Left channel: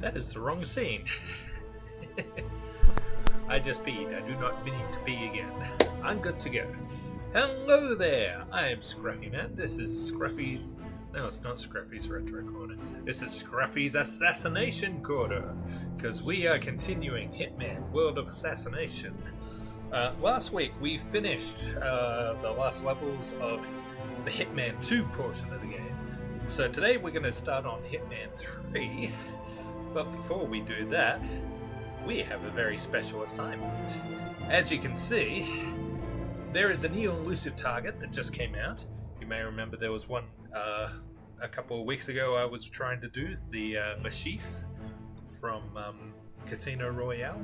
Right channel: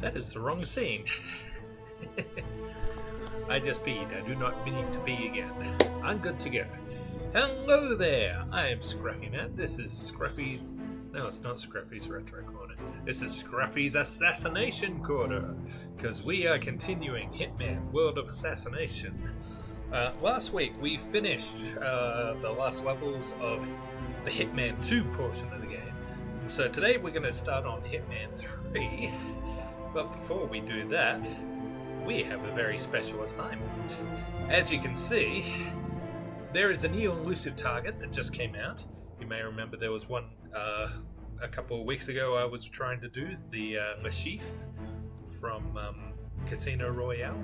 That is the wrong scene. I just peed. I do not need to pee again. I'm good to go. Hello there. I am Scruffy Man. This is Scruffy's... No, it's not Scruffy's Retro Corner. This is Scruffy's Assassination Corner. Because we are continuing Hitman World of Assassination. Last week we finished the last levels of the Hitman 2 portion of the game. So today we're going to start on Hitman 3. But before we do that, we have a very special assignment. As you can see, there is a new elusive target that just came out. You may remember there was one a couple of weeks ago I was trying to do, the Le Chiffre from Casino Royale,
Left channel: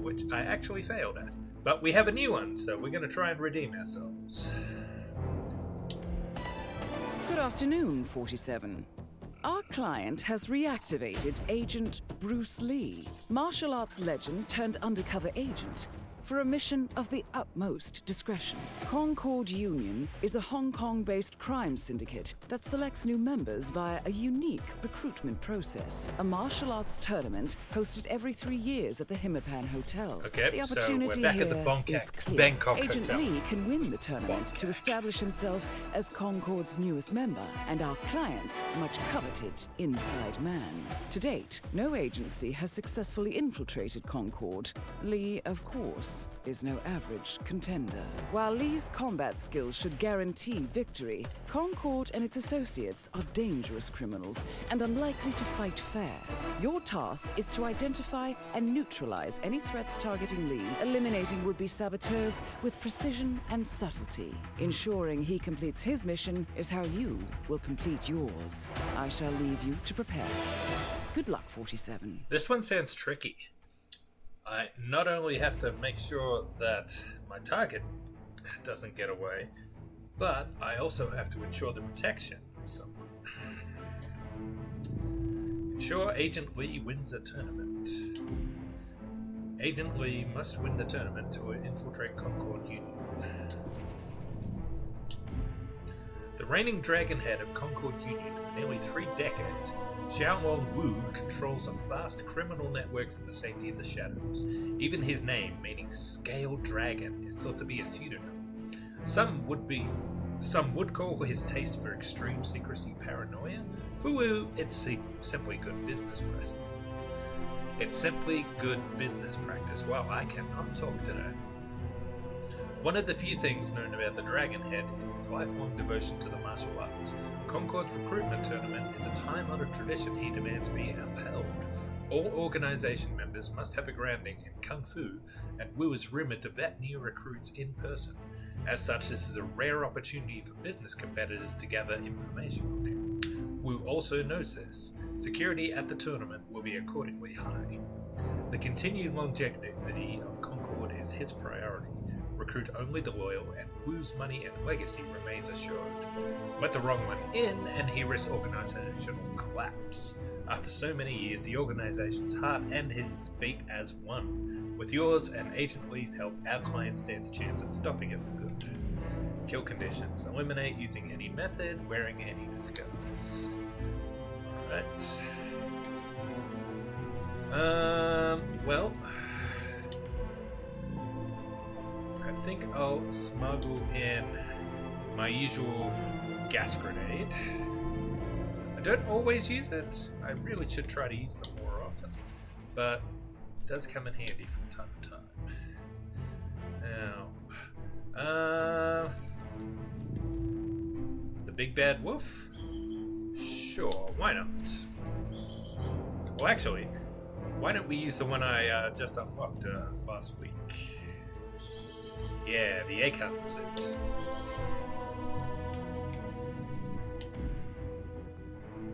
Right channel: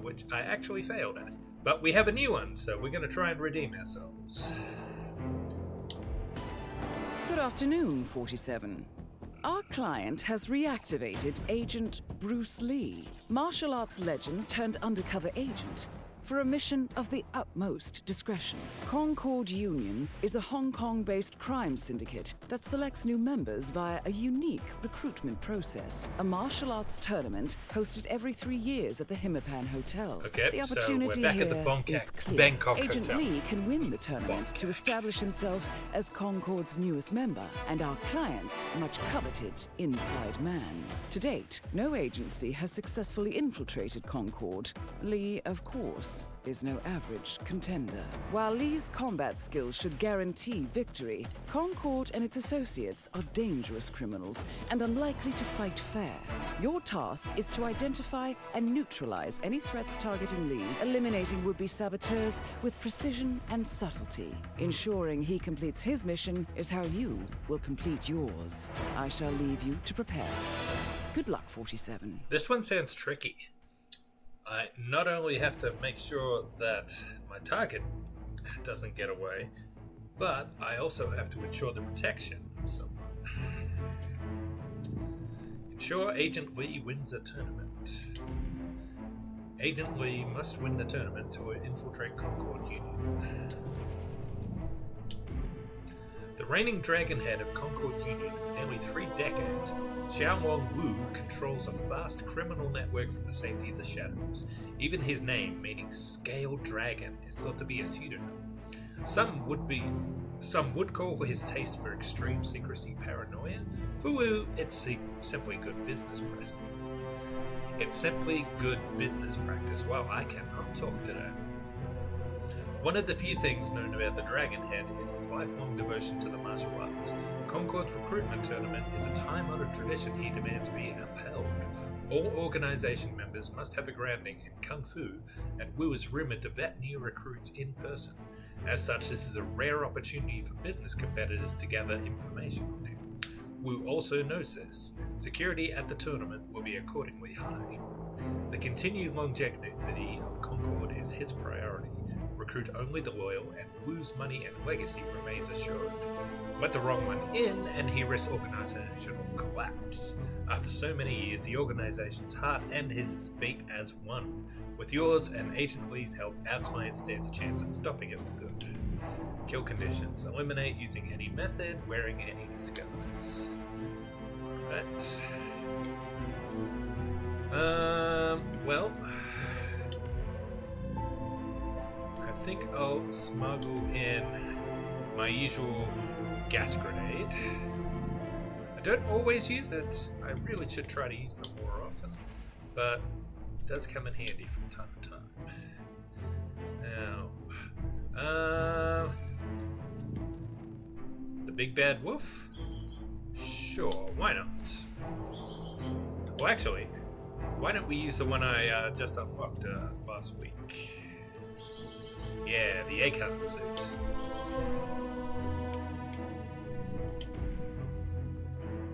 which I actually failed at. But we have a new one, so we're going to try and redeem ourselves. Good afternoon, 47. Our client has reactivated Agent Bruce Lee, martial arts legend turned undercover agent, for a mission of the utmost discretion. Concord Union is a Hong Kong-based crime syndicate that selects new members via a unique recruitment process. A martial arts tournament hosted every 3 years at the Hitman Hotel. Okay, The opportunity so we're back here at the is clear. Bangkok Agent Hotel. Lee can win the tournament to establish himself as Concord's newest member and our client's much coveted inside man. To date, no agency has successfully infiltrated Concord. Lee, of course, is no average contender. While Lee's combat skills should guarantee victory, Concord and its associates are dangerous criminals and unlikely to fight fair. Your task is to identify and neutralize any threats targeting Lee, eliminating would-be saboteurs with precision and subtlety. Ensuring he completes his mission is how you will complete yours. I shall leave you to prepare. Good luck, 47. This one sounds tricky. I not only have to make sure that my target doesn't get away, but I also have to ensure the protection of someone. Ensure Agent Lee wins a tournament. Agent Lee must win the tournament to infiltrate Concord Union. The reigning dragon head of Concord Union for nearly 3 decades, Xiaolong Wu controls a vast criminal network from the safety of the shadows. Even his name, meaning Scale Dragon, is thought to be a pseudonym. Some would call his taste for extreme secrecy paranoia. For Wu, it's simply good business practice. It's simply good business practice. Wow, I cannot talk today. One of the few things known about the Dragon Head is his lifelong devotion to the martial arts. Concord's recruitment tournament is a time-honored tradition he demands be upheld. All organization members must have a grounding in Kung Fu, and Wu is rumored to vet new recruits in person. As such, this is a rare opportunity for business competitors to gather information on him. Wu also knows this. Security at the tournament will be accordingly high. The continued longevity of Concord is his priority. Recruit only the loyal, and Wu's money and legacy remains assured. Let the wrong one in, and he risks organizational collapse. After so many years, the organization's heart and his beat as one. With yours and Agent Lee's help, our client stands a chance at stopping it for good. Kill conditions. Eliminate using any method, wearing any disguise. Alright. Well... I think I'll smuggle in my usual gas grenade. I don't always use it. I really should try to use them more often, but it does come in handy from time to time. Now, the big bad wolf? Sure, why not? Well, actually, why don't we use the one I just unlocked last week? Yeah, the egg hunt suit.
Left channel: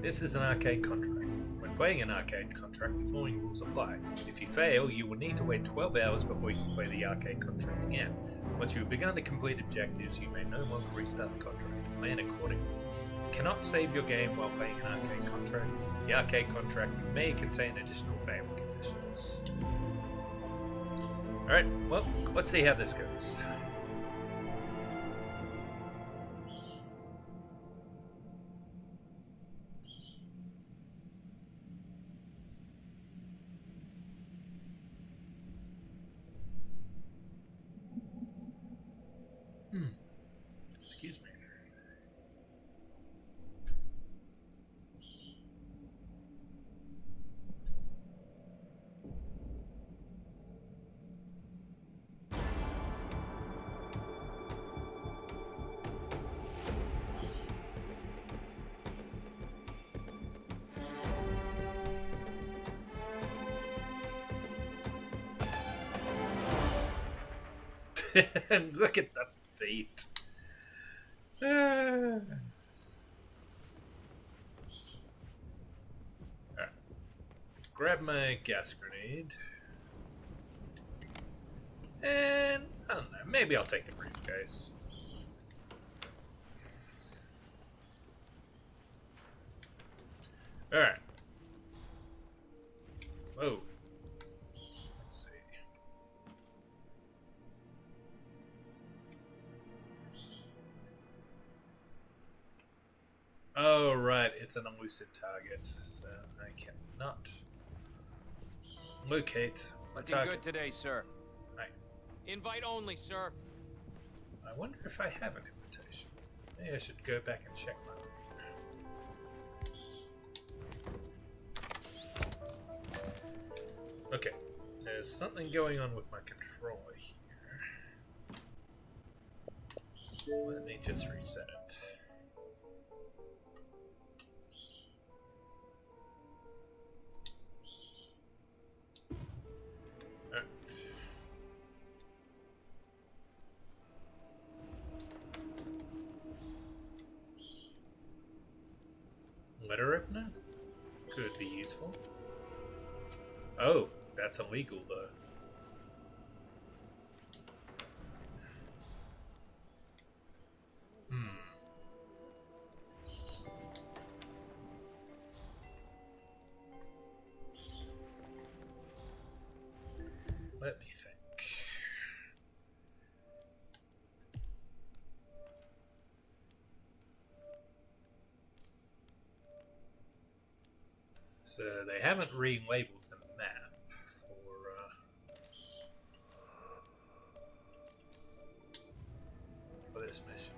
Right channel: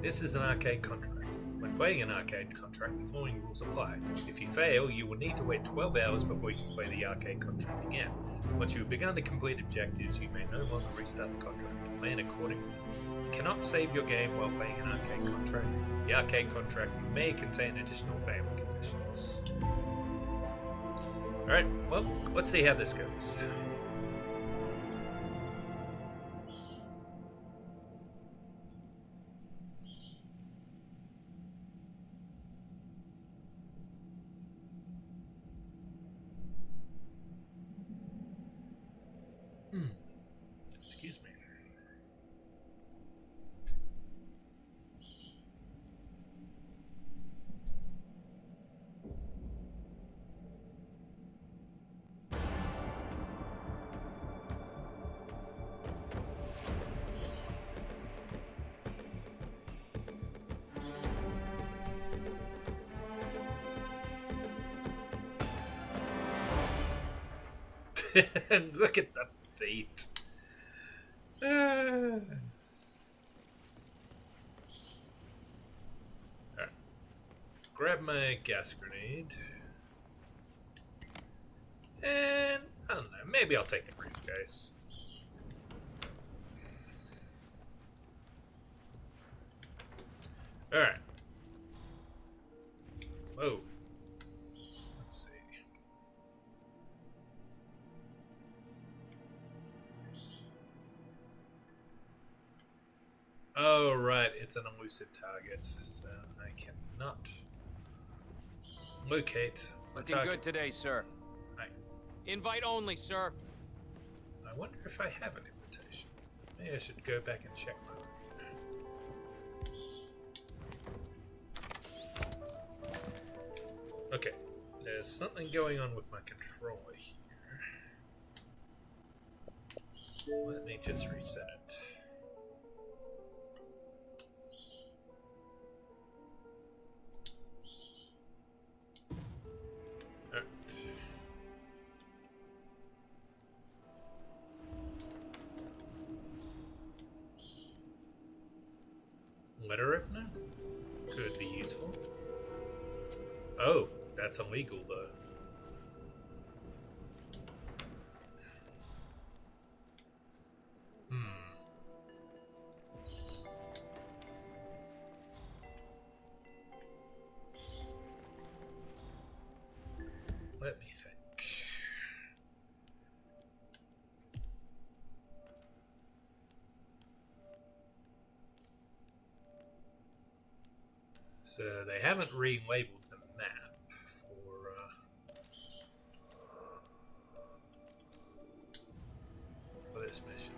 This is an arcade contract. When playing an arcade contract, the following rules apply. If you fail, you will need to wait 12 hours before you can play the arcade contract again. Once you have begun to complete objectives, you may no longer restart the contract. Plan accordingly. You cannot save your game while playing an arcade contract. The arcade contract may contain additional failing conditions. Alright, well, let's see how this goes. And look at the feet. Alright. Grab my gas grenade. And, I don't know, maybe I'll take the briefcase. Alright. Whoa. Let's see. Oh, right, it's an elusive target, so I cannot locate my Looking target. good today, sir. Right. Invite only, sir. I wonder if I have an invitation. Maybe I should go back and check my room. Okay, there's something going on with my controller here. Let me just reset it. Alright. Letter opener? Could be useful. Oh, that's illegal though. Let me think. So they haven't relabeled the map for this mission.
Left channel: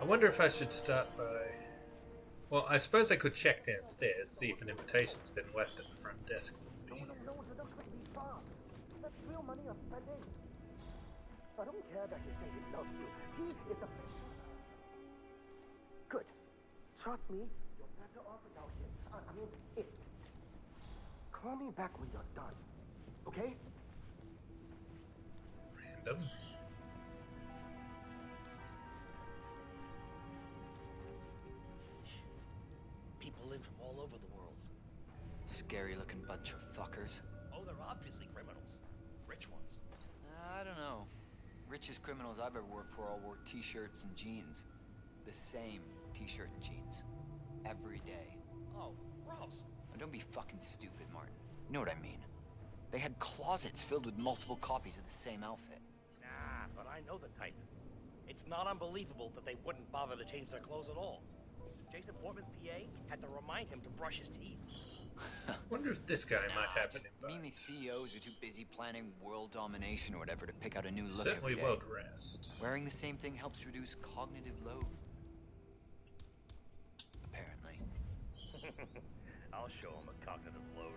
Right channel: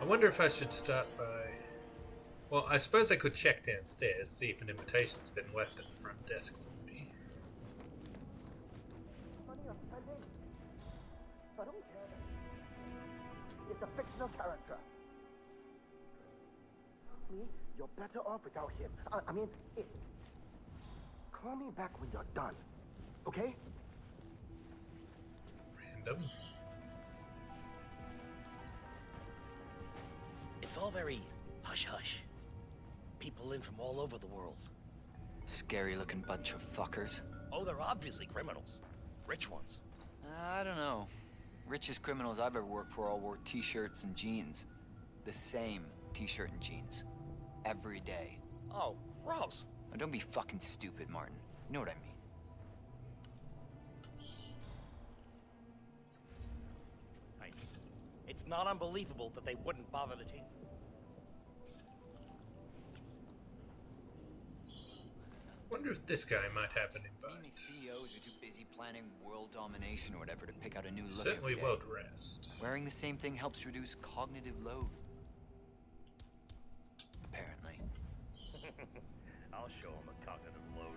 I wonder if I should start by... Well, I suppose I could check downstairs, see if an invitation's been left at the front desk for me. I don't care that you say he loves you. He is a fictional character. Good. Trust me, you're better off without him. I mean, it. Call me back when you're done. Okay? Random. It's all very hush-hush. People in from all over the world. Scary-looking bunch of fuckers. Oh, they're obviously criminals. Rich ones. I don't know. Richest criminals I've ever worked for all wore t-shirts and jeans. The same t-shirt and jeans. Every day. Oh, gross. Now don't be fucking stupid, Martin. You know what I mean. They had closets filled with multiple copies of the same outfit. Nah, but I know the type. It's not unbelievable that they wouldn't bother to change their clothes at all. Jason Foreman's PA had to remind him to brush his teeth. Wonder if this guy might have an Just mean invite. these CEOs are too busy planning world domination or whatever to pick out a new look Certainly every day. well dressed. Wearing the same thing helps reduce cognitive load. Apparently. I'll show him a cognitive load.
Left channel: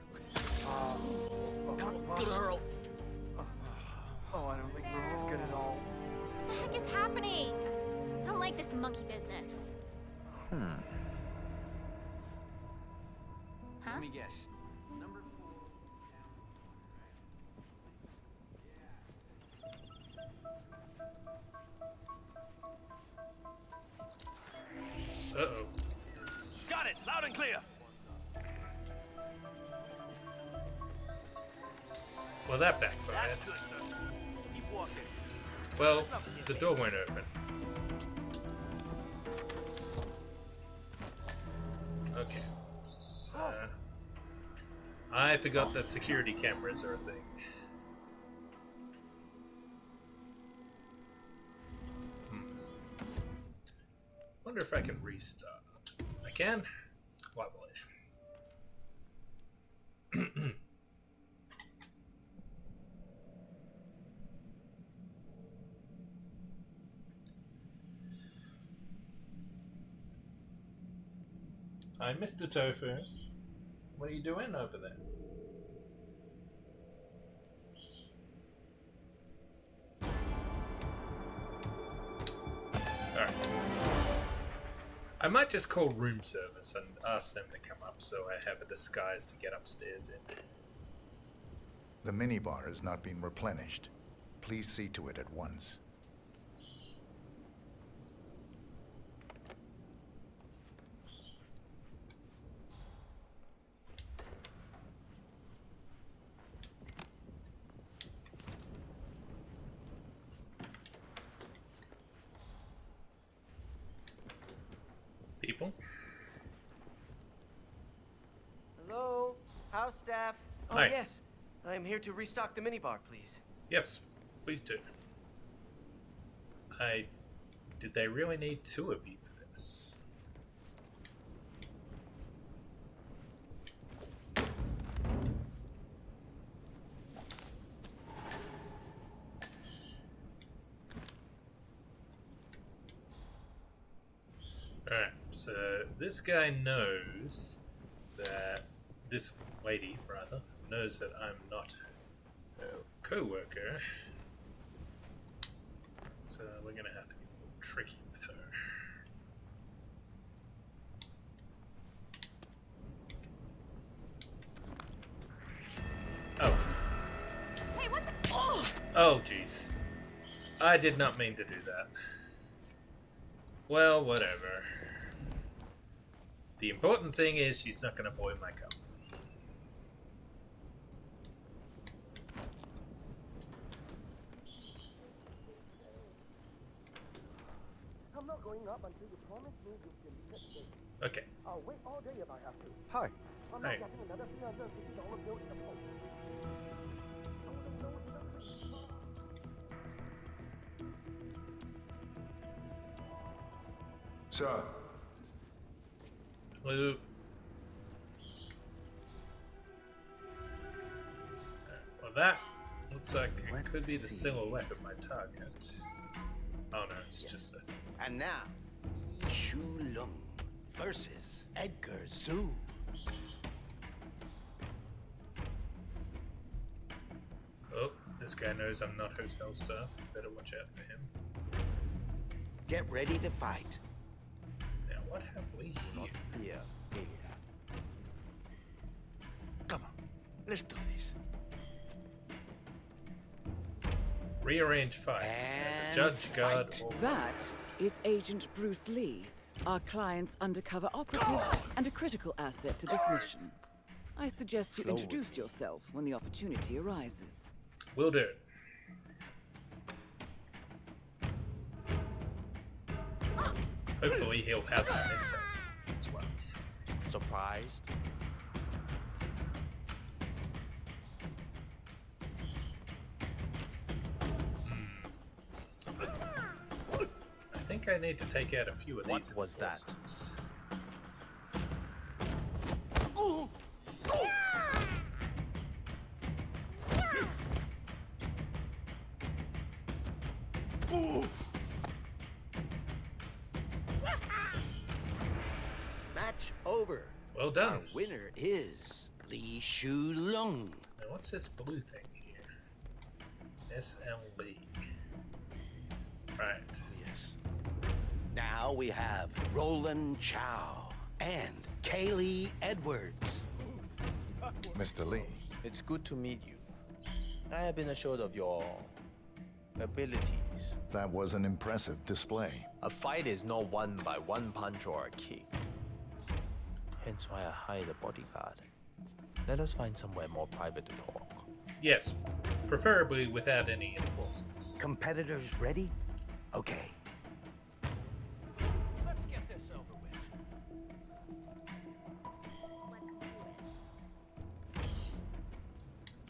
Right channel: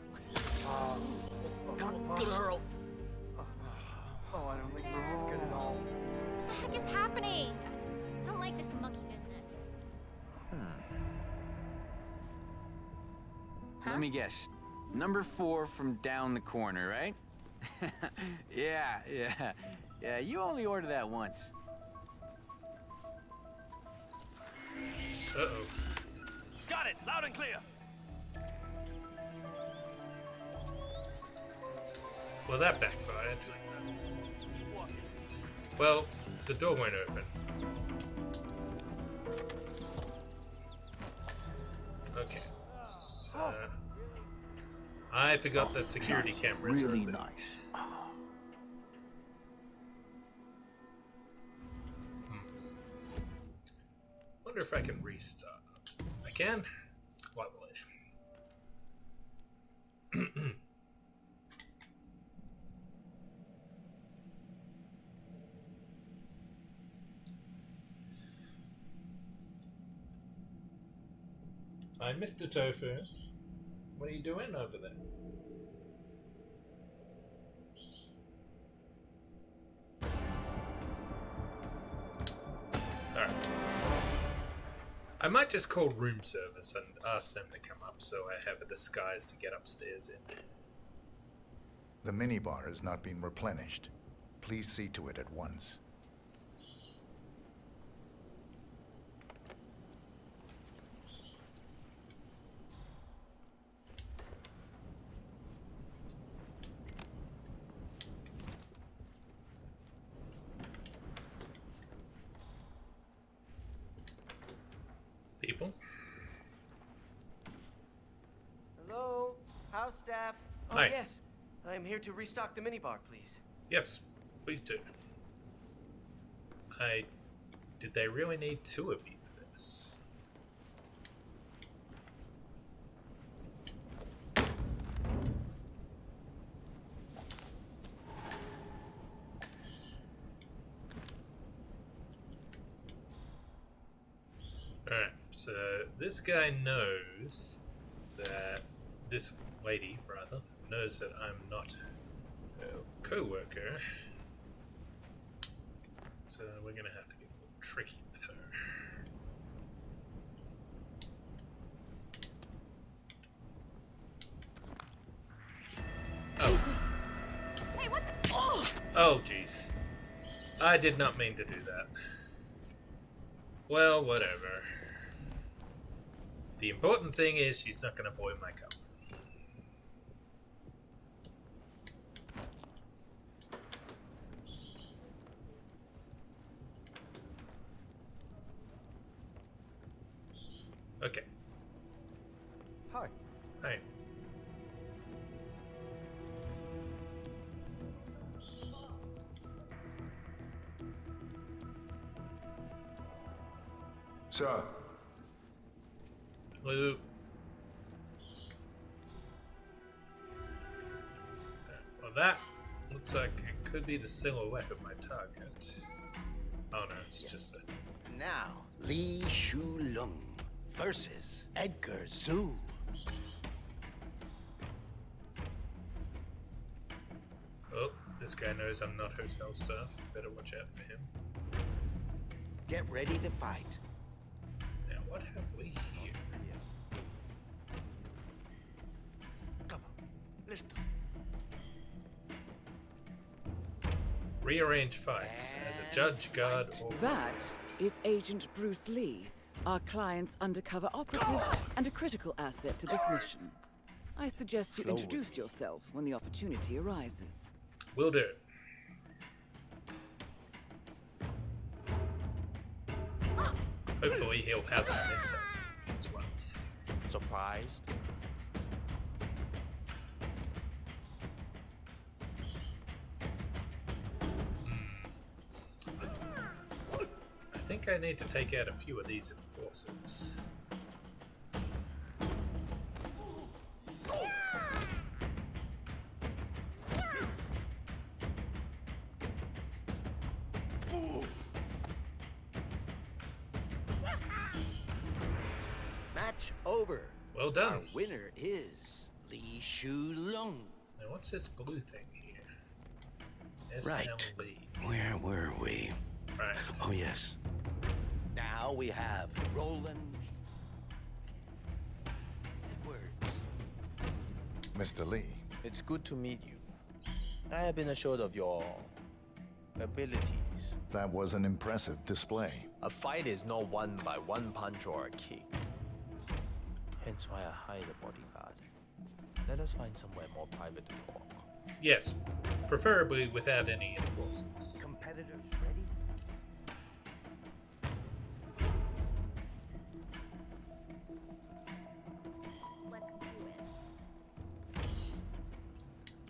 Good Earl. Oh, I don't think this is good at all. What the heck is happening? I don't like this monkey business. Huh? Let me guess. Number 4 from down the corner, right? Yeah, you only order that once. Uh-oh. Got it! Loud and clear! Well, that backfired. Good, sir. Keep walking. Well, the door won't open. Okay. So, I forgot that security cameras are a thing. Wonder if I can restart. I can? Why will it? Hi, Mr. Tofu. What are you doing over there? Alright. I might just call room service and ask them to come up so I have a disguise to get upstairs in. The minibar is not being replenished. Please see to it at once. People? Hello? House staff? Oh, Hi. yes. I'm here to restock the minibar, please. Yes, please do. Did they really need two of you for this? Alright, so this guy knows that this lady, rather, knows that I'm not a co-worker. So we're gonna have to get a little tricky with her. Oh. Jesus. Hey, what the? Oh! Oh, jeez. I did not mean to do that. Well, whatever. The important thing is she's not gonna boil my cup. I'm not going up until you promise me to fix this. Okay. I'll wait all day about that. Hi. I'm Hey. not getting another $350 bill in the post. Sir, Hello. Well, that looks like it could be the silhouette of my target. Oh no, it's just a... And now, Li Shulung versus Edgar Zhu. Oh, this guy knows I'm not hotel staff. Better watch out for him. Get ready to fight. Now, what have we here? Yeah. Come on, let's do this. Rearrange fights as a And judge, guard, fight. or... That is Agent Bruce Lee, our client's undercover operative and a critical asset to this mission. I suggest you Flow with introduce me. yourself when the opportunity arises. Will do. Hopefully he'll have some intel as well. Surprised? I think I need to take out a few of these What was that? enforcers. Match over. Well done. Our winner is Li Shulung. Now what's this blue thing here? Right. SLE. Where were we? Right. Oh, yes. Now we have Roland Chow and Kaylee Edwards. Mr. Lee, It's good to meet you. I have been assured of your abilities. that was an impressive display. A fight is not won by one punch or a kick. Hence why I hired a bodyguard. Let us find somewhere more private to talk. Yes. Preferably without any enforcers. Competitors ready? Okay. Let's do it.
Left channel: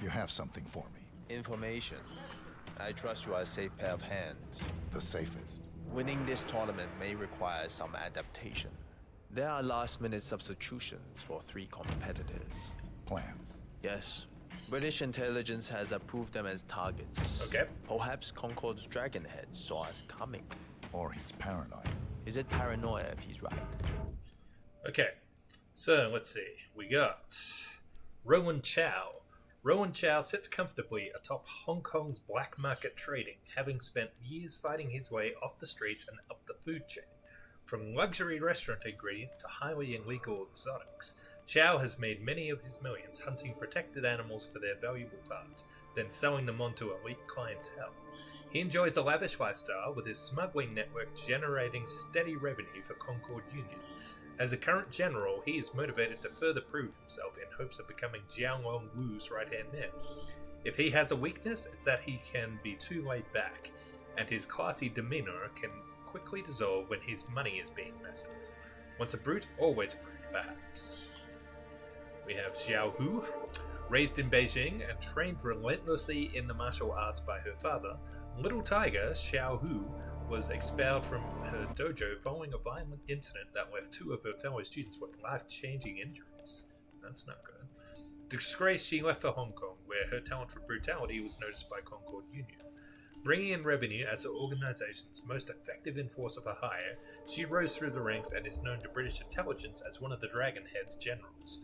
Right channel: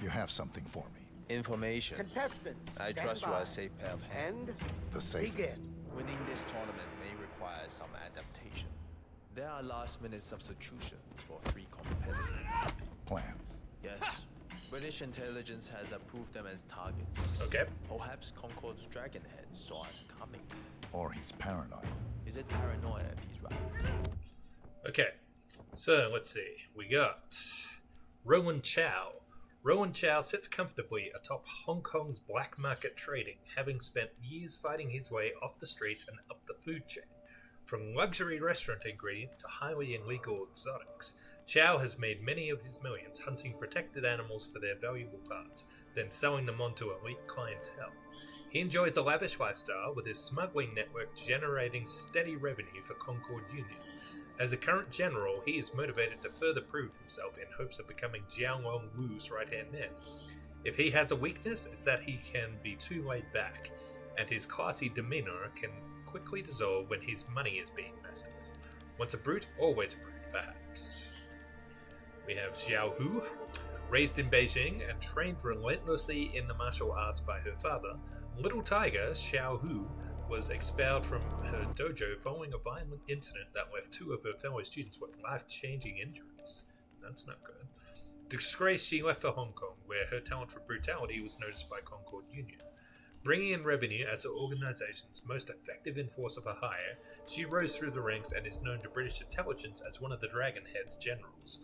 You have something for me. Information. I trust you are a safe pair of hands. The safest. Winning this tournament may require some adaptation. There are last-minute substitutions for 3 competitors. Plans. Yes. British intelligence has approved them as targets. Okay. Perhaps Concord's Dragonhead saw us coming. Or he's paranoid. Is it paranoia if he's right? Okay. So, let's see. We got Rowan Chow. Rowan Chow sits comfortably atop Hong Kong's black market trading, having spent years fighting his way off the streets and up the food chain. From luxury restaurant ingredients to highly illegal exotics, Chow has made many of his millions hunting protected animals for their valuable parts, then selling them on to elite clientele. He enjoys a lavish lifestyle, with his smuggling network generating steady revenue for Concord Union. As a current general, he is motivated to further prove himself in hopes of becoming Jianglong Wu's right-hand man. If he has a weakness, it's that he can be too laid back, and his classy demeanor can quickly dissolve when his money is being messed with. Once a brute, always a brute, perhaps. We have Xiao Hu. Raised in Beijing and trained relentlessly in the martial arts by her father, Little Tiger Xiao Hu was expelled from her dojo following a violent incident that left 2 of her fellow students with life-changing injuries. That's not good. Disgraced, she left for Hong Kong, where her talent for brutality was noticed by Concord Union. Bringing in revenue as the organization's most effective enforcer for hire, she rose through the ranks and is known to British intelligence as one of the Dragonhead's generals.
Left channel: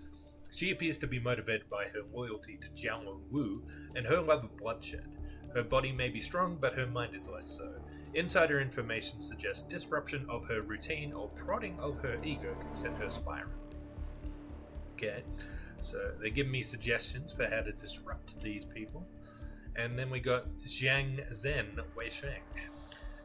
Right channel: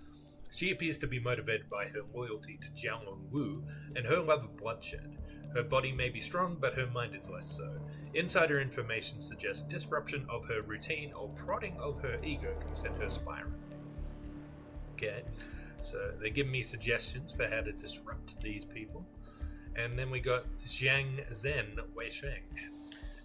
She appears to be motivated by her loyalty to Jianglong Wu and her love of bloodshed. Her body may be strong, but her mind is less so. Insider information suggests disruption of her routine or prodding of her ego can send her spiraling. Okay, so they're giving me suggestions for how to disrupt these people. And then we got Zhang Zhen Weisheng.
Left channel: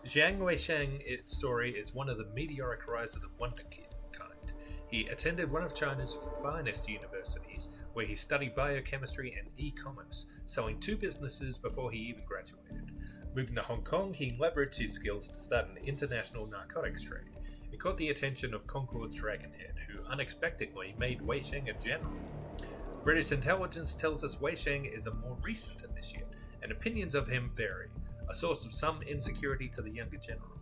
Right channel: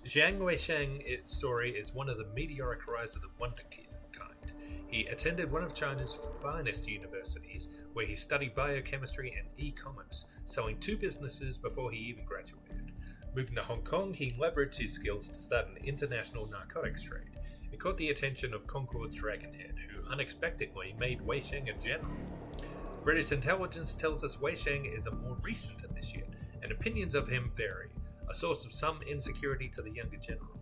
Zhang Weisheng's story is one of the meteoric rise of the Wonder Kid kind. He attended one of China's finest universities, where he studied biochemistry and e-commerce, selling 2 businesses before he even graduated. Moving to Hong Kong, he leveraged his skills to start an international narcotics trade. It caught the attention of Concord's Dragonhead, who unexpectedly made Weisheng a general. British intelligence tells us Weisheng is a more recent initiate, and opinions of him vary, a source of some insecurity to the younger general.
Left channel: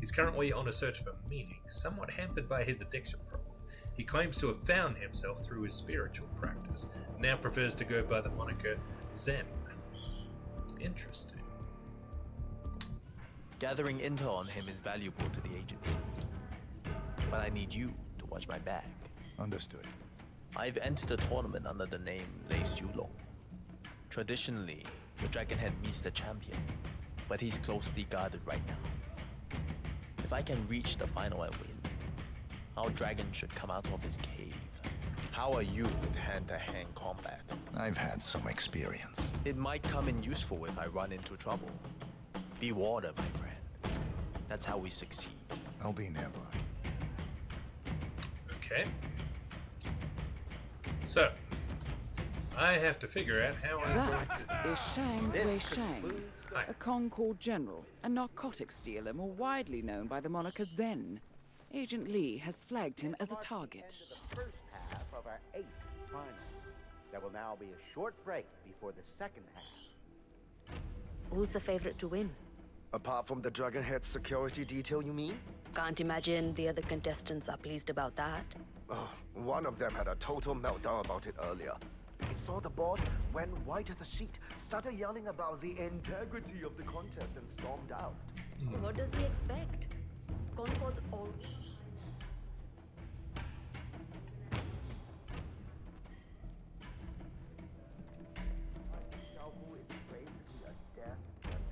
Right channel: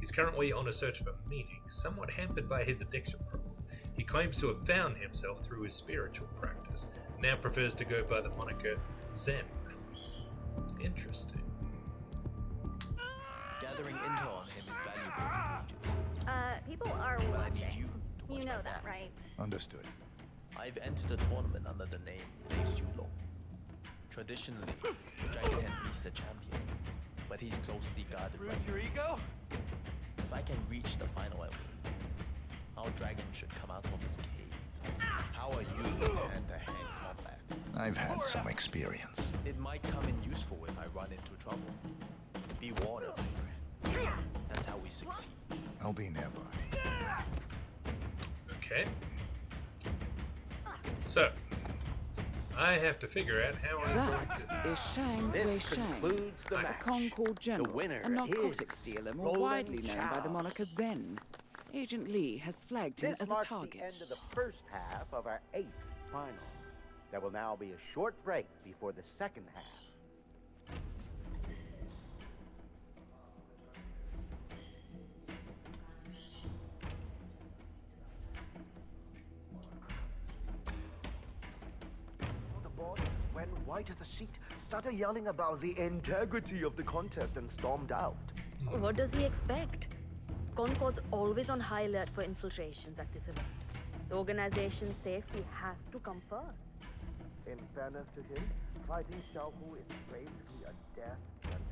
He's currently on a search for meaning, somewhat hampered by his addiction problem. He claims to have found himself through his spiritual practice, and now prefers to go by the moniker Zen. Interesting. Gathering intel on him is valuable to the agency. People are. But I need you to watch my back. Right? Understood. I've entered the tournament under the name Lei Xiulong. Traditionally, the Dragonhead meets the champion, but he's closely guarded right now. If I can reach the final and win, our dragon should come out of his cave. How are you in hand-to-hand combat? I've had some experience. It might come in useful if I run into trouble. Be water, my friend. That's how we succeed. I'll be nearby. Okay. So, I have to figure out how I'm going That to... is Shang Weisheng, concludes the a match. Concord general, winner a narcotics dealer more widely known by the moniker Zen. Agent Lee has flagged him as a This target. marks the end of the first half of our 8th finals. There will now be a short break before the second half. Who's the favorite to win? Apart from the Dragonhead security detail, you mean? Can't imagine the other contestants are pleased about that. Oh, one of them had a total meltdown about it earlier. Saw the board, went white as a sheet, started yelling about the integrity of the contest and stormed out. What does he expect? Concord's always on high alert for infiltrations at this event. The organization's safety has to come first. In fairness to him, fighting Xiaohu is basically a death sentence.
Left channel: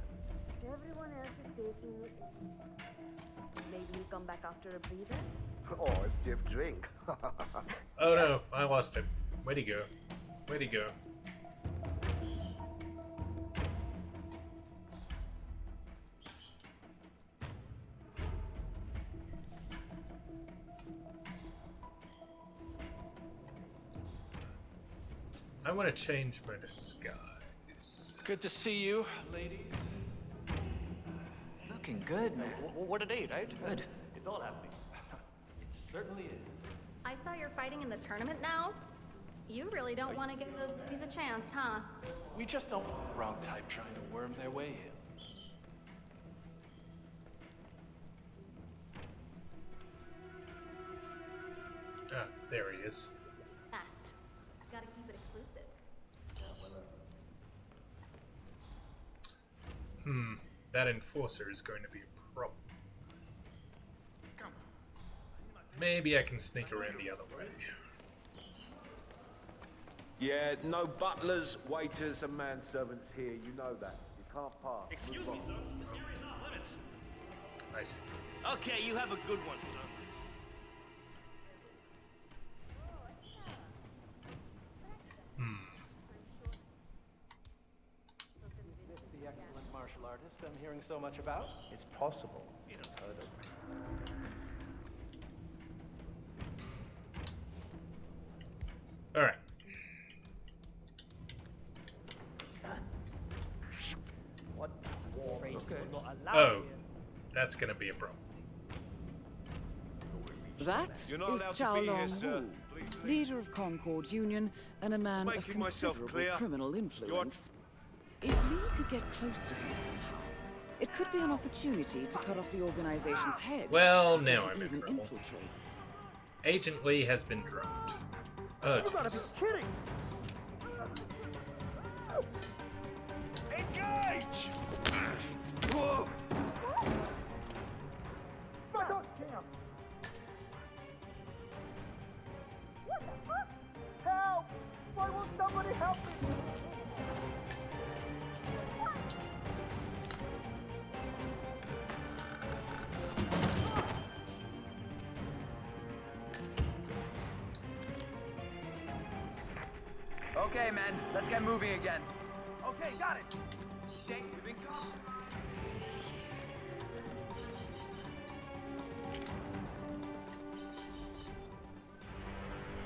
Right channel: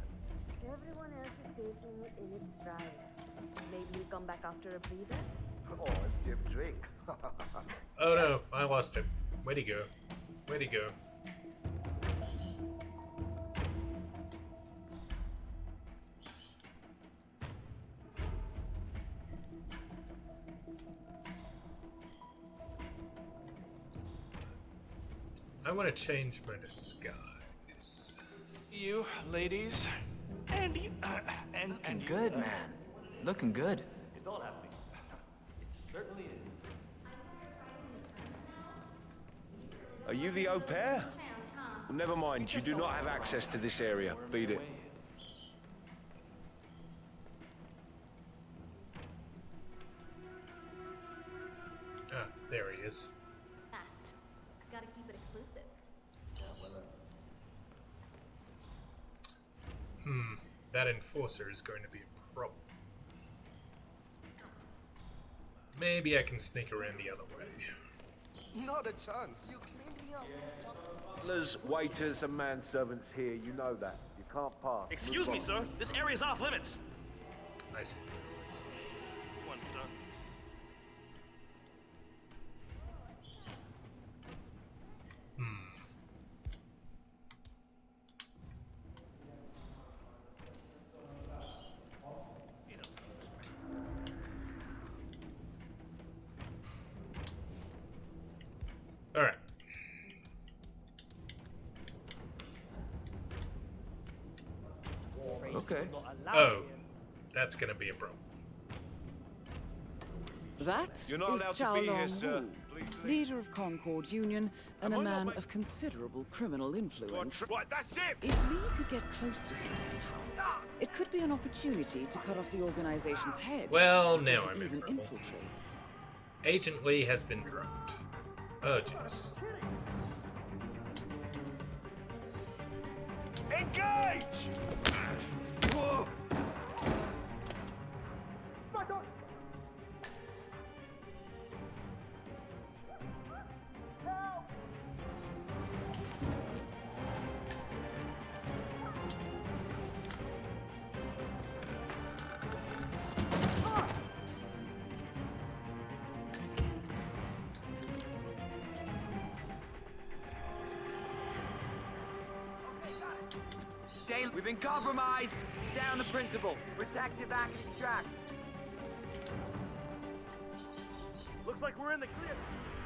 Everyone else is taking it in his stride. Maybe he'll come back after a breather? Or a stiff drink. Oh no, I lost him. Where'd he go? Where'd he go? I want to change my disguise. Good to see you, ladies. Andy, Looking good, man. What a day, Looking right? good. It's all happening. It certainly is. I saw you're fighting in the tournament now. You really don't Are you want to the give au those pair? dudes a chance, huh? Never mind, you just do don't not have walk access around to this like area. Worm Beat their it. way in. Ah, there he is. Fast. Gotta keep it exclusive. That enforcer is going to be a problem. Maybe I can sneak around the other way. Not a chance. Yeah, no butlers, waiters, and manservants here. You know that. You can't pass. Excuse me, sir. This area's off limits. I see. Okay, you have a good one, sir. so much about? It's possible. You know, heard of. All right. Okay. Oh, that's gonna be a problem. That is Chao Long Wu, leader of Concord Union and a man of considerable criminal influence. If Lee could get close to him somehow, it could be an opportunity to cut off the organization's head. Well, before now he I'm in even trouble. infiltrates. Agent Lee has been drugged. Oh, jeez. Engage! Whoa! Fuck off! Damn! What the fuck? Help! Why won't somebody help? Okay, men, let's get moving again. Okay, got it. Dale, we've been compromised. Down the principal. Protect your back and track. Looks like we're in the clear.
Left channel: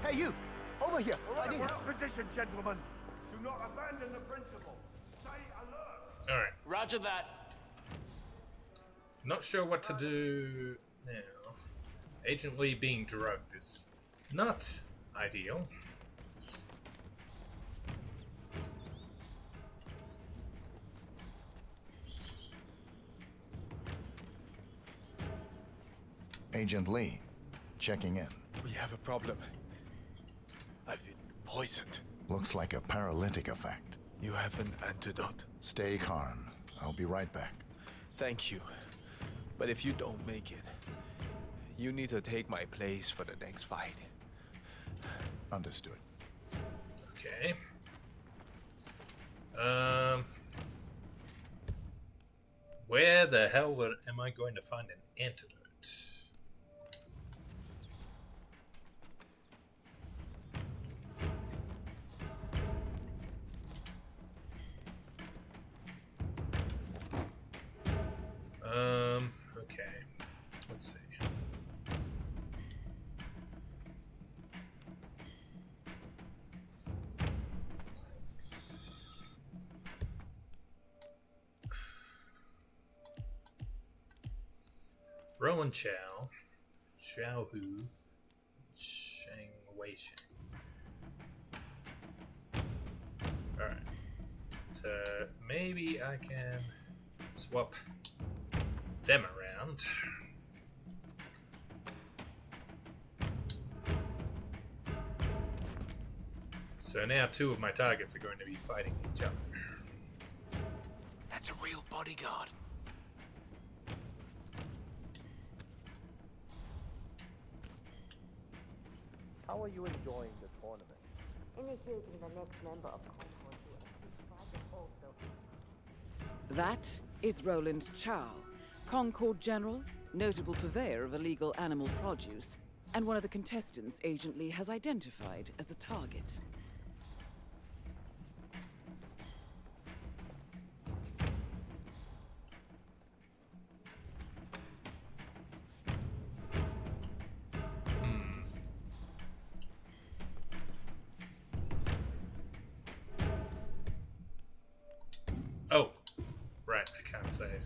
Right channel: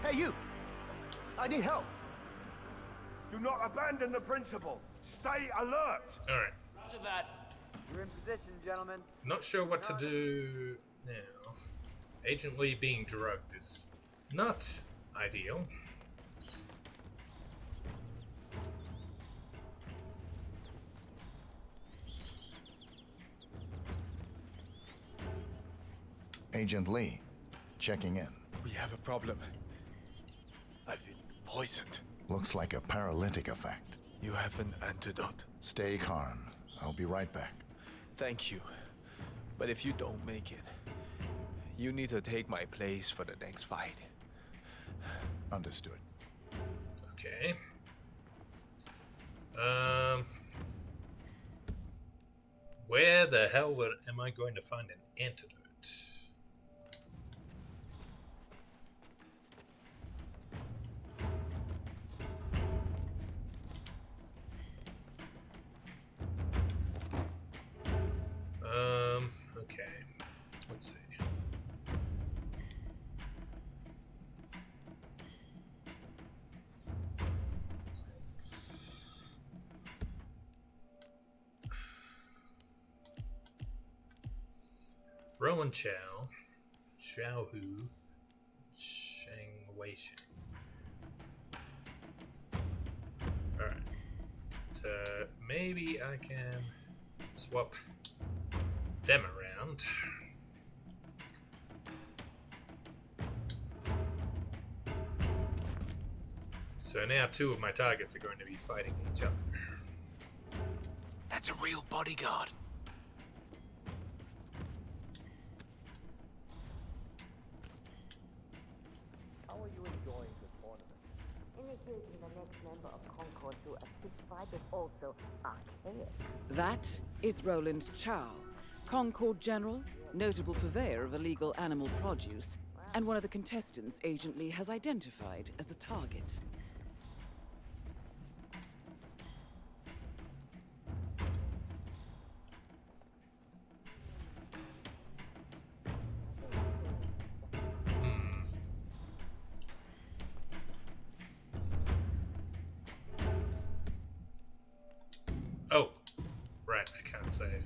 Hey, you! Over here! I need help! Position, gentlemen. Do not abandon the principal. Stay alert. All right. Roger that. We're in position, gentlemen. Not sure what to do now. Agent Lee being drugged is not ideal. Agent Lee, checking in. We have a problem. I've been poisoned. Looks like a paralytic effect. You have an antidote. Stay calm. I'll be right back. Thank you. But if you don't make it, you need to take my place for the next fight. Understood. Okay. Where the hell am I going to find an antidote? Okay. Let's see. Rowan Chow, Xiao Hu, Shang Wei Sheng. Alright. So maybe I can swap them around. So now two of my targets are going to be fighting each other. That's a real bodyguard. How are you enjoying the tournament? Initiating the next member of Concord to assist fight is also archaic. That is Roland Chow, Concord General, notable purveyor of illegal animal produce, and one of the contestants Agent Lee has identified as a target. Oh, right, I can't save.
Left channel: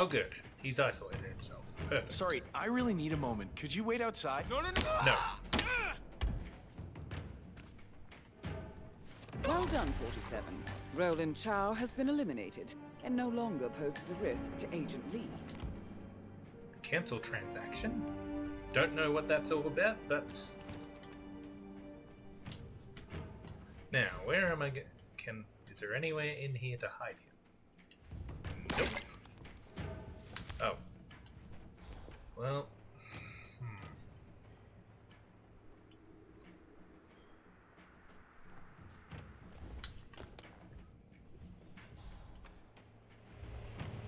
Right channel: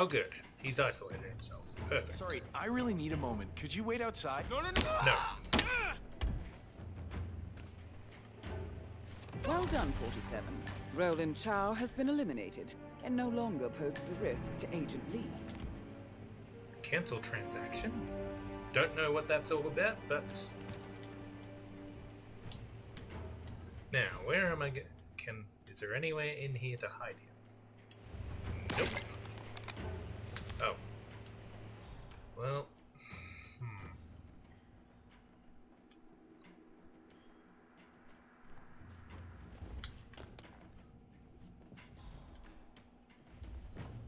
Oh, good. He's isolated himself. Perfect. Sorry, I really need a moment. Could you wait outside? No. Well done, 47. Roland Chow has been eliminated and no longer poses a risk to Agent Lee. Cancel transaction? Don't know what that's all about, but... Now, where am I Is there anywhere in here to hide him? Nope. Oh. Well.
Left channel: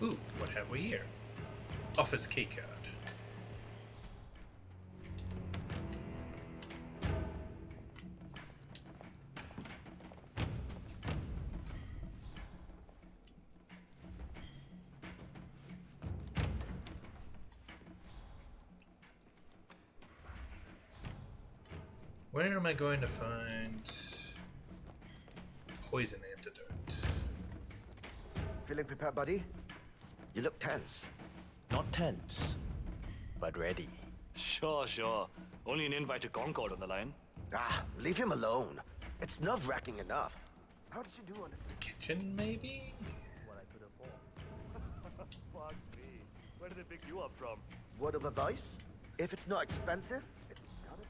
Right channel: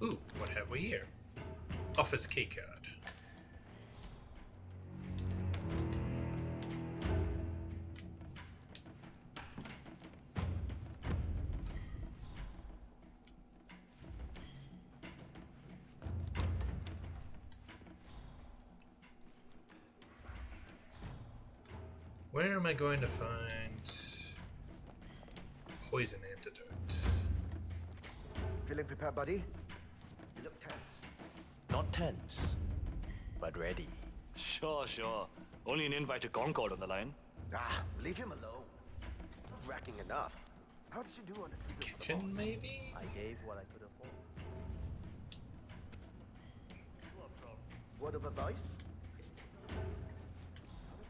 Ooh, what have we here? Office keycard. Where am I going to find poison antidote? Feeling prepared, buddy? You look tense. Not tense, but ready. Sure, sure. Only an invite to Concord on the line. Ah, leave him alone. It's nerve-wracking enough. How did you do on the kitchen, maybe? I gave what I could afford. Fuck me. Where did they pick you up from? Word of advice? If it's not expensive, it's gotta be.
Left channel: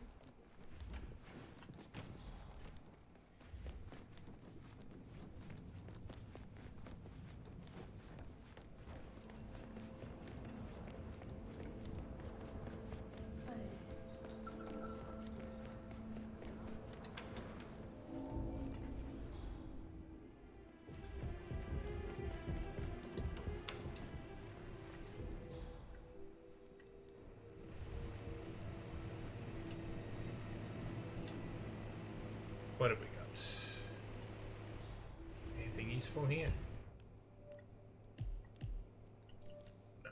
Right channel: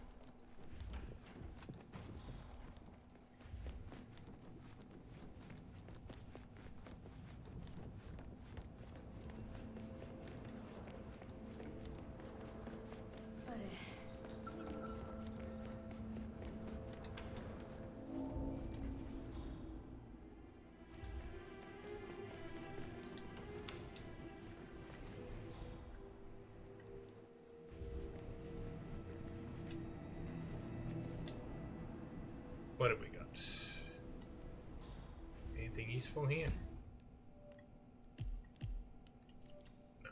What have we got? Anything useful here? No.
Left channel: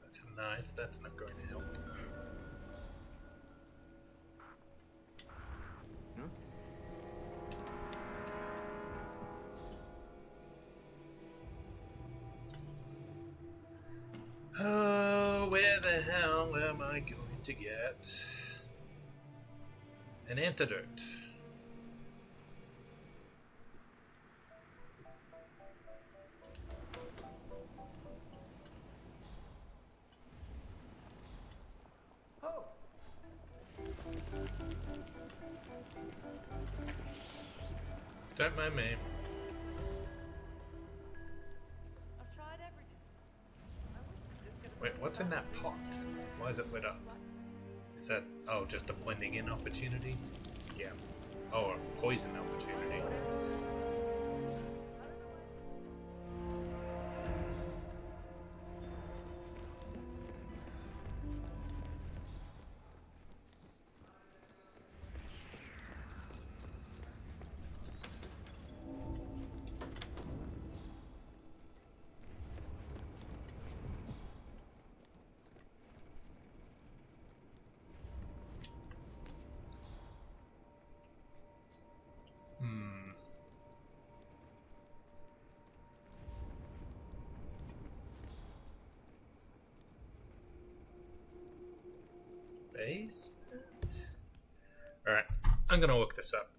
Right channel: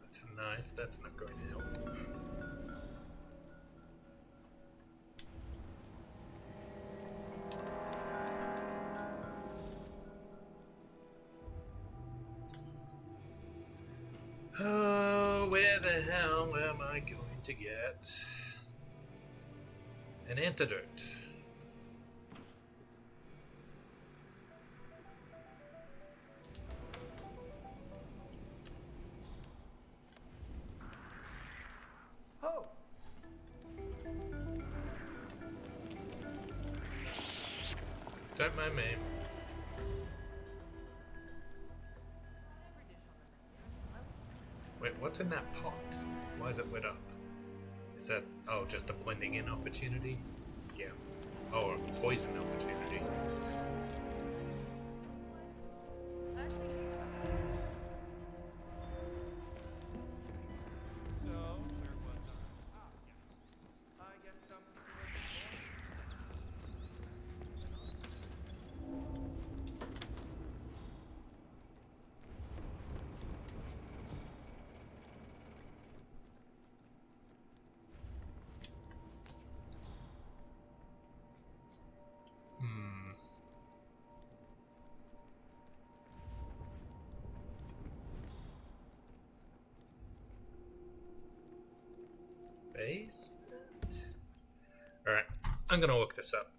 That's a knife. That's not going to help. Oh, where the hell am I going to get an antidote? Oh! Don't mind me. Wait, what's in that pot? Why is it lit up? Is that, oh, just a blending in opportunity? Yeah. Oh, a poison opportunity. Basement? Alright, I'm gonna look this up.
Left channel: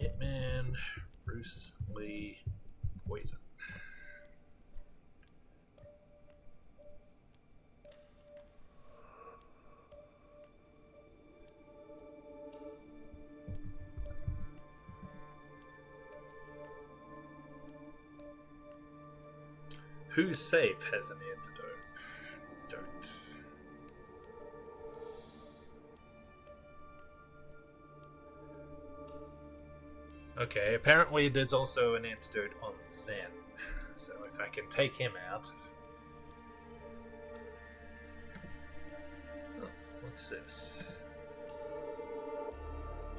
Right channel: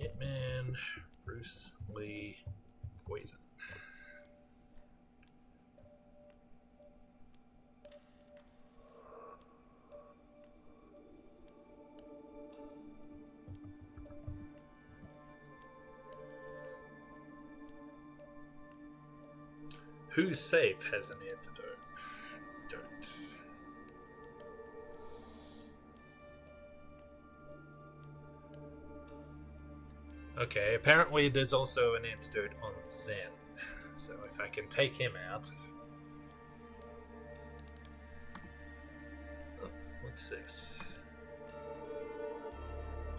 Hitman, Bruce Lee, poison. Whose safe has an antidote? Don't. Okay, apparently there's also an antidote on Zen. So if I can take him out... Oh, what's this?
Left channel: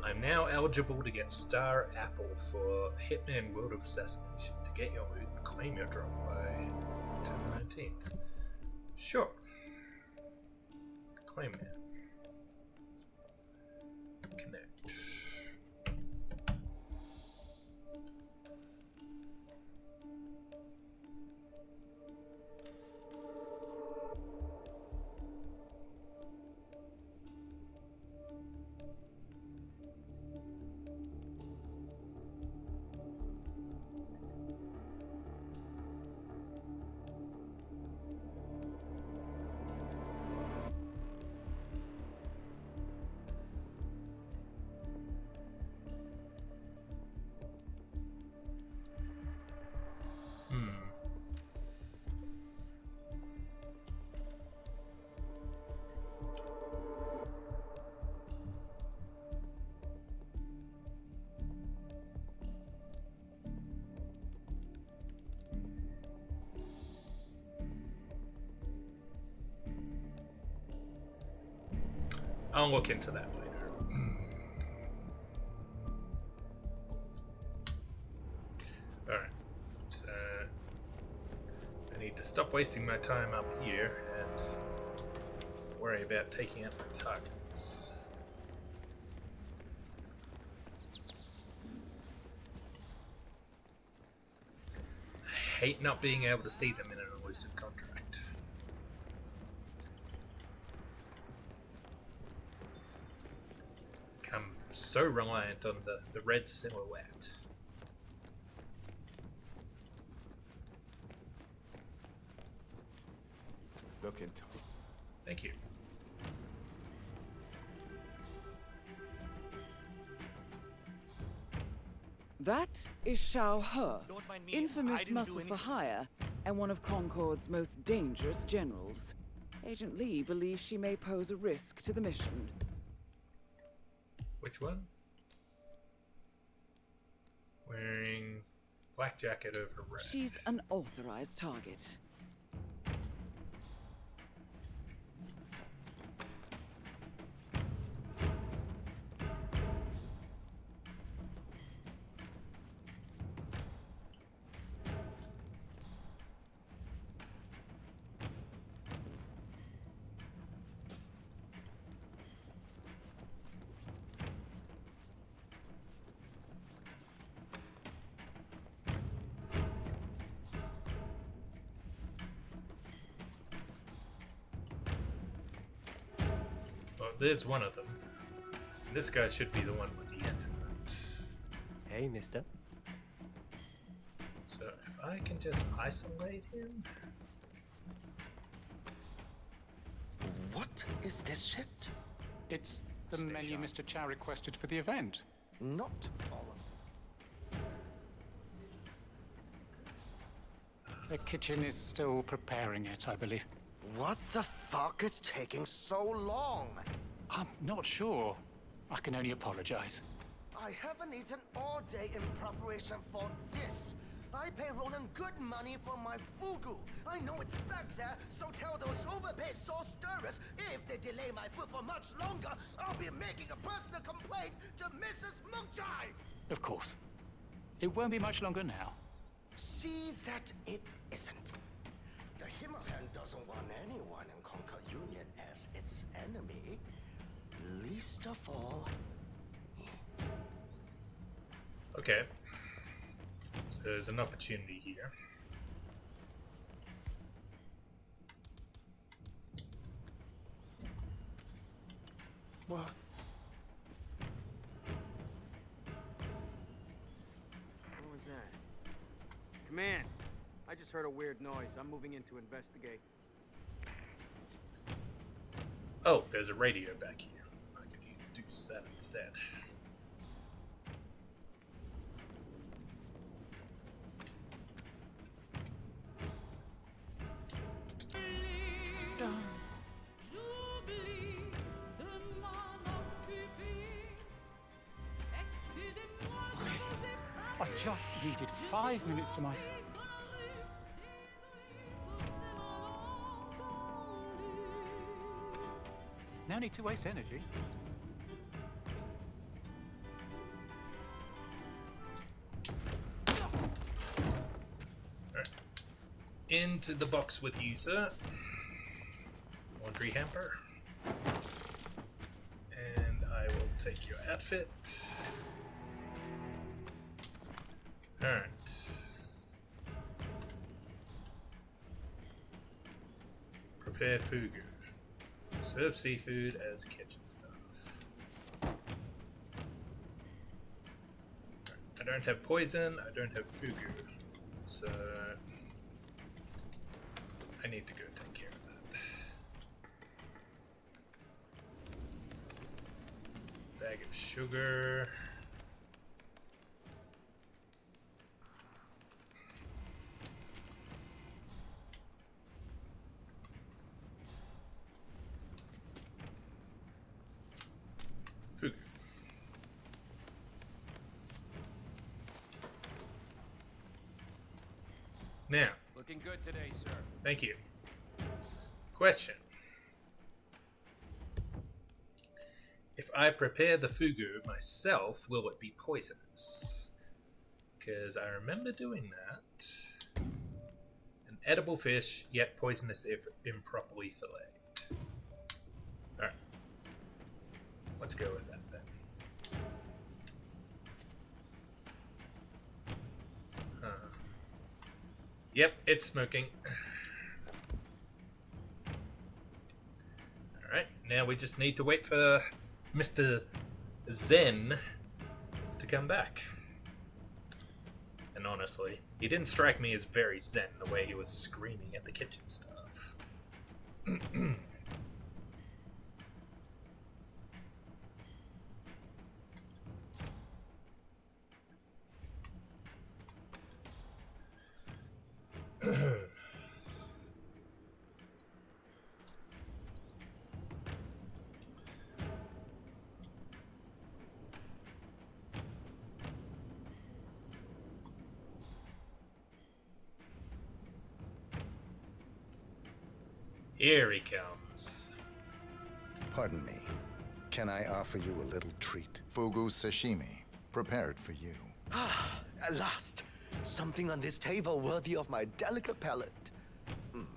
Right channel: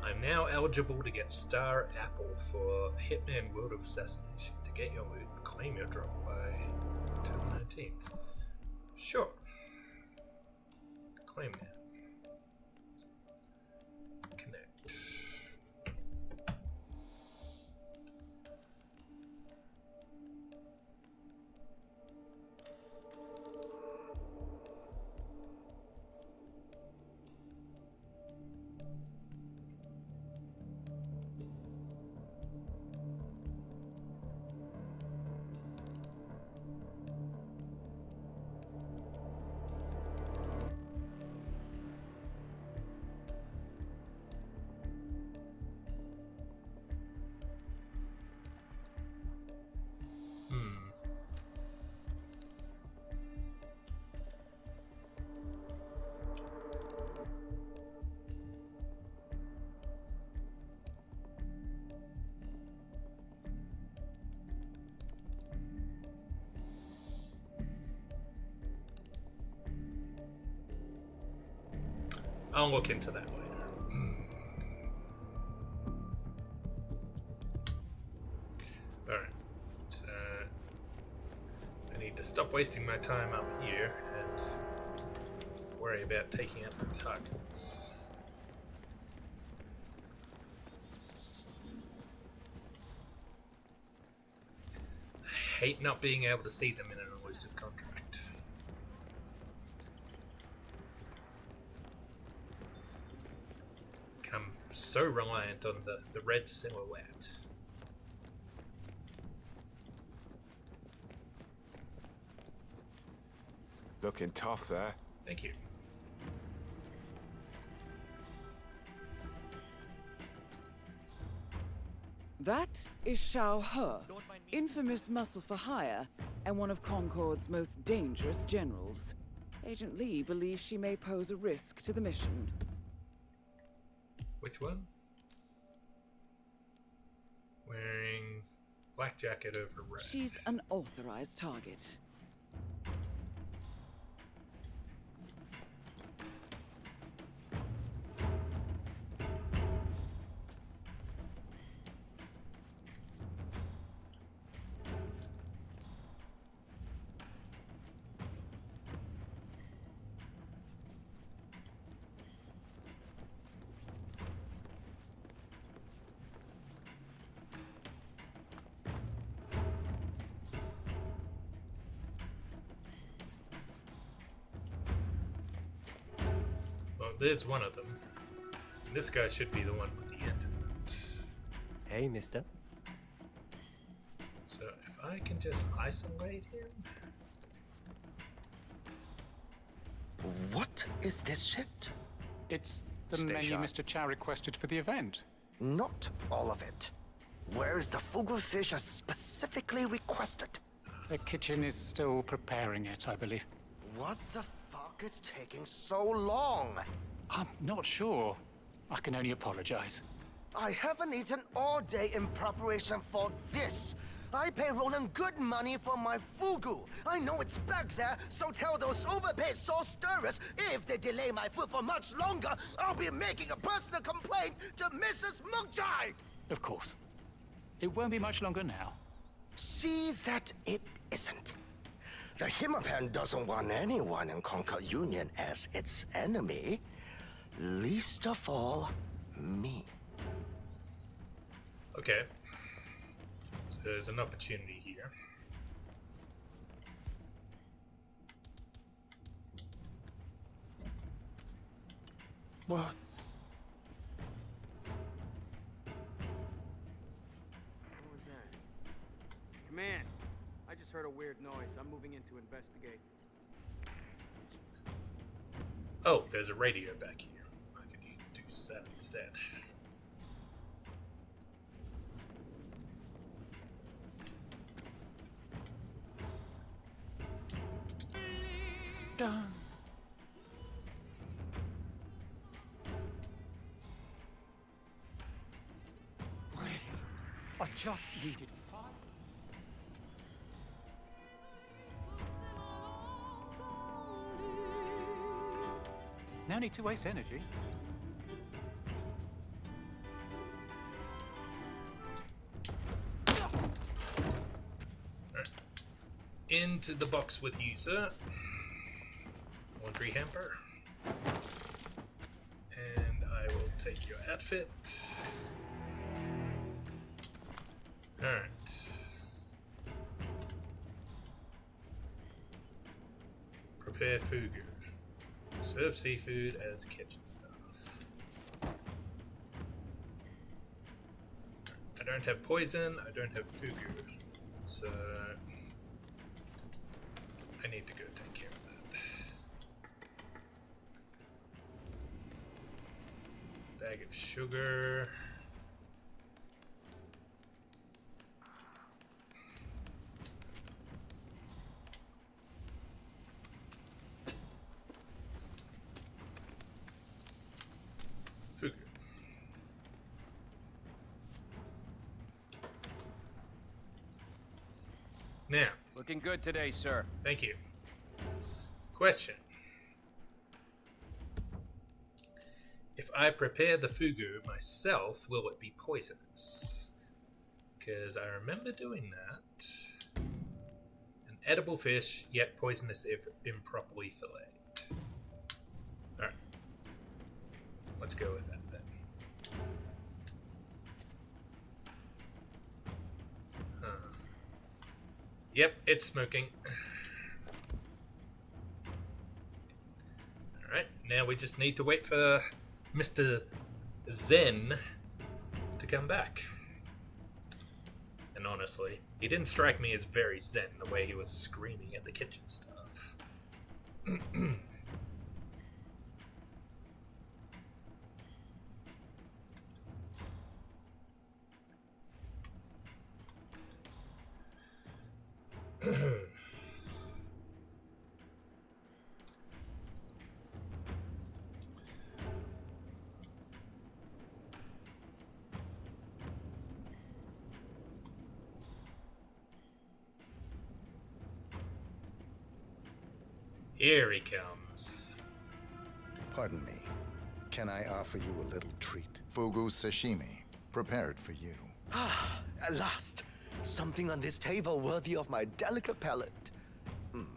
I'm now eligible to get Star Apple for Hitman World of Assassination. To get your loot, claim your drop by October 19th. Sure. Claim now. Connect. I'll look into that later. Alright. So I need to stop wasting my time up here and worry about taking out the targets. I hate not being able to see them in an elusive contract. Become so reliant on the red silhouette. Looking tough there. Thank you. That is Xiao He, infamous muscle for hire and one of Concord's most dangerous generals. Agent Lee believes she may pose a risk to the mission. Which one? Wearing black jacket over red. She's an authorized target. Well, there's one of them. This guy should be the one with the antidote. Hey, mister. So if I can just isolate him... What is this shit? It's the menu Mr. Chow requested for the event. Not all of it. Where is the fugu fish as specifically requested? The kitchen is still preparing it, I believe. What the fuck is taking so long? I'm not sure. I can only apologize. I haven't eaten all day in preparation for this. I pay Roland good money for my fugu. I know it's back there, so tell those overpaid sauce stirrers if they delay my food for much longer, I'll be making a personal complaint to Mrs. Mukchai. Of course. It won't be much longer now. See that it isn't. The Hitman doesn't want anyone in Concord Union as its enemy. Least of all, me. Okay. So there's an opportunity here. What? What was that? Command, I just heard a weird noise. I'm moving in to investigate. Oh, there's a radio back here. I could do that instead. Done. I just needed 5 minutes to myself. No need to waste energy. Right. Into the box with you, sir. Laundry hamper. And I will take your outfit. Alright. Prepare fugu. Serve seafood as kitchen stuff. I don't have poison, I don't have fugu. So I need to go take care of that. Bag of sugar. Fugu. Now. Looking good today, sir. Thank you. Question. If I prepare the fugu myself, will it be poisonous? Because I remember doing that. An edible fish, yet poisonous if improperly filleted. Alright. Let's go with that then. Yep, it's smoking. Alright, now we just need to wait for Mr. Zen to come back. And honestly, he didn't strike me as very zen the way he was screaming at the kitchen stuff. Here he comes. Pardon me. Can I offer you a little treat? Fugu sashimi, prepared for you. Ah, at last. Something on this table worthy of my delicate palate.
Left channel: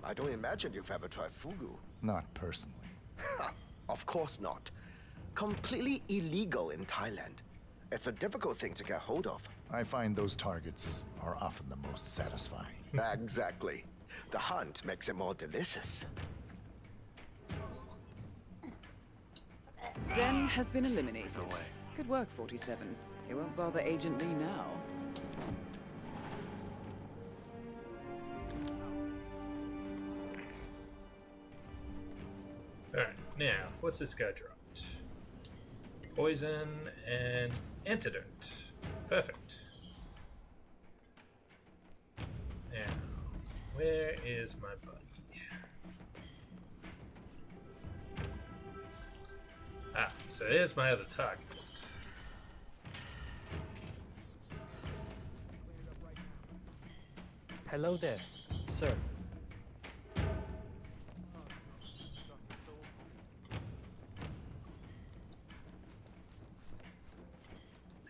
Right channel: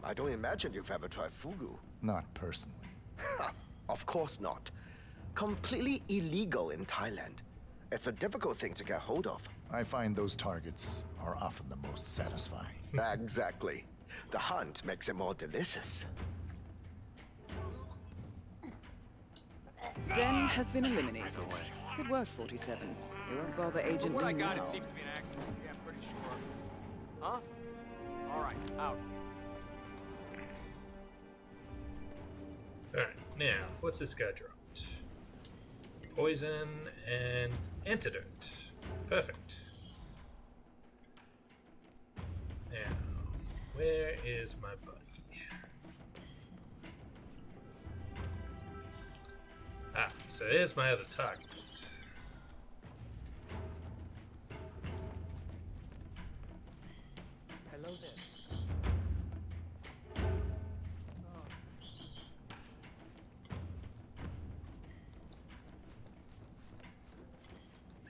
I don't imagine you've ever tried fugu. Not personally. Of course not. Completely illegal in Thailand. It's a difficult thing to get hold of. I find those targets are often the most satisfying. Exactly. The hunt makes it more delicious. Zen has been eliminated. Good work, 47. He won't bother Agent Lee now. Huh? Alright, out. Alright, now, what's this guy dropped? Poison and antidote. Perfect. Now, where is my buddy? Ah, so here's my other target. Hello there, sir.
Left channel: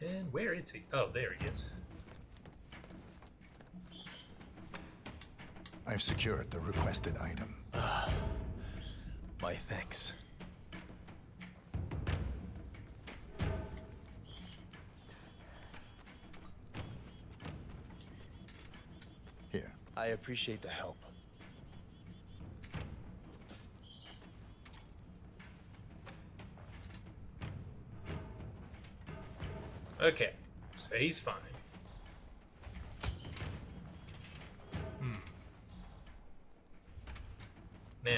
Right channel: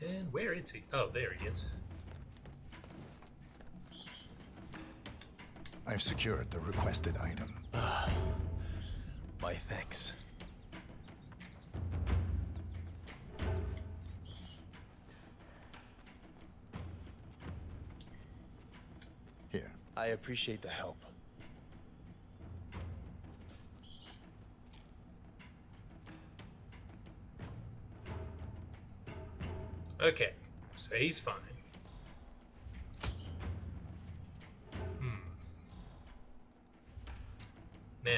And where is he? Oh, there he is. I've secured the requested item. My thanks. Here. I appreciate the help. Okay, so he's fine. Now,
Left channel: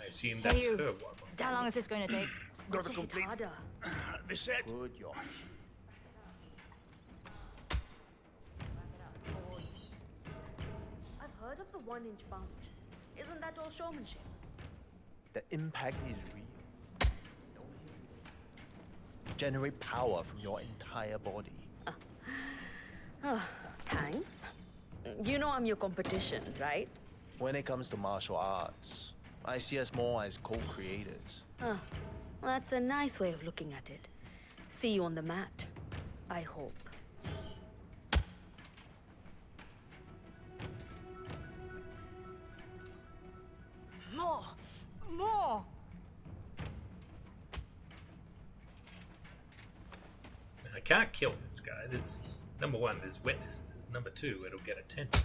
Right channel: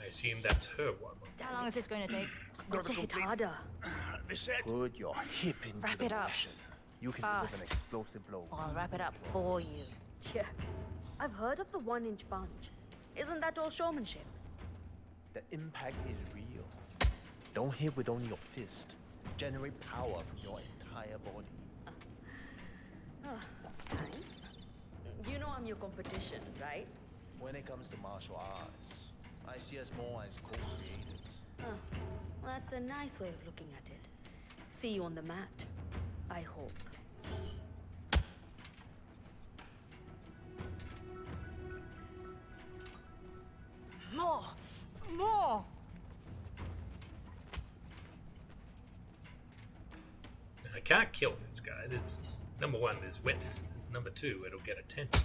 I assume that's her one. How long is this going to take? Got to hit harder. Put your hip into Wrap the it up. motion. You can Fast. deliver an explosive blow. I'll wrap it up for you. Yeah. I've heard of the 1-inch punch. Isn't that all showmanship? The impact is real. Don't hit with only your fist. Generate power from your entire body. Oh, thanks. You know I'm your competition, right? When it comes to martial arts, I see us more as co-creators. Oh, well, that's a nice way of looking at it. See you on the mat, I hope. More! More! I can't kill this guy. There's number one, there's witnesses. Number two, it'll get attention.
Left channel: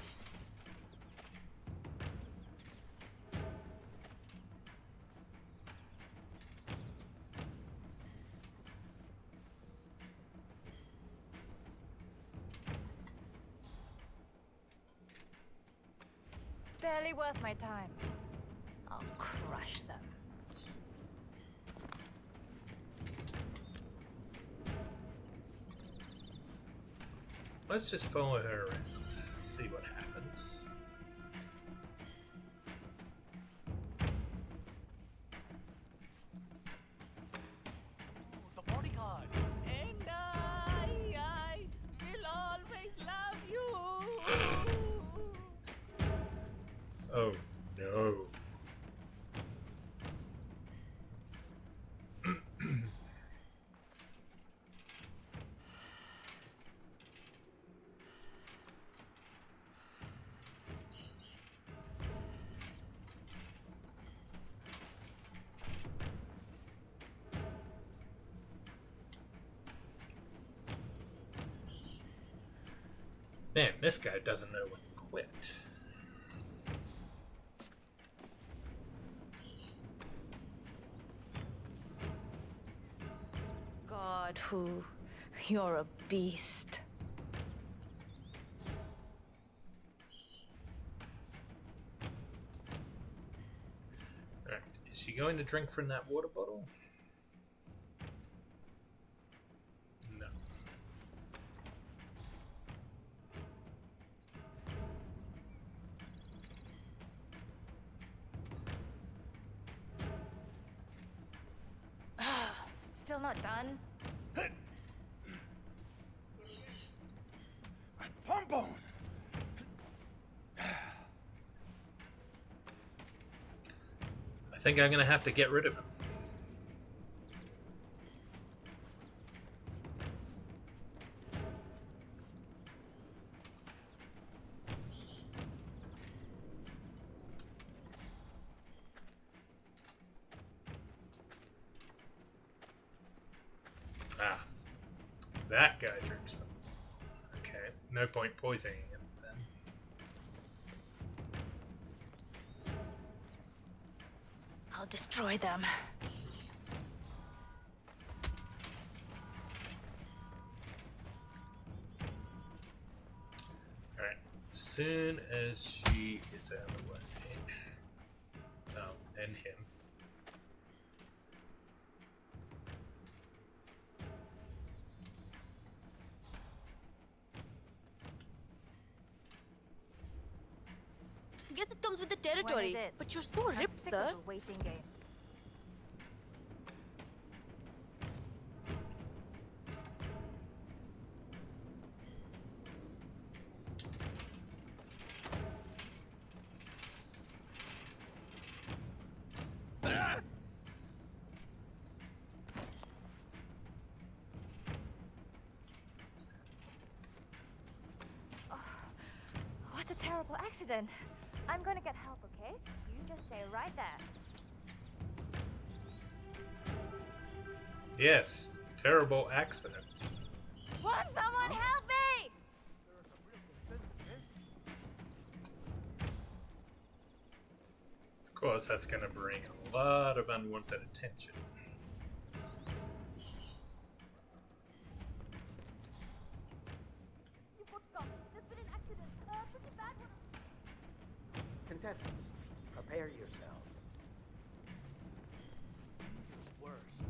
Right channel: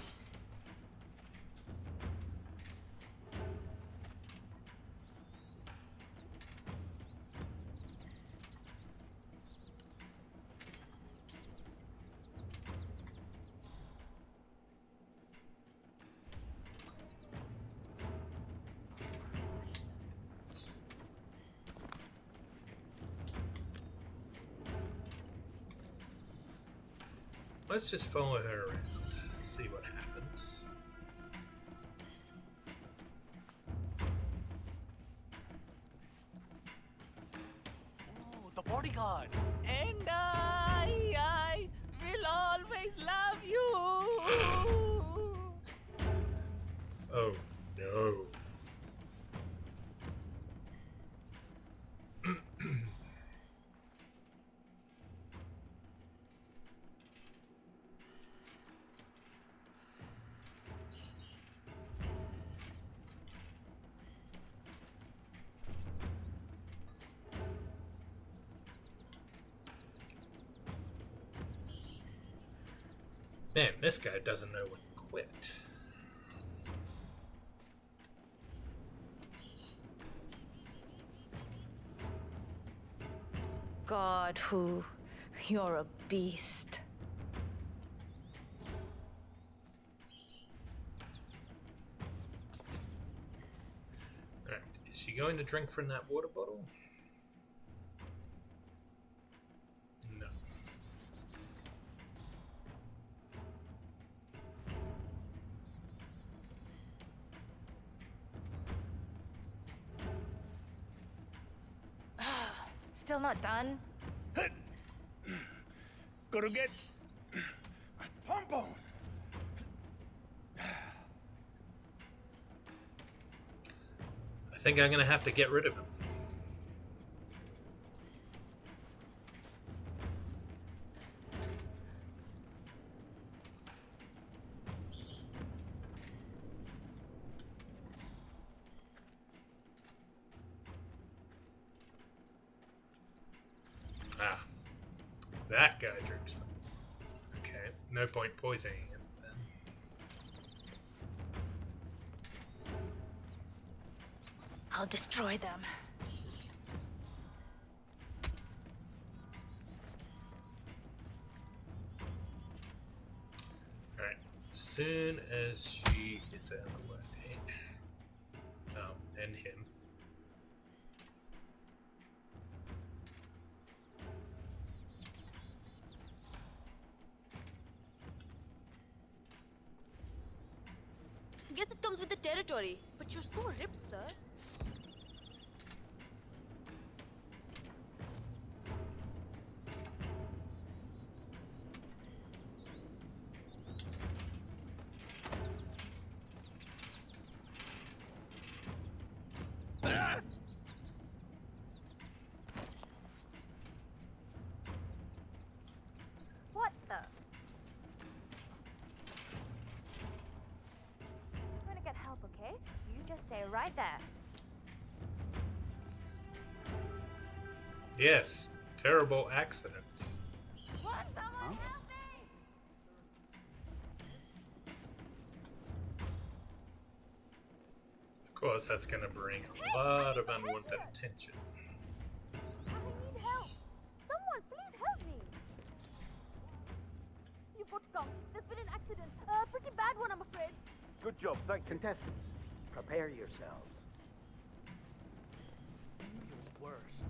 Barely worth my time. I'll crush them. Let's just follow her around, see what happens. Ooh, the bodyguard. And I will always love you. Oh no. Man, this guy doesn't know when to quit. God, who? You're a beast. Alright, is she going to drink from that water bottle? No. Still not done? Gotta get a pump on. I think I'm gonna have to get rid of him. Ah, that guy drinks from. Okay, no point poisoning him then. I'll destroy them. Alright, soon as she is out of the way. Oh, and him. Guess it comes with the territory. But you're so ripped, sir. What the? Oh, what a terrible accident. I'm going to get help, okay? You just stay right there. Yes, terrible accident. Won't someone help me? Of course, that's going to bring a lot of unwanted attention. Help! Someone, please help me! You've got come. There's been an accident. A pretty bad one, I'm afraid. Good job. Thank contestants. Prepare yourselves.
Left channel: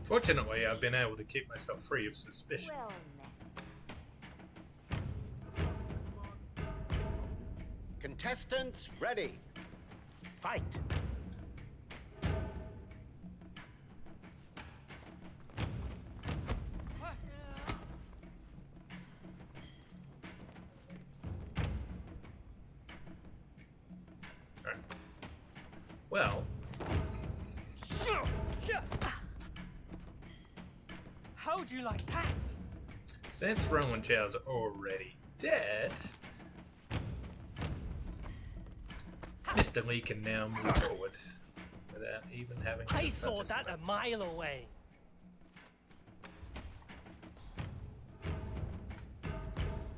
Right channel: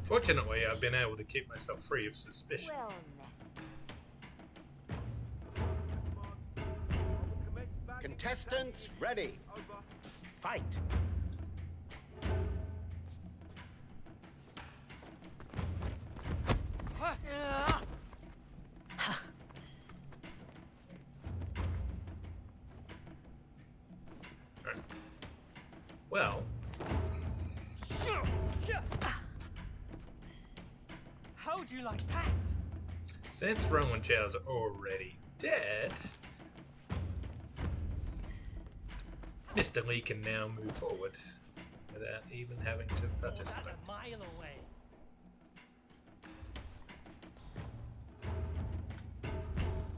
Fortunately, I've been able to keep myself free of suspicion. Well, Contestants ready. Fight. Alright. Well, How'd you like that? since Rowan Chow's already dead, Mr. Lee can now move forward without even having to I touch saw his that weapon. a mile away.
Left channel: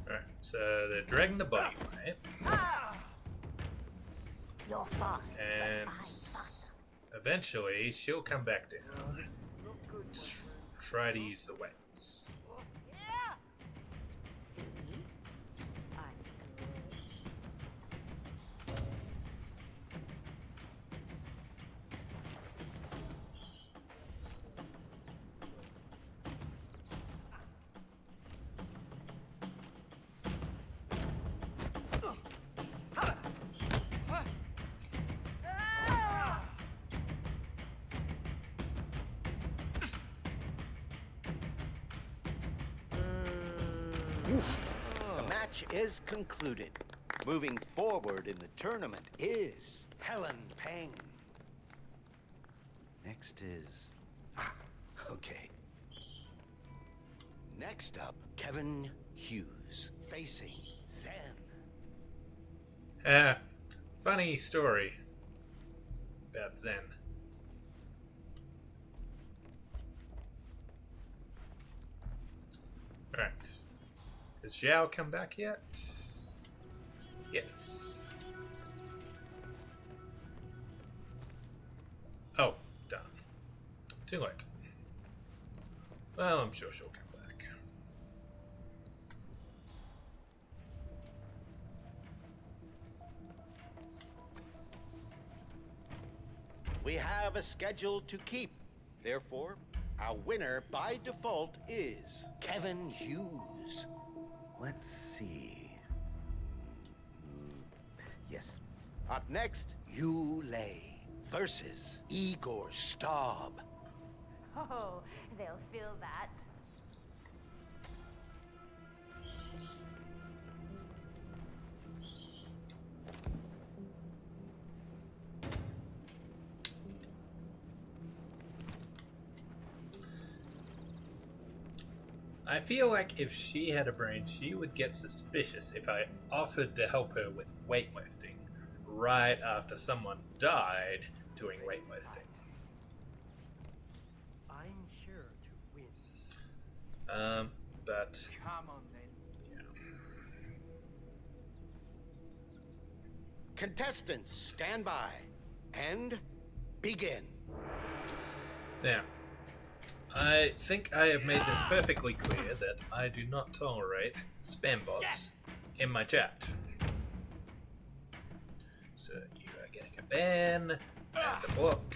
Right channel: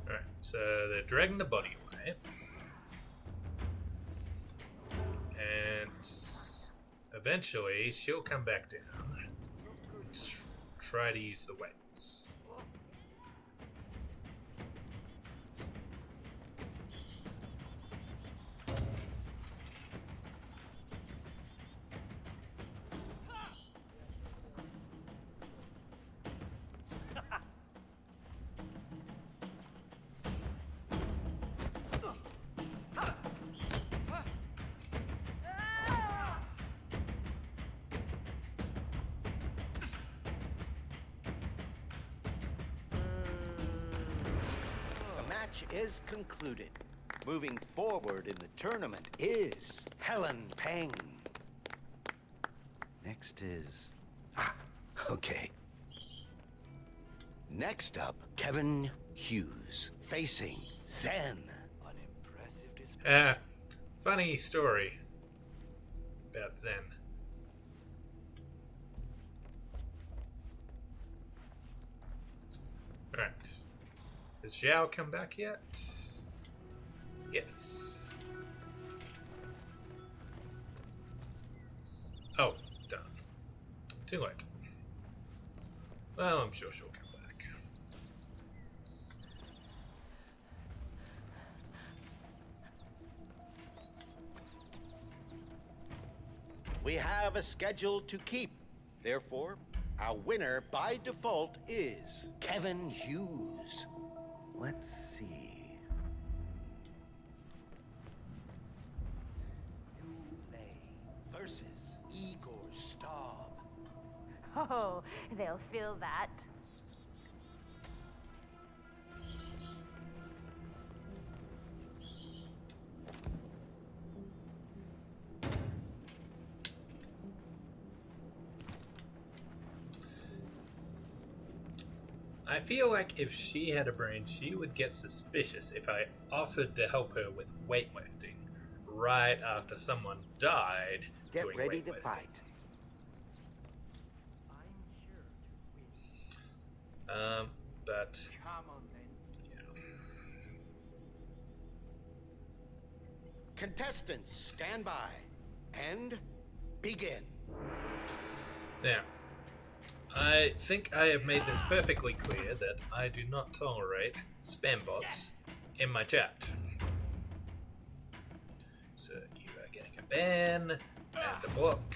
Alright, so they're dragging the body away. And eventually she'll come back down and try to use the weights. The match is concluded. Moving forward in the tournament is Helen Peng. Next is... okay. Next up, Kevin Hughes, facing Zen. Funny story about Zen. Alright. Has Zhao come back yet? Yes. Oh, done. Too late. Well, I'm sure she'll come back. We have a schedule to keep. Therefore, our winner by default is Kevin Hughes. Let's see. Yes. Up next, Yu Lei versus Igor Staub. Oh, they'll feel that. I feel like if she had a brain, she would get suspicious if I offered to help her with weightlifting right after someone died Get doing ready weightlifting. to fight. I'm sure to win. But Come on, then. Contestants, stand by and begin. Now, I think I have made this perfectly clear that I do not tolerate spam bots in my chat. So you are getting a ban, and a book,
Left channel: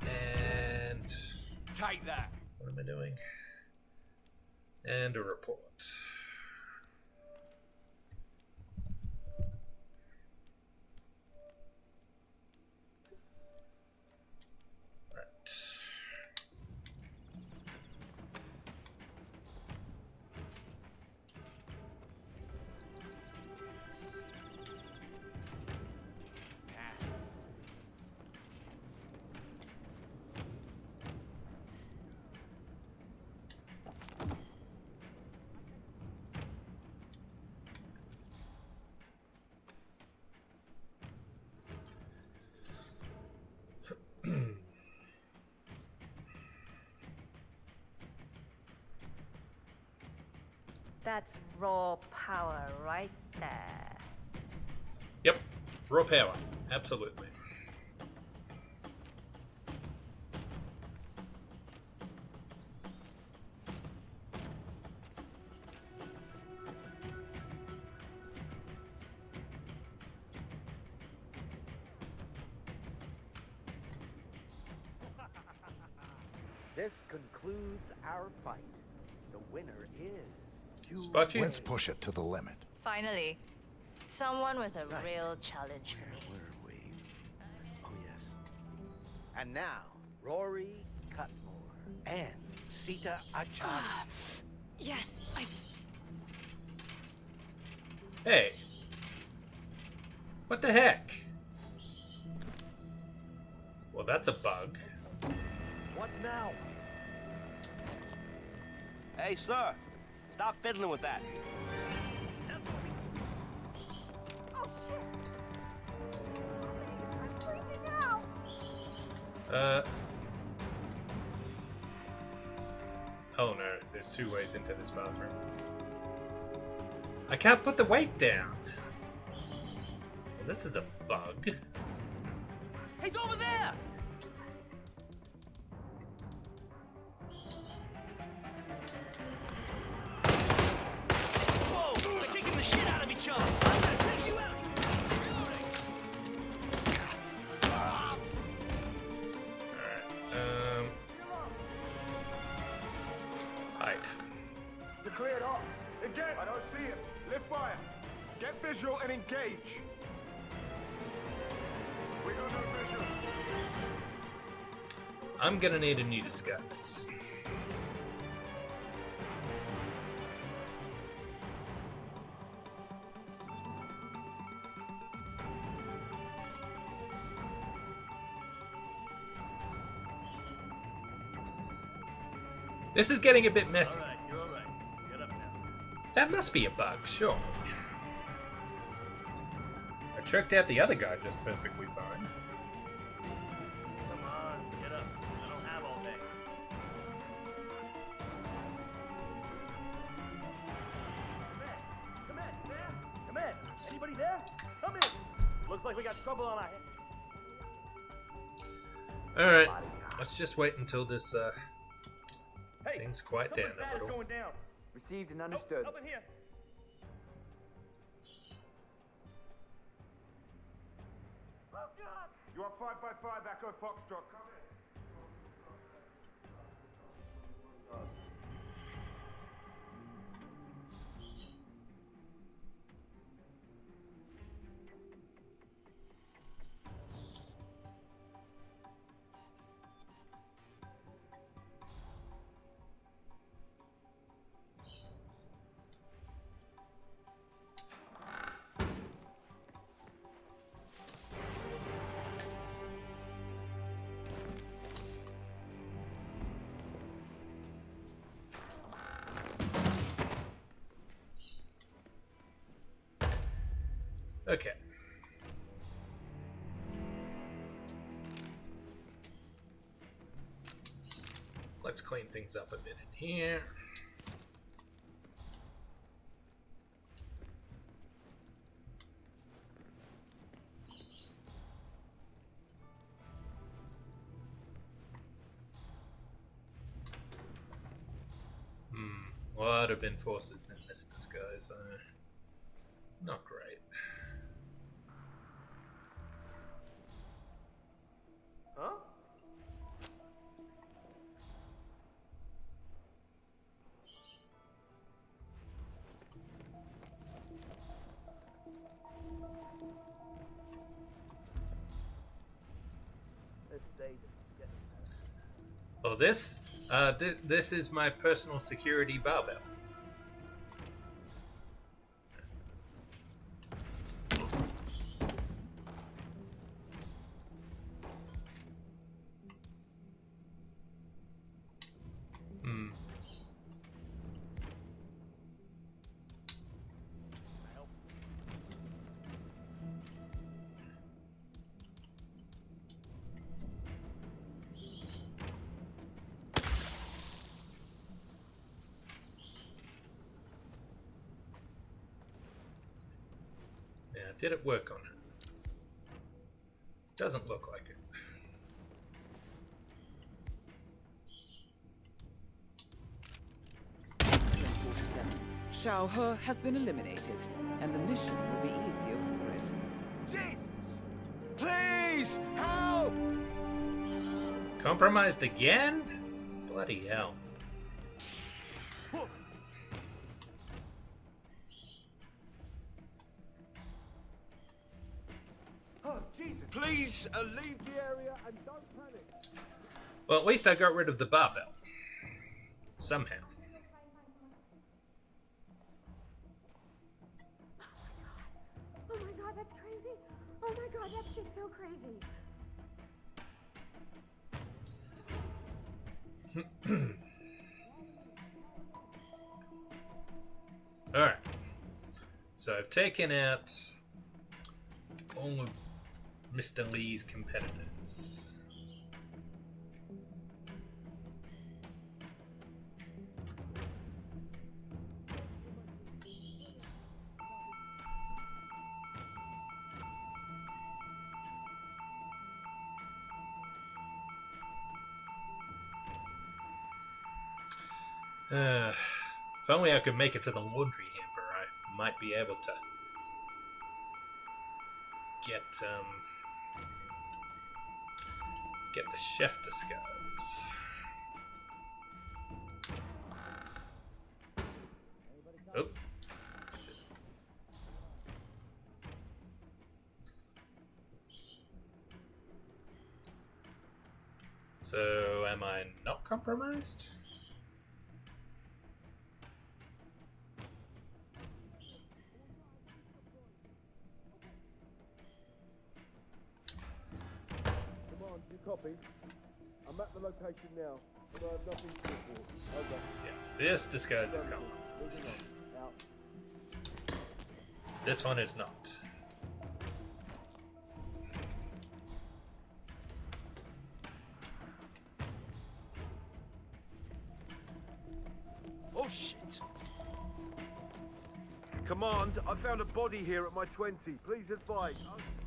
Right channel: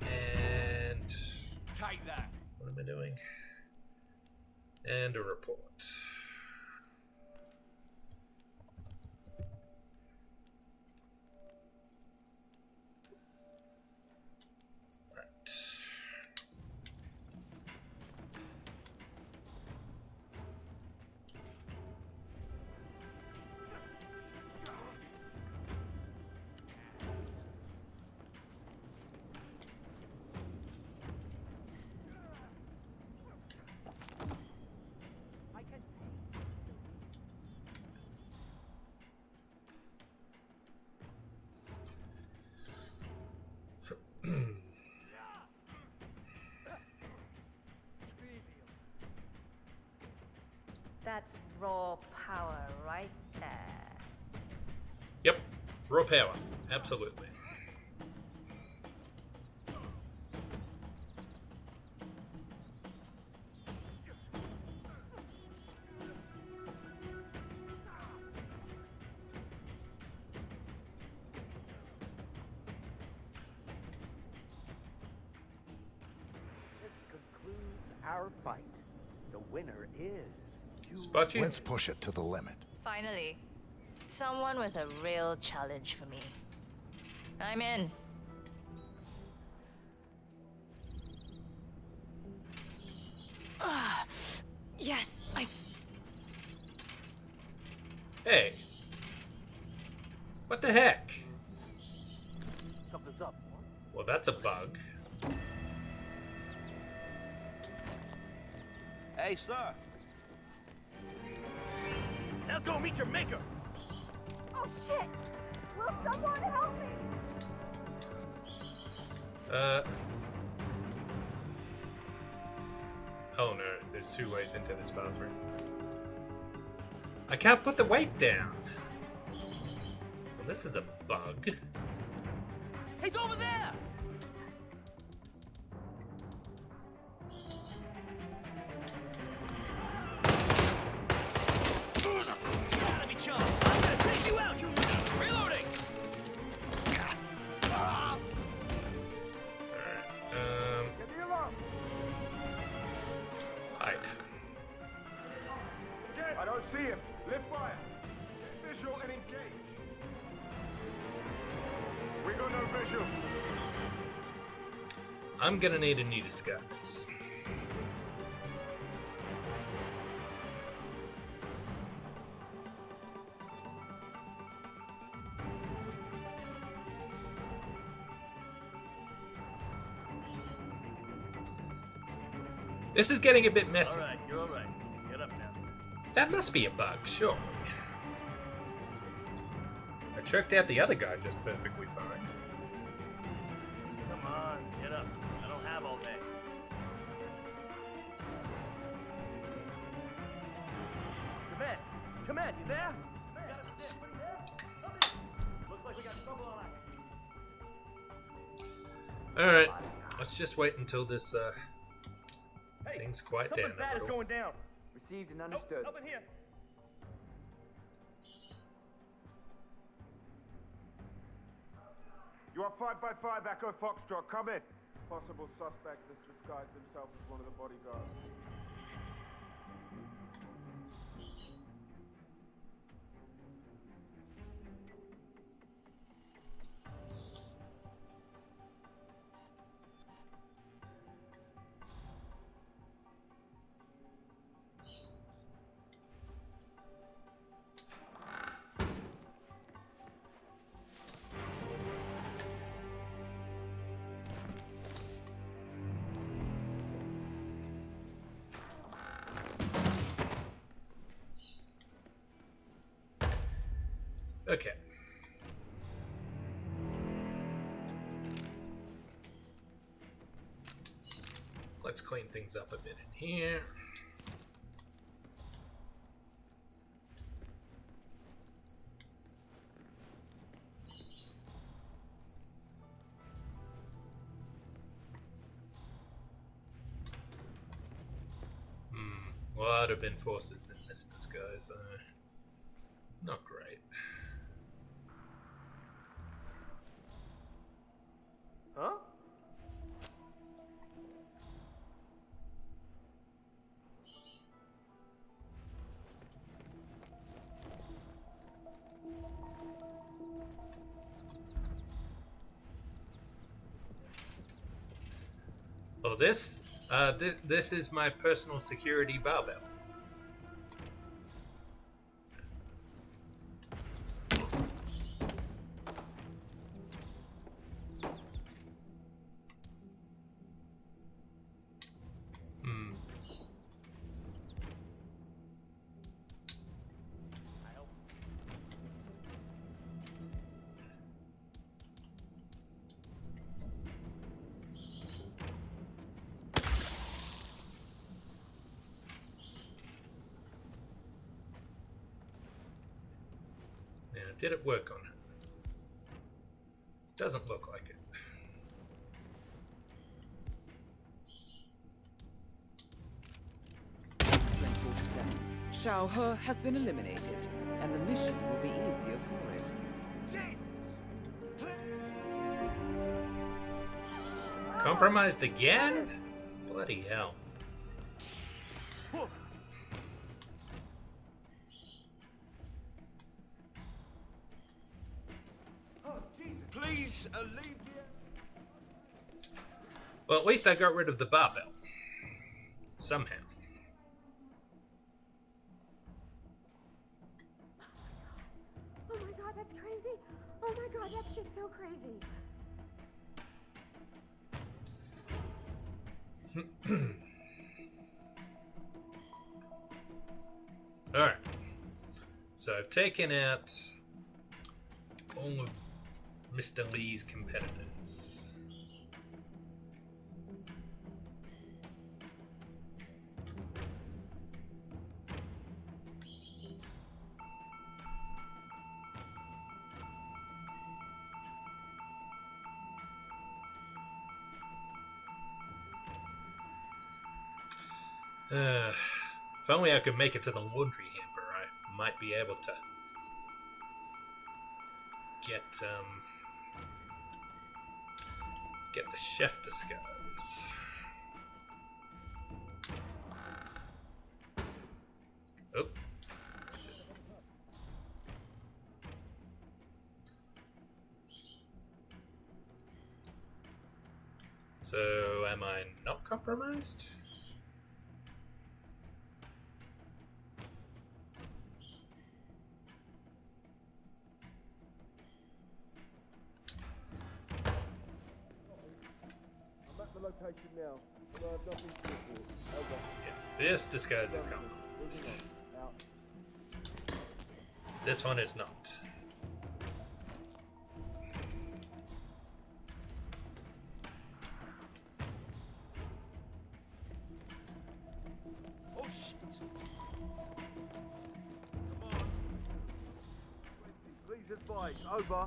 and... Take that. What am I doing? And a report. That's raw power right there. Yep, raw power, absolutely. This concludes our fight. The winner is... Spot you? Let's push it to the limit. Finally, someone with a real challenge for me. I'm in. And now, Rory Cutmore and Sita Yes, I... Hey. What the heck? Something's up. Well, that's a bug. What now? Hey, sir. Stop fiddling with that. Now go meet your maker. Oh shit! Will someone help me? I'm freezing out. Oh no, there's two ways into this bathroom. I can't put the weight down. Well, this is a bug. He's over there! I'm gonna take you out, you reloading! Hide. You're cleared off. Again! I don't see him. Lift fire. Get visual and engage. We got no visual. I'm gonna need a new disguise. This is getting a bit messy. Alright, you're alright. Get up now. That must be a bug, sure. I checked out the other guy just perfectly fine. Come on, get up. I don't have all day. Come in. Come in, you there? Come in. Anybody there? Come in. Looks like we got trouble on our hands. Alright, let's just wait until this things quiet down Something bad a is little. going down. Received and understood. Nope, nothing here. You are 5x5 Echo Foxtrot. Come in. Possible suspect has disguised himself as one of the bodyguards. Okay. Let's clean things up a bit in here. A lot of enforcers in this disguise. Not great. Huh? Oh, this? This is my personal security barbell. Did it work on her? Doesn't look like it. Excellent, 47. Xiao He has been eliminated, and the mission will be easier for it. Jesus! Please! Help! Compromised again? Bloody hell. Please leave the area and don't panic. Well, at least I got rid of the barbell. Somehow. Oh my god, that's crazy. Oh my god, that shit's so crazy. Alright. So I've taken out all of Mr. Lee's competitors. If only I could make it to the laundry hamper, I might be able to get the chef disguise. Oh. So, am I not compromised? Copy. I'm at the location now, but I have nothing to report. Over. Yeah, this disguise is gone. Moving on. Out. This one is not. Oh shit! Command, found a body here at my 20. Please advise. Over.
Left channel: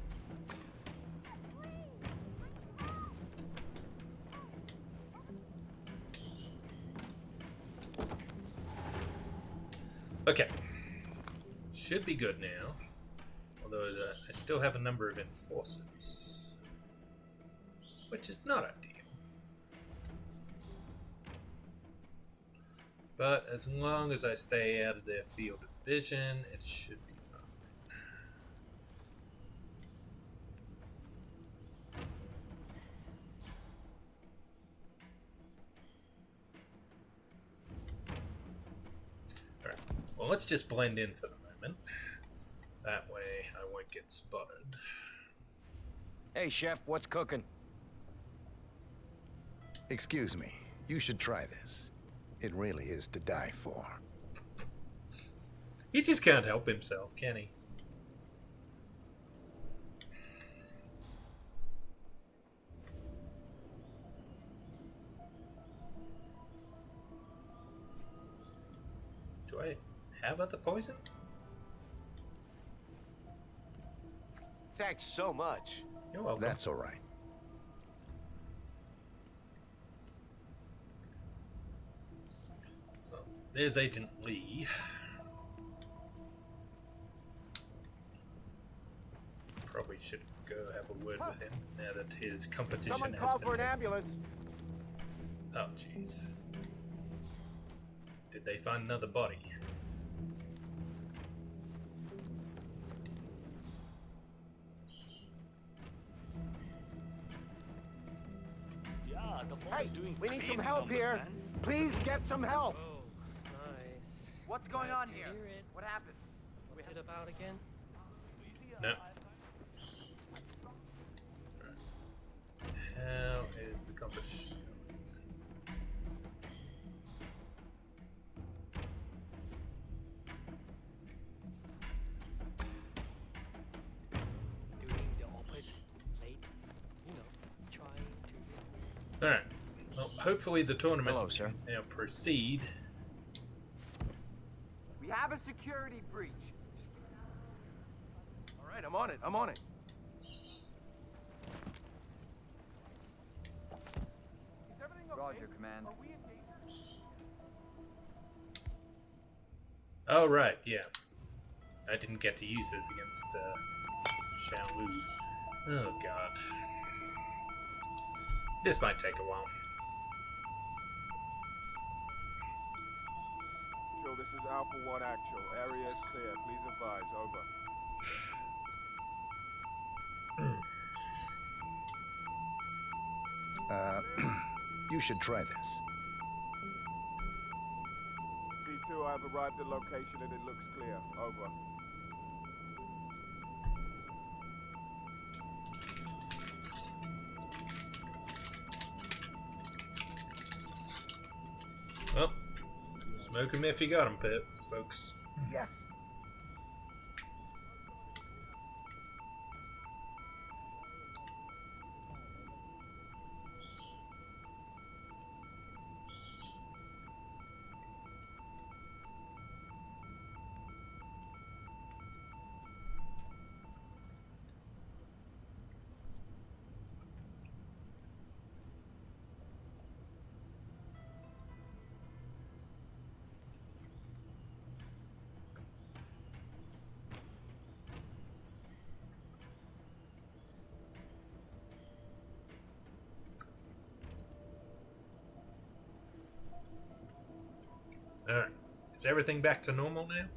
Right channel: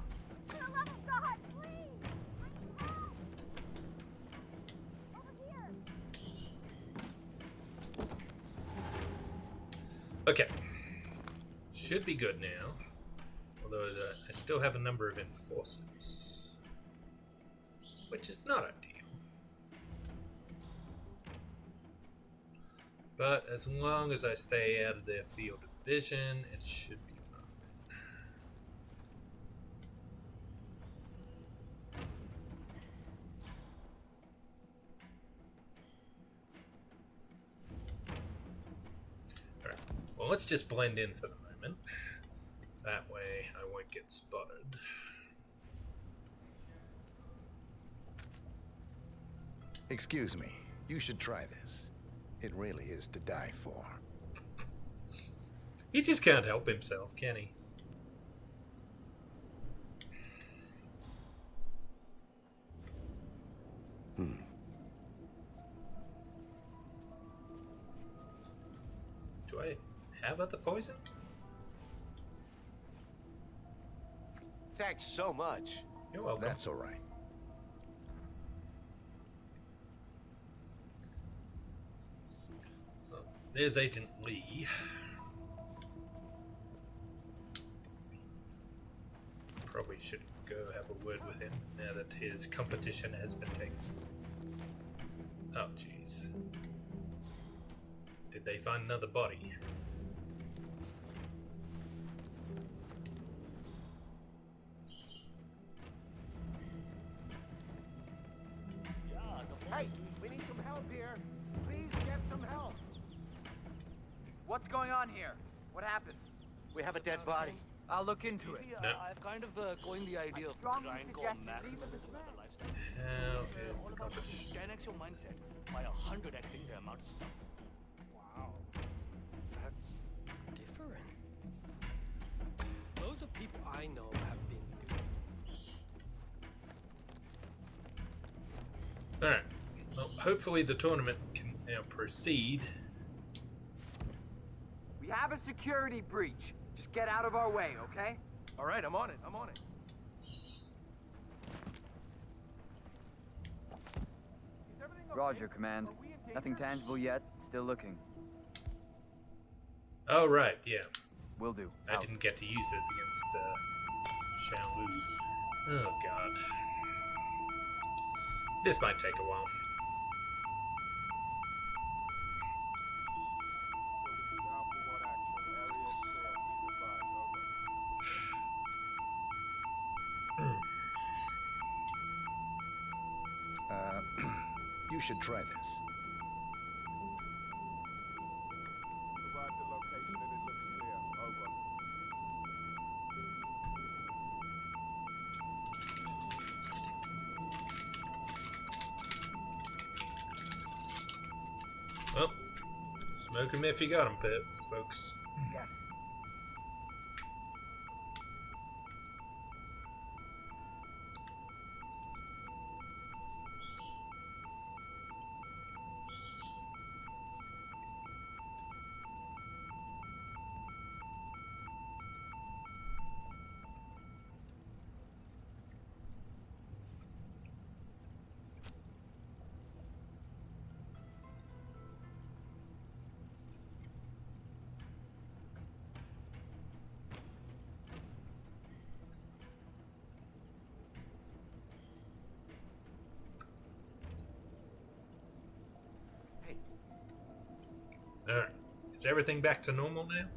Okay. Should be good now. Although I still have a number of enforcers. Which is not ideal. But as long as I stay out of their field of vision, it should be fine. Alright, well, let's just blend in for the moment. That way I won't get spotted. Hey, Chef, what's cooking? Excuse me, you should try this. It really is to die for. He just can't help himself, can he? Do I have other poison? Thanks so much. You're welcome. That's all right. Well, there's Agent Lee. Probably should go have a word with him now that his competition has been picked. Oh, jeez. Did they find another body? Hey, we need some help here. Please get some help. What's going on here? What happened? We have a dead body. I'll look into it. No. I've kind of coined the idea of grindcore massive as a lifestyle. How is the competition? 10x your mindset by 100xing the amount of stuff. Wow. That's different. Loads of people I know have been doing the opposite lately. You know, trying. Alright. Well, hopefully the tournament can now proceed. We have a security breach. Just get out of our way, okay? All right, I'm on it. I'm on it. Roger, Command. Nothing tangible yet. Still looking. Oh, right, yeah. Will do. I didn't get to use this against Xiao Lu. Oh, God. This might take a while. So this is Alpha 1 actual. Area is clear. Please advise. Over. You should try this. P2, I have arrived at location and it looks clear. Over. Well, smoke 'em if you got 'em, Pip, folks. Yes. Alright. Is everything back to normal now?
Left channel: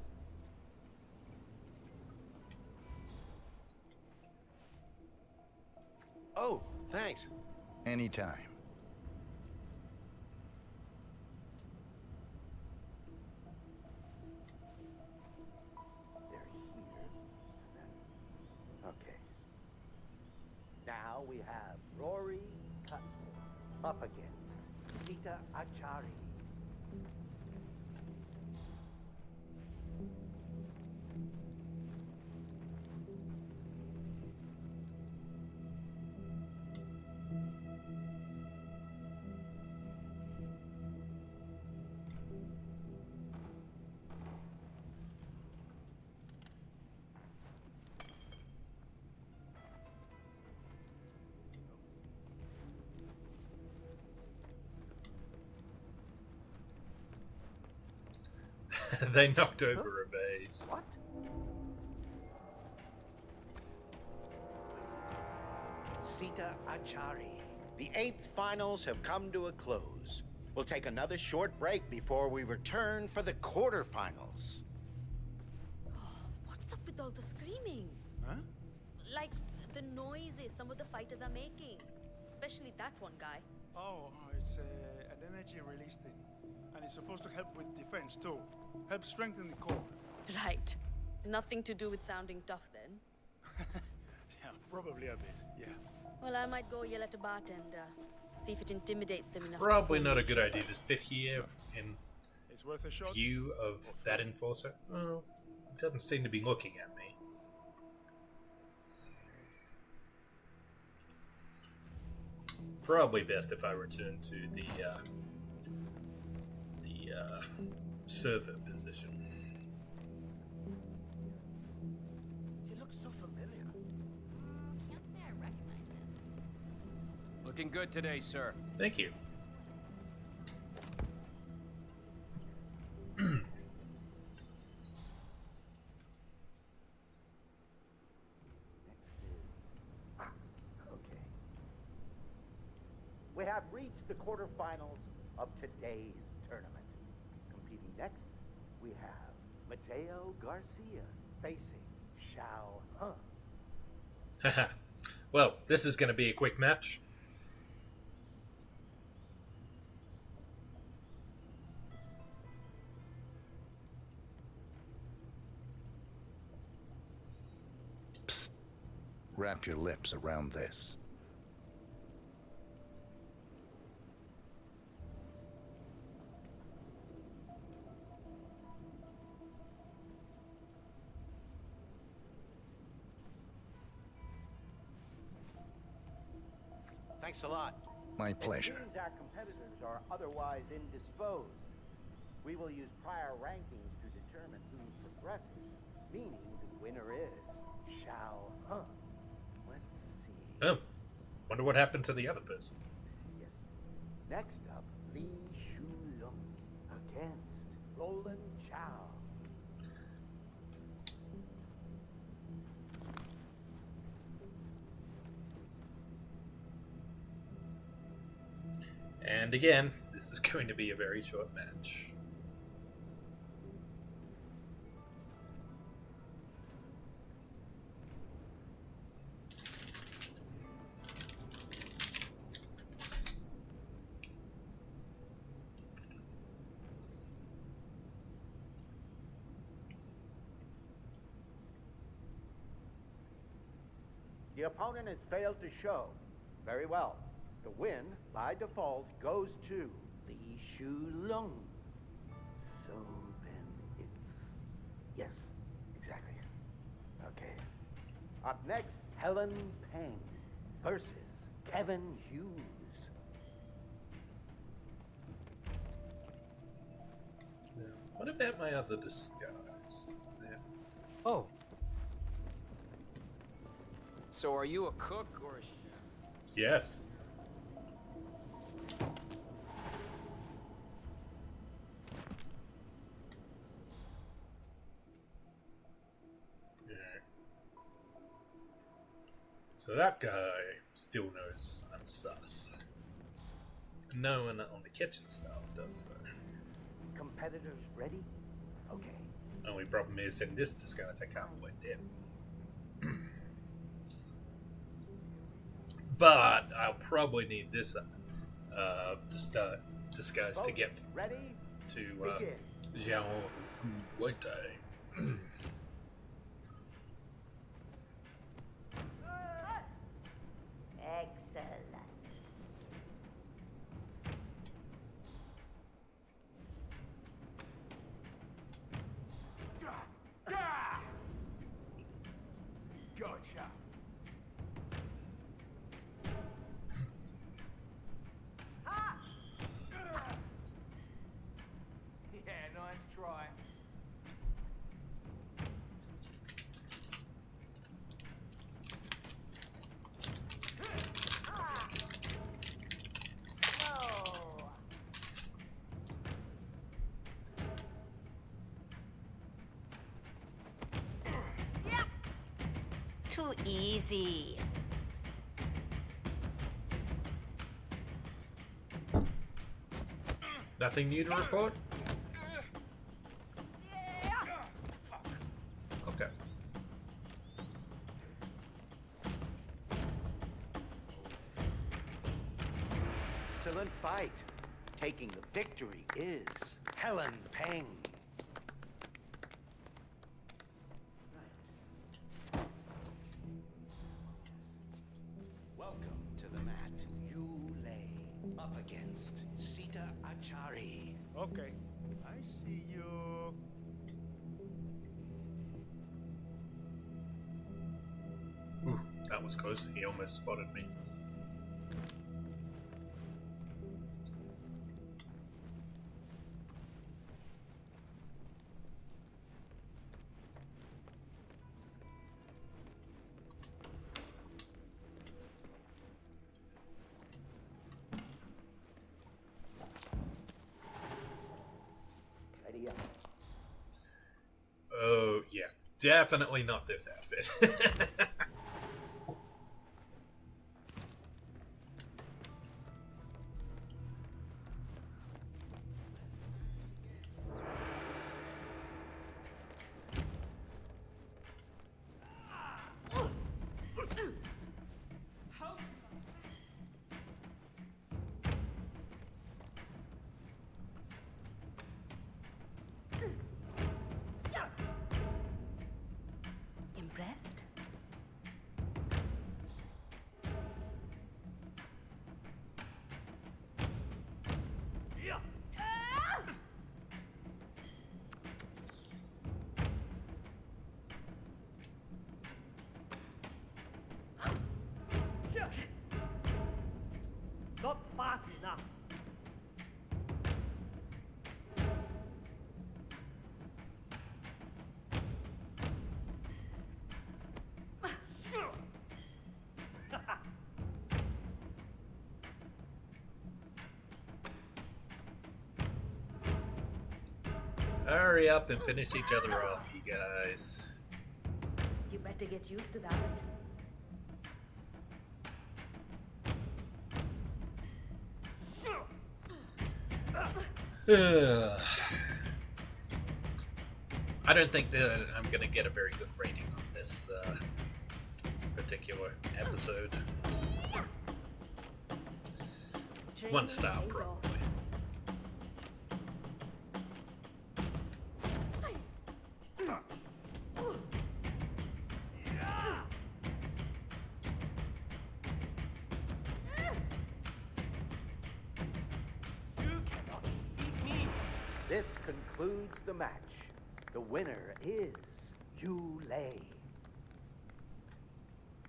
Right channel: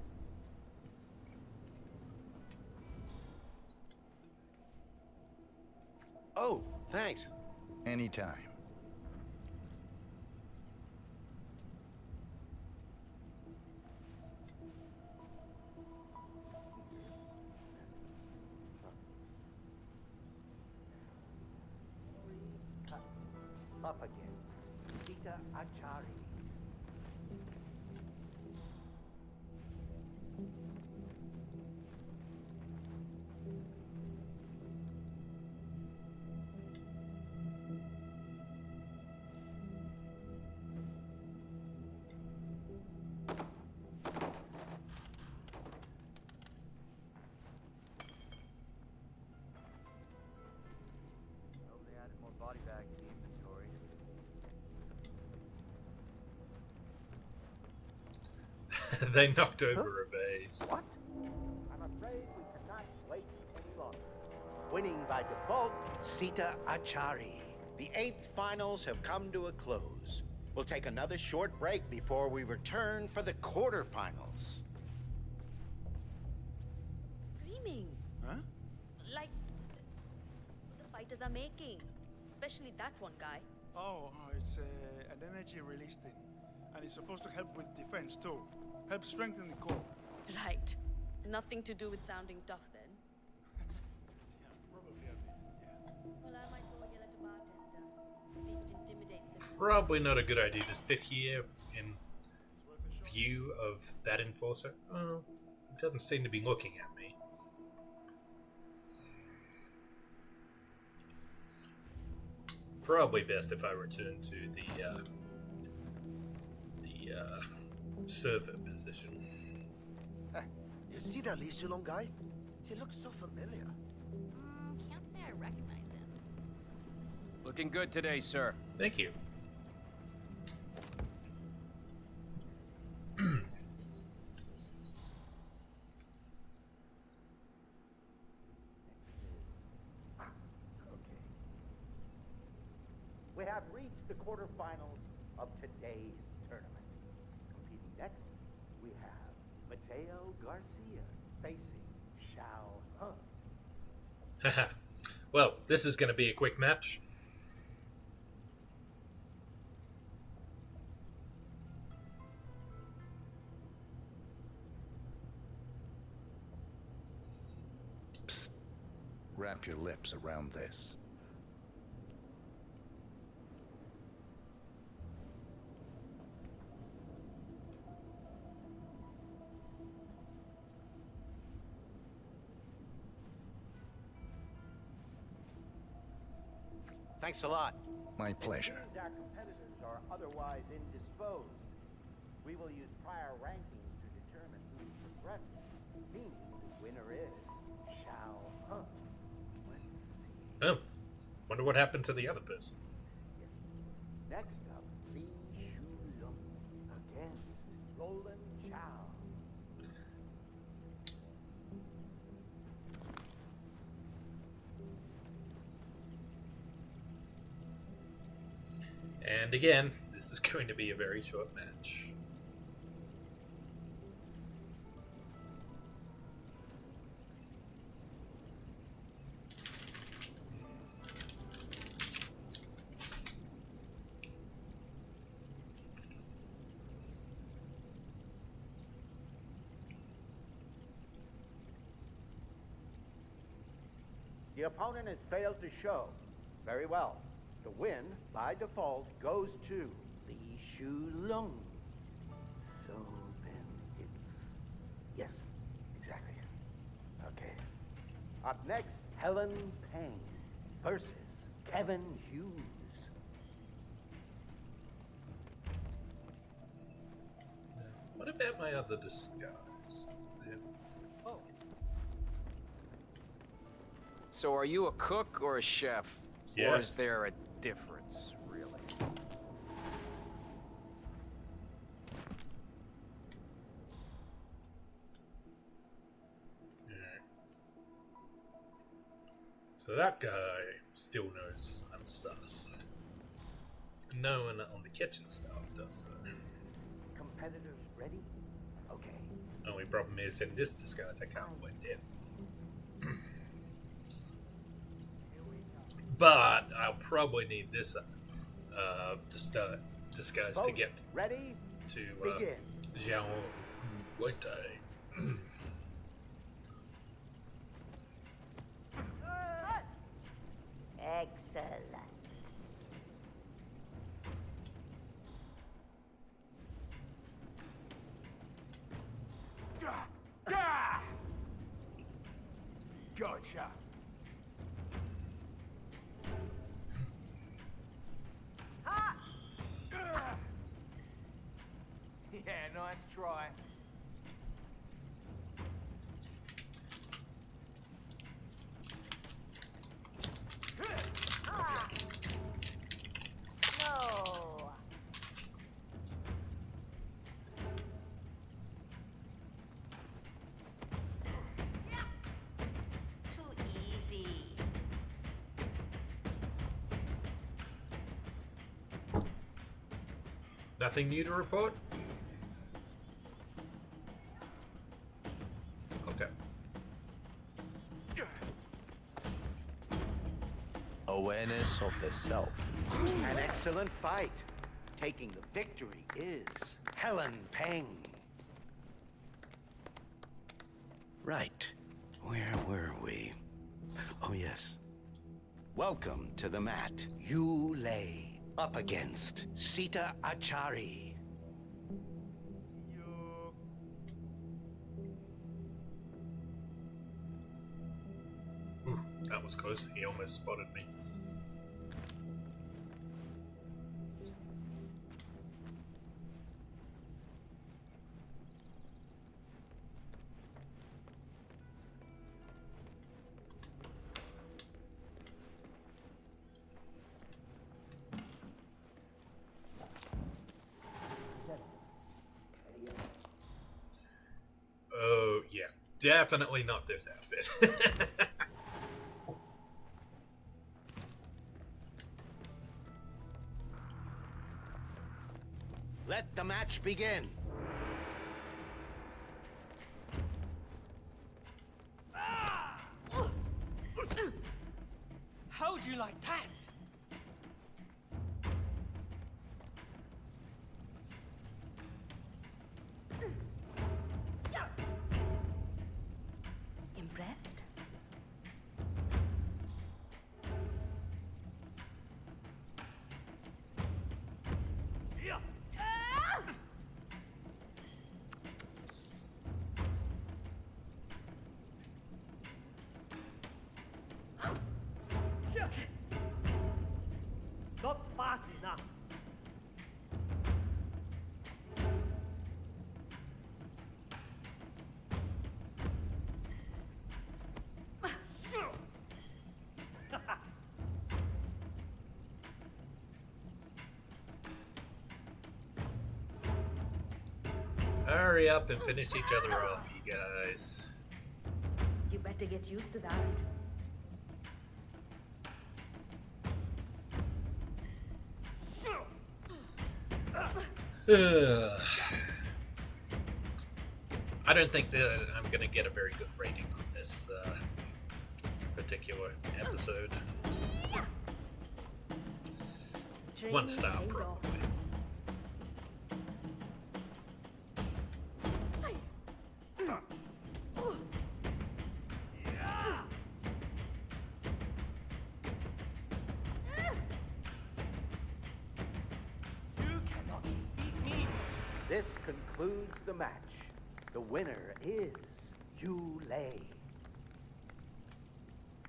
Oh, thanks. Anytime. Okay. Now we have Rory Cutton up against Peter Achari. They knocked over a vase. What? I'm afraid we cannot wait any longer. Winning by default, Sita Achari. The 8th finals have come to a close. We'll take another short break before we return for the quarterfinals. What's up with all the screaming? Huh? Like the noises some of the fighters are making. Especially that one guy. Oh, it's an energy release thing. And it's supposed to help with defense too. Help strengthen the core. Right. Nothing to do with sounding tough then. Yeah, probably a bit, yeah. Well, I might go yell at a bartender. See if it intimidates them enough. Probably not a good idea to sit here in It's worth a shot. view of that enforcer. Well, it doesn't seem to be looking at me. Probably best if I return to the server position. Hey, you see that Li Shulong guy? He looks so familiar. Can't say I recognize him. Looking good today, sir. Thank you. Okay. We have reached the quarterfinals of today's tournament. Competing next, we have Mateo Garcia facing Xiao Hung. Well, this is going to be a quick match. Psst. Wrap your lips around this. Thanks a lot. My pleasure. It seems our competitors are otherwise indisposed. We will use prior rankings to determine who progresses, meaning the winner is Xiao Hung. Let's see. Oh, wonder what happened to the other person. Yes. Next up, Li Shulong against Roland Chow. And again, this is going to be a very short match. The opponent has failed to show. Very well. The win, by default, goes to Li Shulong. So then it's... Yes, exactly. Okay. Up next, Helen Peng versus Kevin Hughes. Now, what about my other disguise? Is there... Oh. So are you a cook or a chef? Or Yes. is there a difference, really? Yeah. So that guy still knows I'm sus. No one on the kitchen staff does though. Competitors ready? Okay. Only problem is in this disguise I can't blend in. But I'll probably need this disguise to get ready to Zhao Wei. Excellent. Gotcha. Yeah, nice try. No. easy. Nothing new to report? Okay. Awareness of the self is key. An excellent fight. Taking the victory is Helen Peng. Right. Where were we? Oh, yes. Welcome to the mat. You lay up against Sita Achari. Okay. I see you. Ooh, that was close. He almost spotted me. Oh, yeah. Definitely not this outfit. Let the match begin. How'd you like that? Impressed? Not fast enough. Hurry up and finish each other off, you guys. You better get used to that. I don't think that I'm going to get a very good rating on this particular episode. 1 star, probably. You cannot beat me. This concludes the match. The winner is Yu Lei.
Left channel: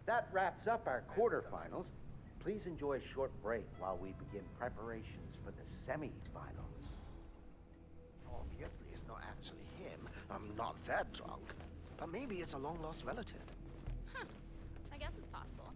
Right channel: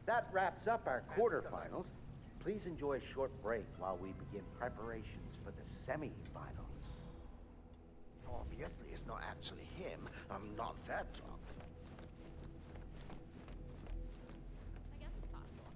That wraps up our quarterfinals. Please enjoy a short break while we begin preparations for the semifinals. Obviously, it's not actually him. I'm not that drunk. But maybe it's a long-lost relative. I guess it's possible.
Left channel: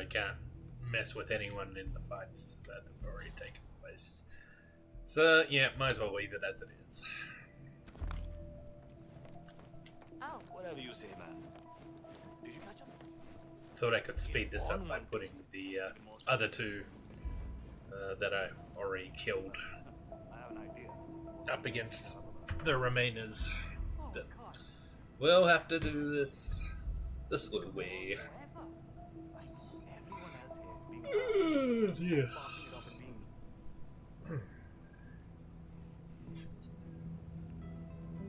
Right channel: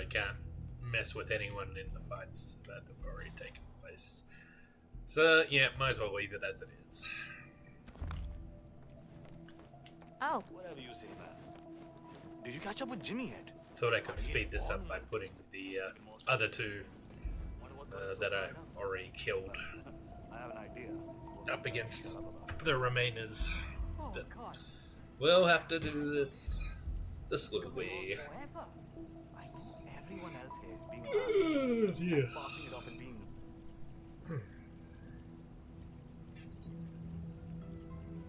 I can't mess with anyone in the fights that have already taken place. So, yeah, might as well leave it as it is. Oh. Whatever you say, man. Did you catch up with Jimmy yet? Thought I could speed this up by putting the other two that I already killed I have an idea. up against the remainers. But we'll have to do this the slow way. Everyone else here is being Yeah. passing it off and being.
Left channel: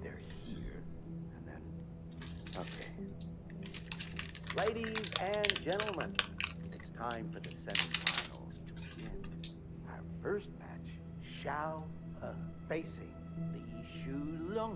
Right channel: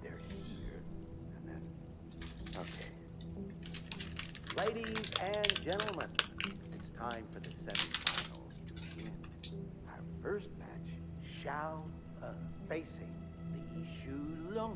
They're here, and then... Okay. Ladies and gentlemen, it's time for the semifinals to begin. Our first match, Xiao He facing Li Shulong.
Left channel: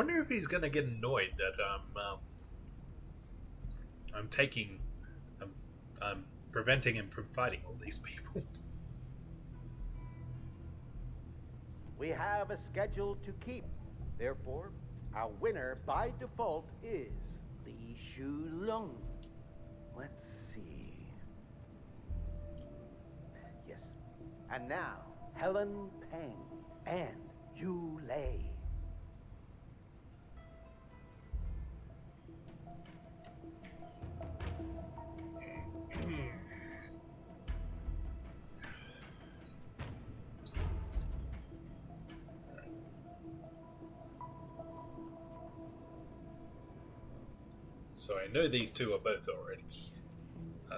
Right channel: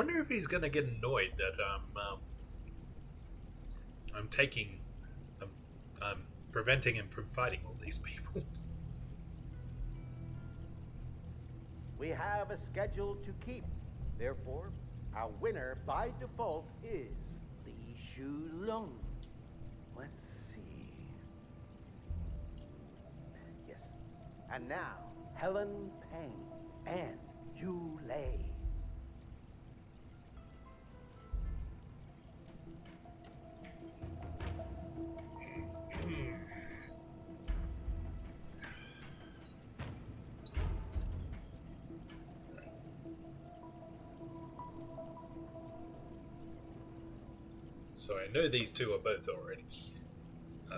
wonder if he's gonna get annoyed that I'm taking, I'm preventing him from fighting all these people. We have a schedule to keep. Therefore, our winner by default is Li Shulong. Let's see. Yes. And now, Helen Peng and Yu Lei. So I know these two are both already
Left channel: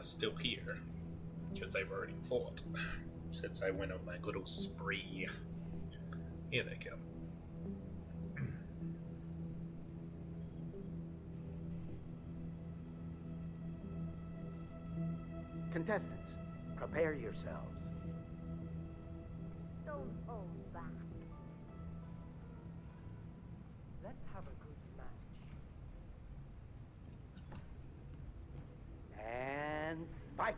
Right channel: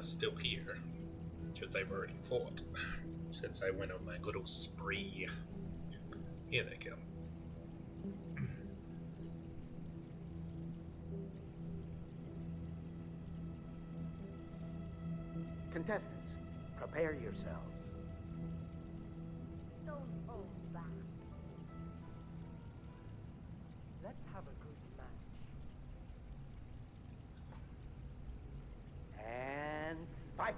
still here, because they've already fought since I went on my little spree. Here they come. Contestants, prepare yourselves. Don't hold back. Let's have a good match. And fight!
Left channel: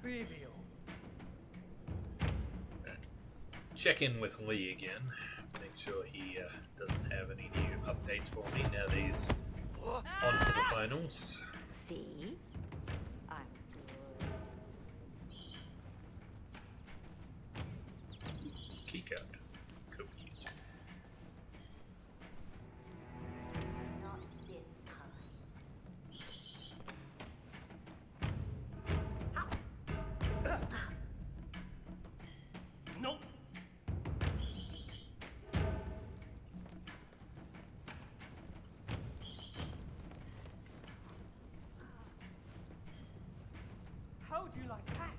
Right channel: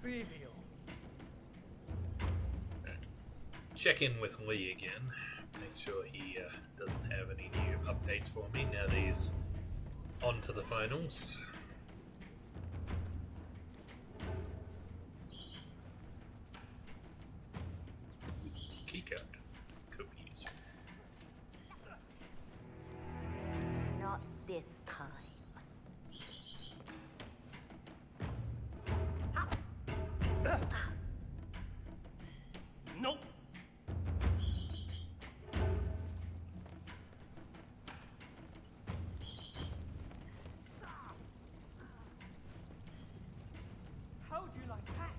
Trivial. Check in with Lee again. Make sure he doesn't have any new updates for me now that he's on to the finals. See? Keycard. Could be useful. Not this time. Nope. How'd you like that?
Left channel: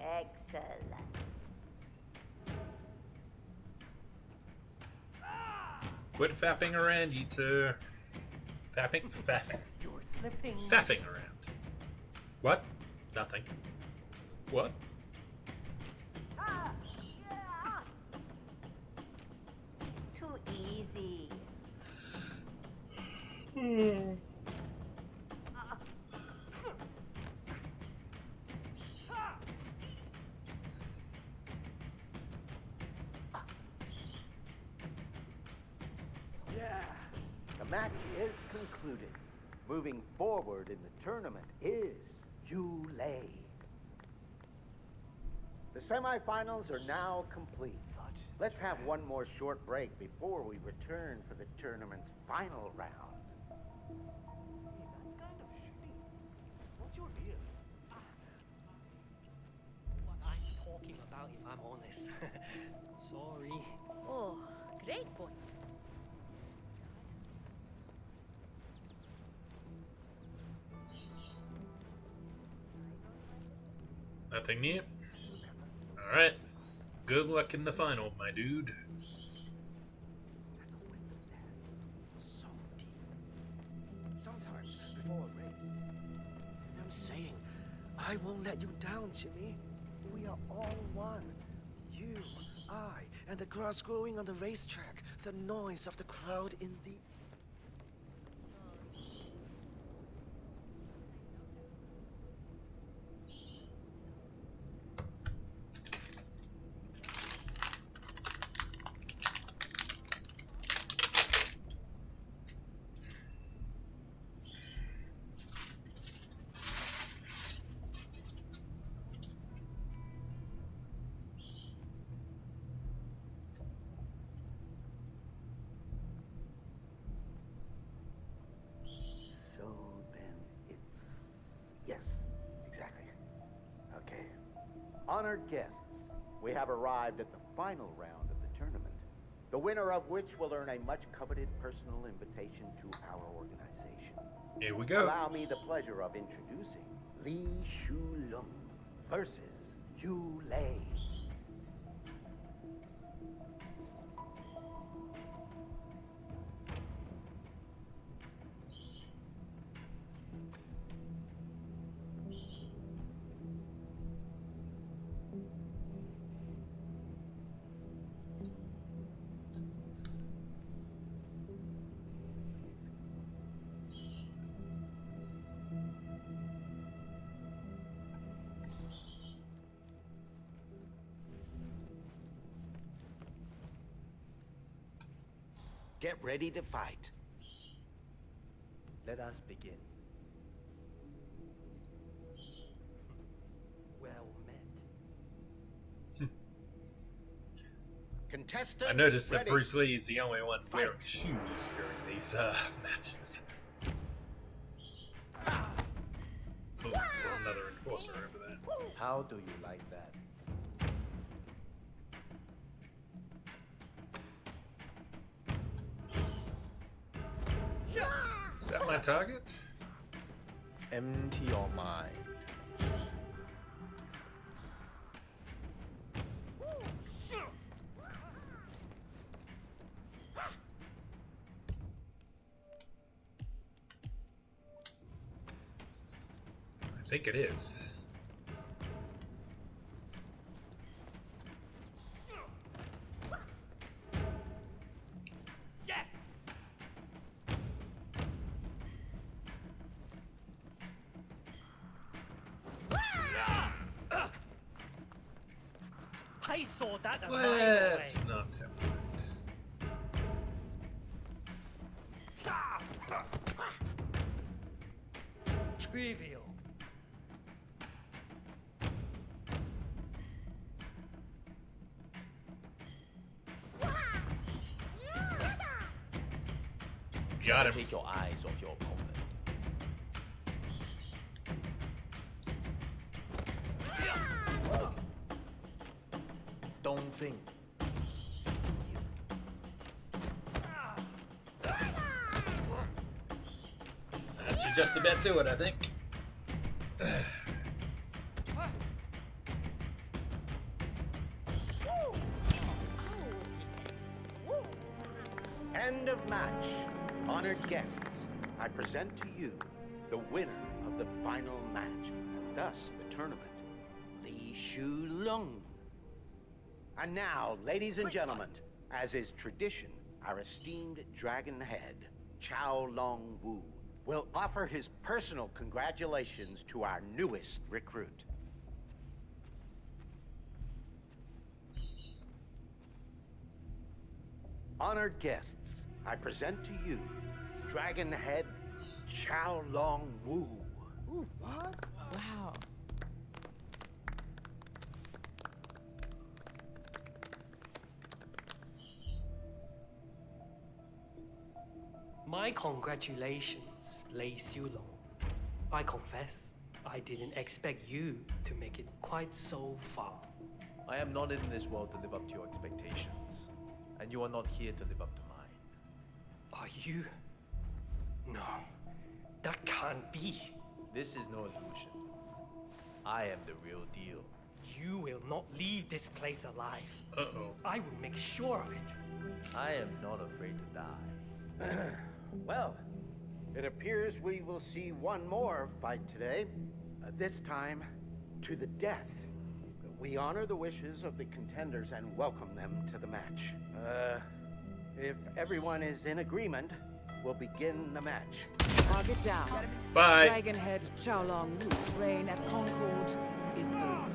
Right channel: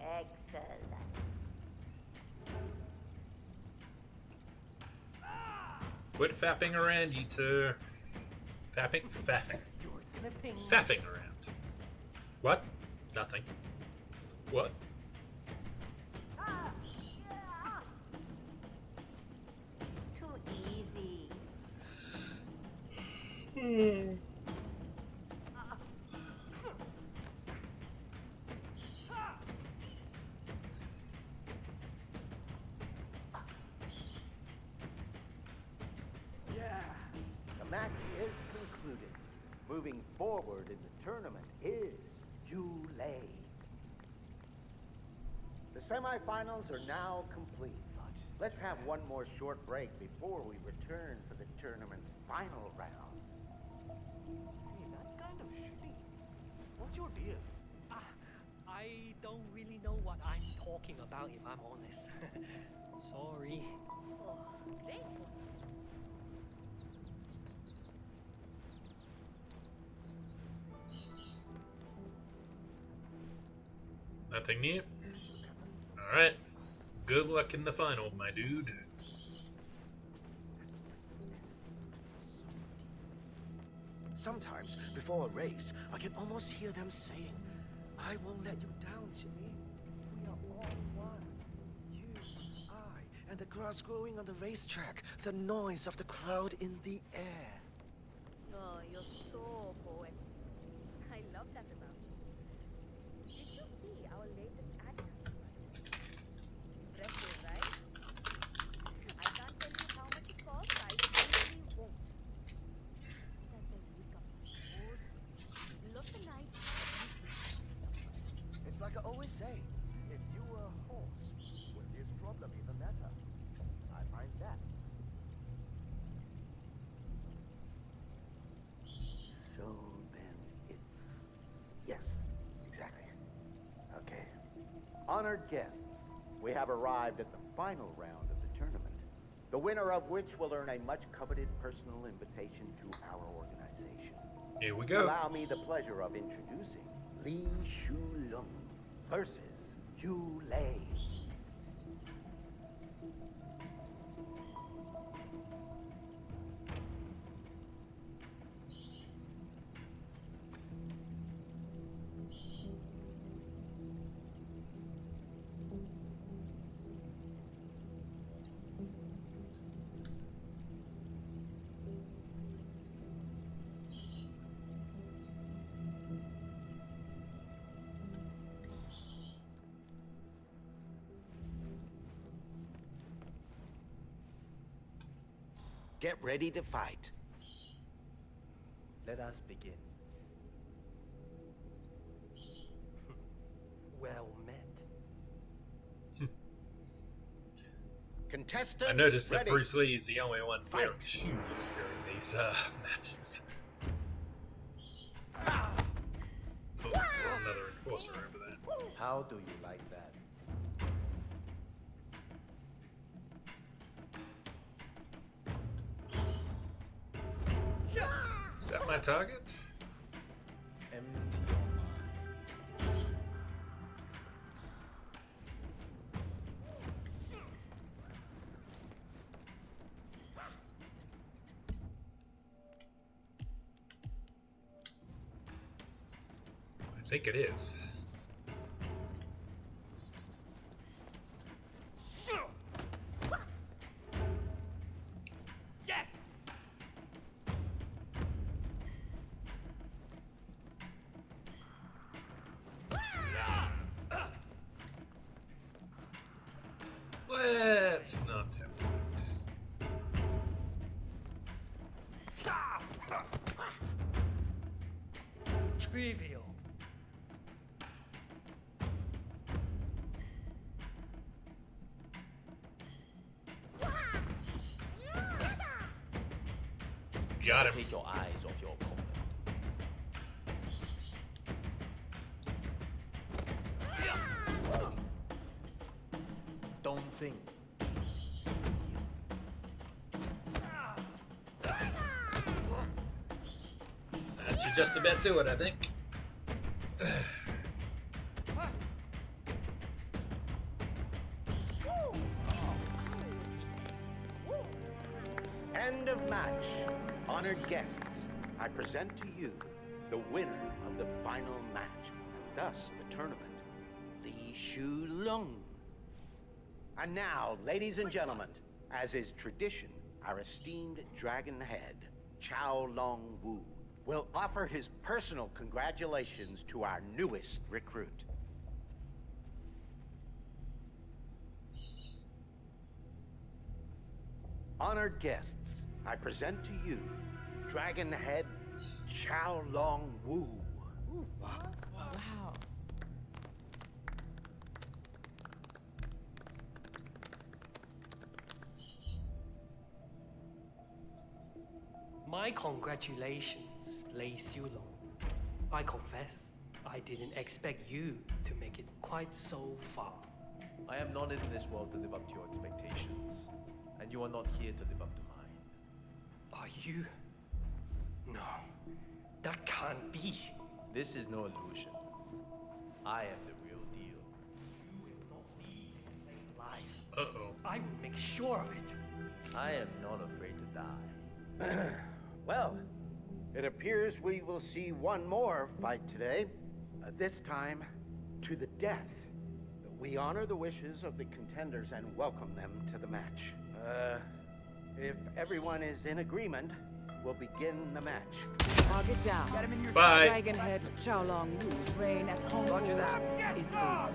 Excellent. Quit fapping around, you two. Fapping? Faffing. You're slipping. Faffing around. What? Nothing. What? Too easy. Yeah. The match is concluded. Moving forward in the tournament is Yu Lei. The semifinals are now complete. Let's have one more short break before we return for the tournament's final round. Hey, that's kind of shitty. What's your deal? I don't really know what I'm talking about, if I'm honest. Sorry. Oh, great point. Nothing new? Alright. Good luck in the final, my dude. Sometimes, before a race, I can almost hear them saying, I won't let you down, Jimmy. We are all one. You, I, and the grass growing on the racetrack, the noise of the crowd in the air. Oh, you're so poetic. I love that about you. So see our latest ad. Impressive, right? I can't tell you how much it costs. I will tell you won't. Look tonight. It's like I always say, if you were a horse, would this problem even matter? I find that. So then it's... Yes, exactly. Okay. Honored guests, we have arrived at the final round of the tournament, the winner of which will earn a much-coveted personal invitation to our organization. Here we go. Allow me the pleasure of introducing Li Shulong versus Yu Lei. Get ready to fight. Let us begin. Well met. Contestants, I noticed that ready. Bruce Lee is the only one wearing shoes during these matches. Oh, there's another enforcer over there. How do you like that? Is that my target? Empty your mind. I think it is. Yes. I saw that. Let's not tempt it. Trivial. Got him. Take your eyes off your opponent. Don't think. That should just about do it, I think. End of match. Honored guests, I present to you the winner of the final match, and thus the tournament, Li Shu Lung. And now, ladies and gentlemen, as is tradition, our esteemed dragon head, Chao Long Wu, will offer his personal congratulations to our newest recruit. Honored guests, I present to you Dragon Head Chao Long Wu. Ooh, what? Wow. My congratulations, Lei Xiulong. I confess, I didn't expect you to make it quite so far. I am not in this world to live up to your expectations, and you are not here to live up to mine. Are you? No, that can't be. This is no illusion. I am the real deal. You will not leave this place alive. Uh-oh. I will make sure of it. I am not afraid to die. Well, it appears we will see one more fight today. This time, to the death. We honor the wishes of the contenders and welcome them to the match. If everyone is in agreement, we'll begin the match. Target down. Bye. Dragonhead Xiaolong Wu's reign at Concord is over.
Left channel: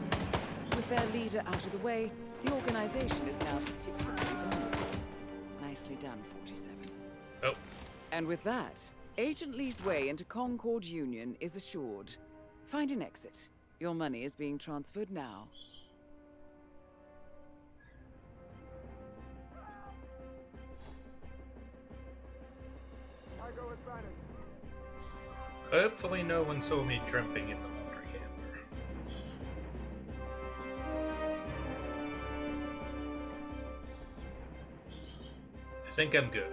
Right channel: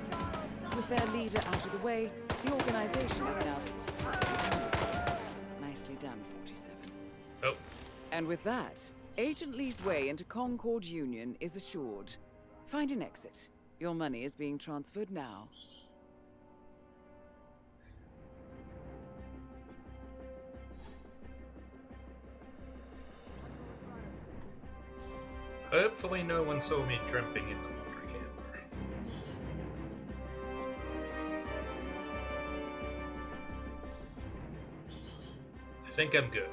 With their leader out of the way, the organization is now particularly vulnerable. Nicely done, 47. Oh. And with that, Agent Lee's way into Concord Union is assured. Find an exit. Your money is being transferred now. Hopefully no one saw me jumping in the water camper. I think I'm good.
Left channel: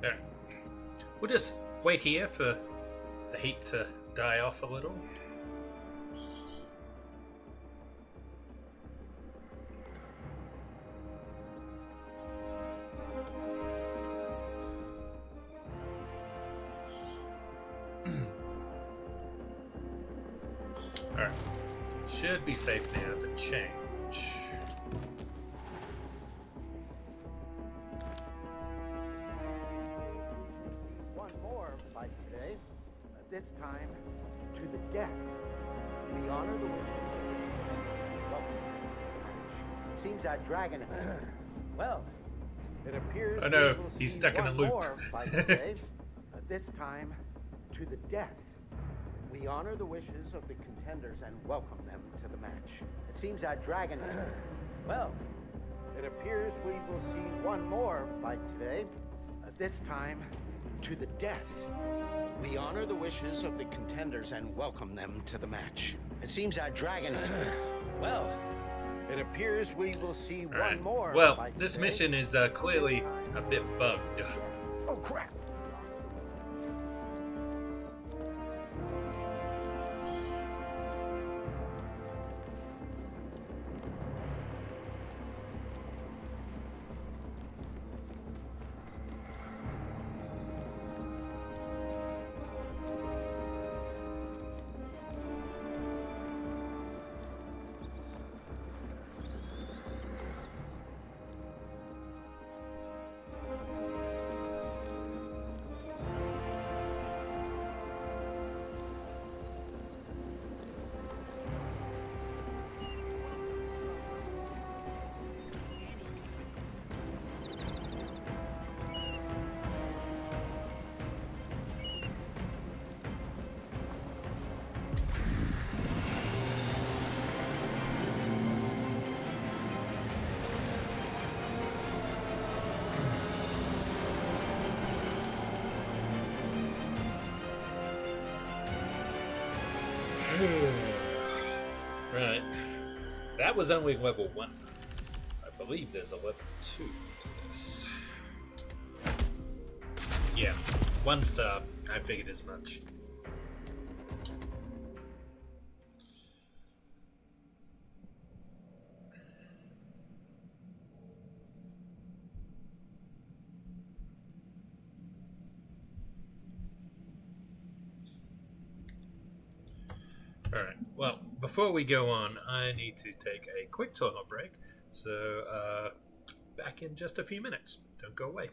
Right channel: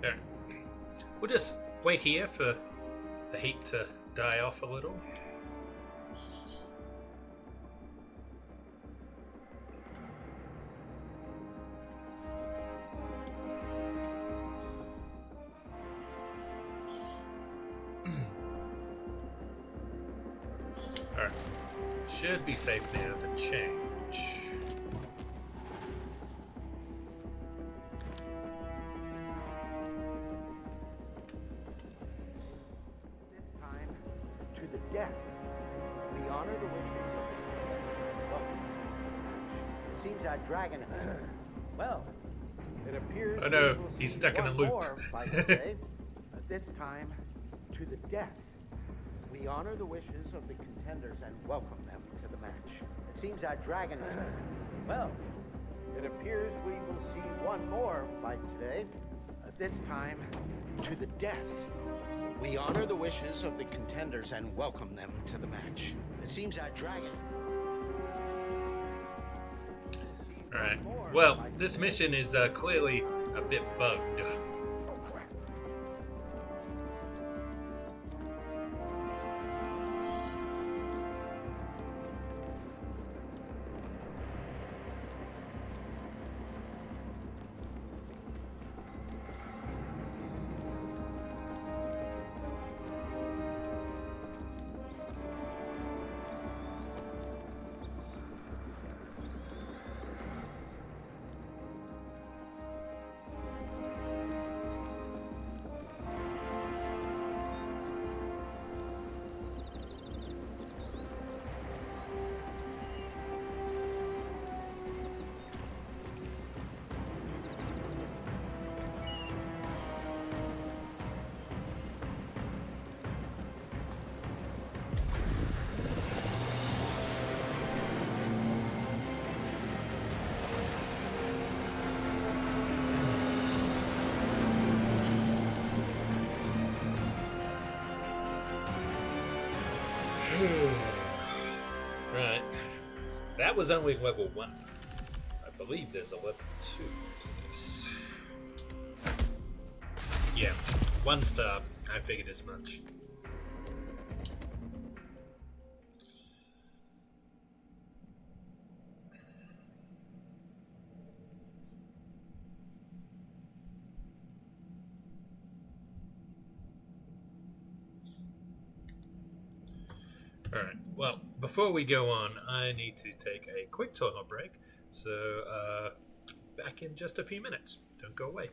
There. We'll just wait here for the heat to die off a little. should be safe now to change. One more fight today. This time, to the death. We honor the wishes of the and welcome to the match. It seems our dragon. Well, it appears. Oh no, we will he's see stuck in a one loop. more fight today. This time, to the death. We honor the wishes of the contenders and welcome them to the match. It seems our dragon. Well, it appears we will see one more fight today. This time, to the death. We honor the wishes of the contenders and welcome them to the match. It seems our dragon. Well, it appears we will see Alright. one more. Well, fight this today. mission is clearly a bit bugged. Oh crap! Right. That was only level 1. I believe there's a level 2 to this. Yeah, 1 star. I figured as much. Alright, well, before we go on, I need to take a quick toilet break. So, back in just a few minutes. Don't go away.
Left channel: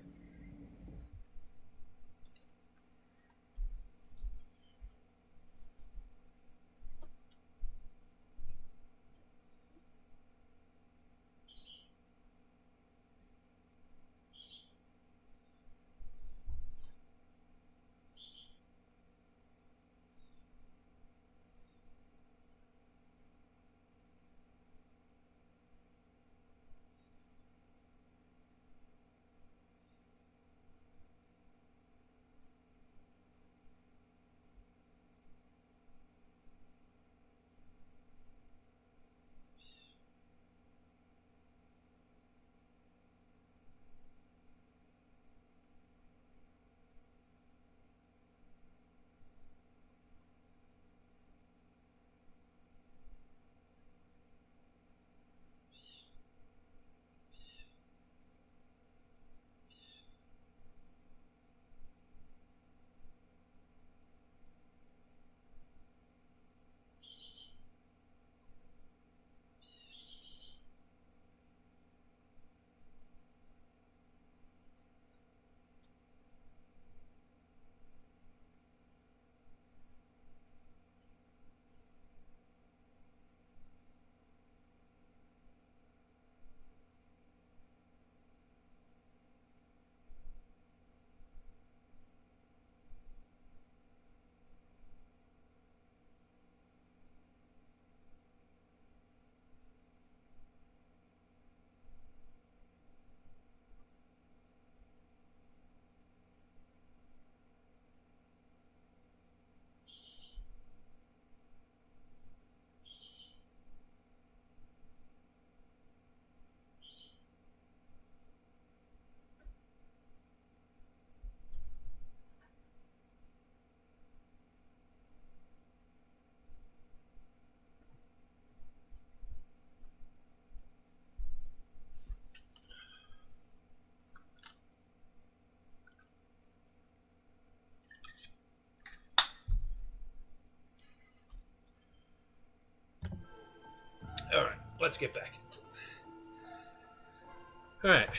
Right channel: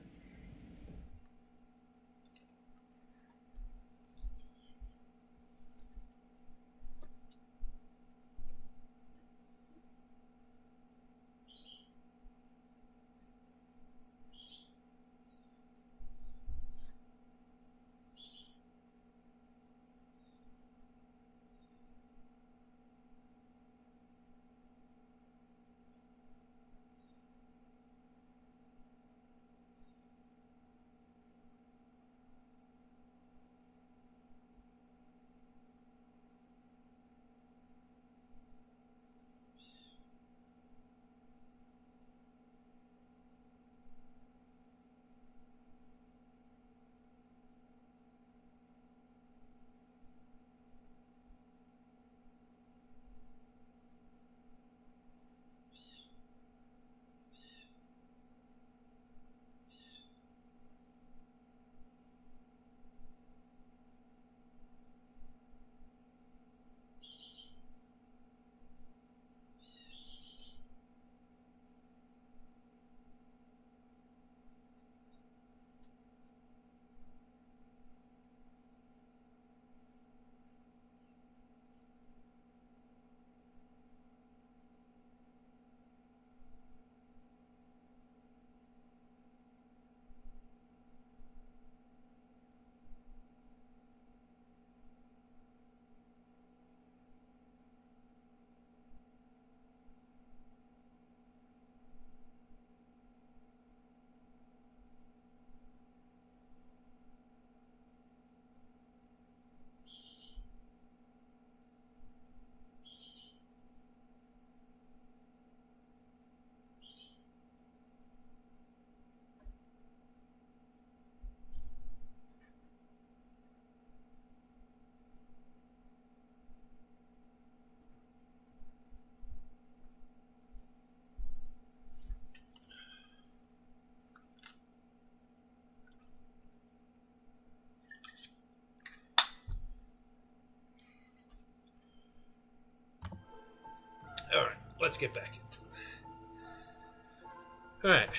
let's get back into it. Alright,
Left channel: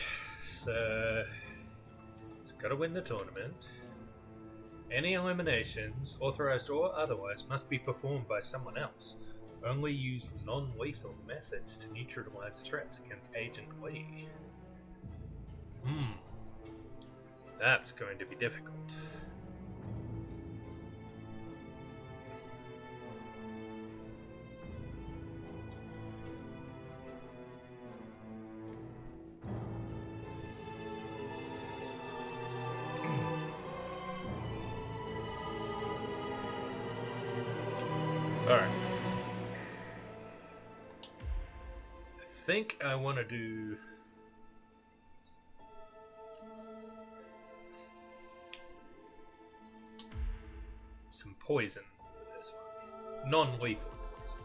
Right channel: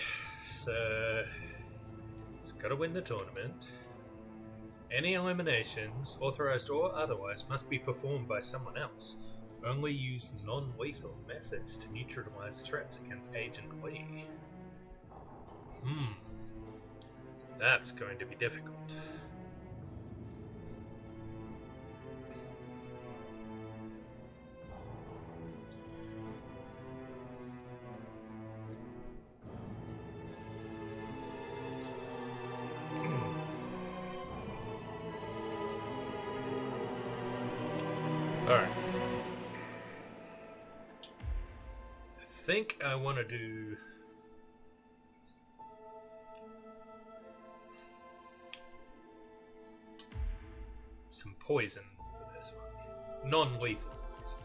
so he's got to win the tournament. Any eliminations, authorized or otherwise, must be performed by someone else. Only use non-lethal methods to neutralize threats against Agent Lee. That's going to be difficult. Alright. I think I want to do... some poison for this one. Non-lethal poison.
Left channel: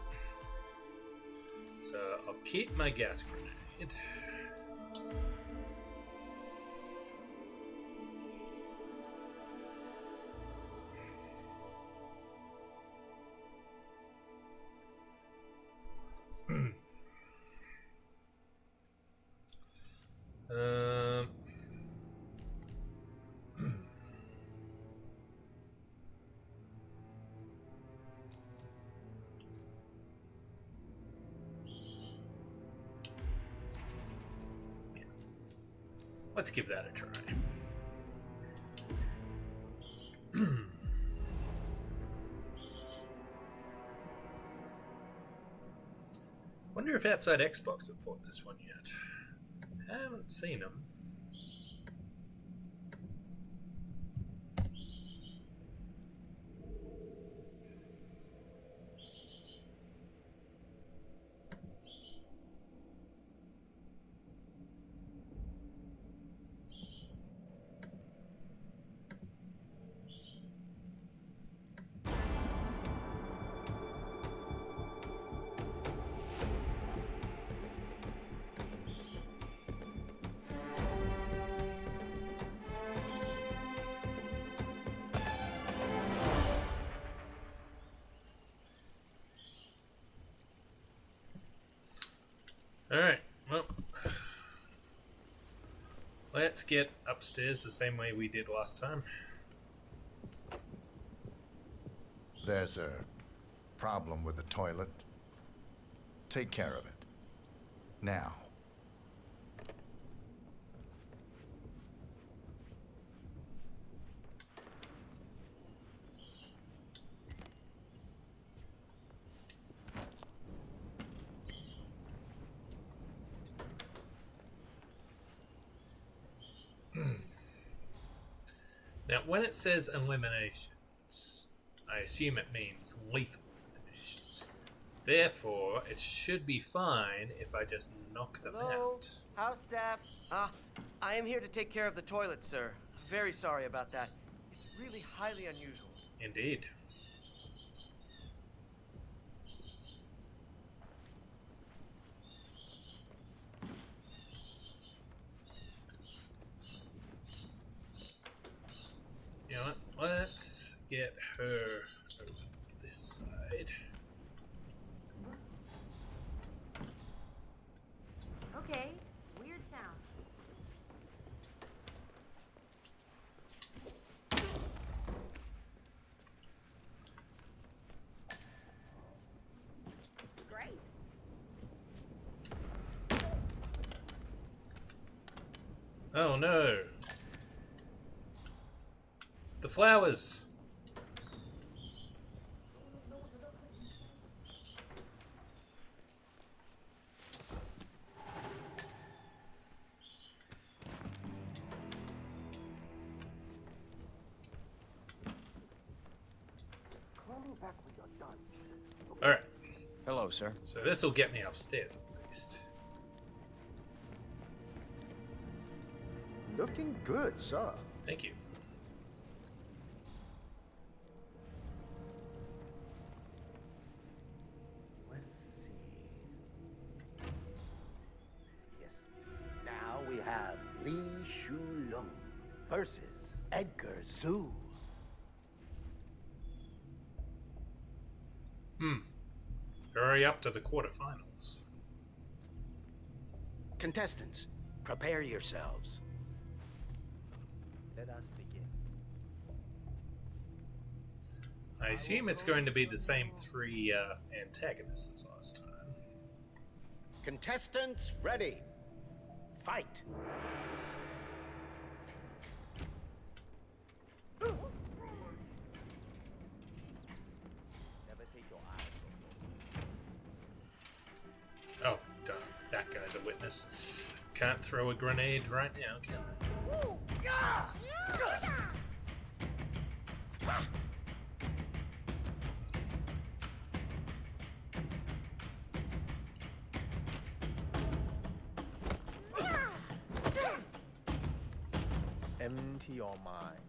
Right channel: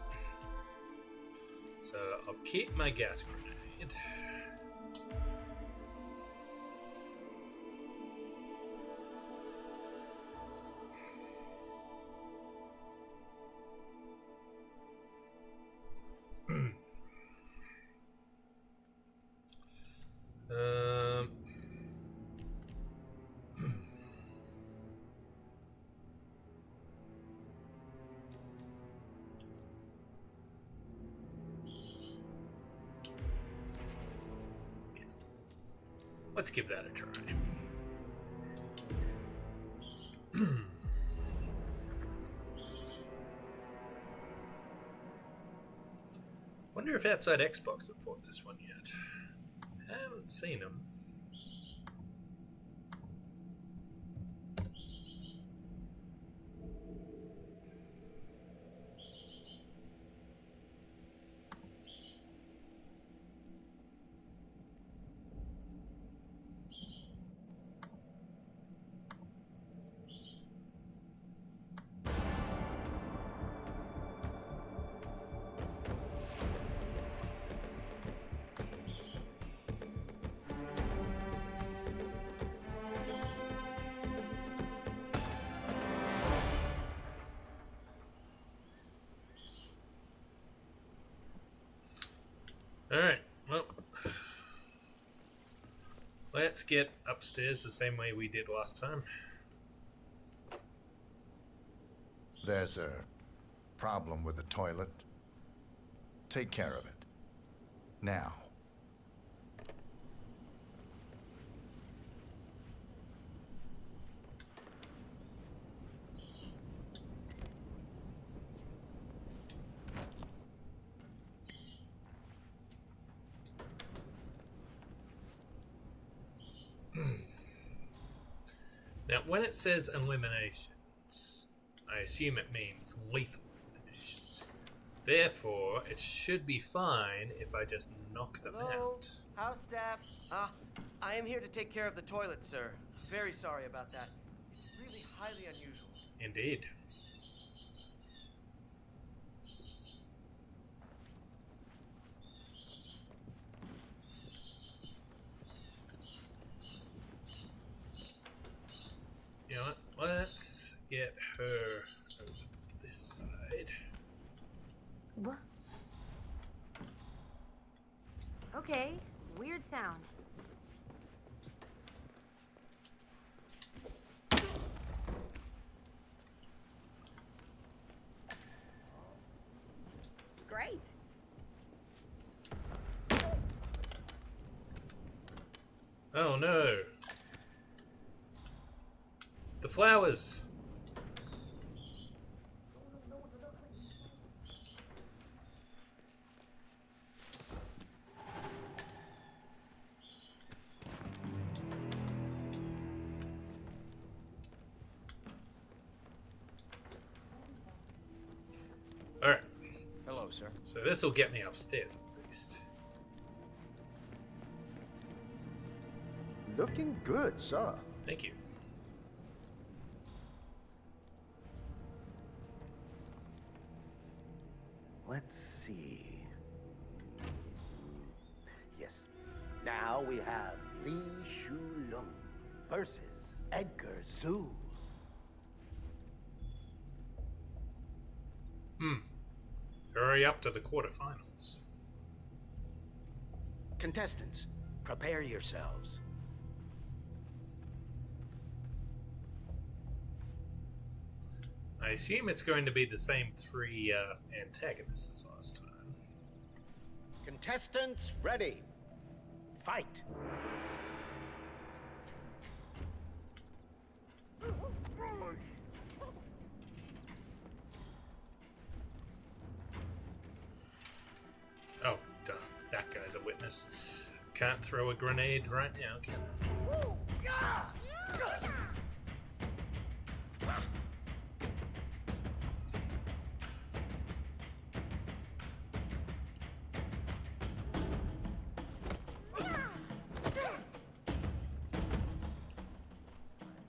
So I'll keep my gas grenade. Let's give that a try. Wonder if Outside Xbox have fought this one yet. Haven't seen them. Alright, well, let's get upstairs the same way we did last time. There's a problem with the toilet. Take care of it. Now. Now, when it says eliminations, I assume it means lethal eliminations. Therefore, it should be fine if I just knock them out. House staff. I am here to take care of the toilet, sir. Very sorry about that. It's really highly unusual. Indeed. You know what? Let's get her over this side. What? Okay, weird sound. Great. Oh no. The flowers. Alright. Hello, sir. So this will get me upstairs at least. Looking good, sir. Thank you. Let's see. Yes. Now we have Li Shulong versus Edgar Zhu. Hurry up to the quarterfinals. Contestants, prepare yourselves. Let us begin. I assume it's going to be the same three antagonists as last time. Contestants, ready. Fight. Oh, darn. That guy's a witness. Can't throw a grenade right now, can I? Empty your mind.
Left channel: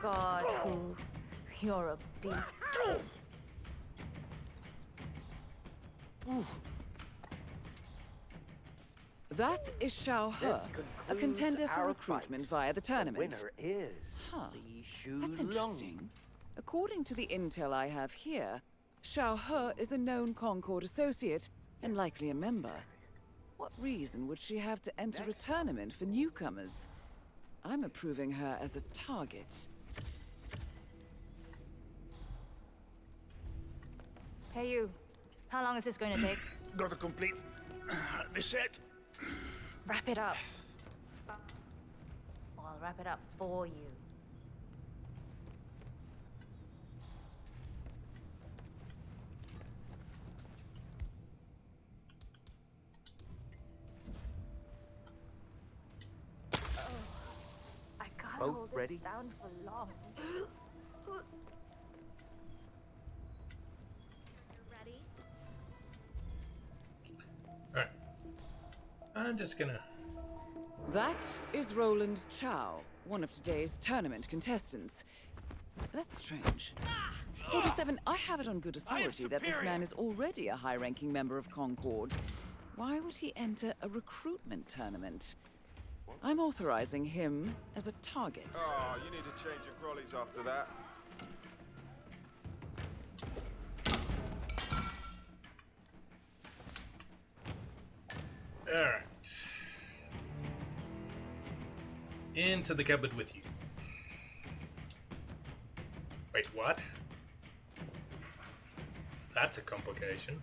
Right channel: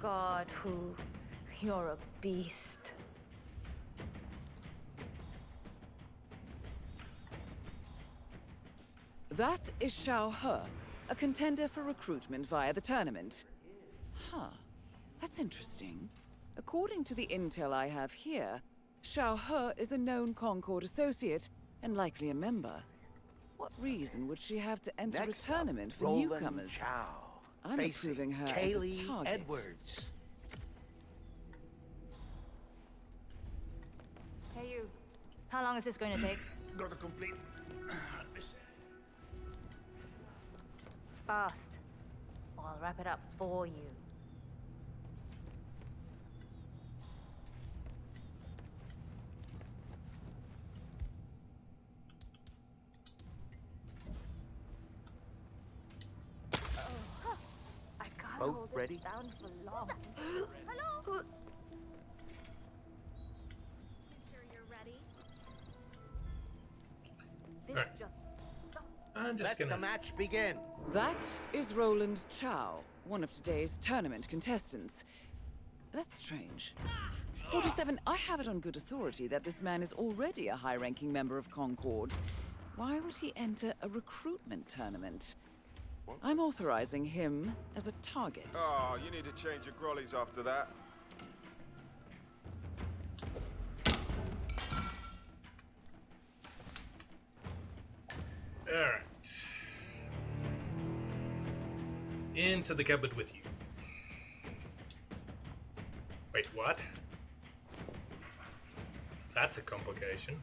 God, who? You're a beast. That is Xiao He, a contender for recruitment via the tournament. Huh. That's interesting. According to the intel I have here, Xiao He is a known Concord associate and likely a member. What reason would she have to enter a tournament for newcomers? I'm approving her as a target. Hey, you. How long is this going to take? Got to complete the set. Wrap it up. Fast. Or I'll wrap it up for you. I can't Both hold ready? this down for long. Hello? You're ready? Alright. I'm just gonna... Let the match begin. That is Roland Chow, one of today's tournament contestants. That's strange. 47, I have it on good authority that this man is already a high-ranking member of Concord. Why would he enter a recruitment tournament? I'm authorizing him as a target. Oh, you need to change your grollies after that. Alright. Into the cupboard with you. Wait, what? That's a complication.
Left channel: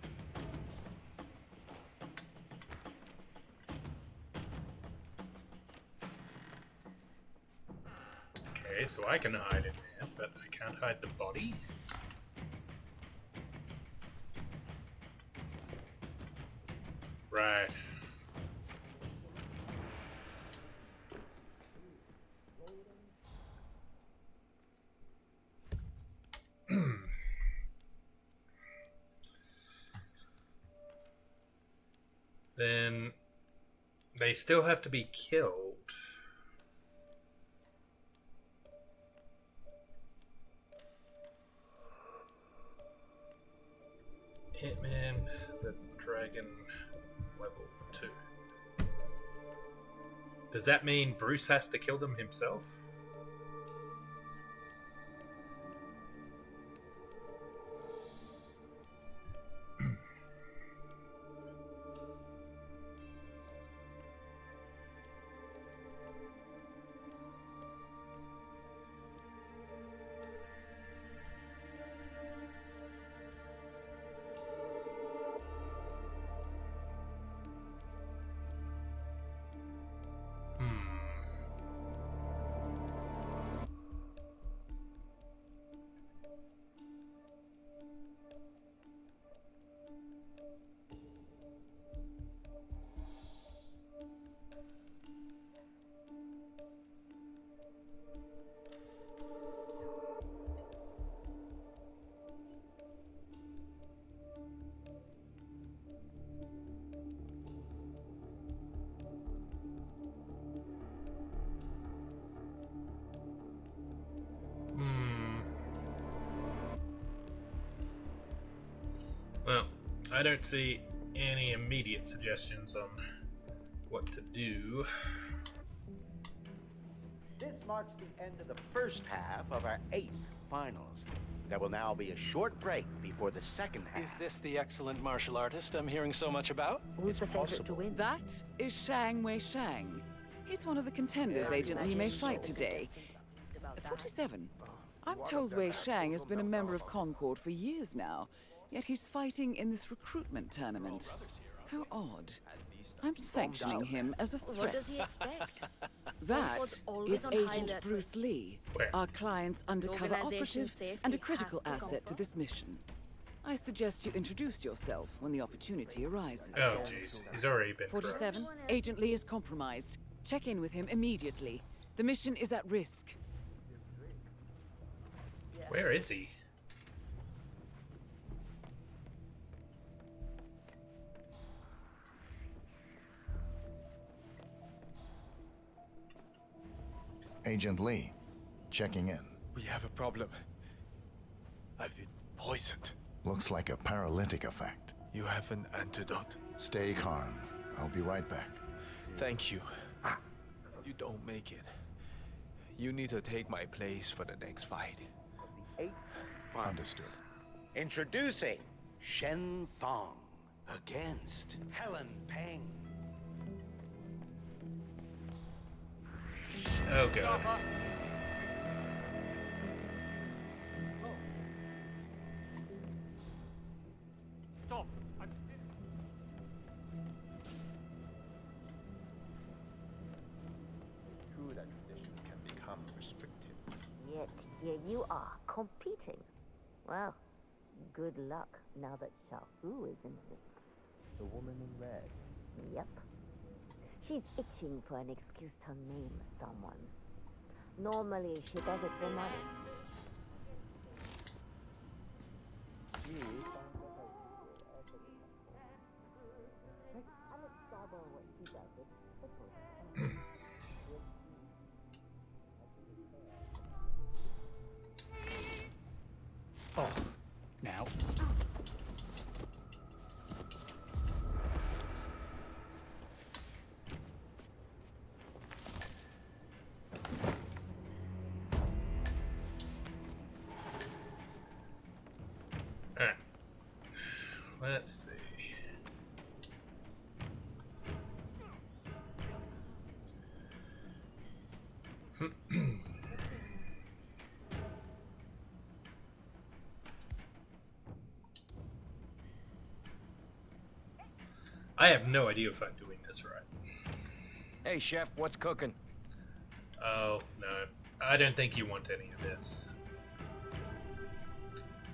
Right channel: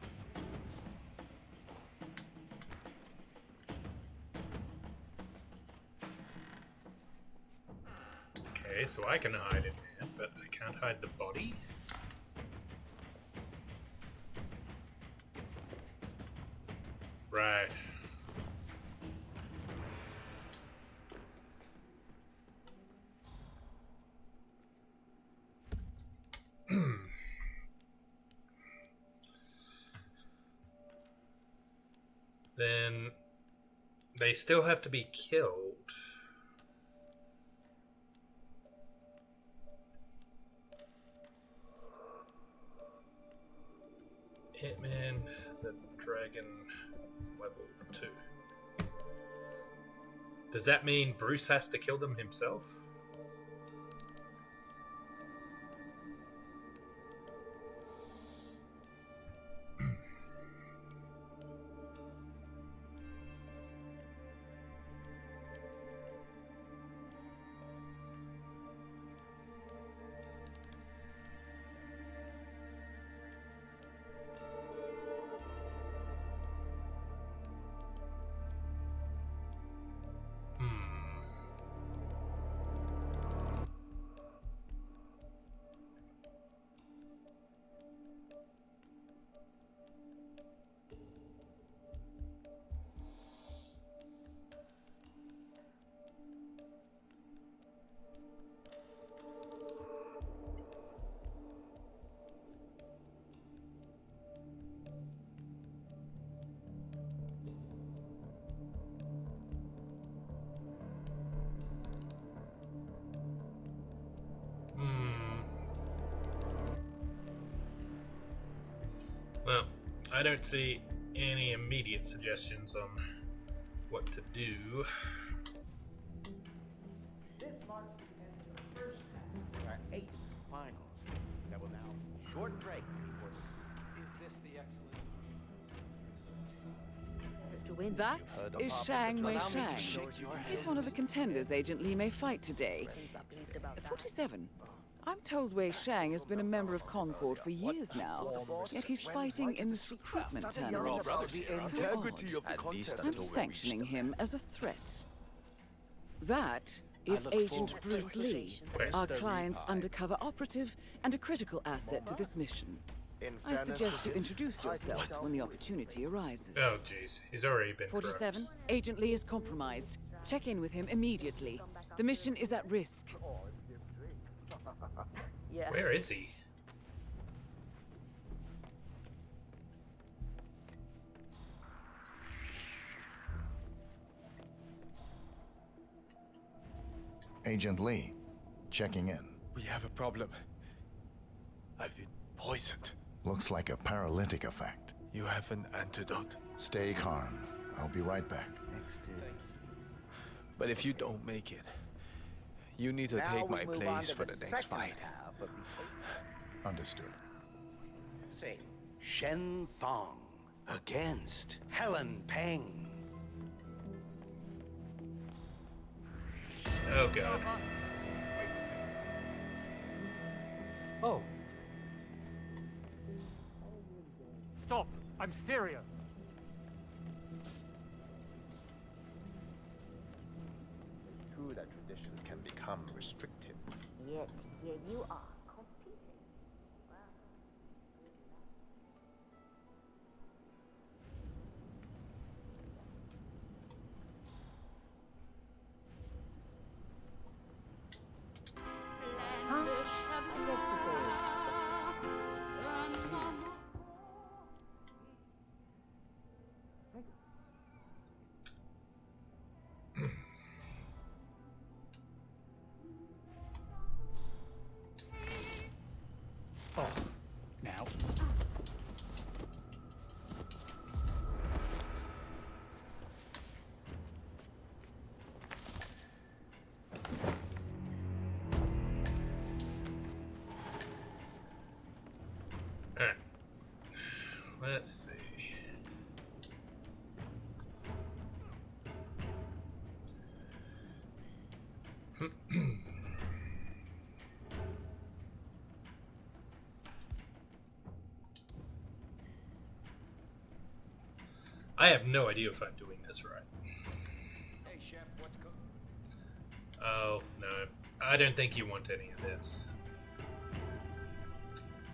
Okay, so I can hide in there, but I can't hide the body? Right. Then they still have to be killed. Hitman, the Dragon, level 2. Does that mean Bruce has to kill them himself? Well, I don't see any immediate suggestions on what to do. This marks the end of the first half of our 8th finals. There will now be a short break before the second half. Is this the excellent martial artist I'm hearing so much about? Who's the favorite to win? That is Shang Wei Shang. He's one of the contenders Agent Lee may fight today. 47. I'm told Wei Shang has been a member of Concord for years now, yet he's fighting in this recruitment tournament. How odd. I'm sanctioning him as a threat. That is Agent Bruce Lee, our client's undercover operative and a critical asset to this mission. I suggest you introduce yourself when the opportunity arises. Oh, jeez. He's already been 47. Agent Lee is compromised. Check in with him immediately. The mission is at risk. Where is he? Agent Lee, checking in. We have a problem. I've been poisoned. Looks like a paralytic effect. You have an antidote? Stay calm. I'll be right back. Thank you. But if you don't make it, you need to take my place for the next fight. Understood. Introducing Shen Fong against Helen Peng. Oh, God. Oh. Stop! I'm serious. It's true that traditions can become restrictive. Yet here you are, competing. Well, good luck now that Xiaofu is in this. The woman in red. Yep. She's itching for an excuse to name someone. Normally she does it for my I guess today. Oh, now. Let's see. I have no idea if I'm doing this right. Hey, Chef, what's cooking? Oh, no. I don't think you want any of this.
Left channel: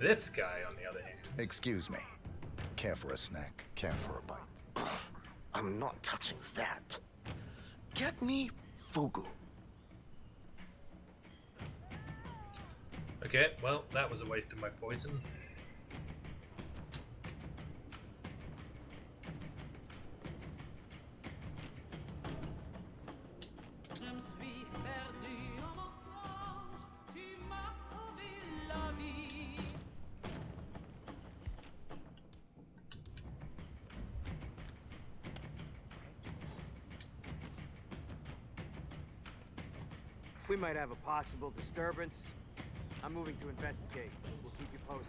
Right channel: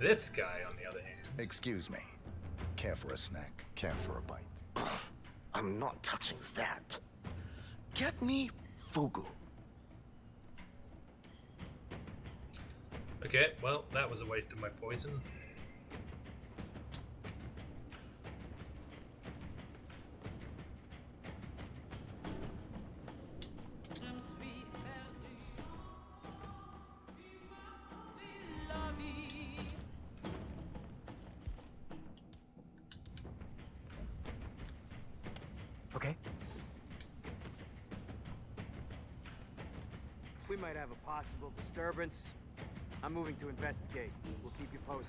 This guy, on the other hand. Excuse me. Care for a snack? Care for a bite? I'm not touching that. Get me fugu. Okay, well, that was a waste of my poison. We might have a possible disturbance. I'm moving to investigate. We'll keep you posted.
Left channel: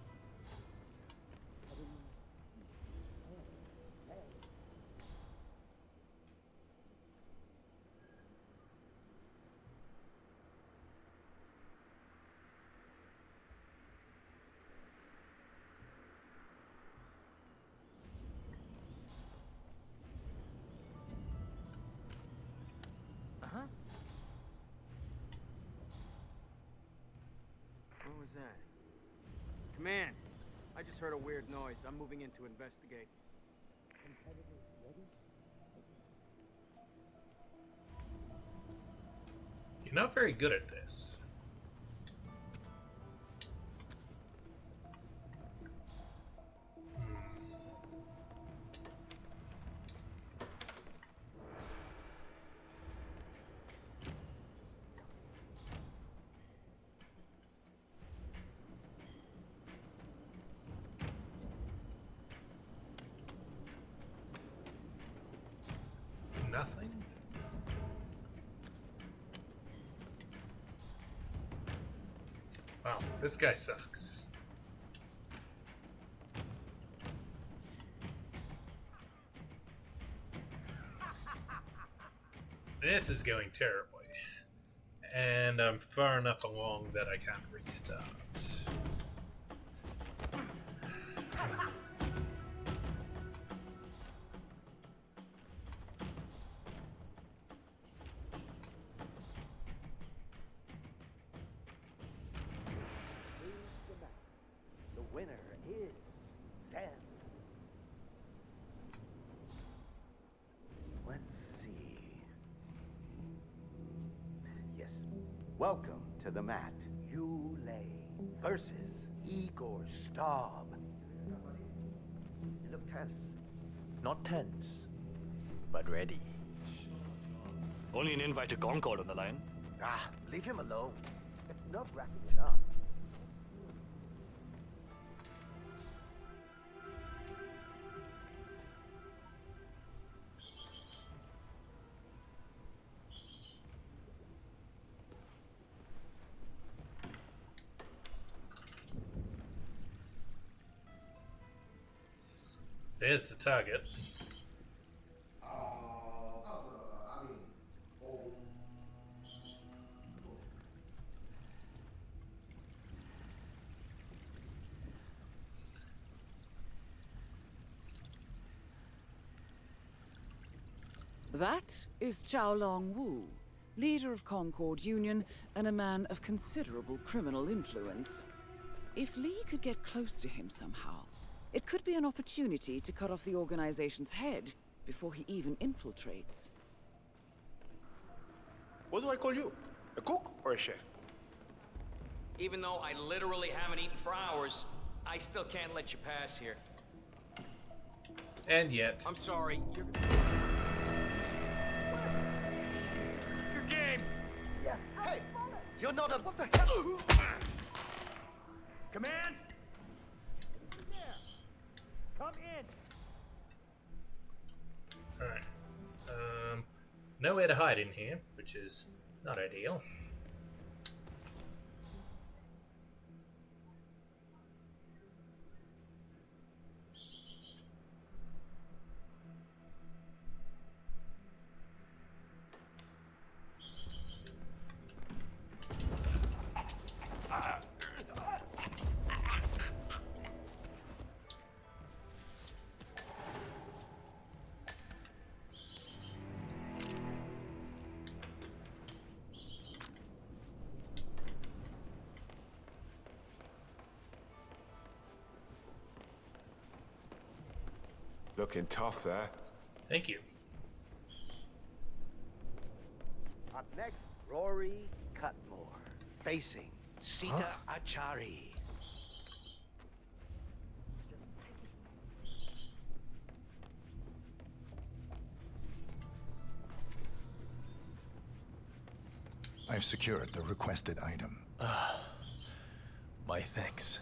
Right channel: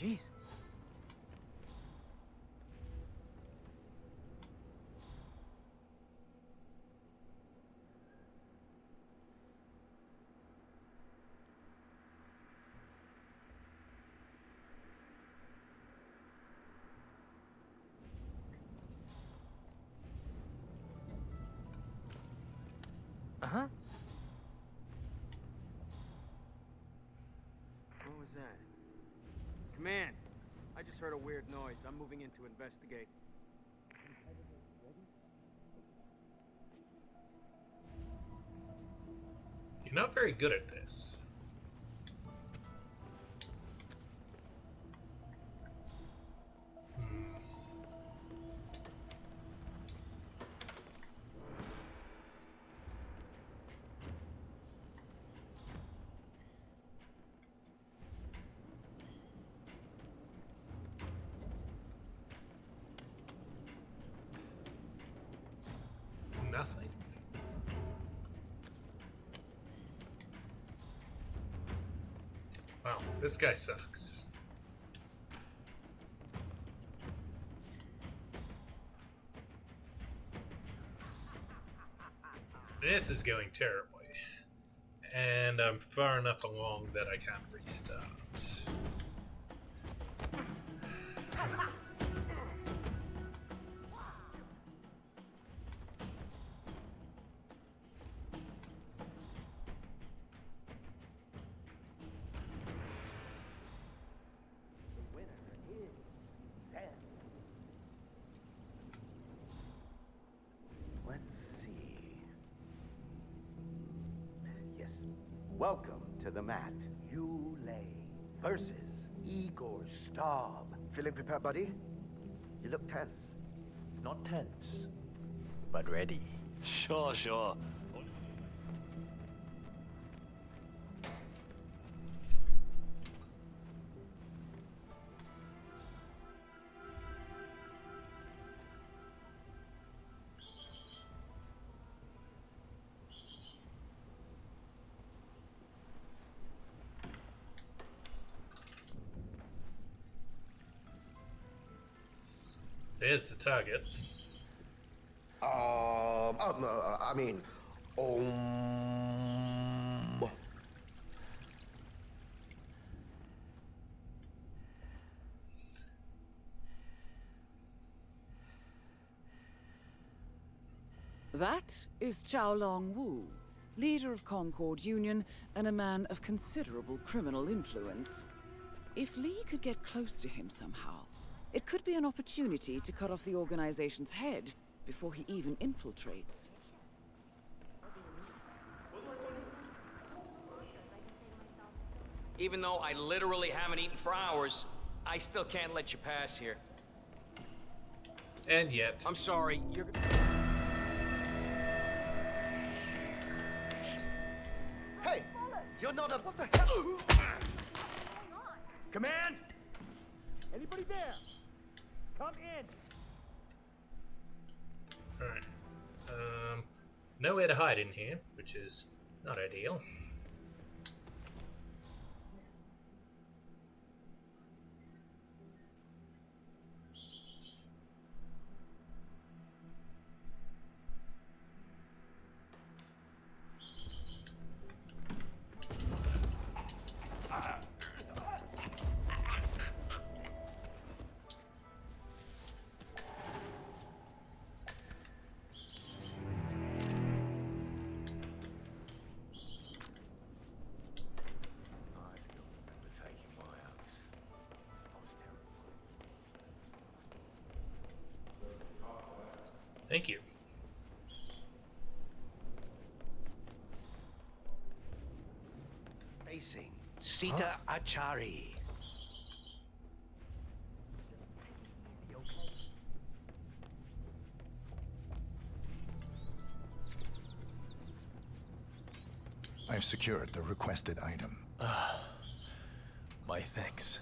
Jeez. Uh-huh. What was that? Command, I just heard a weird noise. I'm moving in to investigate. Competitors ready? You're not very good at this. nothing? Wow, this guy sucks. This is going terribly. And I'm far enough along that I can't restart. The winner is Sam. Let's see. Yes. Welcome to the mat. Yulei versus Igor Staub. Feeling prepared, buddy? You look tense. Not tense, but ready. Sure, sure. Only an invite to Concord on the line. Ah, leave him alone. It's nerve-wracking enough. There's the target. I mean, That is Xiaolong Wu, leader of Concord Union and a man of considerable criminal influence. If Li could get close to him somehow, it could be an opportunity to cut off the organization's head before he even infiltrates. What do I call you? A cook or a chef? Even though I literally haven't eaten for hours, I still can't let you pass here. And yet. I'm sorry, you're... Hey! You're not a... What the hell? Command! Anybody there? Come in! Alright. Nowhere to hide in here, which is not ideal. Looking tough there. Thank you. Up next, Rory Cutmore, facing Sita Achari. I've secured the requested item. My thanks.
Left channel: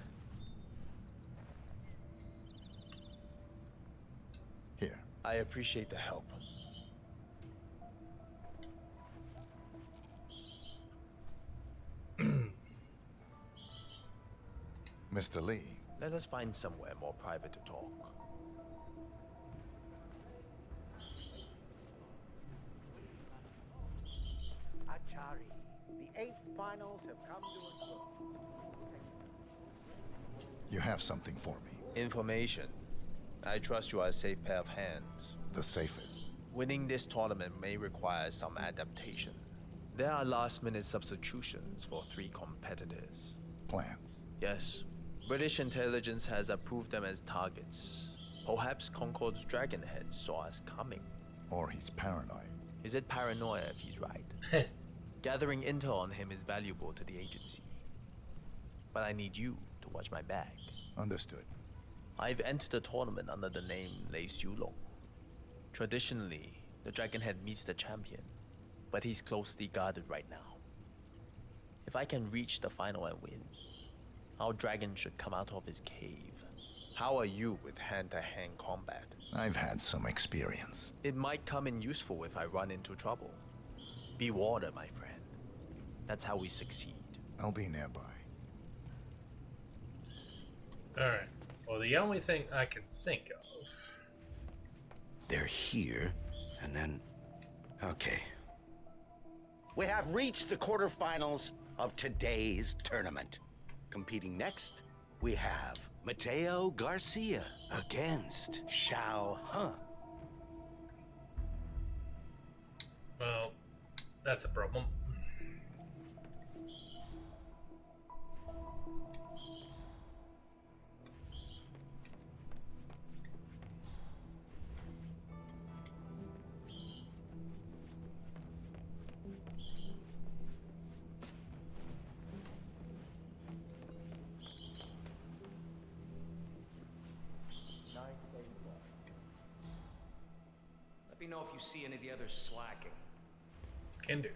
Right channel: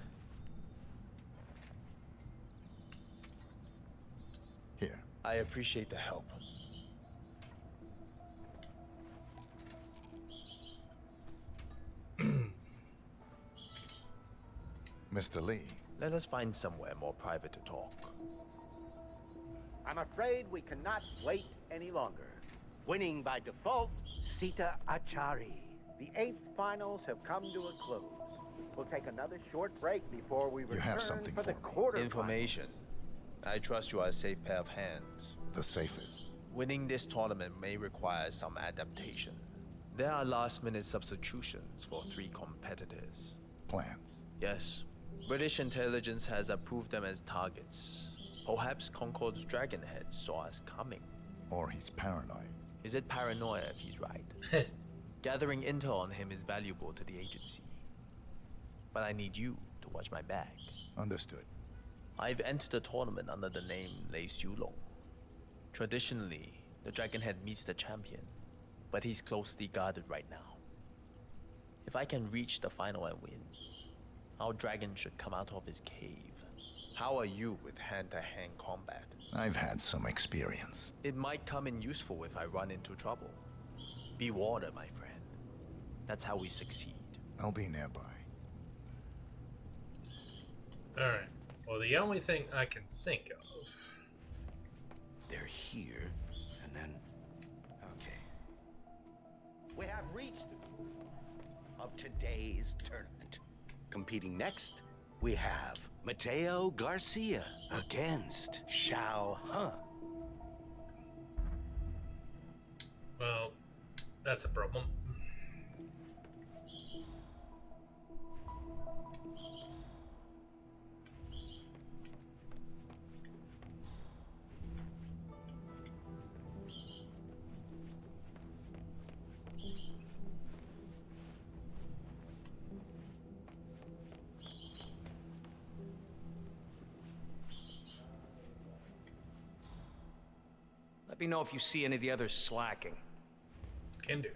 Here. I appreciate the help. Mr. Li. Let us find somewhere more private to talk. I'm afraid we cannot wait any longer. Winning by default, Sita Achari. The 8th finals have come to a close. We'll take another short break before we return. You have something for me. Information. I trust you are a safe pair of hands. The safest. Winning this tournament may require some adaptation. There are last-minute substitutions for 3 competitors. Plans? Yes. British intelligence has approved them as targets. Perhaps Concord's Dragonhead saw us coming. Or he's paranoid. Is it paranoia if he's right? Gathering intel on him is valuable to the agency. But I need you to watch my back. Understood. I've entered the tournament under the name Lei Xiulong. Traditionally, the Dragonhead meets the champion, but he's closely guarded right now. If I can reach the final and win, our dragon should come out of his cave. How are you with hand-to-hand combat? I've had some experience. It might come in useful if I run into trouble. Be water, my friend. That's how we succeed. I'll be nearby. Alright. Well, the only thing I can think of... They're here, and then... Okay. We have reached the quarterfinals of today's tournament. Competing next, we have Mateo Garcia against Xiao He. Well, that's a problem. Let me know if you see any of the others slacking. Can do.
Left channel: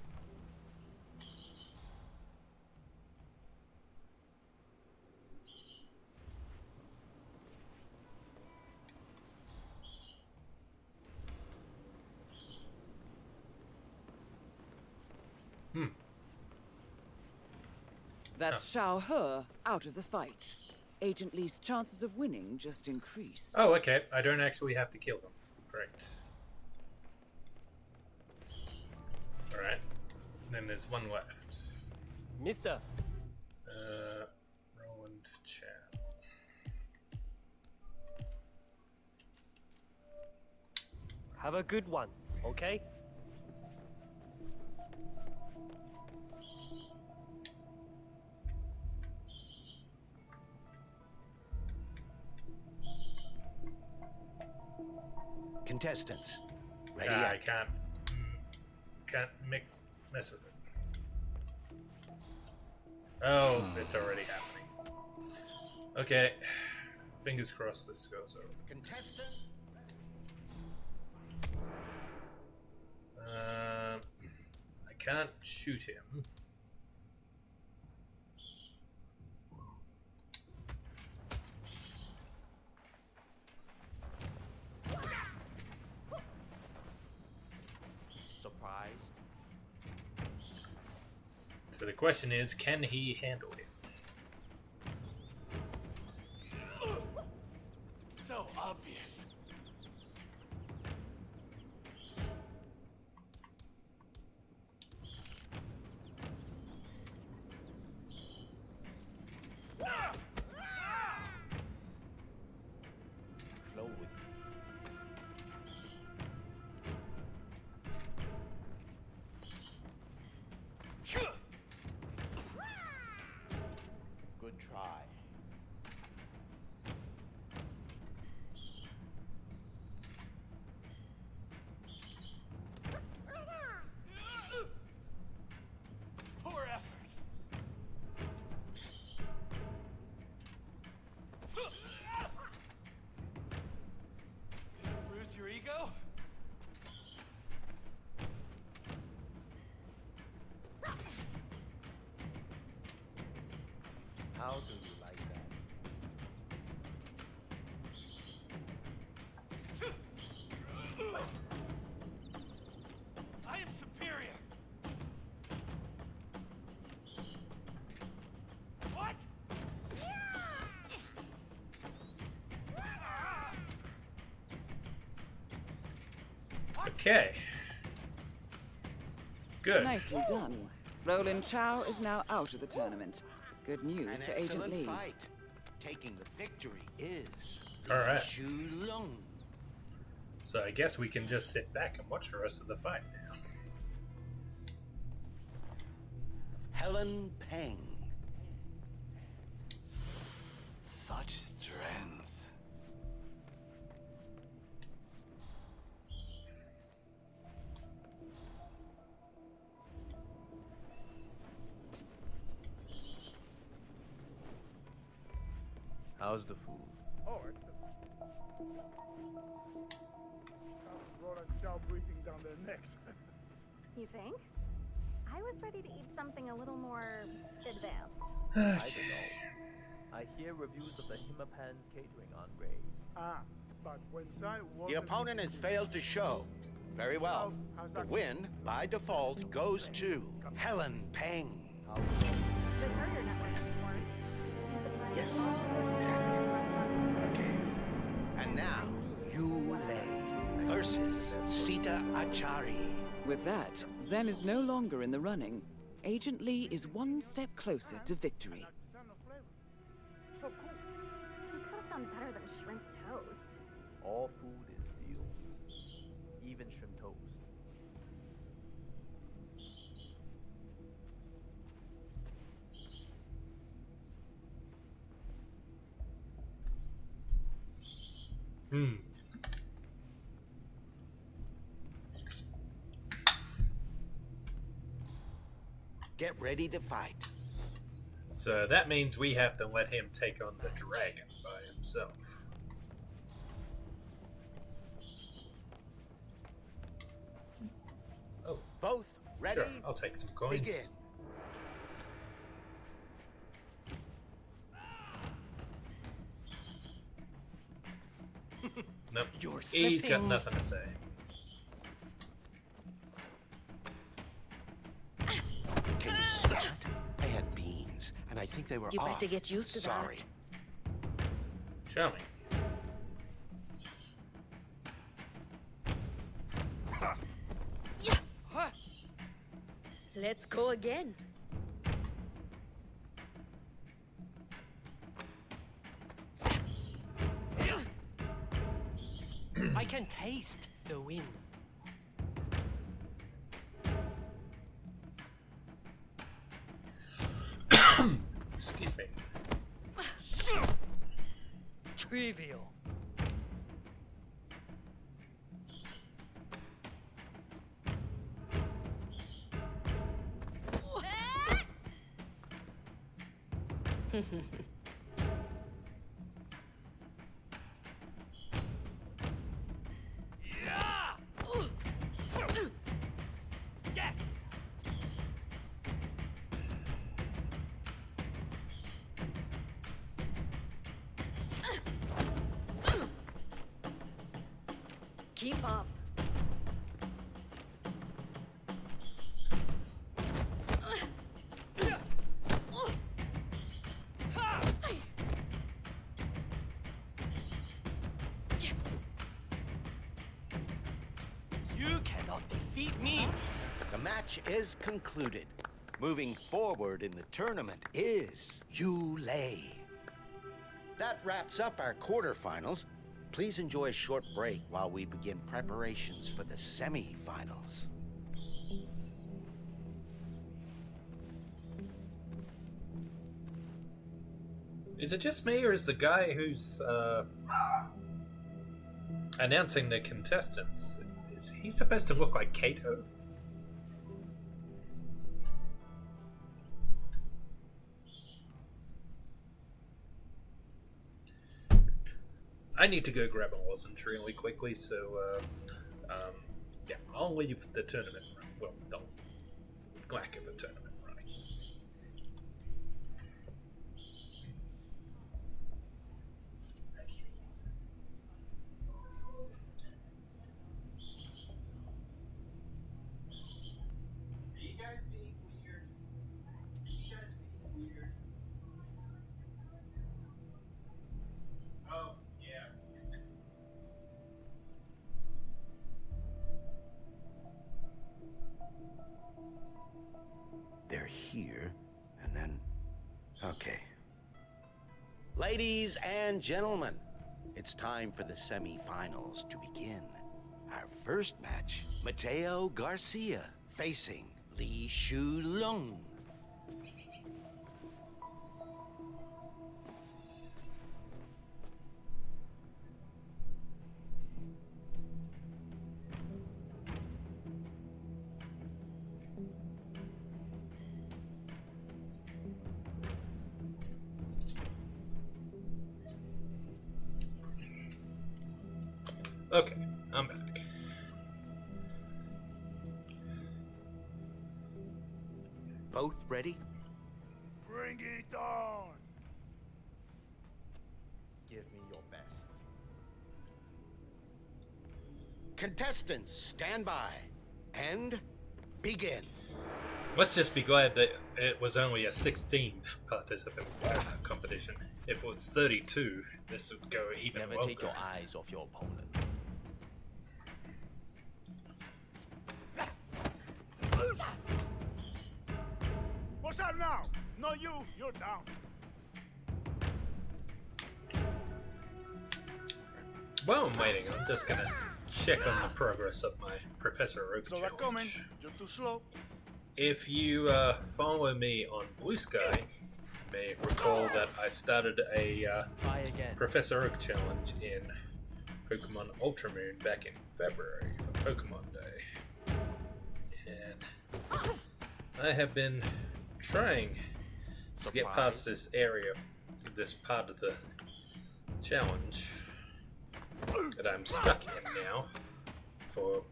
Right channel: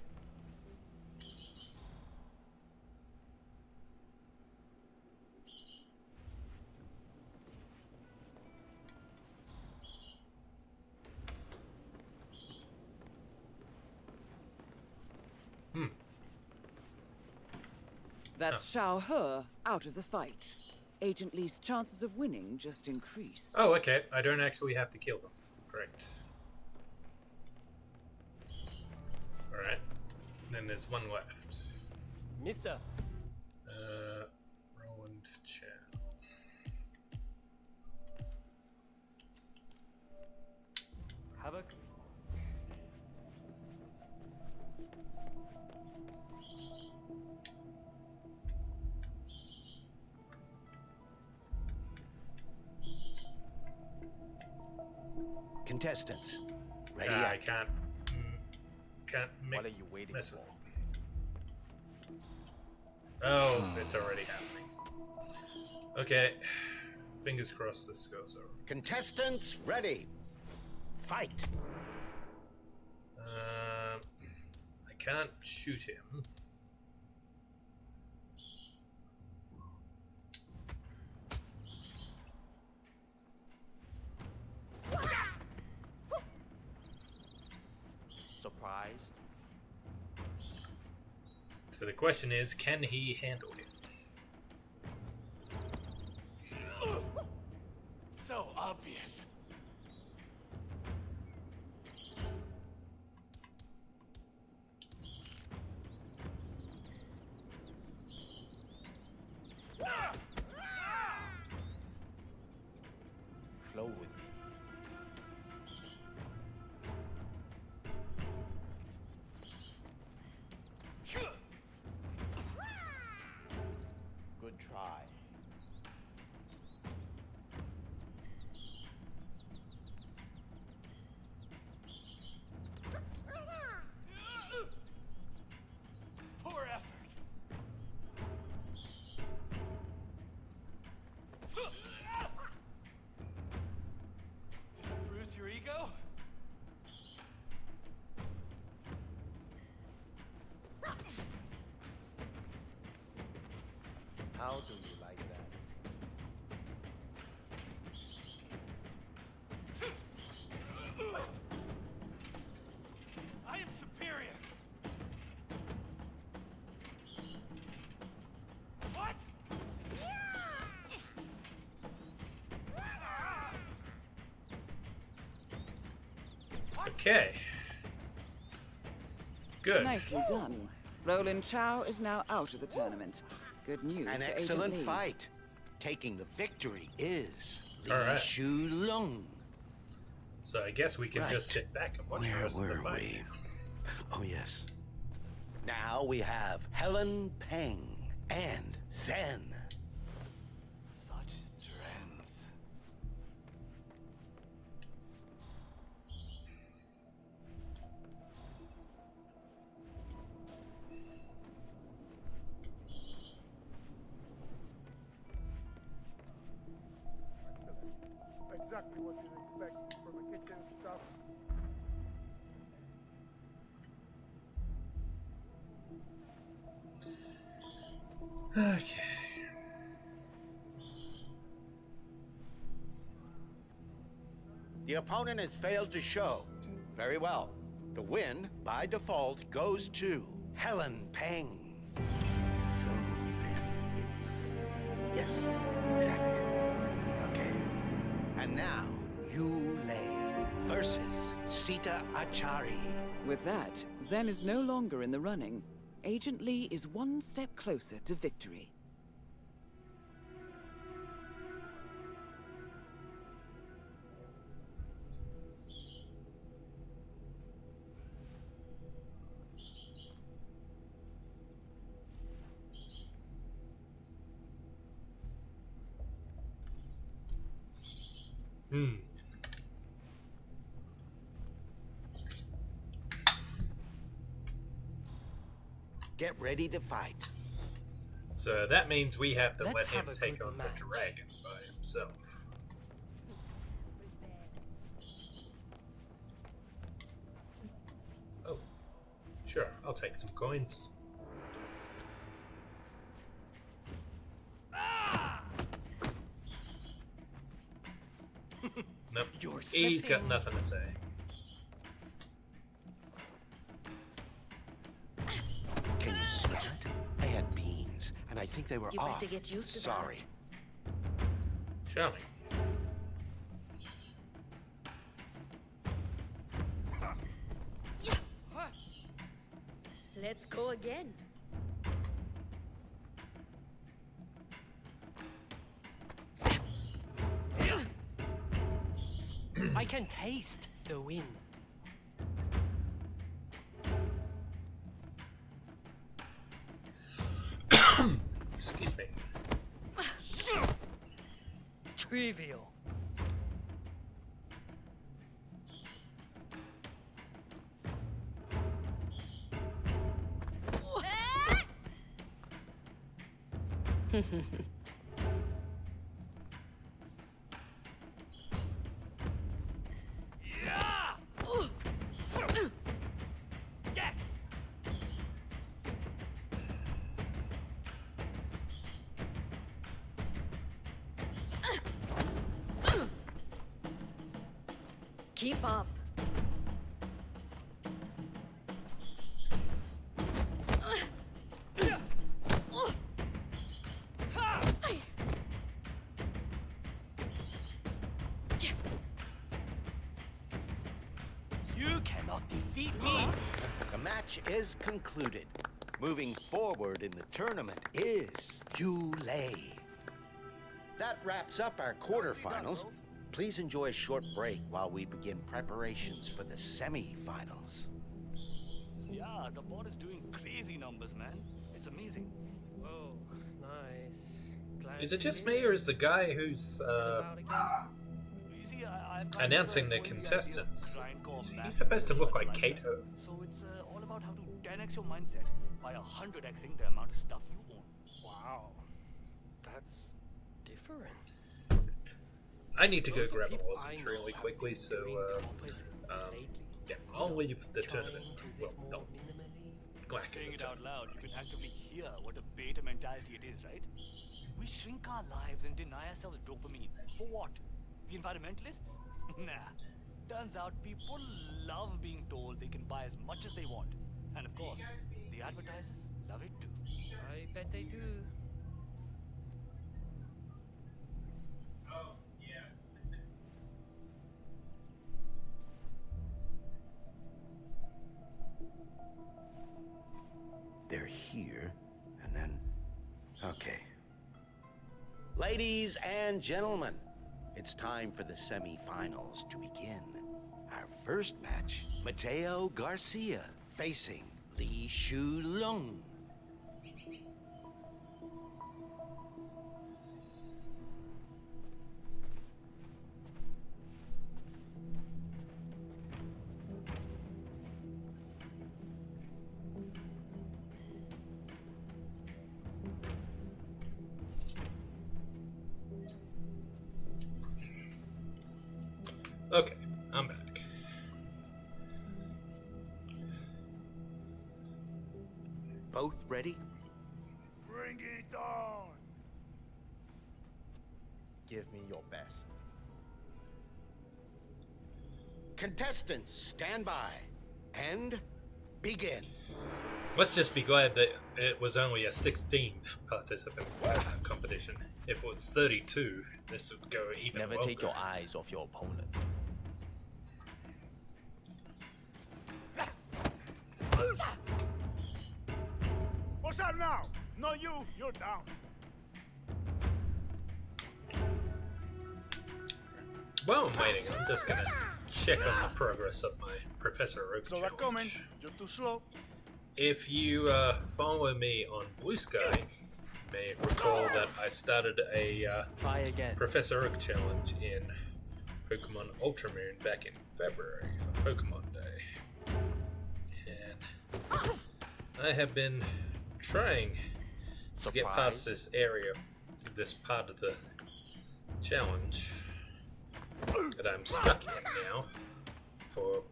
That's Xiao He out of the fight. Agent Lee's chances of winning just increased. Oh, okay. I don't actually have to kill them. Great. Alright. Then there's one left. Mister. Roland Chow. Have a good one, okay? Contestants, ready I up. can't mess with it. Oh, it's already happening. Okay. Fingers crossed this goes over. Contestants, ready. Fight. I can't shoot him. Surprised? So the question is, can he handle him? So obvious. Flow with me. Good try. Poor effort. Did I bruise your ego? How do you like that? I am superior. What? Okay. Good. Nicely done. Roland Chow is now out of the tournament. Good news An for excellent Agent Lee. fight. Taking the victory is All Li right. Shulong. So I guess we can just sit back and watch the rest of the fight. Oh, yes. Now we have Helen Peng and Zen. Such strength. How's the food? Oh, excellent. Exactly what you'd expect from a kitchen staff Roland Chow breathing down their necks. You think? I was ready to eat something a little more advanced. I hear reviews of the Hitman catering on The opponent has failed to show. Very well. The win, by default, goes to Helen Peng. Yes, exactly. Okay. And now, Yu Lei versus Sita Achari. With that, Zen is no longer in the running. Agent Lee is one step closer to victory. All food is beautiful, even shrimp toast. Get ready to fight. So that means we have to let him take on the dragon by himself. Oh, both ready? Sure, I'll take some coins. Begin. Nope, You're he's got slipping. nothing to say. Can you smell it? I had beans, and I think they were You off. better get used to Sorry. that. Show me. Let's go again. I can taste the wind. Excuse me. Trivial. Yes. Keep up. You cannot defeat me. The match is concluded. Moving forward in the tournament is Yu Lei. That wraps up our quarterfinals. Please enjoy a short break while we begin preparations for the semi-finals. Yeah, the bot is doing crazy numbers, man. It's amazing. Oh, nice. Is it just me, or is the guy who's announcing the contestants, is he supposed to look like Kato? So it's all about how to 10x your mindset by 100xing the amount of stuff you own. Wow. That's different. I need to go grab a lozenge really quickly, so yeah, I'll leave the tournament. Well, don't lack of the Saying it out tournament. loud, you can actually hear what a beta mentality it is, right? We shrink our lives and deny ourselves dopamine. For what? The environmentalists? Nah. Turns out people love being told they can buy as much as they want. And of course, the advertisers love it too. I bet they do. Oh, yeah. They're here, and then... Okay. Ladies and gentlemen, it's time for the semi-finals to begin. Our first match, Mateo Garcia facing Li Shulong. Okay, I'm back. Both ready? Bring it on! Give me your best. Contestants, stand by. And begin. Let's just be glad that it was only a 16 participant competition. If it was 32, this would go even Never longer. take your eyes off your opponent. What's up now? No, you're down. While I'm waiting, I'm just gonna check on the progress of my Professor Oak So challenge. they're coming. You're too slow. If you follow me on Blue Sky, you may recall that I started a Try again. Professor Oak challenge in Pokemon Ultramoon back in February for Pokemon Day. And I have been trying to get past this area, this part of the challenge that I'm stuck in now for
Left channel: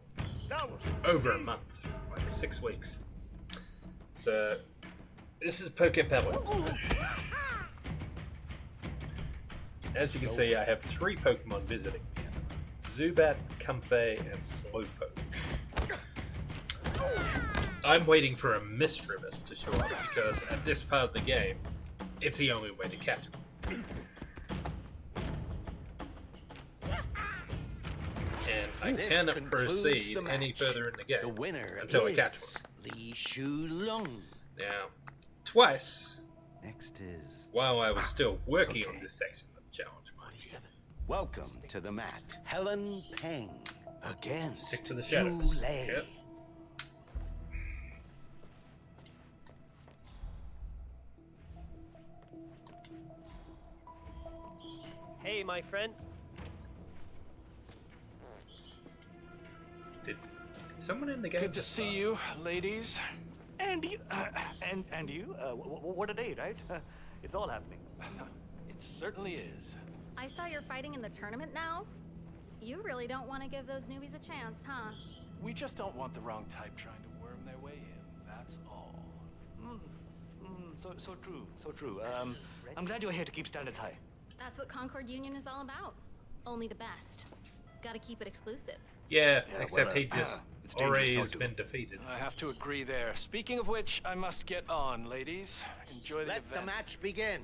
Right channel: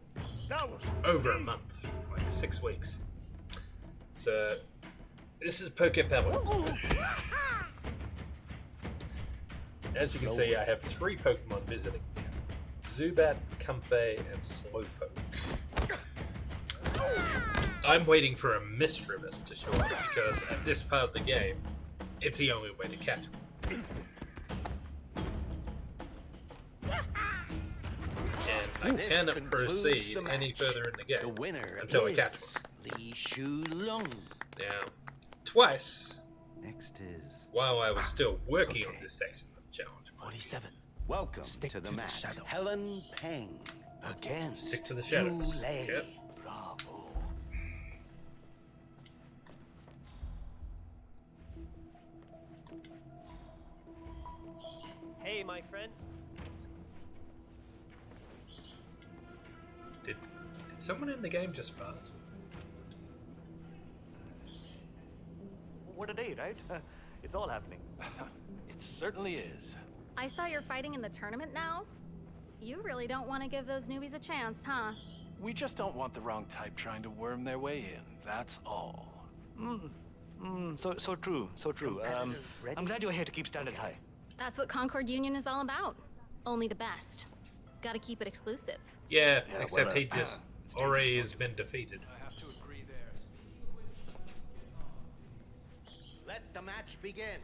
over a month, like 6 weeks. So this is Pokepella. As you can see, I have 3 Pokemon visiting me: Zubat, Comfey, and Slowpoke. I'm waiting for a Misdreavus to show up because at this part of the game, it's the only way to catch one. And I cannot proceed any further in the game until I catch one. Li Shulong. Now, twice, Next is while I was still working on this section of the challenge, 47. Welcome to the match. Helen Peng against Stick to the shadows. Yu Lei. Yep. Hey, my friend. Did someone in the game Good to just see you, ladies. And you, and you, what a day, right? It's all happening. It certainly is. I saw you're fighting in the tournament now. You really don't want to give those newbies a chance, huh? We just don't want the wrong type trying to worm their way in. That's all. So true, so true. I'm glad you're here to keep standards high. That's what Concord Union is all about. Only the best. Gotta keep it exclusive. Yeah, Yeah, except well, he just it's already dangerous has not been defeated. I have to agree there. Speaking of which, I must get on, ladies. Enjoy the Let the event. match begin.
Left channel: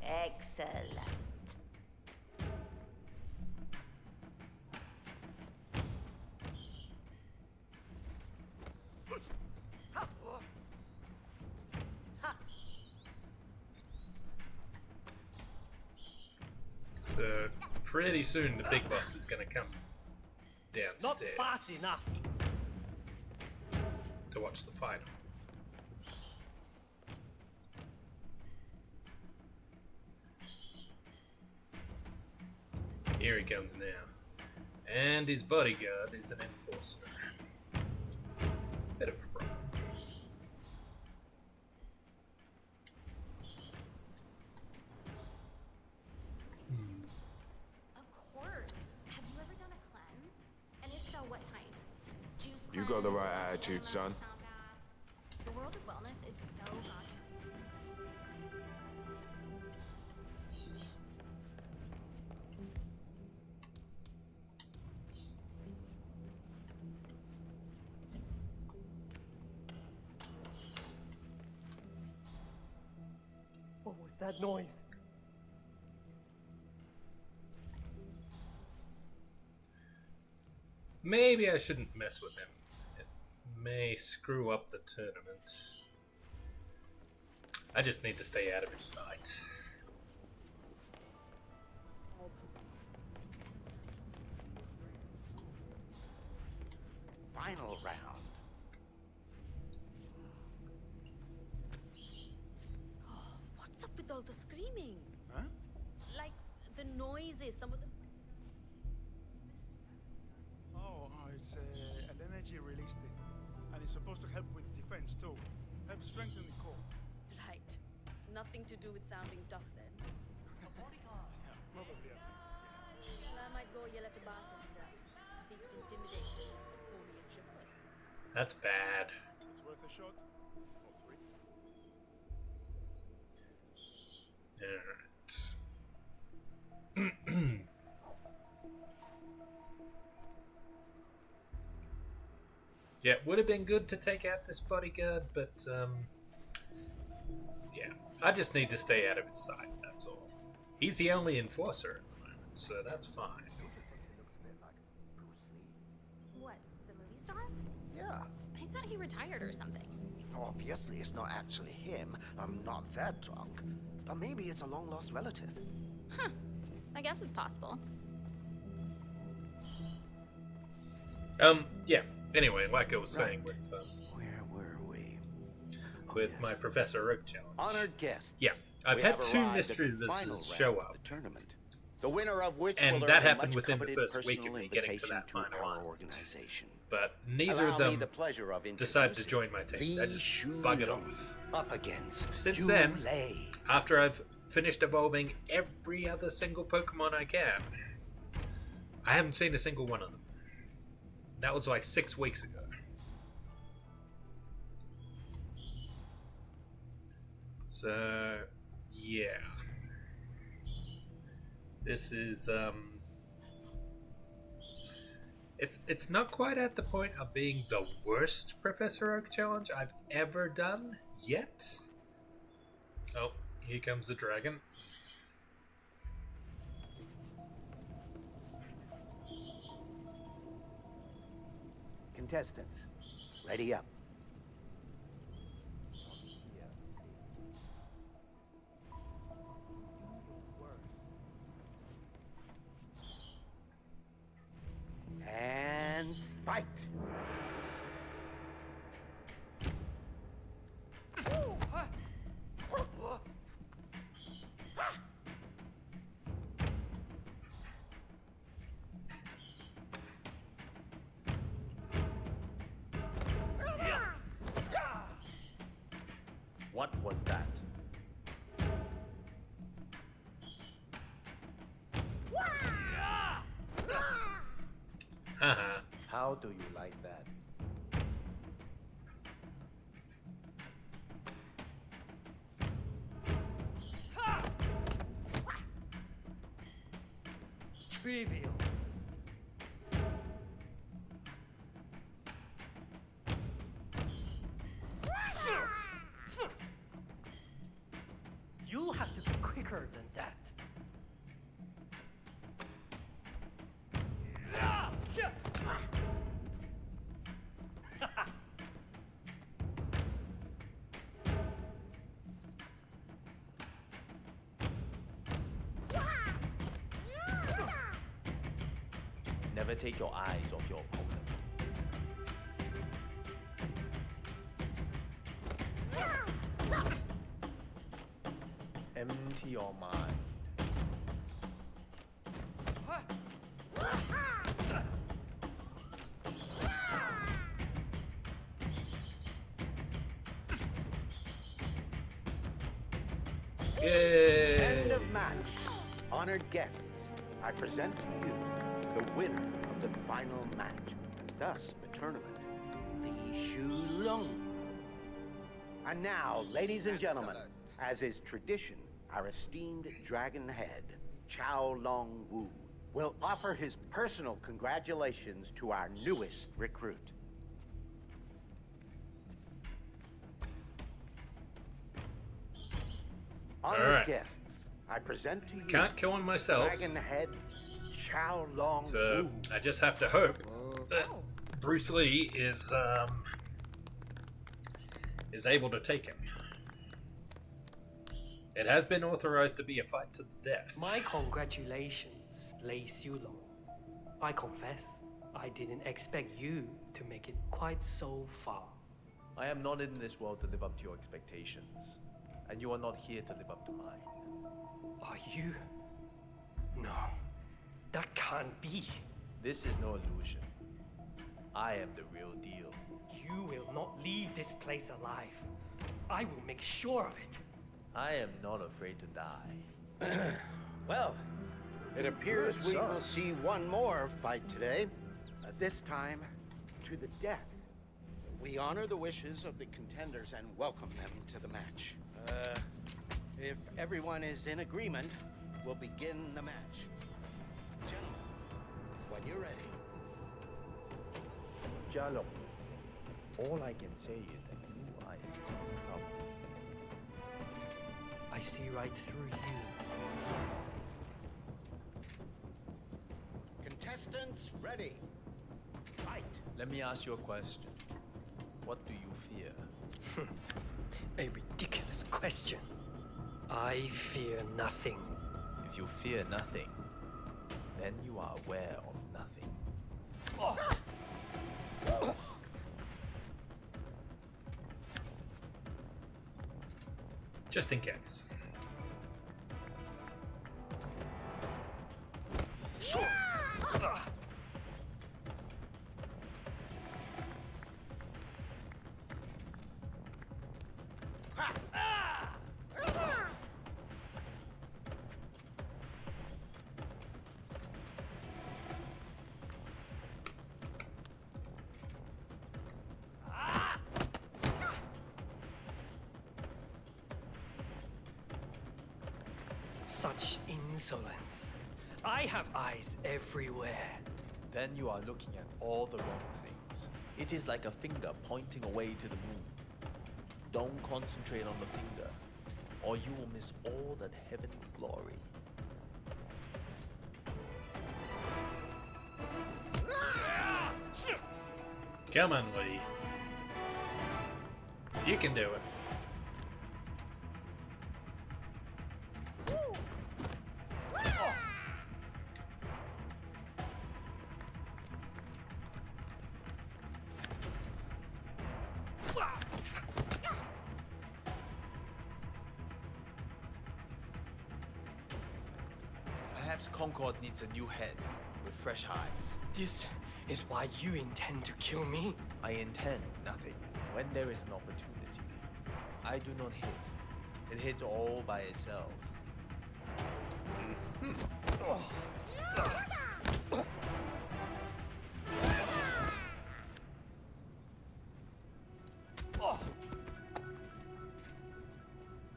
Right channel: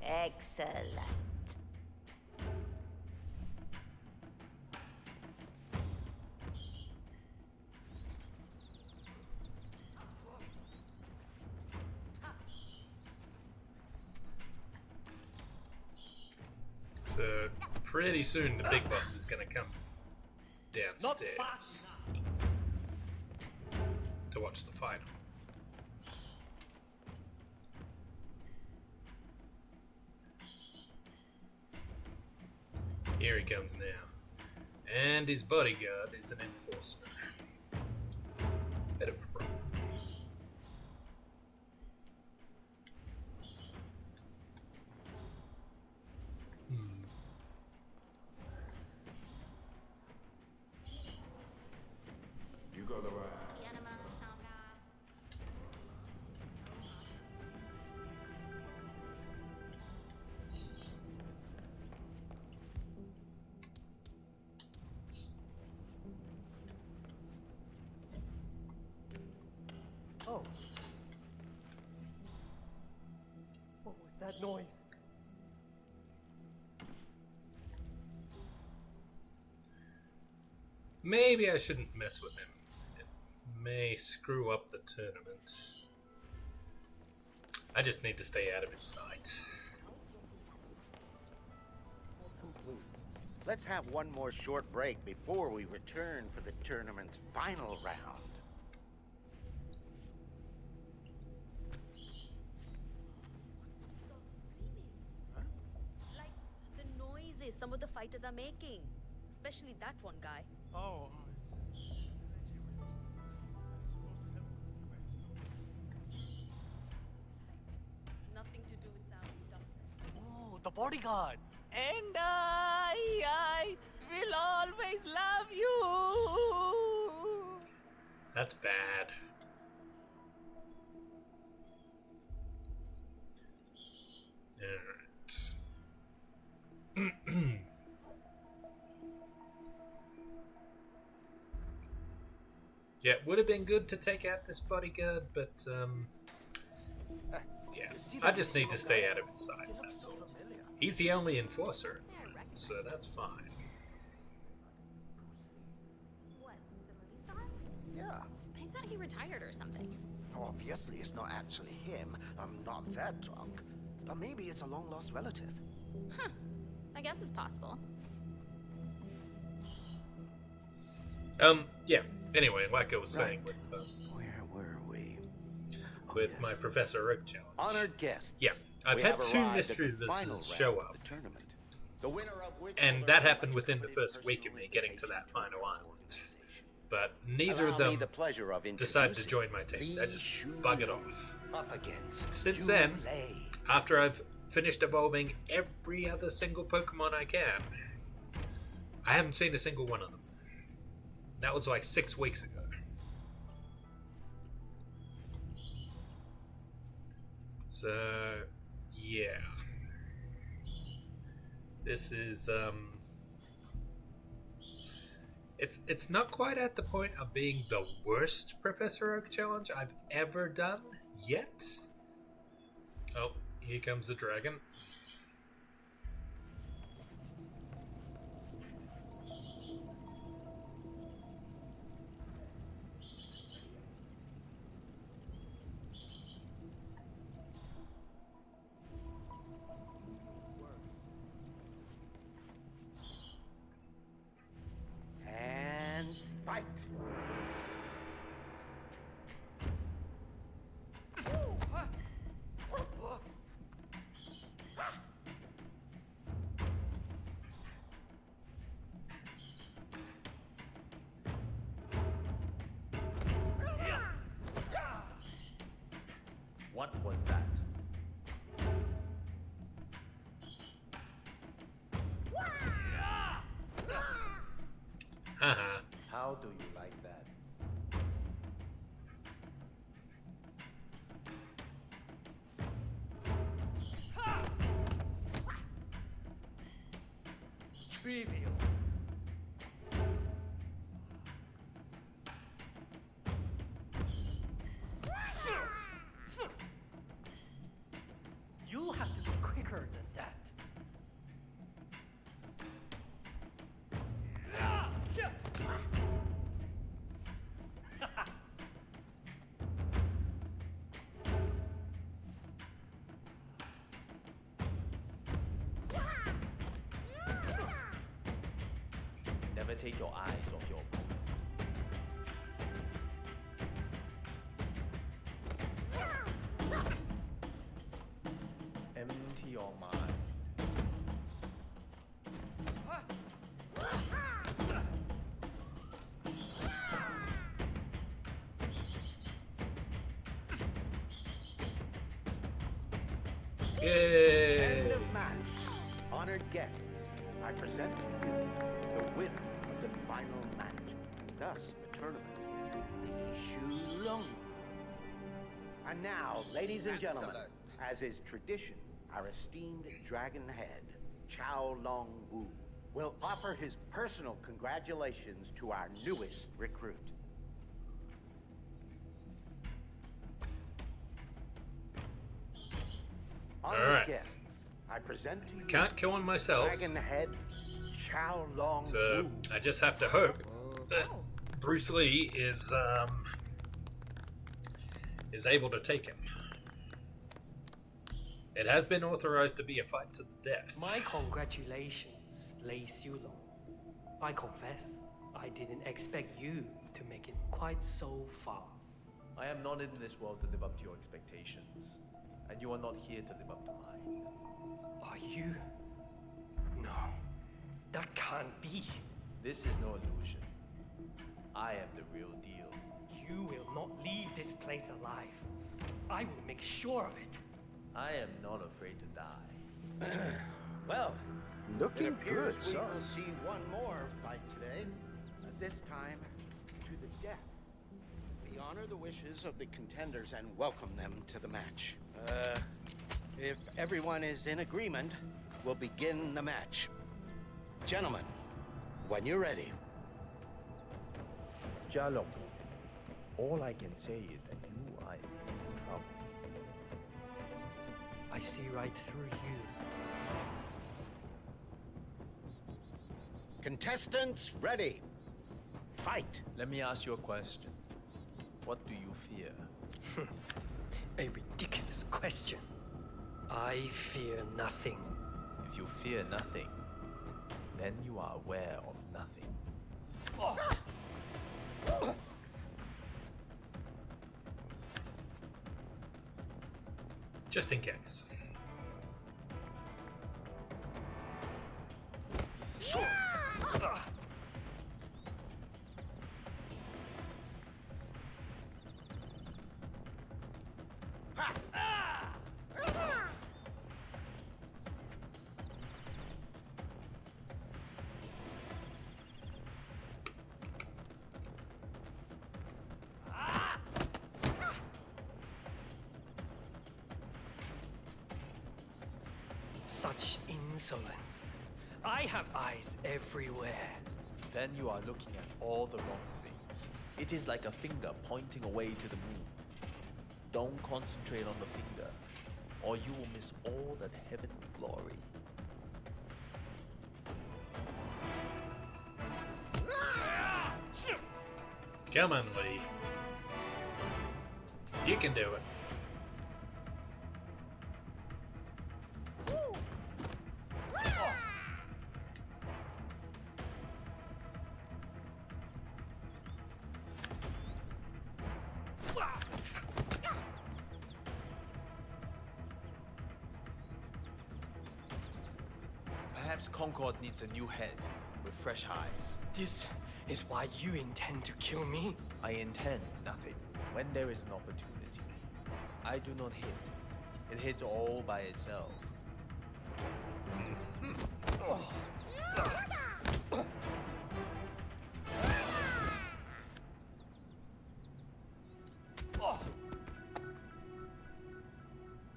Excellent. So pretty soon the big boss is gonna come downstairs Not fast enough. to watch the fight. Here he comes now. And his bodyguard is an enforcer. Bit of a problem. You got the right attitude, son. The world of wellness is so hot. Oh. What was that noise? Maybe I shouldn't mess with him. It may screw up the tournament. I just need to stay out of his sight. Let's have one more short break before we return for the tournament's final round. What's up with all the screaming? Huh? Like the noises some of the fighters are making. Especially that one guy. Oh, it's an energy release thing. And it's supposed to help with defense too. Help strengthen the core. Right. Nothing to do with sounding tough then. Oh, the bodyguard. And I will always love you. That's bad. Alright. Yeah, it would have been good to take out this bodyguard, but yeah, I just need to stay out of his sight, that's all. He's the only enforcer at the moment, so that's fine. What, the movie star? Yeah. I thought he retired or something. Obviously, it's not actually him. I'm not that drunk. But maybe it's a long-lost relative. Huh. I guess it's possible. Yeah. Anyway, like I was saying with where were we? With my Professor Oak challenge. Honored guests. Yeah, I've had two mischievous show up, the winner of which and will that earn a happened within the much-coveted first week of me personal getting to that invitation final our island. organization. But neither Allow of me them the pleasure of decided to introducing join my team. They just buggered off. Up against Since then, after I've finished evolving every other single Pokemon I can, I haven't seen a single one of them. That was like 6 weeks ago. So, yeah. This is, It's not quite at the point of being the worst Professor Oak challenge I've ever done yet. Oh, here comes the dragon. Contestants, ready up. And fight! What was that? Haha. How do you like that? Trivial. You'll have to be quicker than that. Never take your eyes off your opponent. Empty your mind. Yay! End of match. Honored guests, I present to you the winner of the final match, and thus the tournament, Li Shulong. And now, ladies and gentlemen, as is tradition, our esteemed dragon head, Chao Long Wu, will offer his personal congratulations to our newest recruit. Honored Alright. guests, I present to you Can't kill him myself. Dragon head, Chao Long So Wu. I just have to hope that Bruce Lee is able to take him. It has been authorized to be a fight to the death. My congratulations, Lei Xiulong. I confess, I didn't expect you to make it quite so far. I am not in this world to live up to your expectations, and you are not here to live up to mine. Are you? No, that can't be. This is no illusion. I am the real deal. You will not leave this place alive. I will make sure of it. I am not afraid to die. Well, Looking It appears good, we son. will see one more fight today. This time, to the death. We honor the wishes of the contenders and welcome them to the match. If everyone is in agreement, we'll begin the match. Gentlemen, when you're ready. Jalong, all I can say is that you are in trouble. I see right through you. Contestants, ready. Fight. Let me ask you a question. What do you fear? A ridiculous question. I fear nothing. If you fear nothing, then you are aware of nothing. Just in case. Such insolence. I have eyes everywhere. Then you are looking at all the wrong things. It is like a finger pointing away to the moon. Don't concentrate on the finger, or you will miss all that heavenly glory. Come on, Lee. You can do it. Perhaps Concord needs a new head with fresh eyes. This is why you intend to kill me? I intend nothing. When there is an opportunity, I do not hit. It hits all by itself.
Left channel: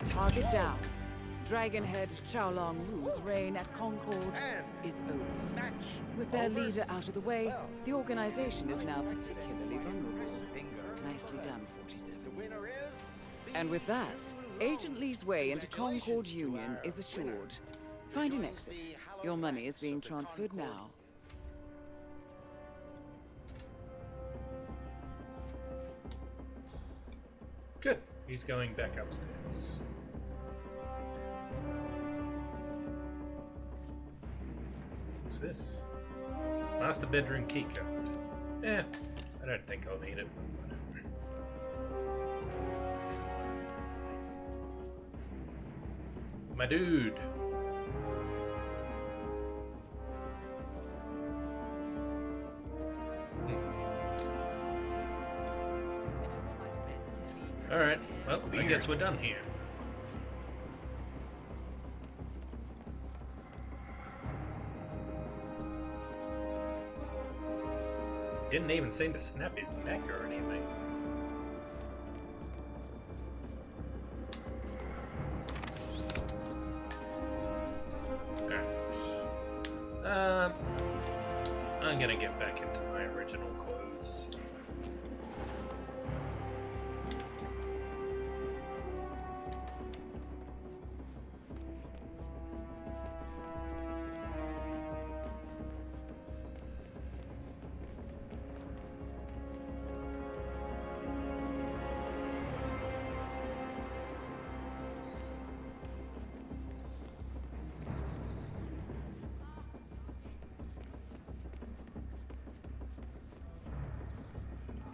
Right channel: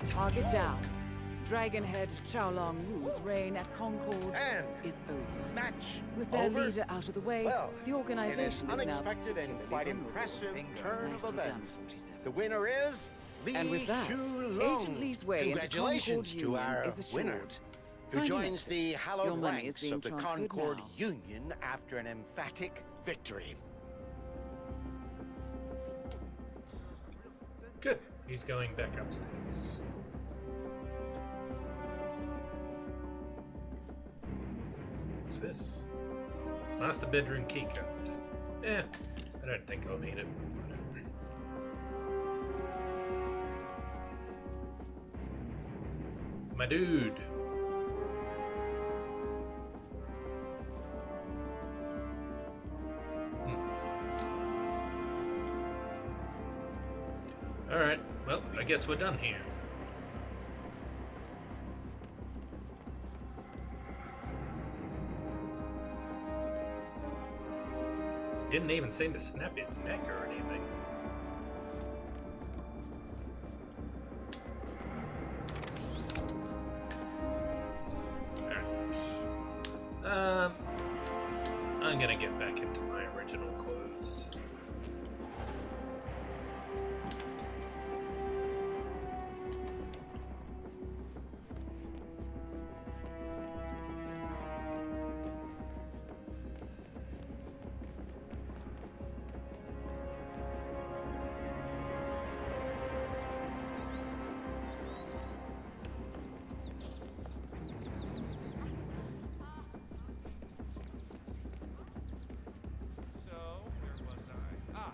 Target down. Dragonhead Xiaolong Wu's reign at Concord is over. Match With their over. leader out of the way, Well, the organization in an is now unexpected and particularly quite vulnerable. impressive turn of Nicely done, events. 47. The winner is And with that, Shu Agent Lee's way into Concord Congratulations to Union our is winner, assured. who Find an joins exit. the hallowed Your money ranks is being of the transferred Concord now. Union after an emphatic victory. Good. He's going back upstairs. What's this? Master bedroom keycard. I don't think I'll need it. Whatever. My dude. Alright, well, I guess we're done here. Didn't even seem to snap his neck or anything. Alright. I'm gonna get back into my original clothes.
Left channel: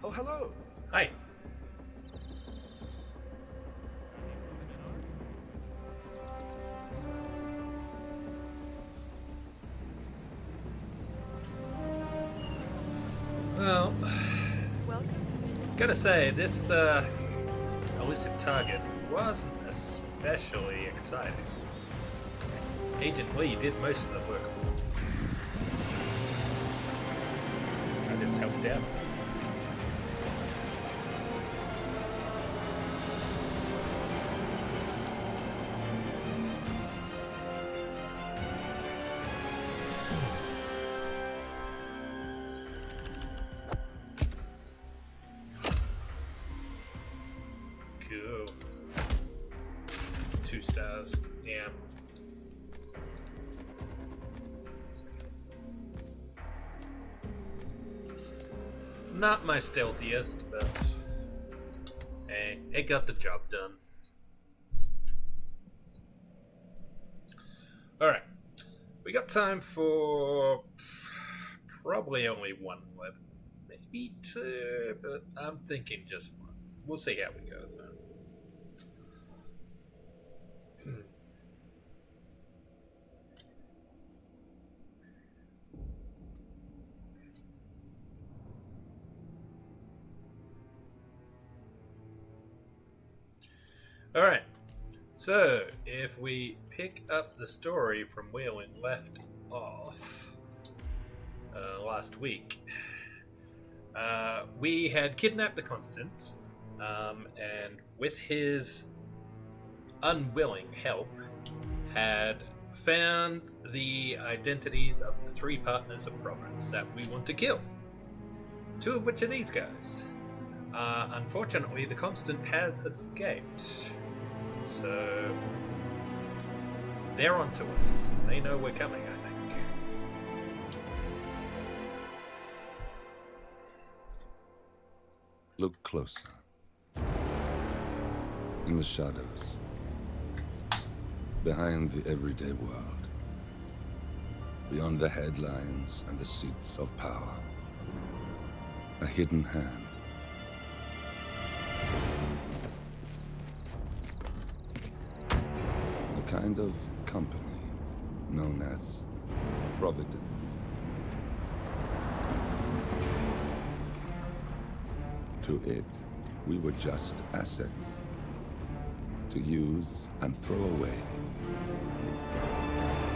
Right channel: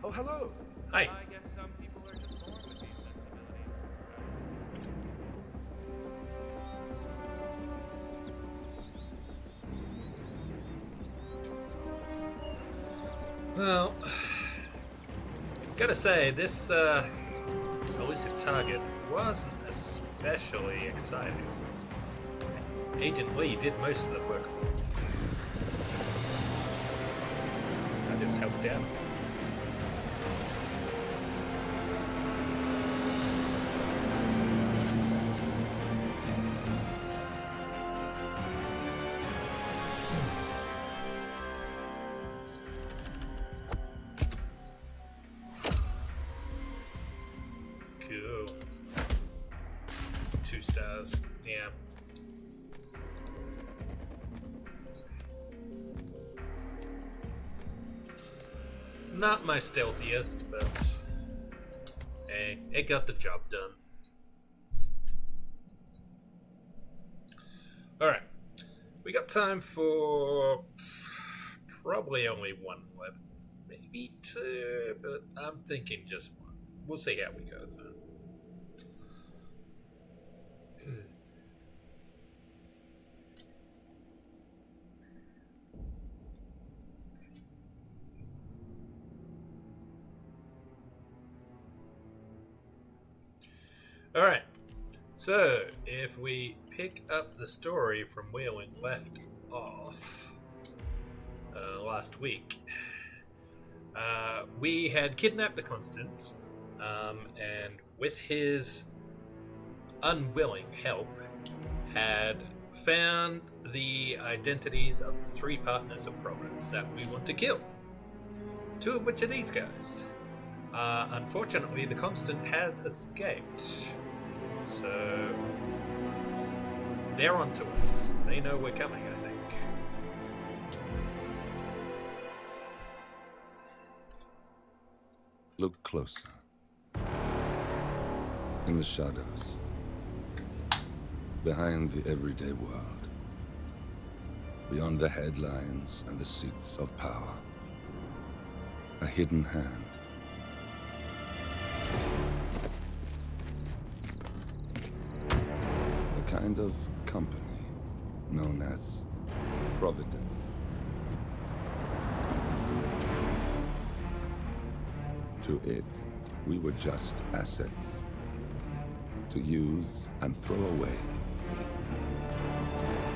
Oh, hello. Hi. Well, gotta say, this elusive target wasn't especially exciting. Agent Lee did most of the work. I just helped out. Cool. 2 stars. Yeah. Not my stealthiest, but hey, it got the job done. Alright. We got time for probably only 1 level. Maybe 2, but I'm thinking just 1. We'll see how we go though. Alright, so if we pick up the story from where we left off last week, we had kidnapped the Constant, and with his unwilling help, had found the identities of the 3 partners of Providence that we want to kill. 2 of which are these guys. Unfortunately, the Constant has escaped. So they're onto us. They know we're coming, I think. Look closer. In the shadows. Behind the everyday world. Beyond the headlines and the seats of power. A hidden hand. A kind of company known as Providence. To it, we were just assets. To use and throw away.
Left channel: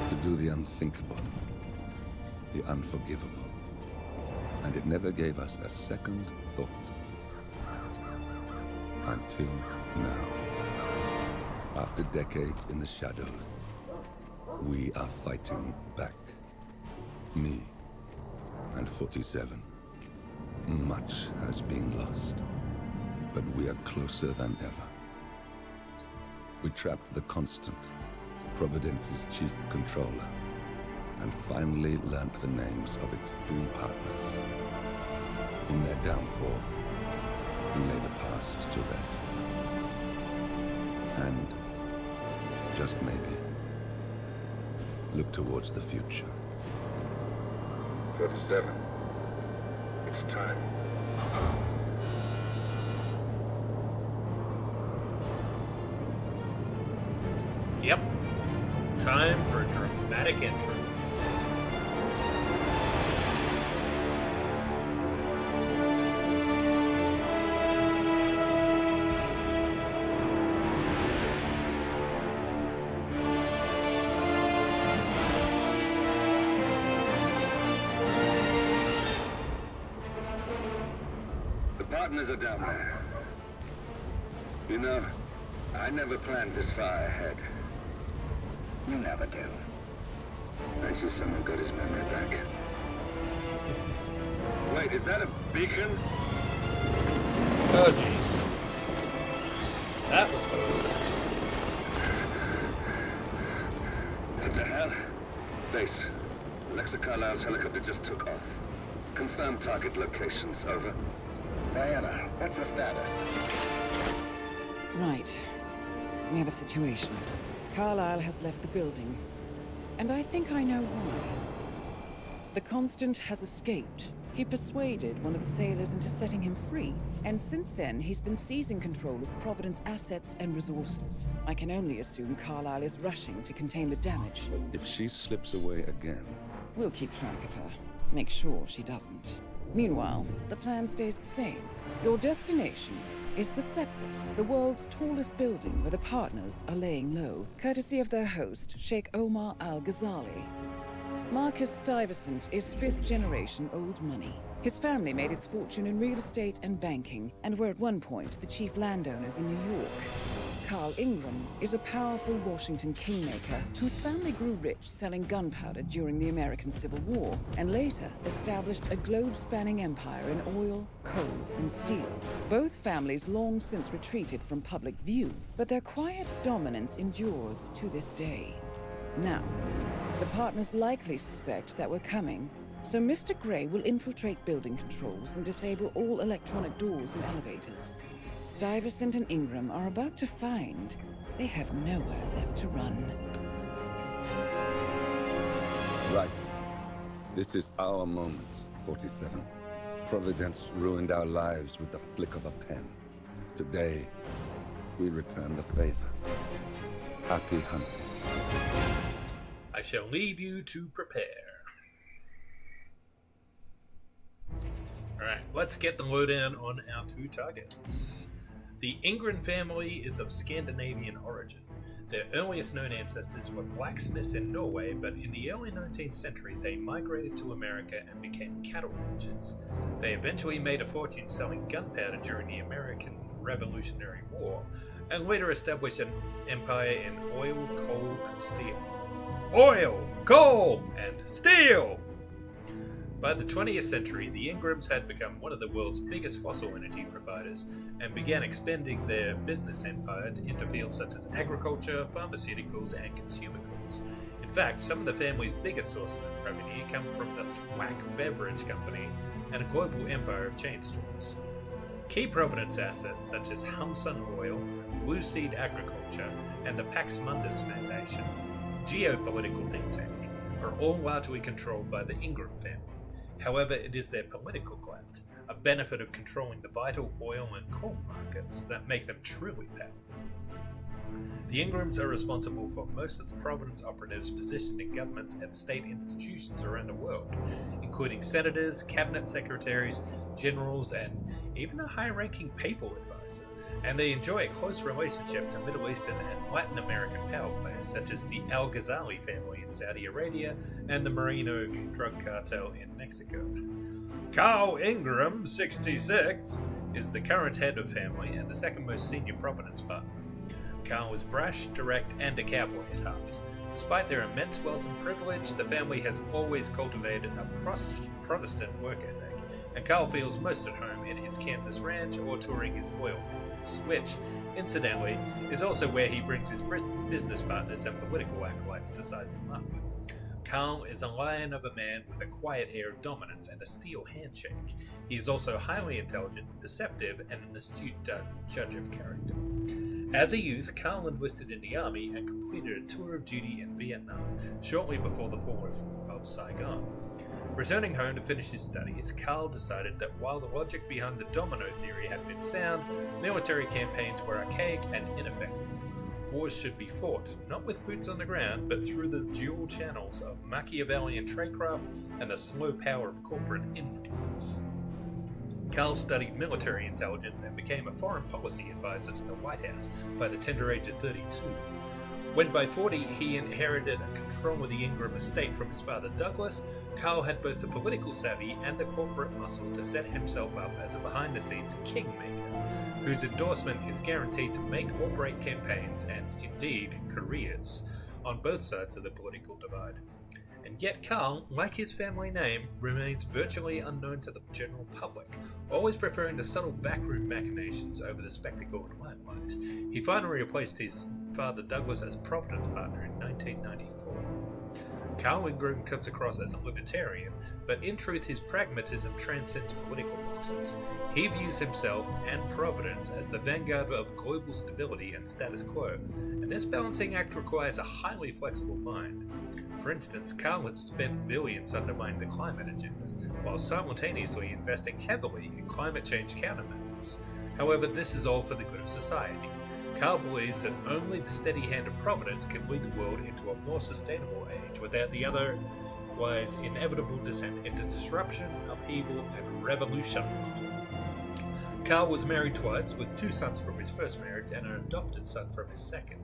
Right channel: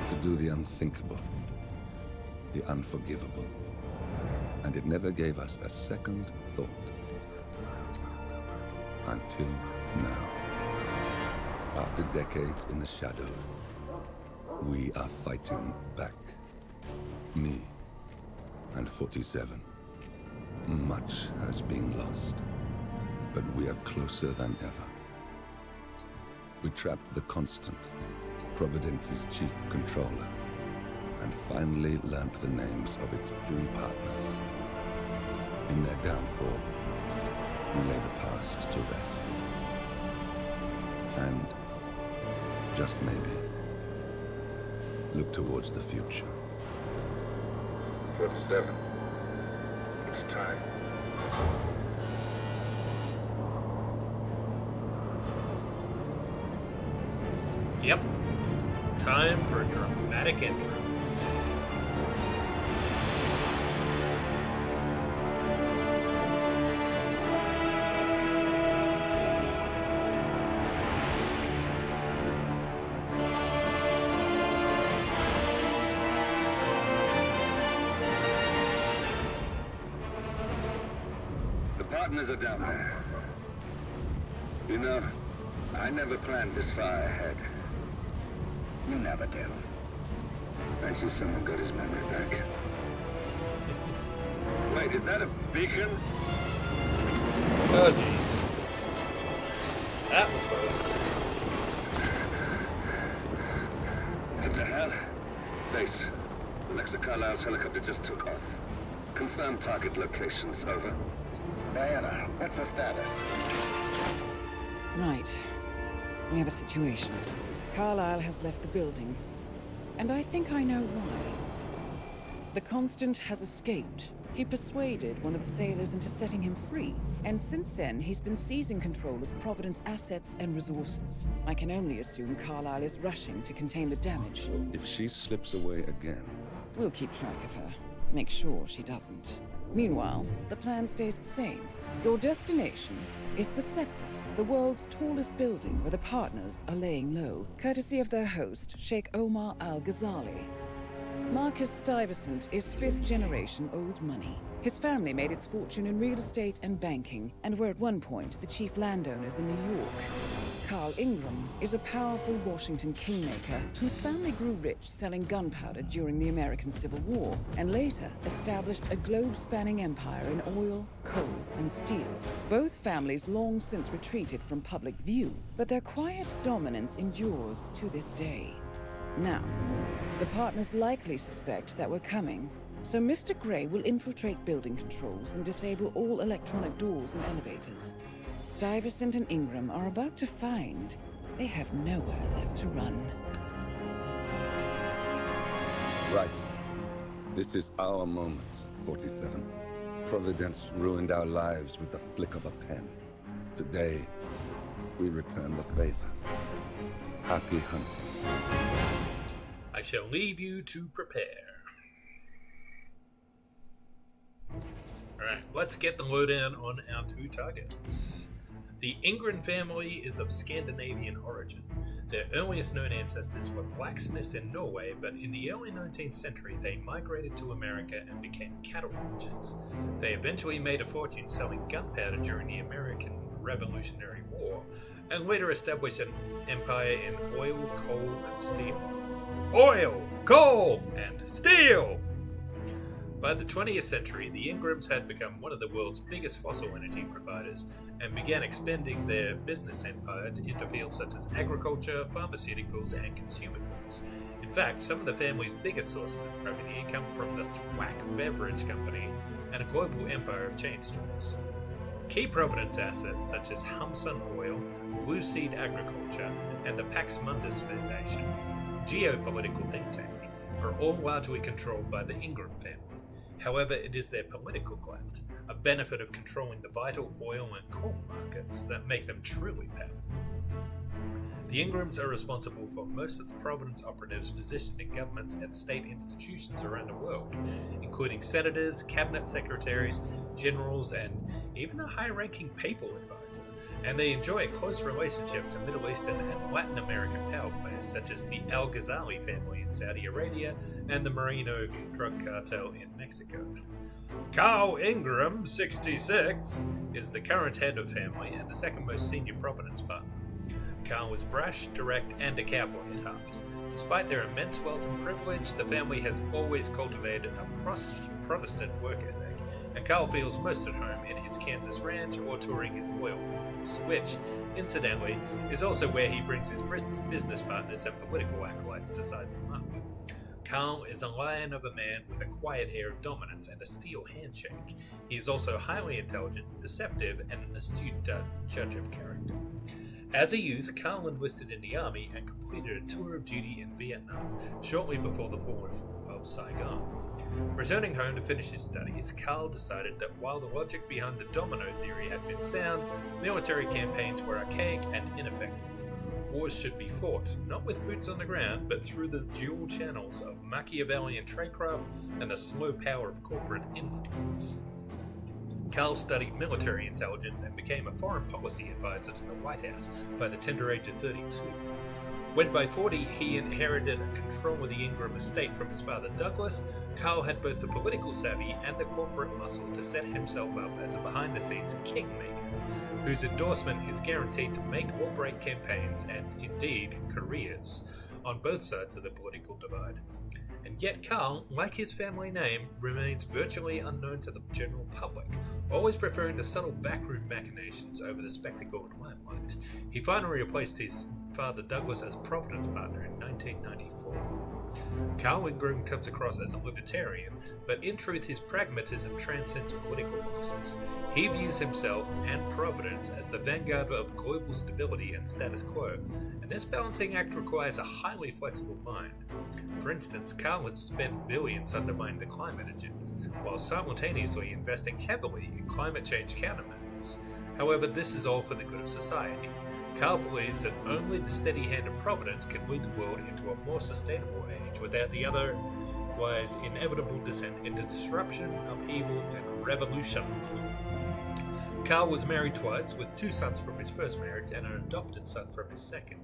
To do the unthinkable. The unforgivable. And it never gave us a second thought. Until now. After decades in the shadows, we are fighting back. Me and 47. Much has been lost, but we are closer than ever. We trapped the Constant, Providence's chief controller, and finally learnt the names of its 3 partners. In their downfall, we lay the past to rest. And, just maybe, look towards the future. 47. It's time. Yep. Time for a dramatic entrance. The partners are down there. You know, I never planned this far ahead. You never do. I see someone got his memory back. Wait, is that a beacon? Oh, jeez. That was close. What the hell? Base. Alexa Carlisle's helicopter just took off. Confirm target locations, over. Diana, what's the status? Right. We have a situation. Carlisle has left the building. And I think I know why. The Constant has escaped. He persuaded one of the sailors into setting him free. And since then, he's been seizing control of Providence assets and resources. I can only assume Carlisle is rushing to contain the damage. If she slips away again... We'll keep track of her. Make sure she doesn't. Meanwhile, the plan stays the same. Your destination, is the Scepter, the world's tallest building where the partners are laying low, courtesy of their host, Sheikh Omar Al-Ghazali. Marcus Stuyvesant is fifth-generation old money. His family made its fortune in real estate and banking, and were at one point the chief landowners in New York. Carl Ingram is a powerful Washington kingmaker whose family grew rich selling gunpowder during the American Civil War, and later established a globe-spanning empire in oil, coal, and steel. Both families long since retreated from public view, but their quiet dominance endures to this day. Now, the partners likely suspect that we're coming, so Mr. Grey will infiltrate building controls and disable all electronic doors and elevators. Stuyvesant and Ingram are about to find they have nowhere left to run. Right. This is our moment, 47. Providence ruined our lives with the flick of a pen. Today, we return the favor. Happy hunting. I shall leave you to prepare. Alright, let's get the lowdown on our two targets. The Ingram family is of Scandinavian origin. Their earliest known ancestors were blacksmiths in Norway, but in the early 19th century they migrated to America and became cattle ranchers. They eventually made a fortune selling gunpowder during the American Revolutionary War, and later established an empire in oil, coal, and steel. Oil, coal, and steel! By the 20th century, the Ingrams had become one of the world's biggest fossil energy providers and began expanding their business empire into fields such as agriculture, pharmaceuticals, and consumer goods. In fact, some of the family's biggest sources of revenue come from the Thwack Beverage Company and a global empire of chain stores. Key Providence assets such as Humsun Oil, Blue Seed Agriculture, and the Pax Mundus Foundation, geopolitical think tank, are all largely controlled by the Ingram family. However, it is their political clout, a benefit of controlling the vital oil and coal markets, that make them truly powerful. The Ingrams are responsible for most of the Providence operatives positioned in governments and state institutions around the world, including senators, cabinet secretaries, generals, and even a high-ranking papal advisor, and they enjoy a close relationship to Middle Eastern and Latin American power players such as the Al-Ghazali family in Saudi Arabia and the Merino drug cartel in Mexico. Carl Ingram, 66, is the current head of family and the second most senior Providence partner. Carl is brash, direct, and a cowboy at heart. Despite their immense wealth and privilege, the family has always cultivated a Protestant work ethic, and Carl feels most at home in his Kansas ranch or touring his oil fields, which, incidentally, is also where he brings his business partners and political acolytes to size him up. Carl is a lion of a man with a quiet air of dominance and a steel handshake. He is also highly intelligent, perceptive, and an astute judge of character. As a youth, Carl enlisted in the army and completed a tour of duty in Vietnam, shortly before the fall of Saigon. Returning home to finish his studies, Carl decided that while the logic behind the domino theory had been sound, military campaigns were archaic and ineffective. Wars should be fought, not with boots on the ground, but through the dual channels of Machiavellian tradecraft and the slow power of corporate influence. Carl studied military intelligence and became a foreign policy advisor to the White House by the tender age of 32. When by 40 he inherited control of the Ingram estate from his father Douglas, Carl had both the political savvy and the corporate muscle to set himself up as a behind-the-scenes kingmaker, whose endorsement is guaranteed to make or break campaigns and, indeed, careers on both sides of the political divide. And yet Carl, like his family name, remains virtually unknown to the general public, always preferring the subtle backroom machinations over the spectacle and limelight. He finally replaced his father Douglas as Providence partner in 1994. Carl Ingram comes across as a libertarian, but in truth his pragmatism transcends political boxes. He views himself and Providence as the vanguard of global stability and status quo, and this balancing act requires a highly flexible mind. For instance, Carl has spent billions undermining the climate agenda, while simultaneously investing heavily in climate change countermeasures. However, this is all for the good of society. Carl believes that only the steady hand of Providence can lead the world into a more sustainable age without the otherwise inevitable descent into disruption, upheaval, and revolution. Carl was married twice, with 2 sons from his first marriage and an adopted son from his second.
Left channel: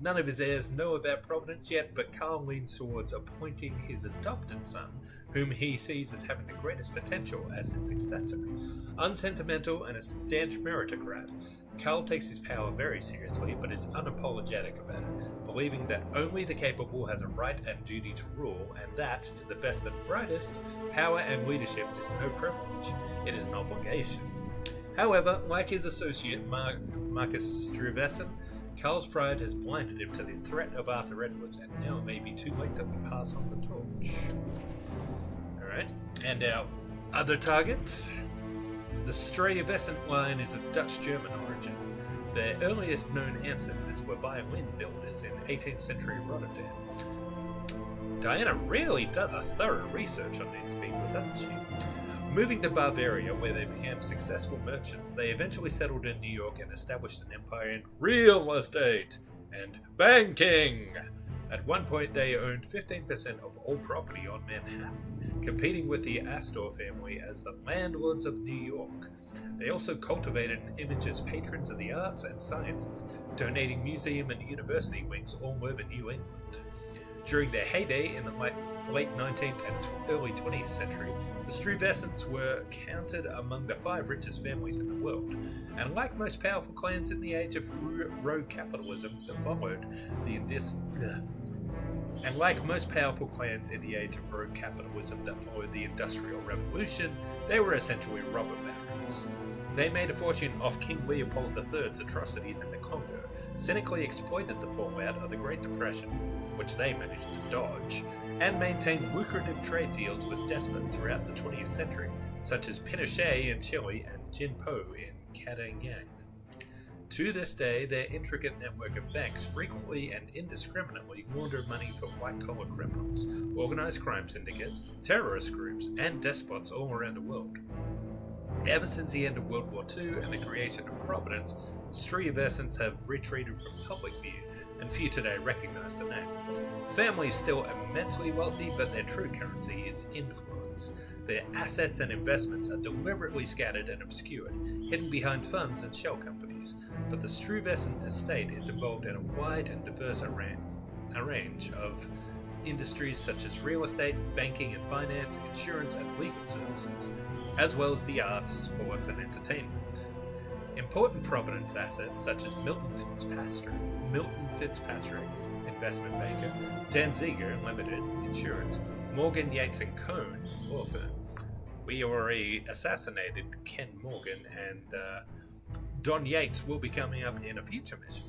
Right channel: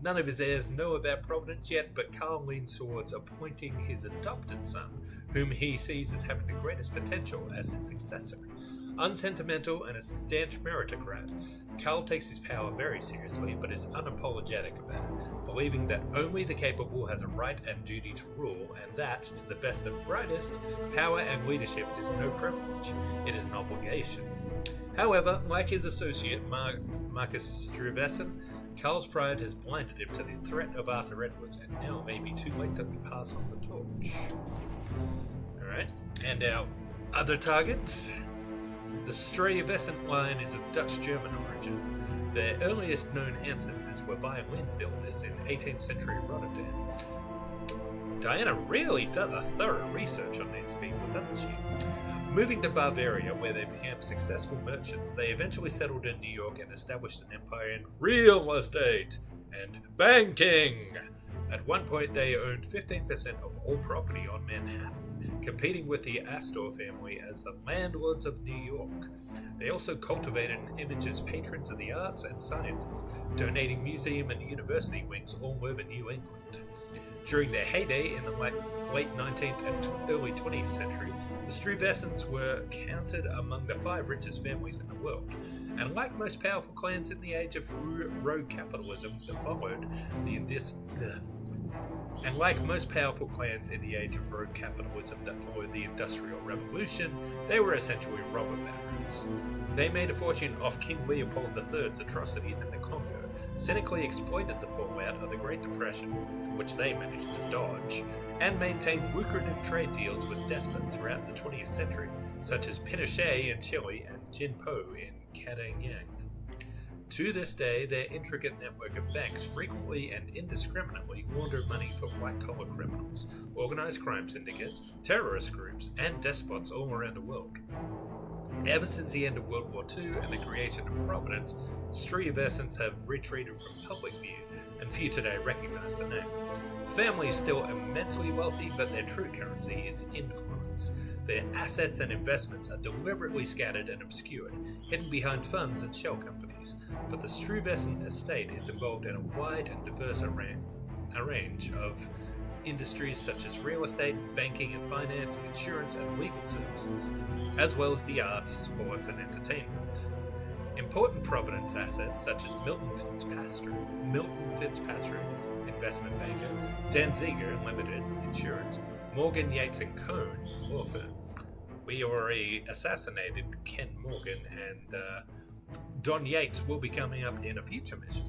None of his heirs know about Providence yet, but Carl leans towards appointing his adopted son, whom he sees as having the greatest potential, as his successor. Unsentimental and a stanch meritocrat, Carl takes his power very seriously, but is unapologetic about it, believing that only the capable has a right and duty to rule, and that, to the best and brightest, power and leadership is no privilege, it is an obligation. However, like his associate Marcus Stuyvesant, Carl's pride has blinded him to the threat of Arthur Edwards, and now it may be too late to pass on the torch. Alright, and our other target? The Stuyvesant line is of Dutch-German origin. Their earliest known ancestors were violin builders in 18th century Rotterdam. Diana really does a thorough research on these people, doesn't she? Moving to Bavaria, where they became successful merchants, they eventually settled in New York and established an empire in real estate and banking. At one point, they owned 15% of all property on Manhattan, competing with the Astor family as the landlords of New York. They also cultivated an image as patrons of the arts and sciences, donating museum and university wings all over New England. During their heyday in the late 19th and early 20th century, the Stuyvesants were counted among the 5 richest families in the world, and like most powerful clans in the age of rogue capitalism that followed the Industrial Revolution, they were essentially robber barons. They made a fortune off King Leopold III's atrocities in the Congo, cynically exploited the fallout of the Great Depression, which they managed to dodge, and maintained lucrative trade deals with despots throughout the 20th century, such as Pinochet in Chile and Jinpo in Kadanyang. To this day, their intricate network of banks frequently and indiscriminately launder money for white-collar criminals, organized crime syndicates, terrorist groups, and despots all around the world. Ever since the end of World War II and the creation of Providence, Stuyvesants have retreated from public view, and few today recognize the name. The family is still immensely wealthy, but their true currency is influence. Their assets and investments are deliberately scattered and obscured, hidden behind funds and shell companies. But the Stuyvesant estate is involved in a wide and diverse range of industries such as real estate, banking and finance, insurance and legal services, as well as the arts, sports and entertainment. Important Providence assets such as Milton Fitzpatrick, investment banker, Danziger Limited, insurance, Morgan Yates and Cohn, law firm. We already assassinated Ken Morgan, and Don Yates will be coming up in a future mission.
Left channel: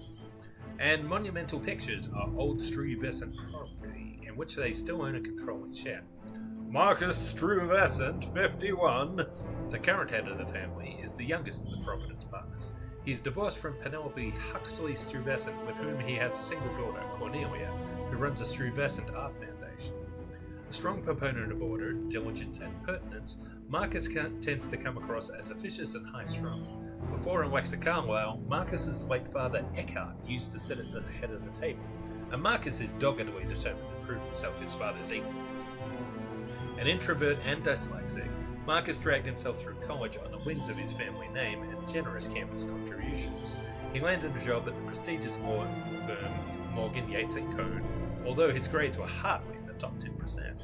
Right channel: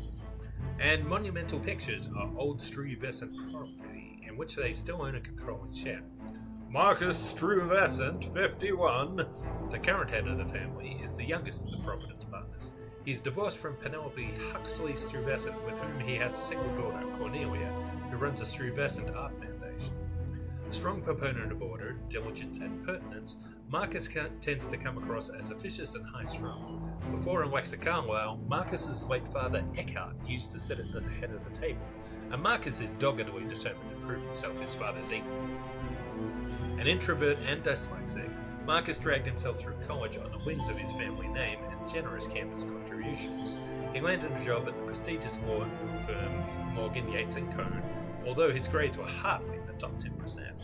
And Monumental Pictures are old Stuyvesant property, in which they still own a controlling share. Marcus Stuyvesant, 51, the current head of the family, is the youngest of the Providence partners. He is divorced from Penelope Huxley Stuyvesant, with whom he has a single daughter, Cornelia, who runs a Stuyvesant Art Foundation. A strong proponent of order, diligence, and pertinence, Marcus tends to come across as officious and high-strung. Before Alexa Carlyle, Marcus's late father Eckhart used to sit at the head of the table, and Marcus is doggedly determined to prove himself his father's equal. An introvert and dyslexic, Marcus dragged himself through college on the wings of his family name and generous campus contributions. He landed a job at the prestigious law firm Morgan, Yates & Cohn, although his grades were hardly in the top 10%.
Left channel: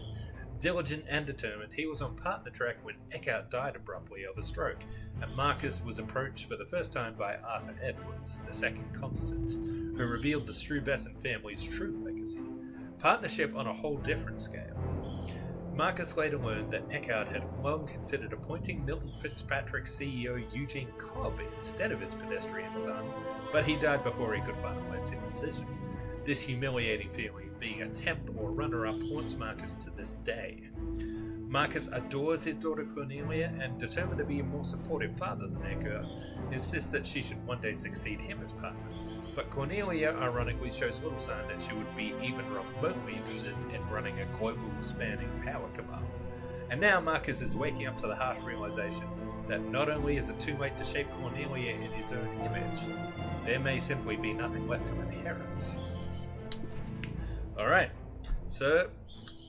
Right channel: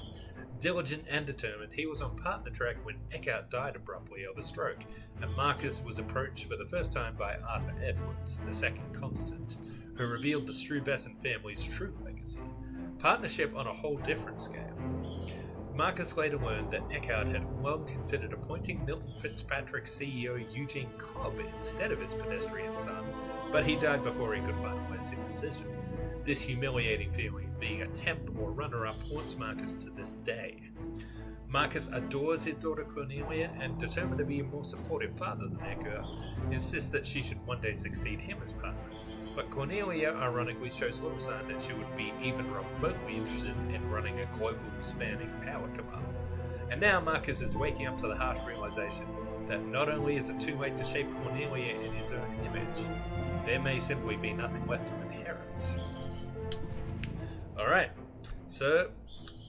Diligent and determined, he was on partner track when Eckhart died abruptly of a stroke, and Marcus was approached for the first time by Arthur Edwards, the second constant, who revealed the Stuyvesant family's true legacy. Partnership on a whole different scale. Marcus later learned that Eckhart had long considered appointing Milton Fitzpatrick's CEO Eugene Cobb instead of his pedestrian son, but he died before he could finalize his decision. This humiliating feeling of being a temp or runner-up haunts Marcus to this day. Marcus adores his daughter Cornelia and, determined to be a more supportive father than Eckhart, insists that she should one day succeed him as partner. But Cornelia ironically shows little sign that she would be even remotely interested in running a global spanning power cabal. And now Marcus is waking up to the harsh realization that not only is it too late to shape Cornelia in his own image, there may simply be nothing left to inherit. Alright, so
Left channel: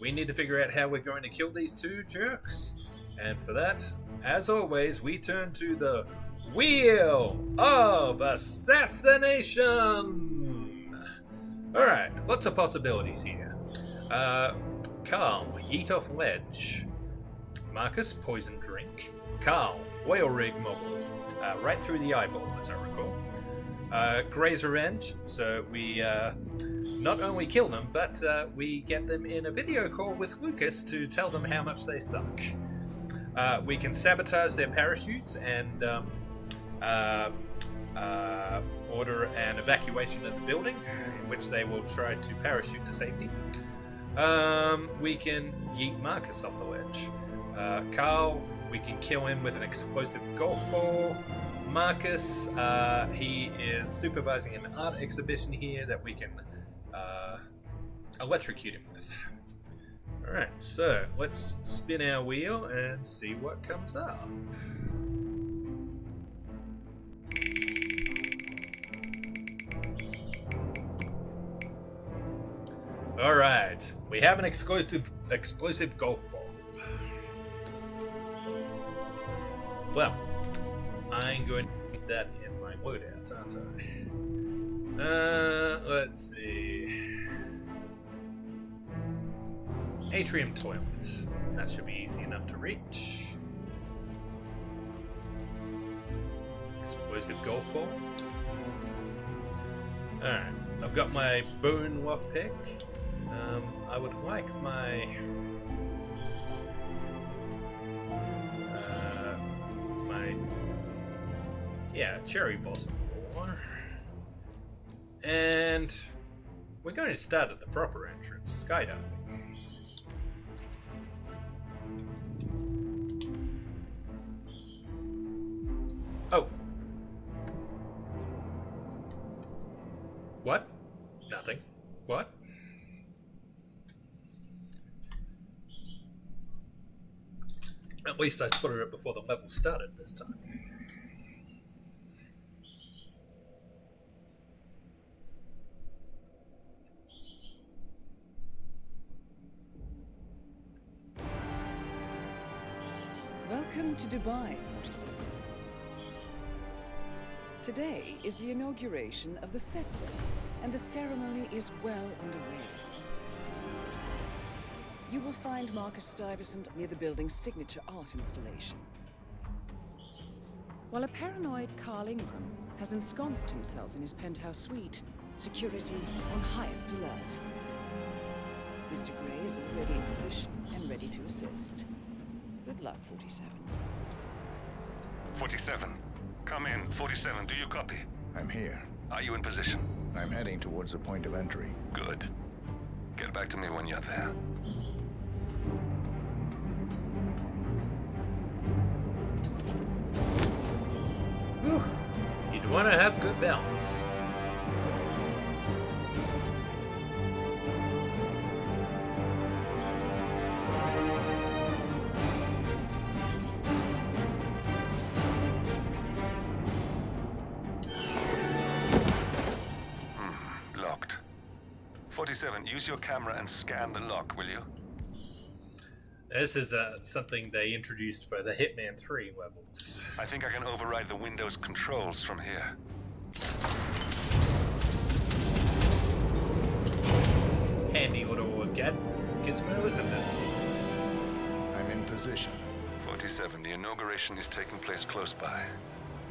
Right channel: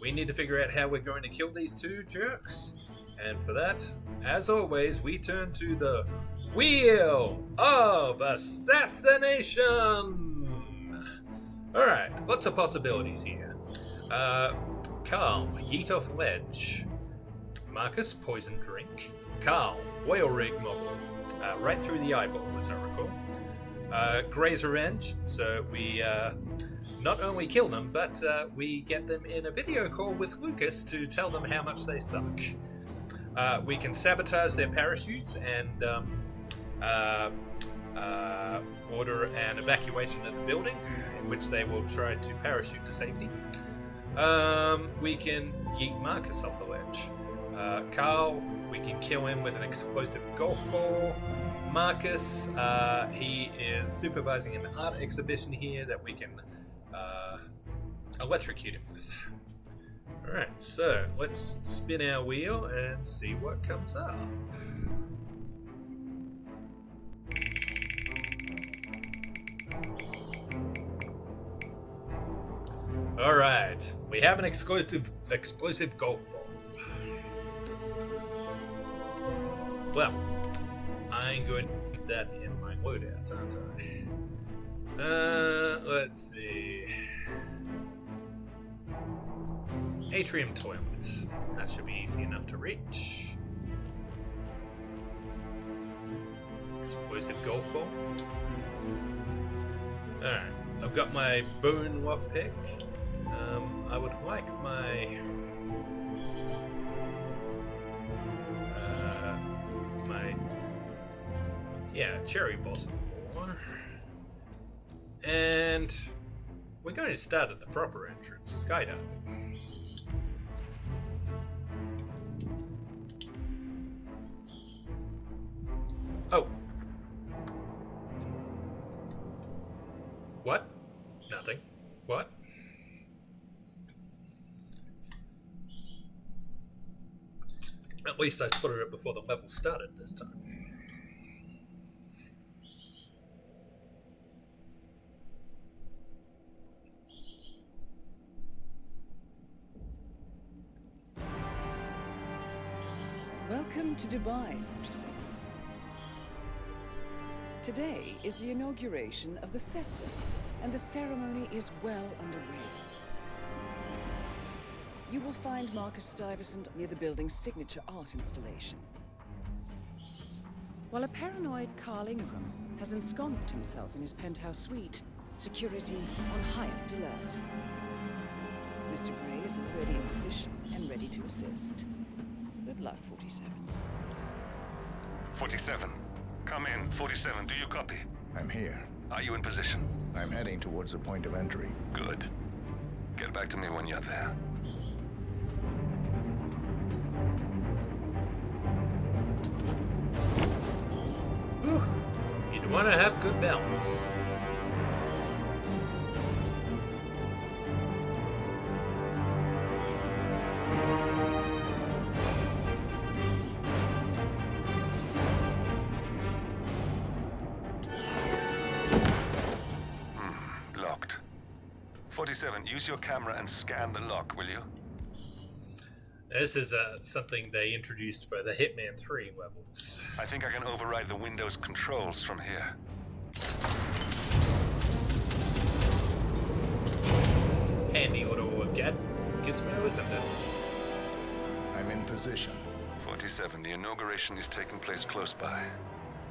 we need to figure out how we're going to kill these two jerks. And for that, as always, we turn to the Wheel of Assassination! Alright, lots of possibilities here. Carl, yeet off ledge. Marcus, poison drink. Carl, oil rig mogul. Right through the eyeball, as I recall. Gray's revenge, so we not only kill them, but we get them in a video call with Lucas to tell them how much they suck. We can sabotage their parachutes and order an evacuation of the building, in which they will try to parachute to safety. We can yeet Marcus off the ledge. Carl, we can kill him with an explosive golf ball. Marcus, he is supervising an art exhibition here that we can electrocute him with. Alright, so let's spin our wheel and see what comes up. Alright, we have an explosive golf ball. Well, I'm going to put that in my loadout, aren't I? Let's see. Atrium toilet. That should be easy enough to reach. Explosive golf ball. Alright, I've got my bone lockpick. I would like my cherry blossom ball. And we're going to start at the proper entrance, skydiving. Oh. What? Nothing. What? At least I spotted it before the level started this time. Welcome to Dubai, 47. Today is the inauguration of the scepter, and the ceremony is well underway. You will find Marcus Stuyvesant near the building's signature art installation. While a paranoid Carl Ingram has ensconced himself in his penthouse suite, security on highest alert. Mr. Gray is already in position and ready to assist. Good luck, 47. 47. Come in. 47, do you copy? I'm here. Are you in position? I'm heading towards the point of entry. Good. Get back to me when you're there. Whew. You'd want to have good balance. Locked. 47, use your camera and scan the lock, will you? This is something they introduced for the Hitman 3 levels. I think I can override the Windows controls from here. Handy little gizmo, isn't it? I'm in position. 47, the inauguration is taking place close by.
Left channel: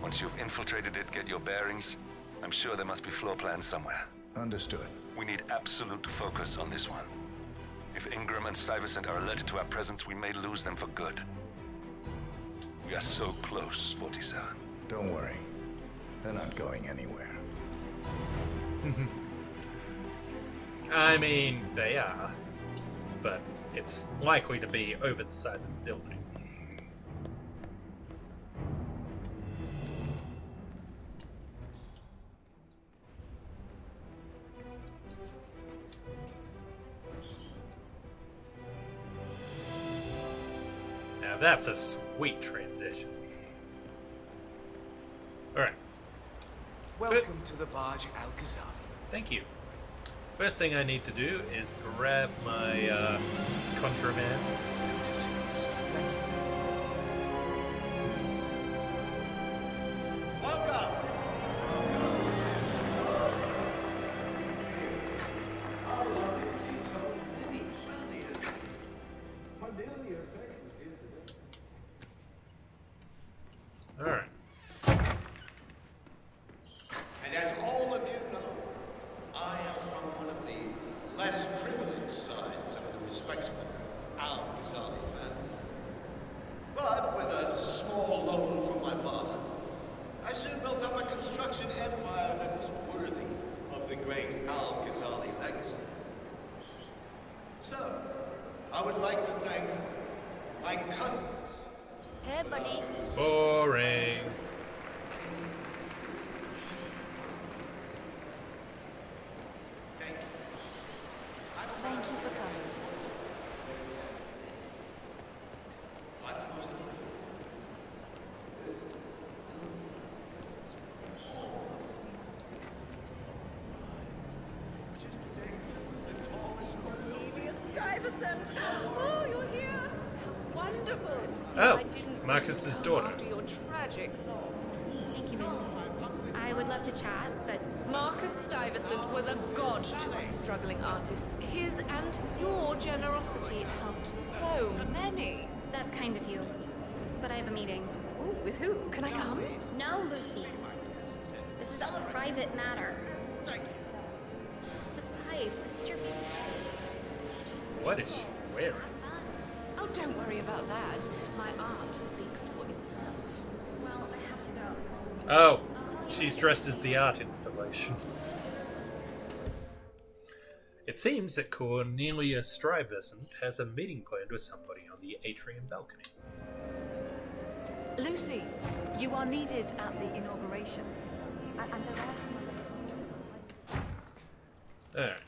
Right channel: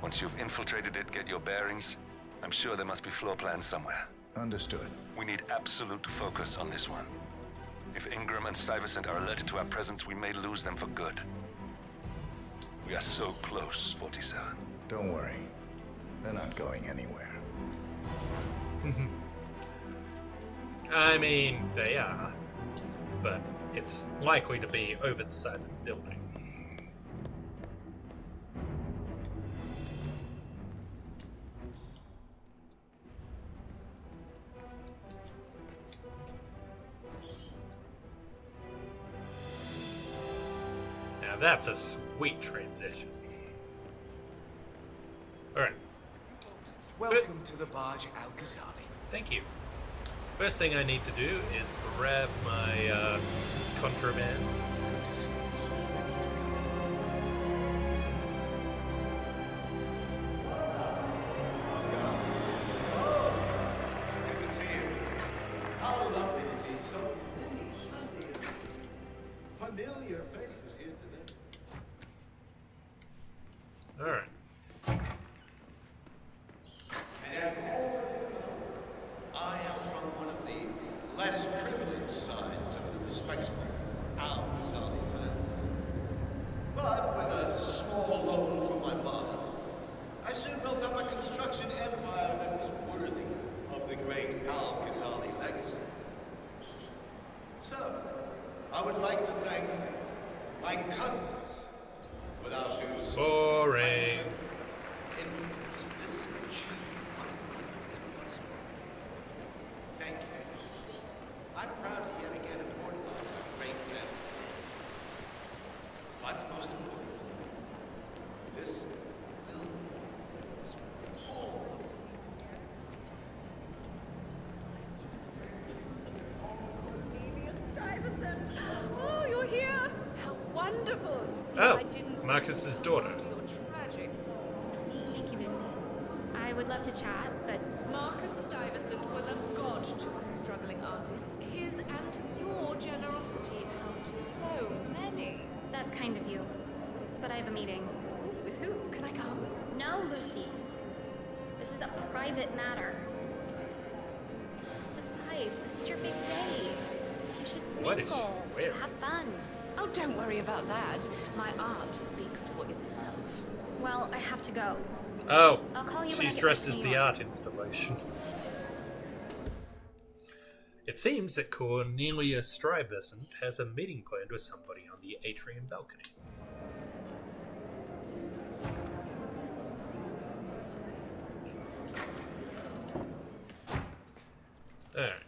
Once you've infiltrated it, get your bearings. I'm sure there must be floor plans somewhere. Understood. We need absolute focus on this one. If Ingram and Stuyvesant are alerted to our presence, we may lose them for good. We are so close, 47. Don't worry. They're not going anywhere. I mean, they are. But it's likely to be over the side of the building. Now that's a sweet transition. Alright. Welcome to the Barge Al Ghazali. Thank you. First thing I need to do is grab my contraband. Good to see you, sir. Thank you. Morning. Thank you. I'm proud to yet again report great men. But most importantly, this will all Stuyvesant! Oh, you're here! How wonderful! Oh, I didn't Marcus's think you'd come daughter. after your tragic loss. Thank you, Lucy. I would love to chat, but Marcus Stuyvesant was a god to us struggling artists. His and your generosity helped so many. that's kind of you. But I have a meeting. Ooh, with who? Can I come? No, Lucy. This is a private matter. Besides, this is your big day. You should What is she mingle, wearing? have fun. Oh, don't worry about that. My art speaks for itself. Well, I have to go. Oh, I'll call you when I she's get dressed back as to the New York. art installation. It seems that Cornelia Stuyvesant has a meeting planned with somebody on the atrium balcony. Lucy, you are needed at the inauguration. Alright.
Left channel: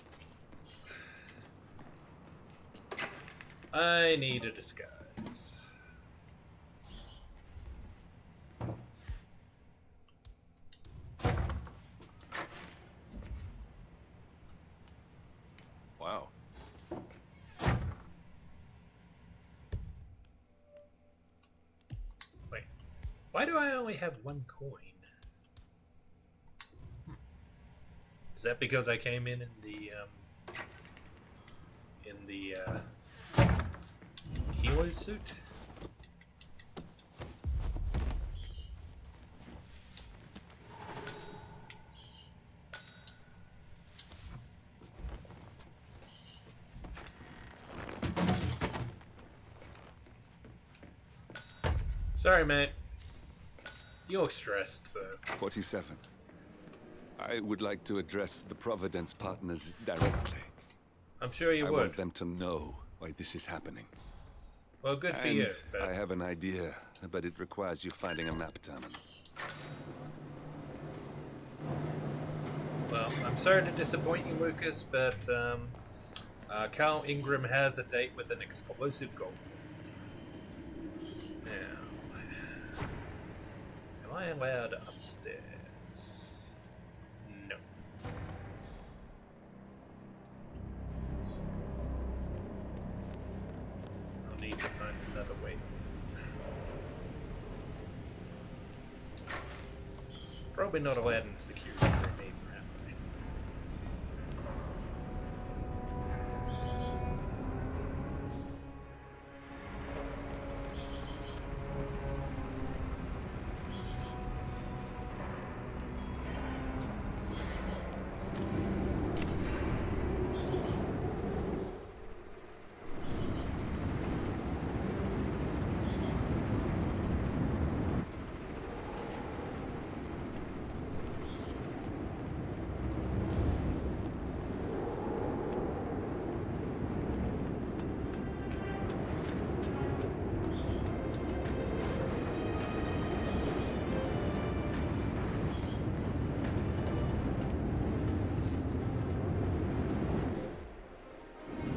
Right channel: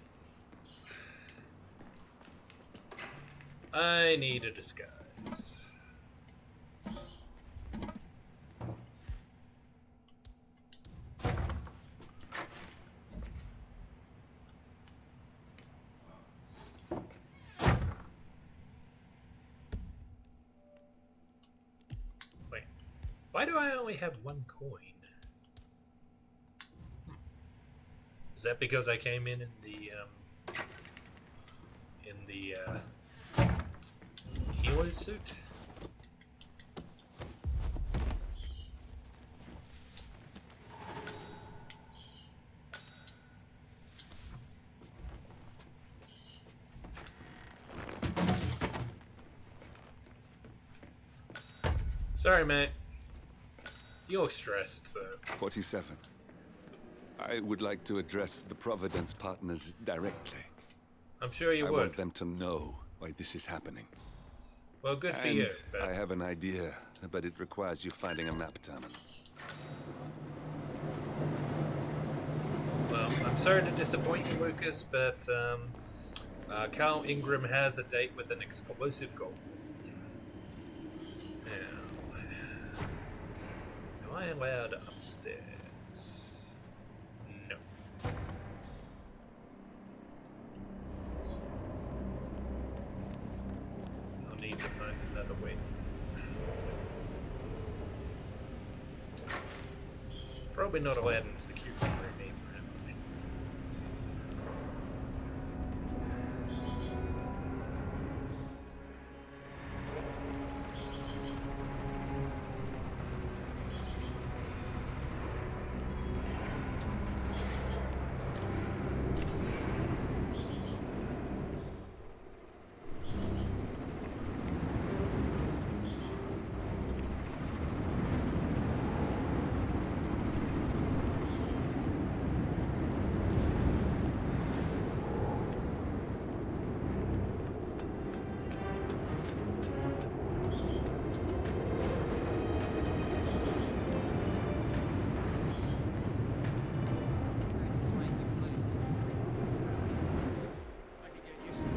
I need a disguise. Wow. Wait, why do I only have one coin? Is that because I came in the helo suit? Sorry, mate. You look stressed, though. 47. I would like to address the Providence partners directly. I'm sure you I would. want them to know why this is happening. Well, good for And you. But I have an idea, but it requires you finding a map terminal. well, I'm sorry to disappoint you, Lucas, but Carl Ingram has a date with an explosive goal. Now, am I allowed upstairs? No. I'll need to find another way. Probably not allowed in the security room either, am I?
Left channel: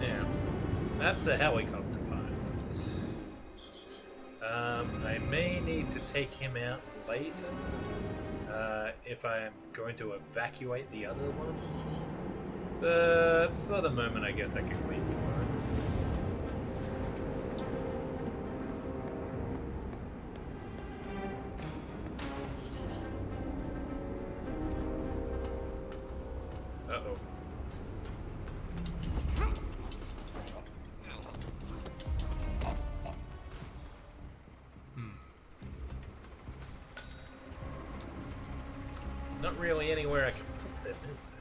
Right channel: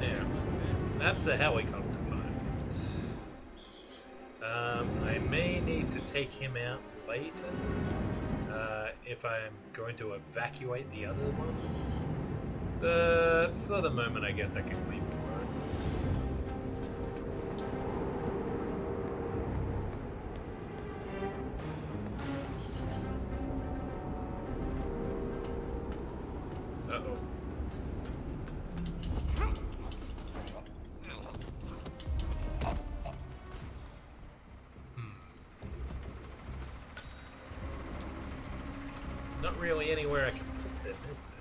Now, that's a helicopter pilot. I may need to take him out later if I'm going to evacuate the other one. But for the moment, I guess I can leave him alone. Uh-oh. Not really anywhere I can put them, is there?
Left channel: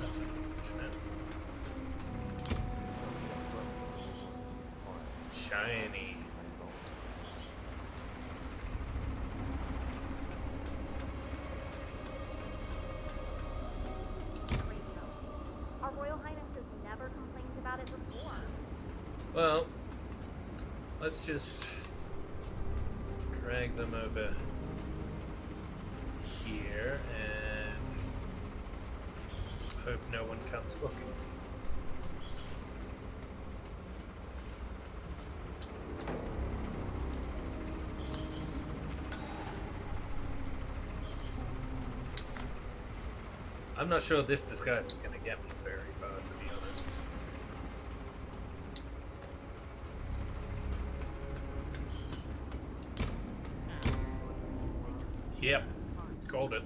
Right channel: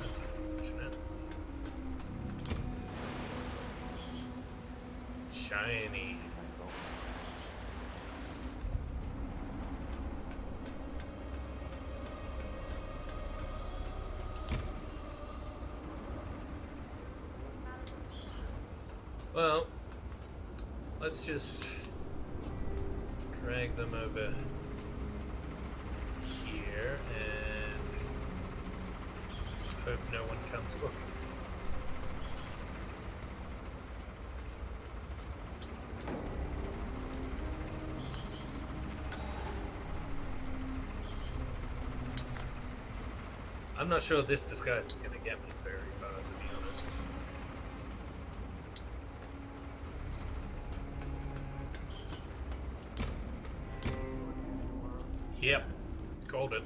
That's unfortunate. Shiny. Our Royal Highness has never complained about it before. Well, let's just drag drag them over here and hope no one comes looking. I'm not sure this disguise is going to get me very far, to be honest. Yep, called it.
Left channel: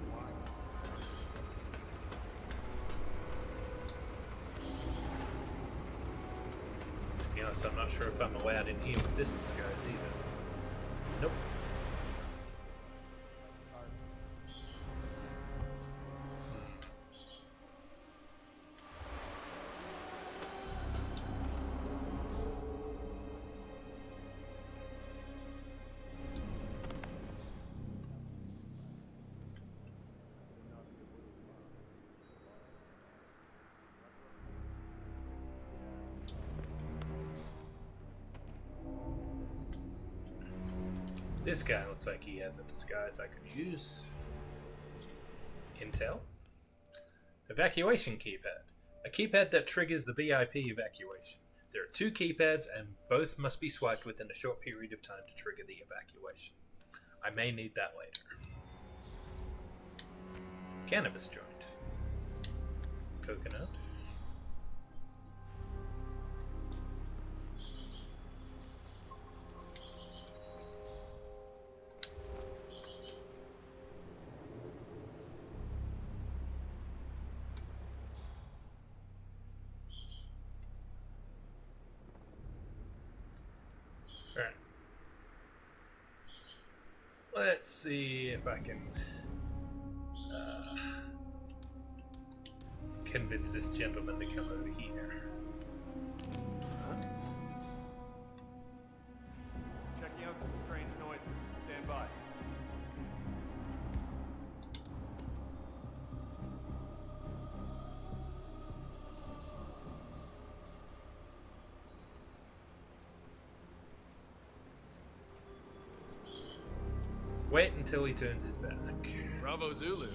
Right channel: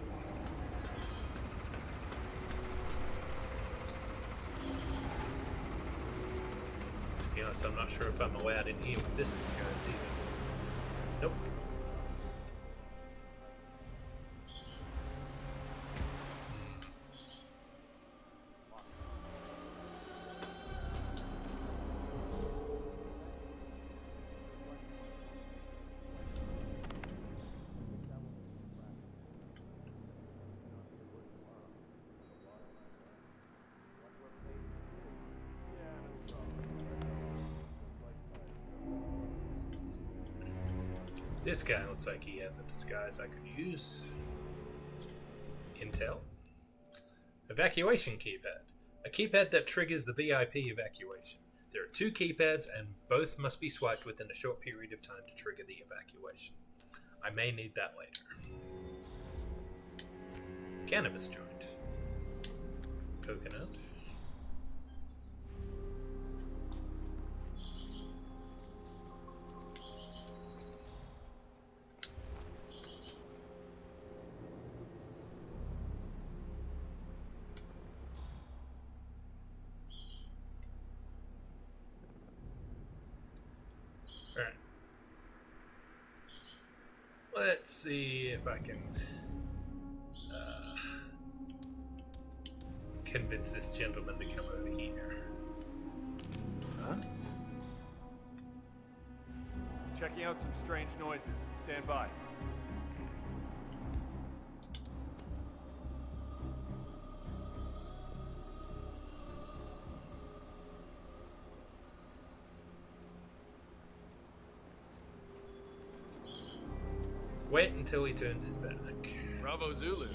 To be honest, I'm not sure if I'm allowed in here with this disguise either. Nope. This guy looks like he has a disguise I could use. Intel. Evacuation keypad. A keypad that triggers the VIP evacuation. There are 2 keypads and both must be swiped within a short period of time to trigger the evacuation. I may need that later. Cannabis joint. Coconut. Alright. Let's see if I can convince this gentleman to come over here. Huh? Checking out some strange noises. Stand by. Wait until he turns his back. Bravo Zulu.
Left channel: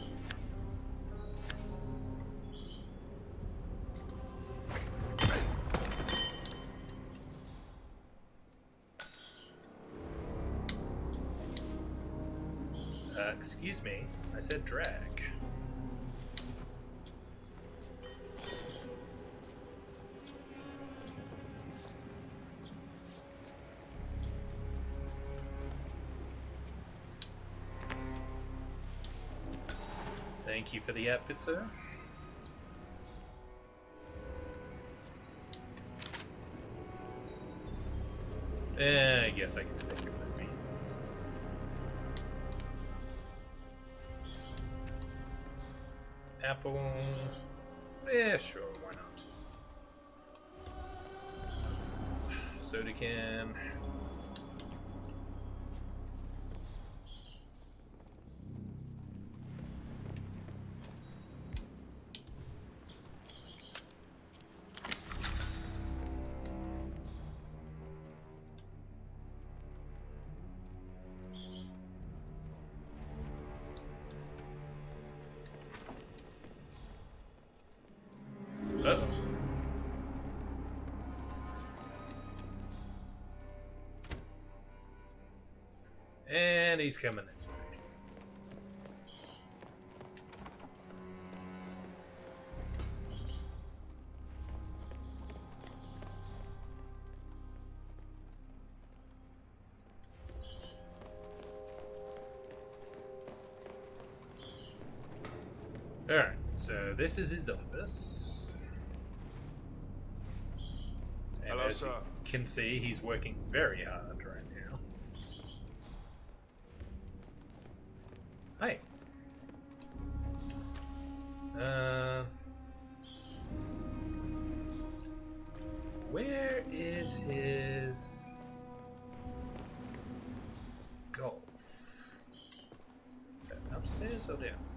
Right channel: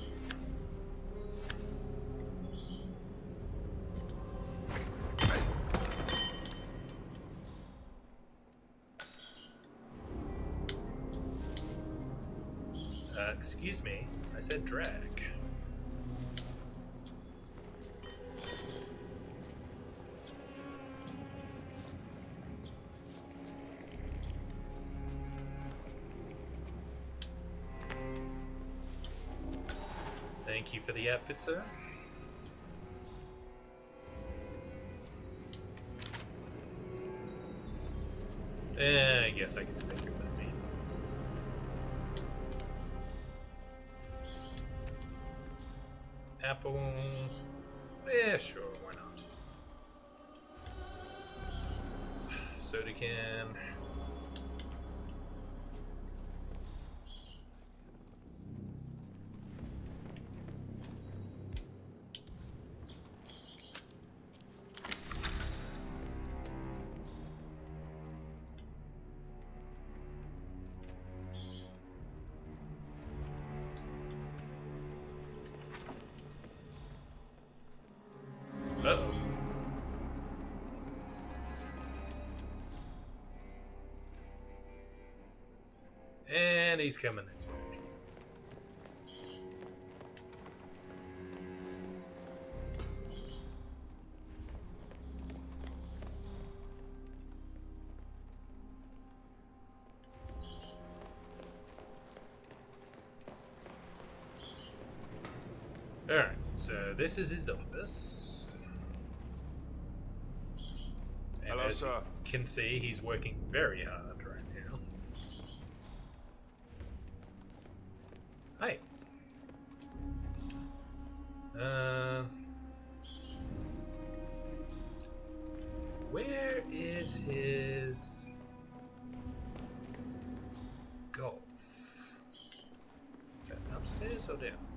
Excuse me, I said drag. Thank you for the outfit, sir. I guess I can take it with me. Apple. Yeah, sure, why not? Soda can. Uh-oh. And he's coming this way. Alright, so this is his office. And Hello, as sir. you can see, he's working very hard right now. Hi. Where is his golf? Is that upstairs or downstairs?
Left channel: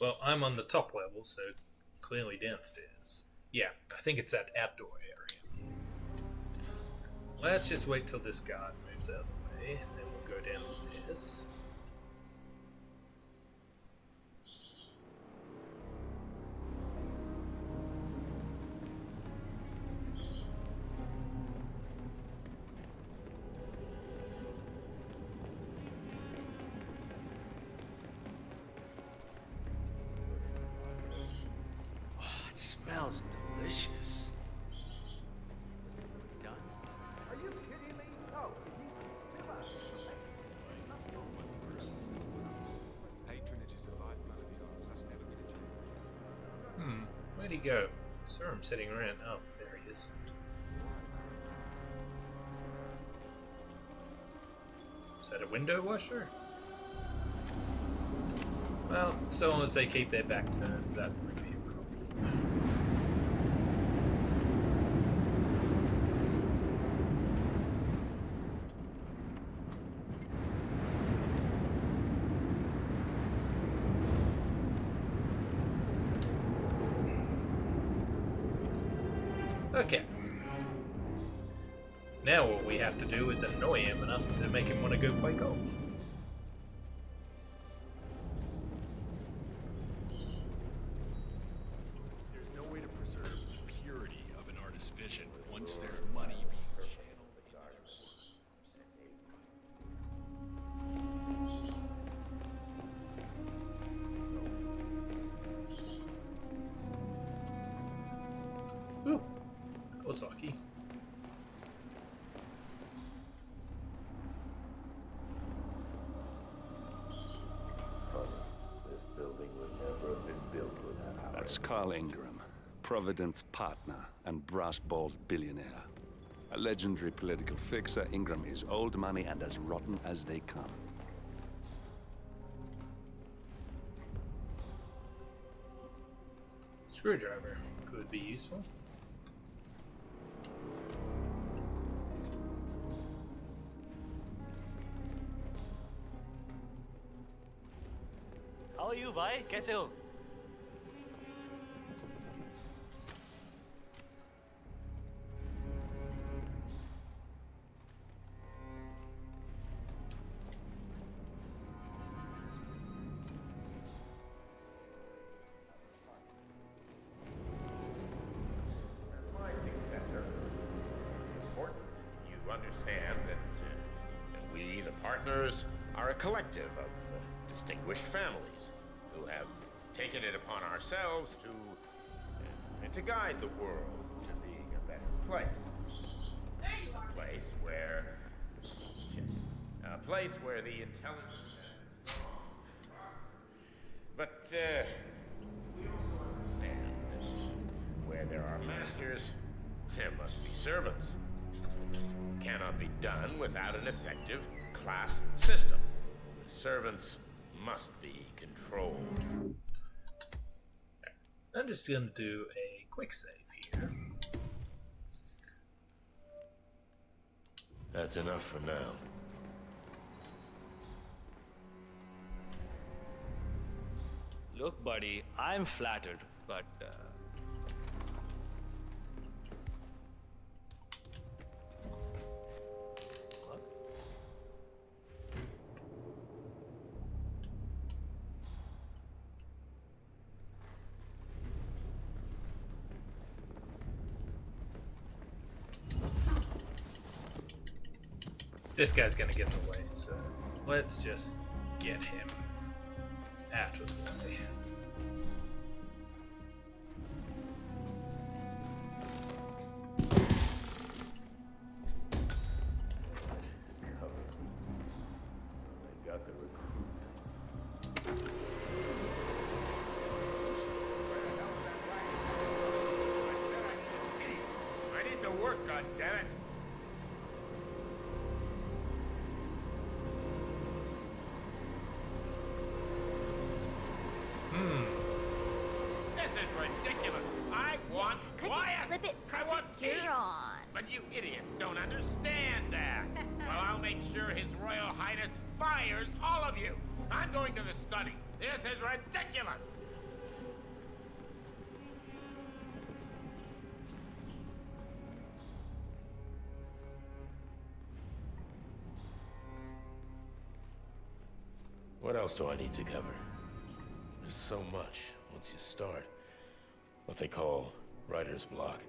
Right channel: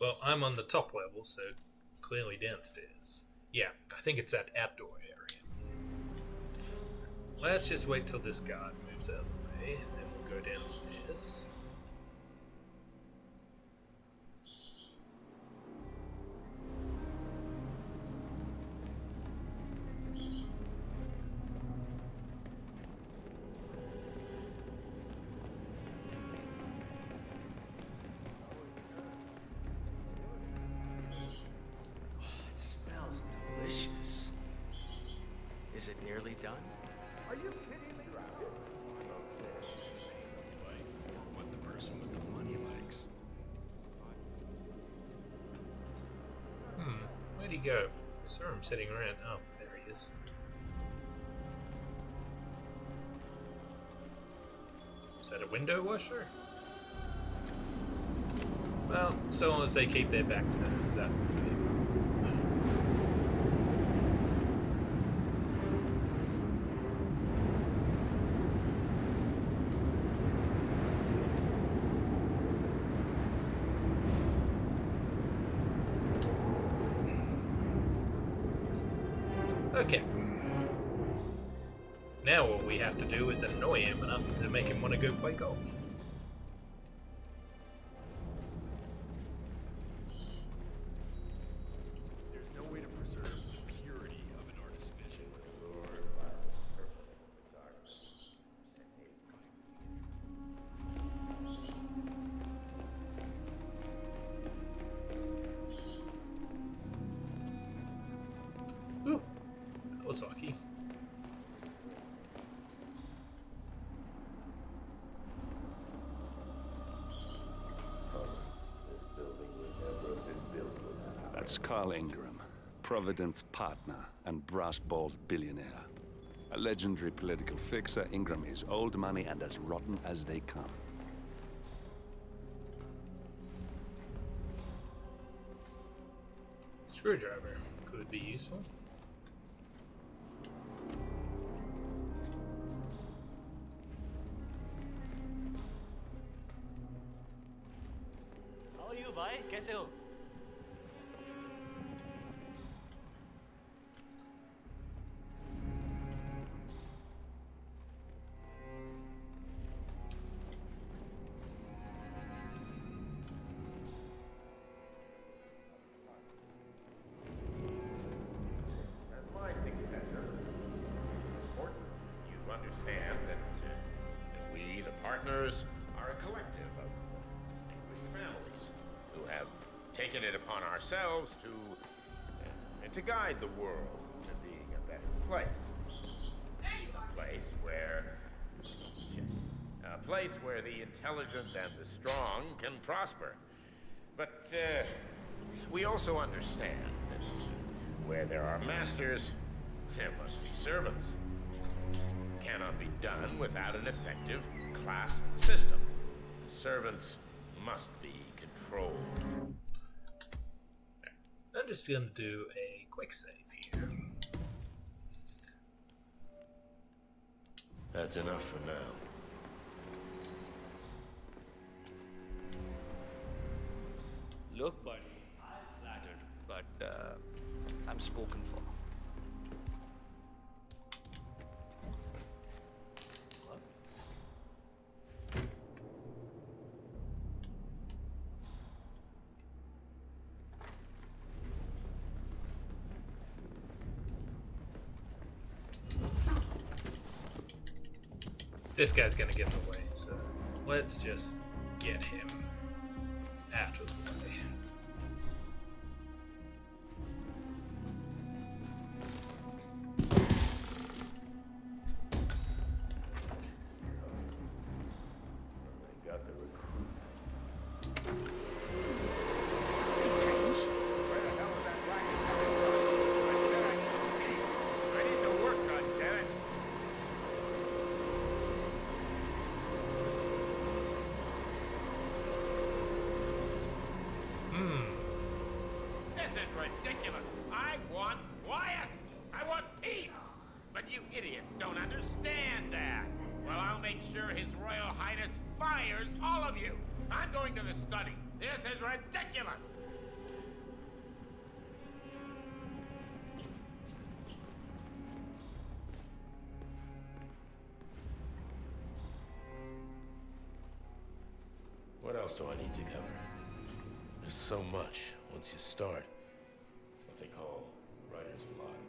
Well, I'm on the top level, so clearly downstairs. Yeah, I think it's that outdoor area. Let's just wait till this guard moves out of the way, then we'll go downstairs. It smells delicious. Is it nearly done? Are you kidding me? No. What the person with the money likes. Patronage is a lifeblood of assassination. Where'd he go? I saw him sitting around. Oh, there he is. Is that a window washer? Well, so long as they keep their back turned, that would be. Okay. Now all we have to do is annoy him enough to make him want to go play golf. There's no way to preserve the purity of an artist's vision once their money. Ooh, that was lucky. This building would never have been built without. That's Carl Ingram, Providence partner and brass balls billionaire. A legendary political fixer, Ingram is old money and as rotten as they come. Screwdriver could be useful. How are you, bhai? कैसे हो? As my successor, it's important you understand that we, the partners, are a collective of distinguished families who have taken it upon ourselves to guide the world to being a better place. A place where the intelligent and the strong can prosper. But we also understand that where there are masters, there must be servants. This cannot be done without an effective class system. The servants must be controlled. I'm just going to do a quick save here. That's enough for now. Look, buddy, I'm flattered, but I'm spoken for. What? This guy's gonna get in the way, so let's just get him out of the way. They got the recruit. I need to work, goddammit. This is ridiculous. I want quiet. I want peace. But you idiots don't understand that. Well, I'll make sure His Royal Highness fires all of you. I'm going to the study. This is ridiculous. What else do I need to cover? There's so much once you start. What they call writer's block.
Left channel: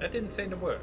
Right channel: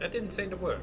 That didn't seem to work.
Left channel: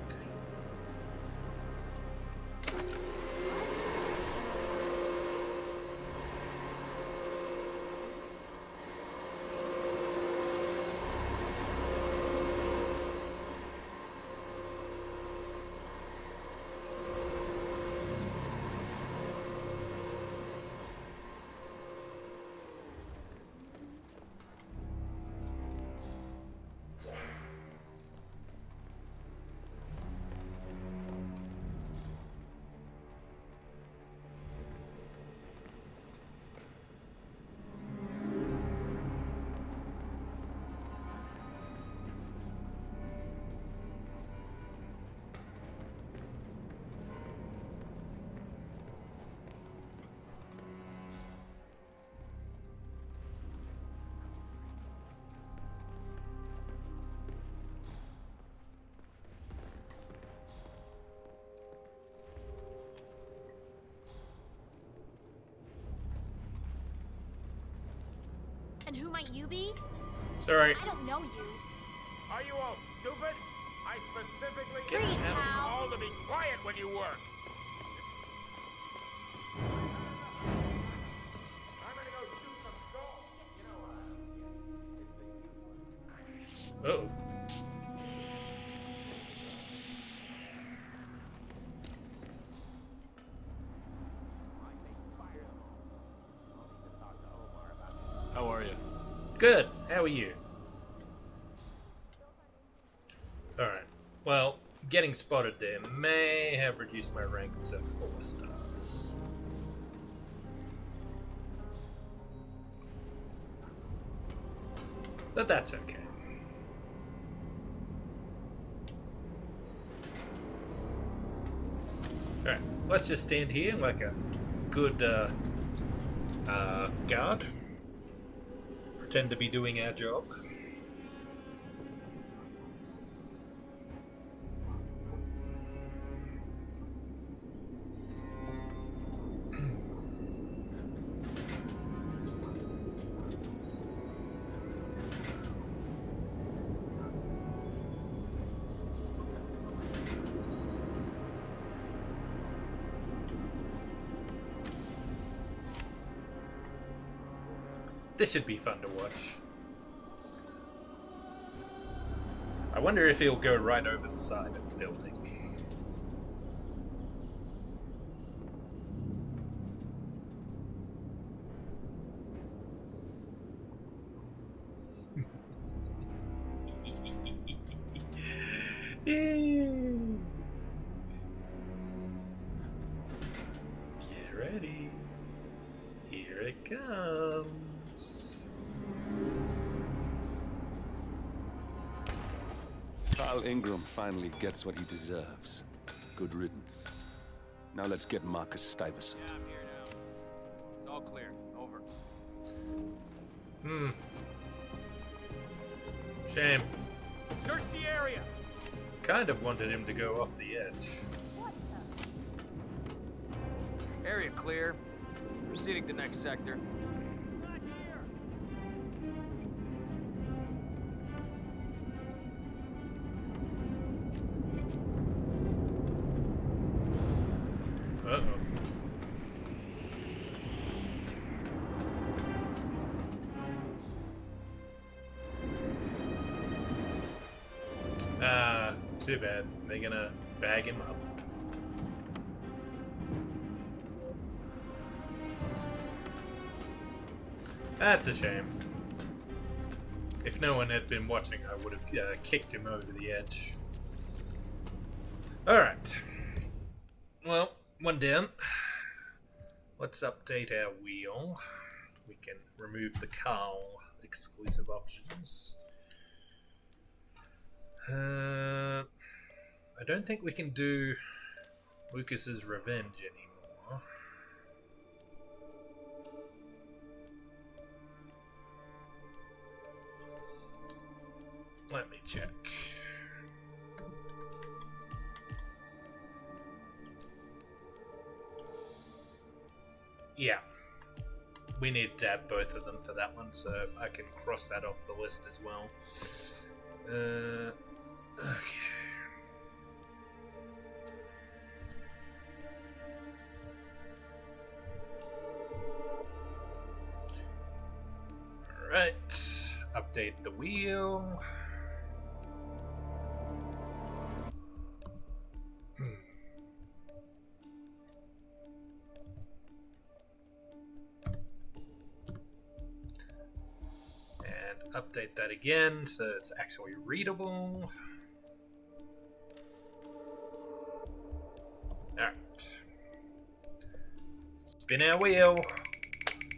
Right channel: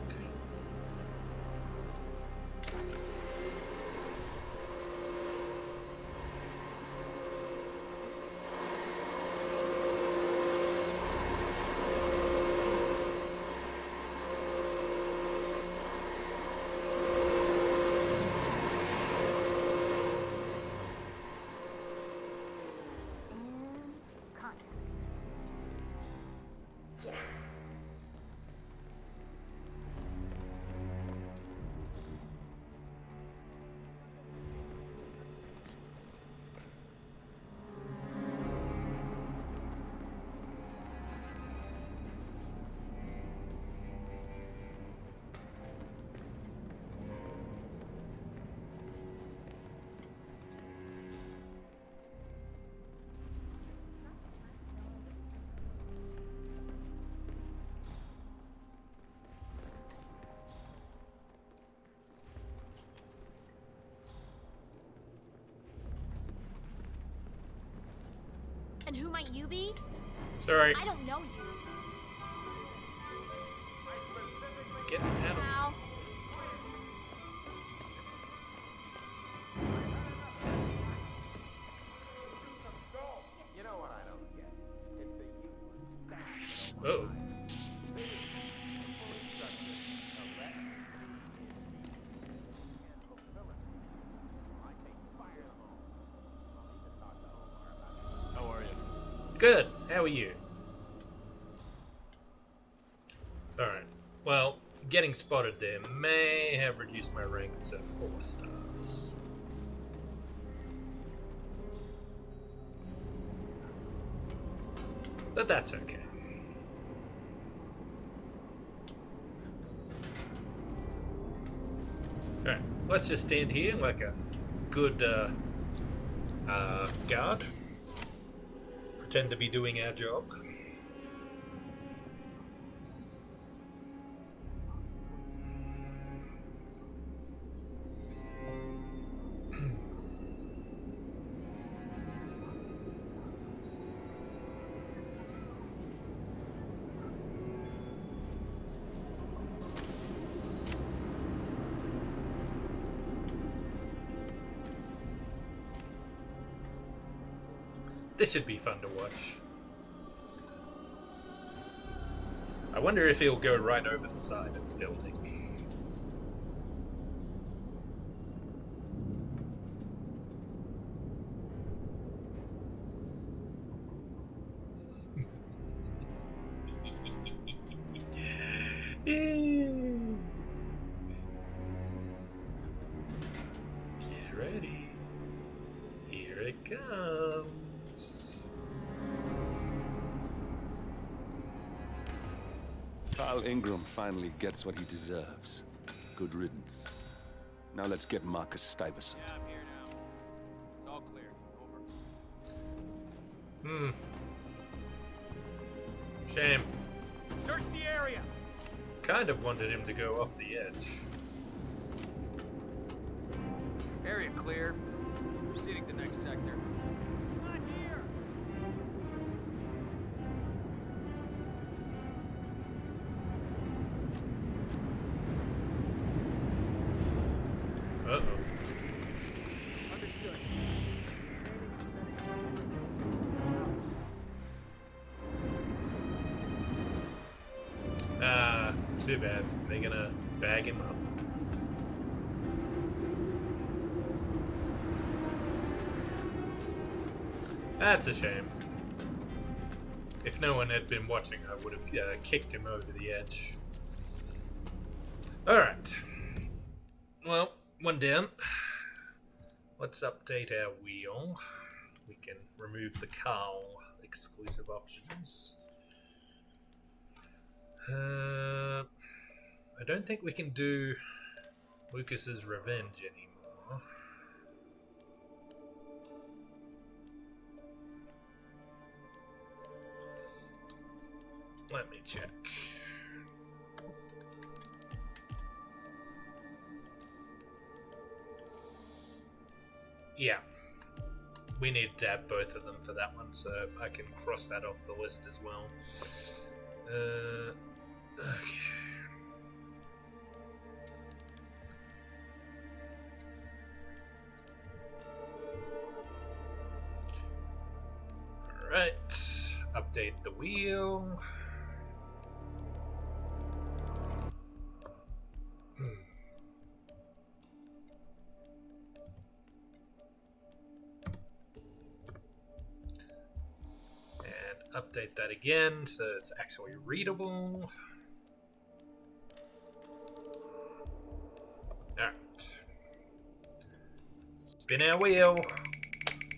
And who might you be? Sorry. I don't know you. Are you all stupid? I specifically Get Freeze, out. pal. all to be quiet when you work. You know what I don't get? It's the useless. Oh. How are you? Good. How are you? Alright. Well, getting spotted there may have reduced my rank to 4 stars. But that's okay. Alright, let's just stand here like a good guard. Pretend to be doing our job. This should be fun to watch. I wonder if he'll go right over the side of the building. Get ready. Here it comes. Carl Ingram finally gets what he deserves. Good riddance. Now let's get Marcus Stuyvesant. Yeah, I'm here now. It's all clear. Over. Shame. Search the area. Kind of wanted him to go off the edge. Area clear. Proceeding to next sector. Not here. Uh-oh. Too bad. They're gonna bag him up. That's a shame. If no one had been watching, I would have kicked him over the edge. Alright. Well, one down. Let's update our wheel. We can remove the Carl exclusive options. I don't think we can do Lucas's Revenge anymore. Let me check. Yeah. We need to have both of them for that one, so I can cross that off the list as well. Okay. Alright. Update the wheel. Update that again so it's actually readable. Alright. Spin our wheel.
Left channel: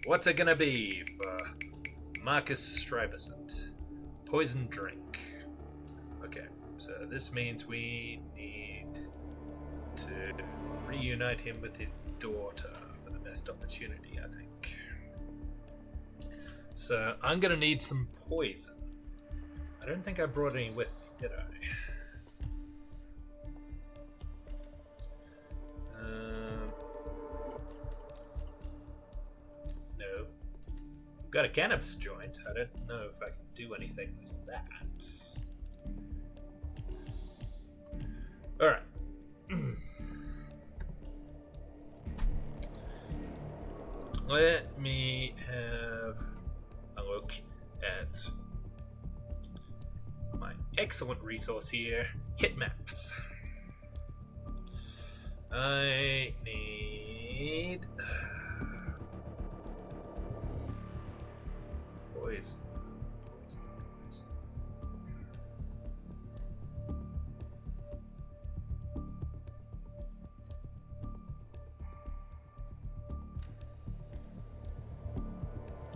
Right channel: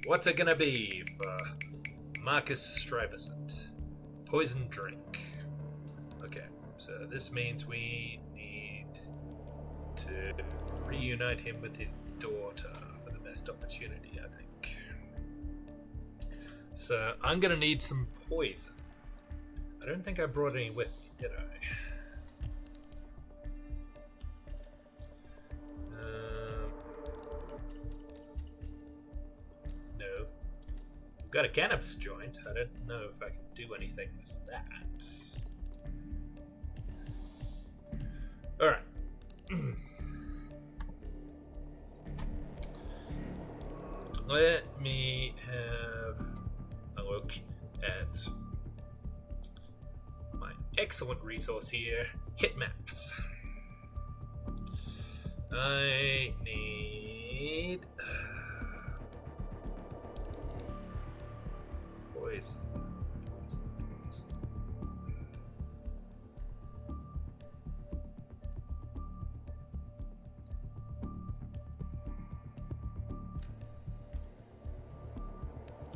What's it gonna be for Marcus Stuyvesant? Poison drink. Okay, so this means we need to reunite him with his daughter for the best opportunity, I think. So, I'm gonna need some poison. I don't think I brought any with me, did I? No. We've got a cannabis joint. I don't know if I can do anything with that. Alright. Let me have a look at my excellent resource here, Hitmaps. I need poison.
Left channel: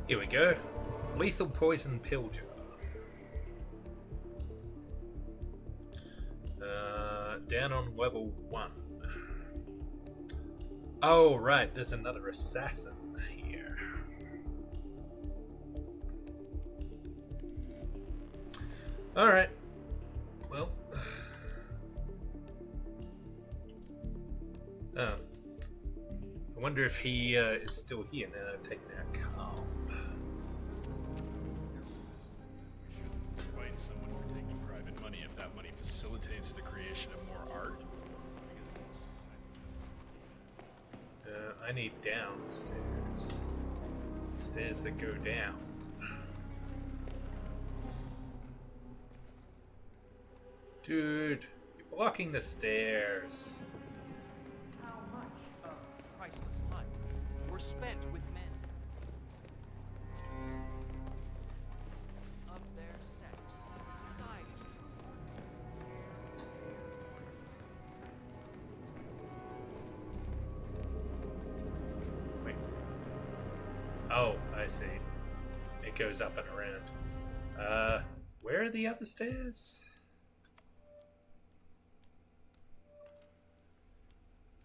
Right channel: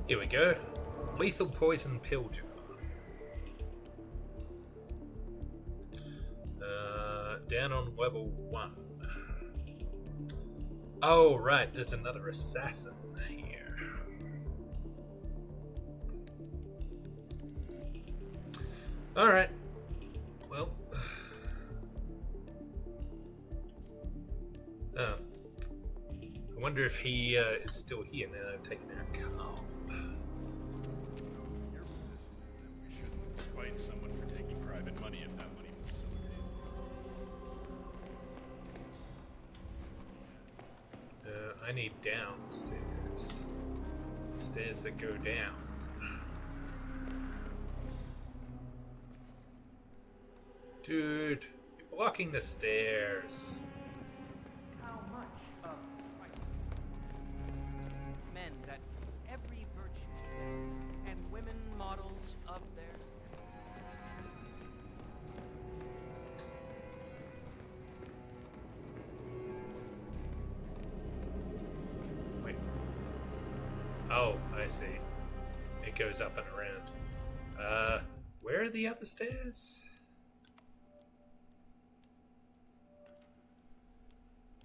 Here we go. Lethal poison pill jar. Down on level 1. Oh, right. There's another assassin here. Alright. Well. Oh. I wonder if he is still here now that I've taken out Carl. Fight someone for taking private money if that money facilitates the creation of more art. I need downstairs. Stairs that go down. Dude, you're blocking the stairs. How much of priceless time were spent with men that every virtue and women models of their sex Wait. Oh, I see. It goes up and around. Where are the other stairs?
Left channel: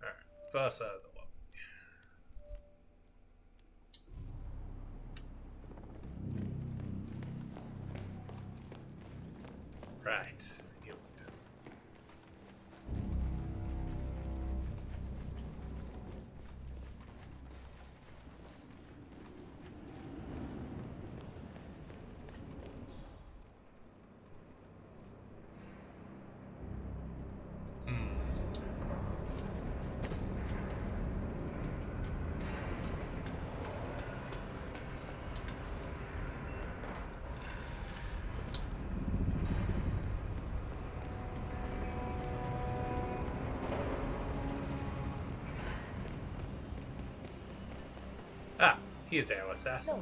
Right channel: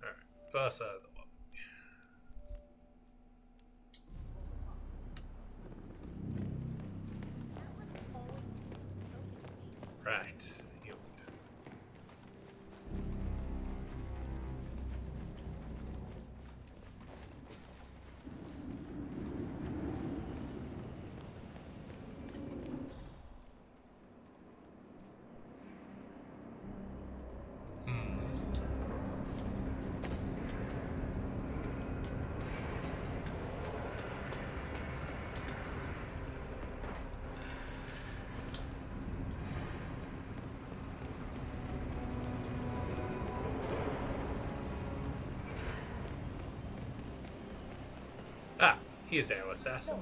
Alright, far side of the lobby. Right. Here we go. Ah, here's our assassin.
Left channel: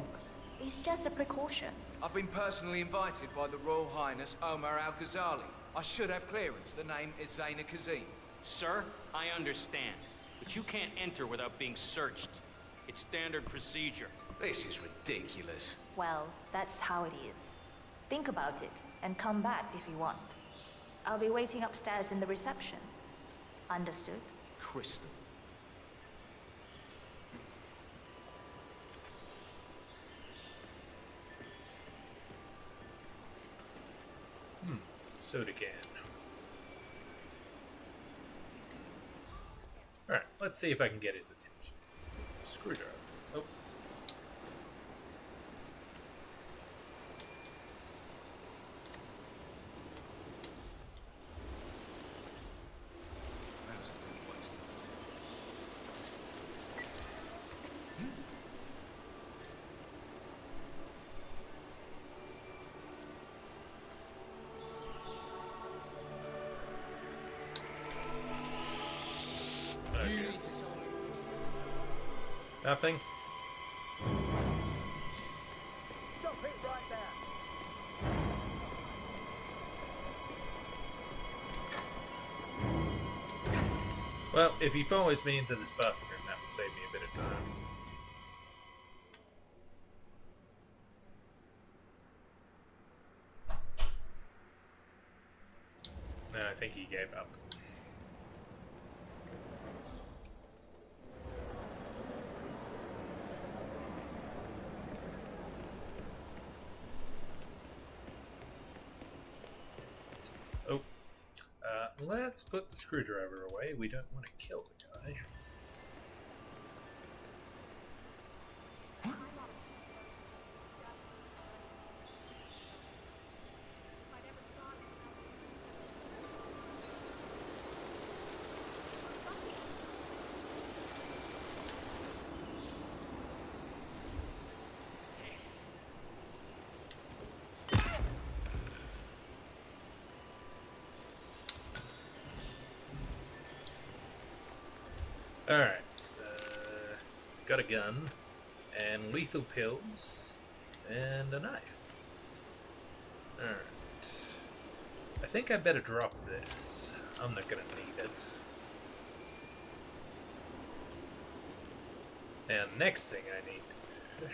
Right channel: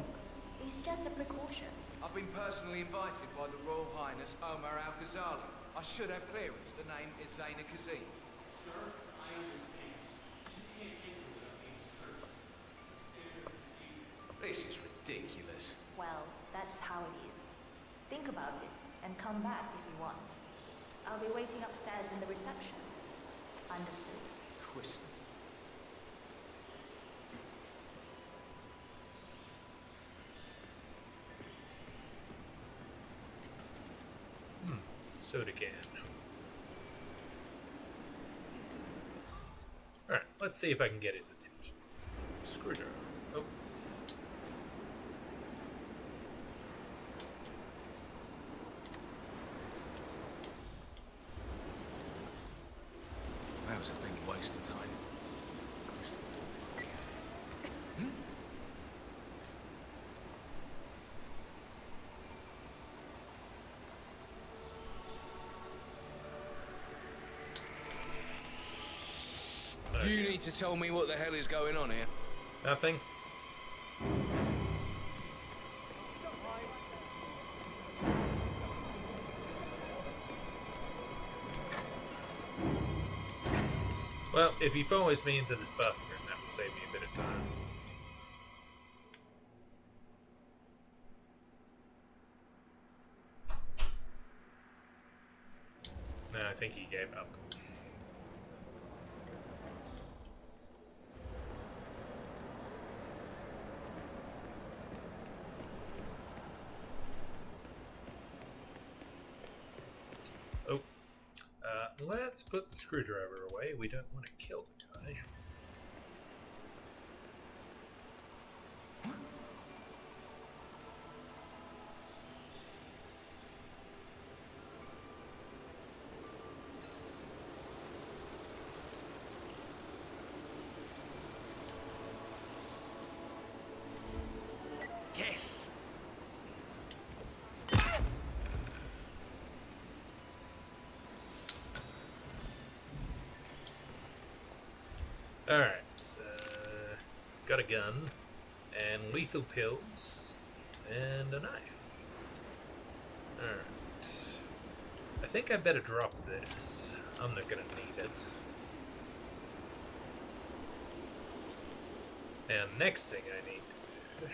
It's just a precaution. I've been personally invited by the Royal Highness Omar Al-Ghazali. I should have clearance. The name is Zaina Kazim. Sir, I understand, but you can't enter without being searched. It's standard procedure. This is ridiculous. Well, that's how it is. Think about it and come back if you want. I'll be waiting upstairs in the reception. Understood? Crystal. Soda can. Alright, let's see if I can get his attention. Screwdriver. tell me what the hell is going on here? Nothing. Well, if he follows me into this bathroom, that will save me a bit of time. No, I think he gave up. Oh. Let's put the screwdriver away. We don't want to kill the guy. Yes. Alright, so it's got a gun, and lethal pills, and a knife. Alright. I think I better drop this. I'm not gonna need it. And next thing I need to do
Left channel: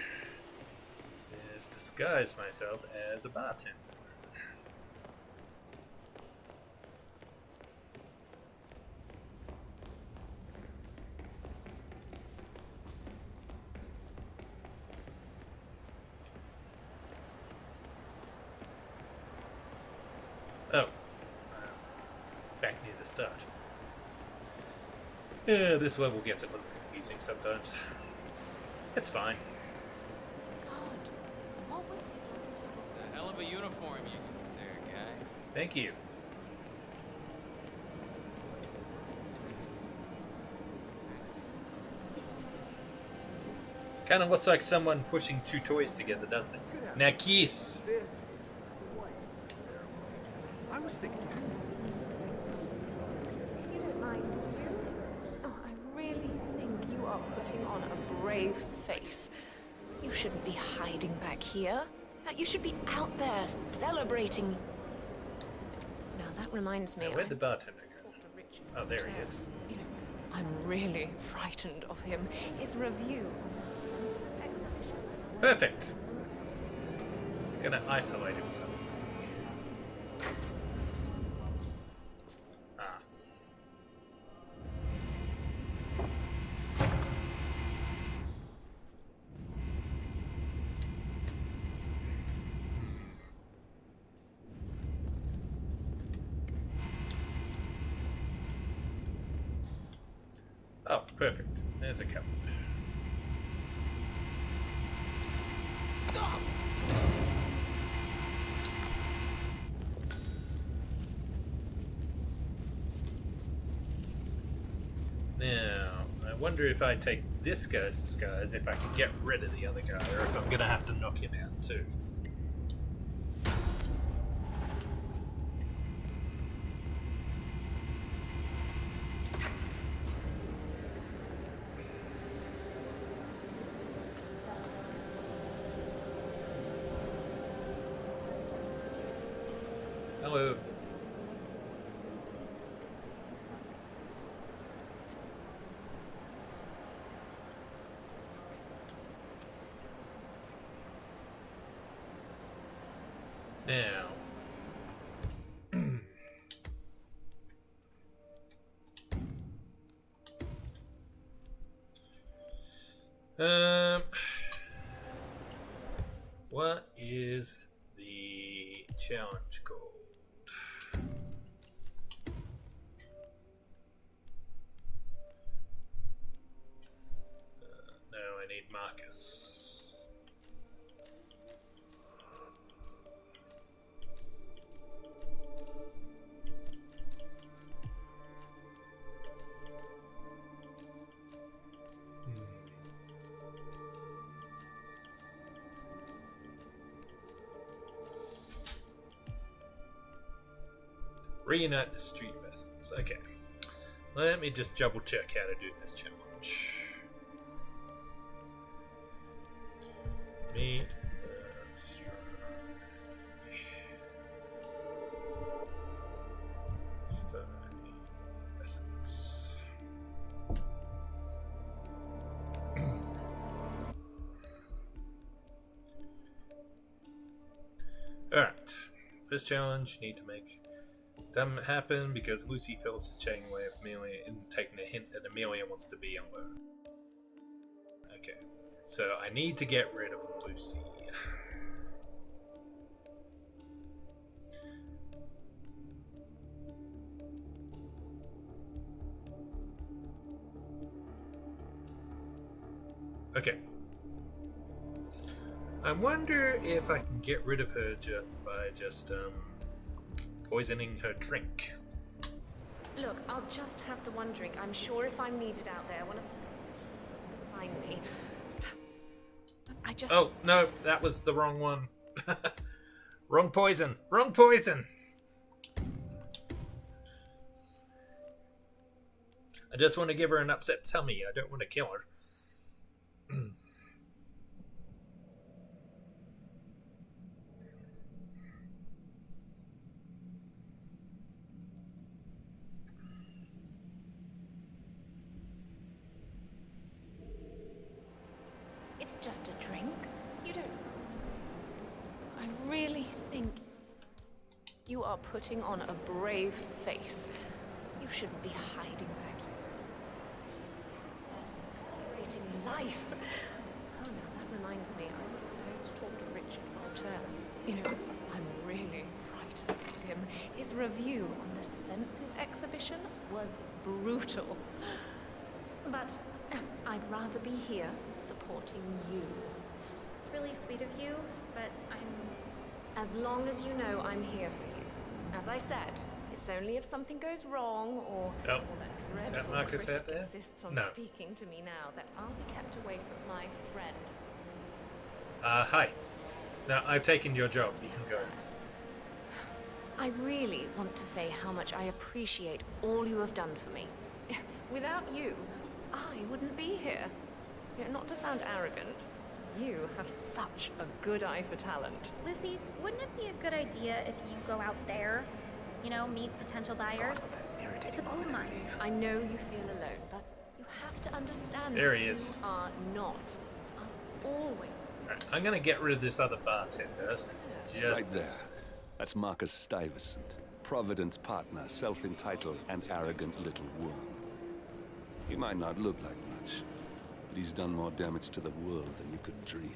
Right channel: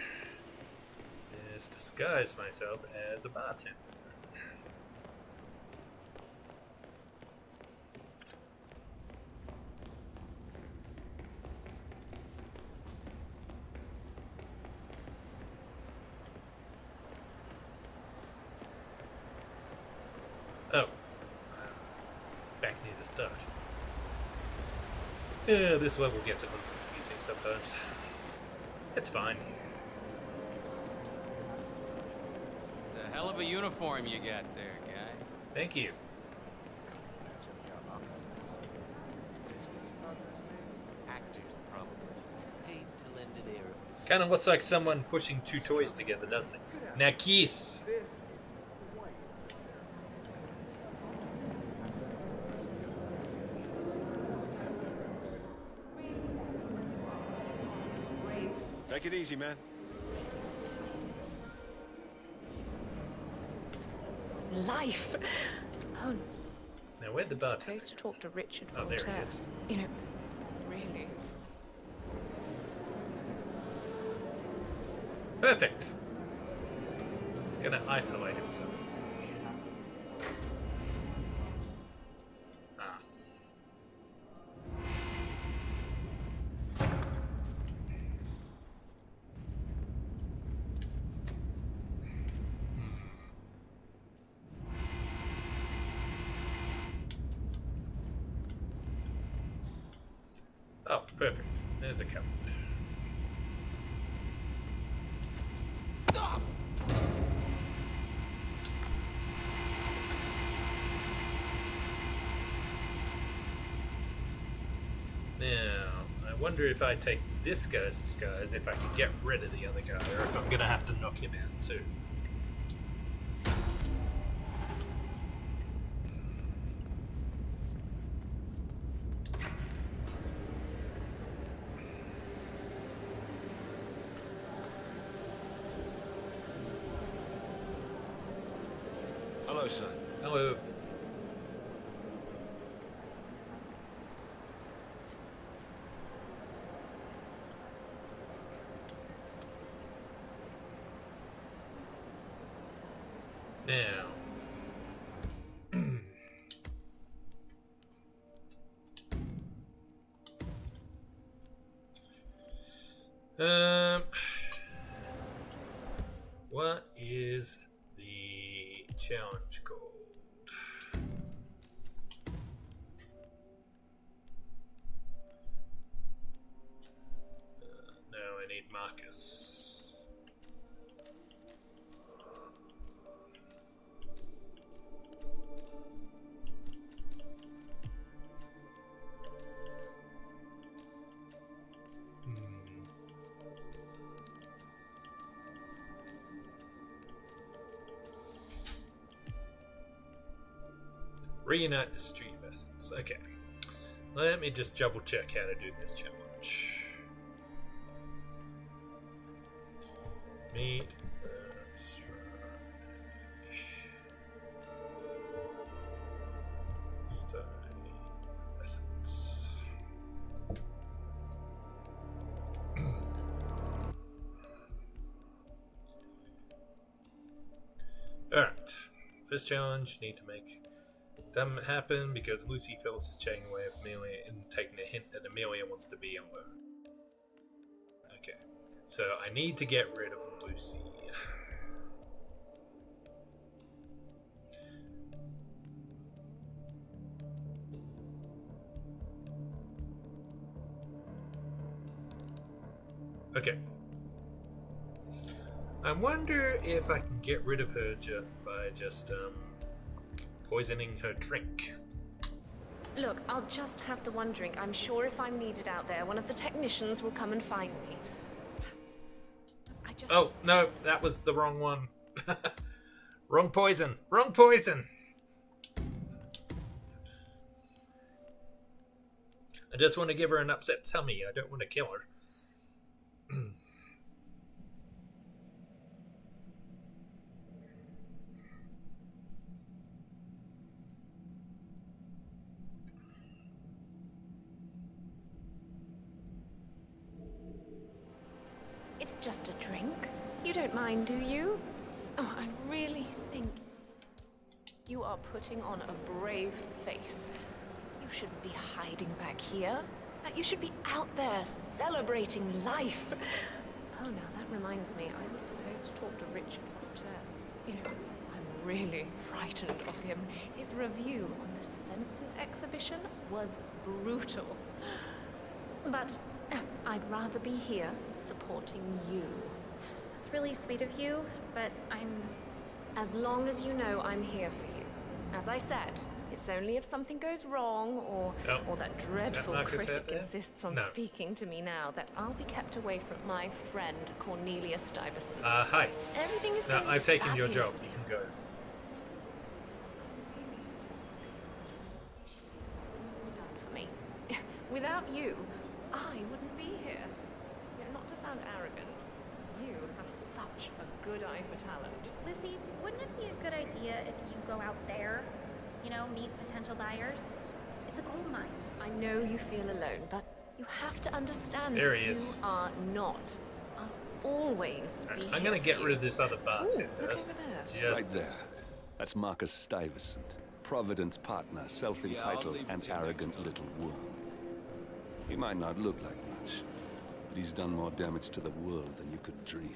is disguise myself as a bartender. Oh, back near the start. Yeah, this level gets a little confusing sometimes. It's fine. It's a hell of a uniform you got there, guy. Thank you. Kind of looks like someone pushing two toys together, doesn't it? Now kiss. Take it easy, man. You shouldn't be hiding back here. You should be out there celebrating life. Oh, now that reminds me. Now, where'd the I'm bartender supposed to talk to Richard. Oh, there he Voltaire. is. You know, I'm really frightened of him. His review. Perfect. He's gonna isolate himself. Ah. Oh, perfect. There's a cupboard. Now, I wonder if I take this guy's disguise, if I can get rid of the other guy, or if I'm gonna have to knock him out too. Hello, son. Hello. Now. What is the challenge called? No, I need Marcus. Reunite the street vessels. Okay. Let me just double check how to do this challenge. Meet the Stay essence. Alright. This challenge, need to make them happen because Lucy feels his chatting away with Amelia and taking a hint that Amelia wants to be alone. Okay. So I need to get rid of Lucy. Okay. I wonder if I can get rid of her by just poisoning her drink. Look, I'll just have the one drink. I'm sure if I'm needed out there, one of the technicians will come and find me. I just... Oh, no, that was the wrong one. Wrong poison. Wrong poison. I just want to give her an upset tummy. I don't want to kill her. It's just a drink. You don't mind, do you? Oh, I really think you are putting on a brave face. You shouldn't be hiding back here. You should be out there celebrating life. Oh, now that reminds me, I was supposed to talk to Richard Walter. You know, I'm really frightened of him. His review on the Senses exhibition was brutal. But I'd rather be here supporting you. It's really sweet of you, but As long as you know I'm here for you. As I said, it's only if something goes wrong or that dreadful critic insists on speaking to me now that I'll be kept away from my friend Cornelia Stuyvesant. Hi. Everything is Now, going I've taken your job. fabulously. You can go. I really want to say how much I appreciate all you have done for me. Without you, I wouldn't be here. You know, not to sound arrogant, you have such a good eye for talent. Lucy, wouldn't it be a good idea if you go out there? You know, meet potential buyers? It's a gold mine. I know you feel alone, but you have to understand There he you is. are not. I'll always be I'm going to get rid of this other bartender. Right there. That's Marcus Stuyvesant, Providence partner, self-entitled and arrogant little worm. He might not look like much, but he's done more damage to the world than you could dream.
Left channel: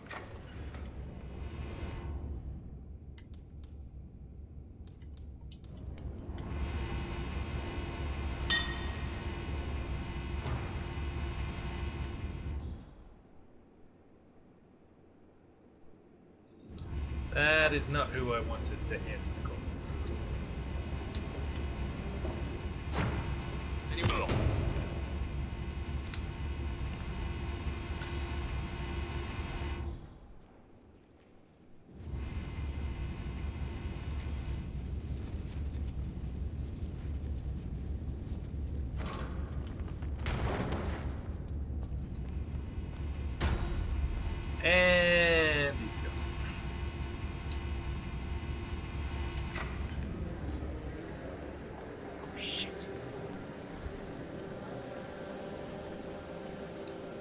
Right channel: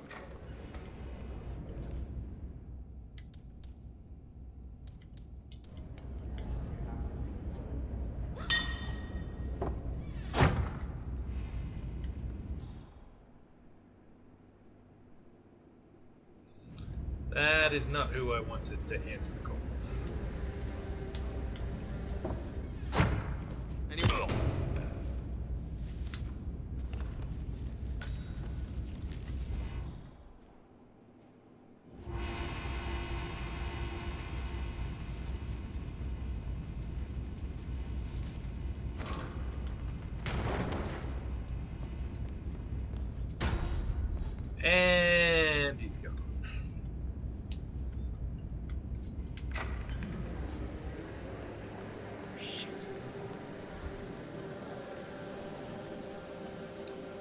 That is not who I wanted to answer the call. And he's gone. Shit.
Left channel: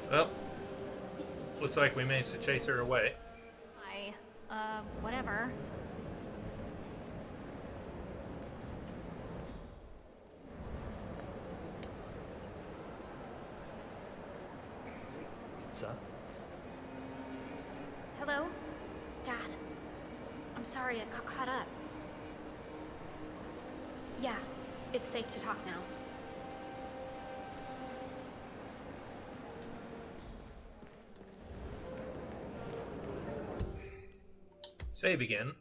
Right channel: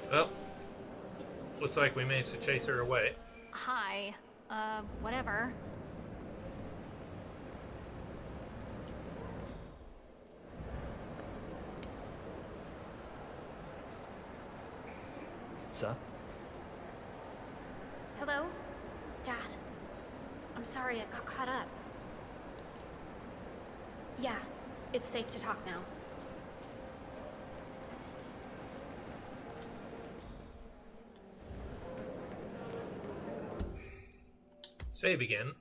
Well, looks like we managed to chase her away. Hi. Whatever. Sir? Hello? Dad? I'm sorry, I got caught up. Yeah, it's safe to talk now. Save again.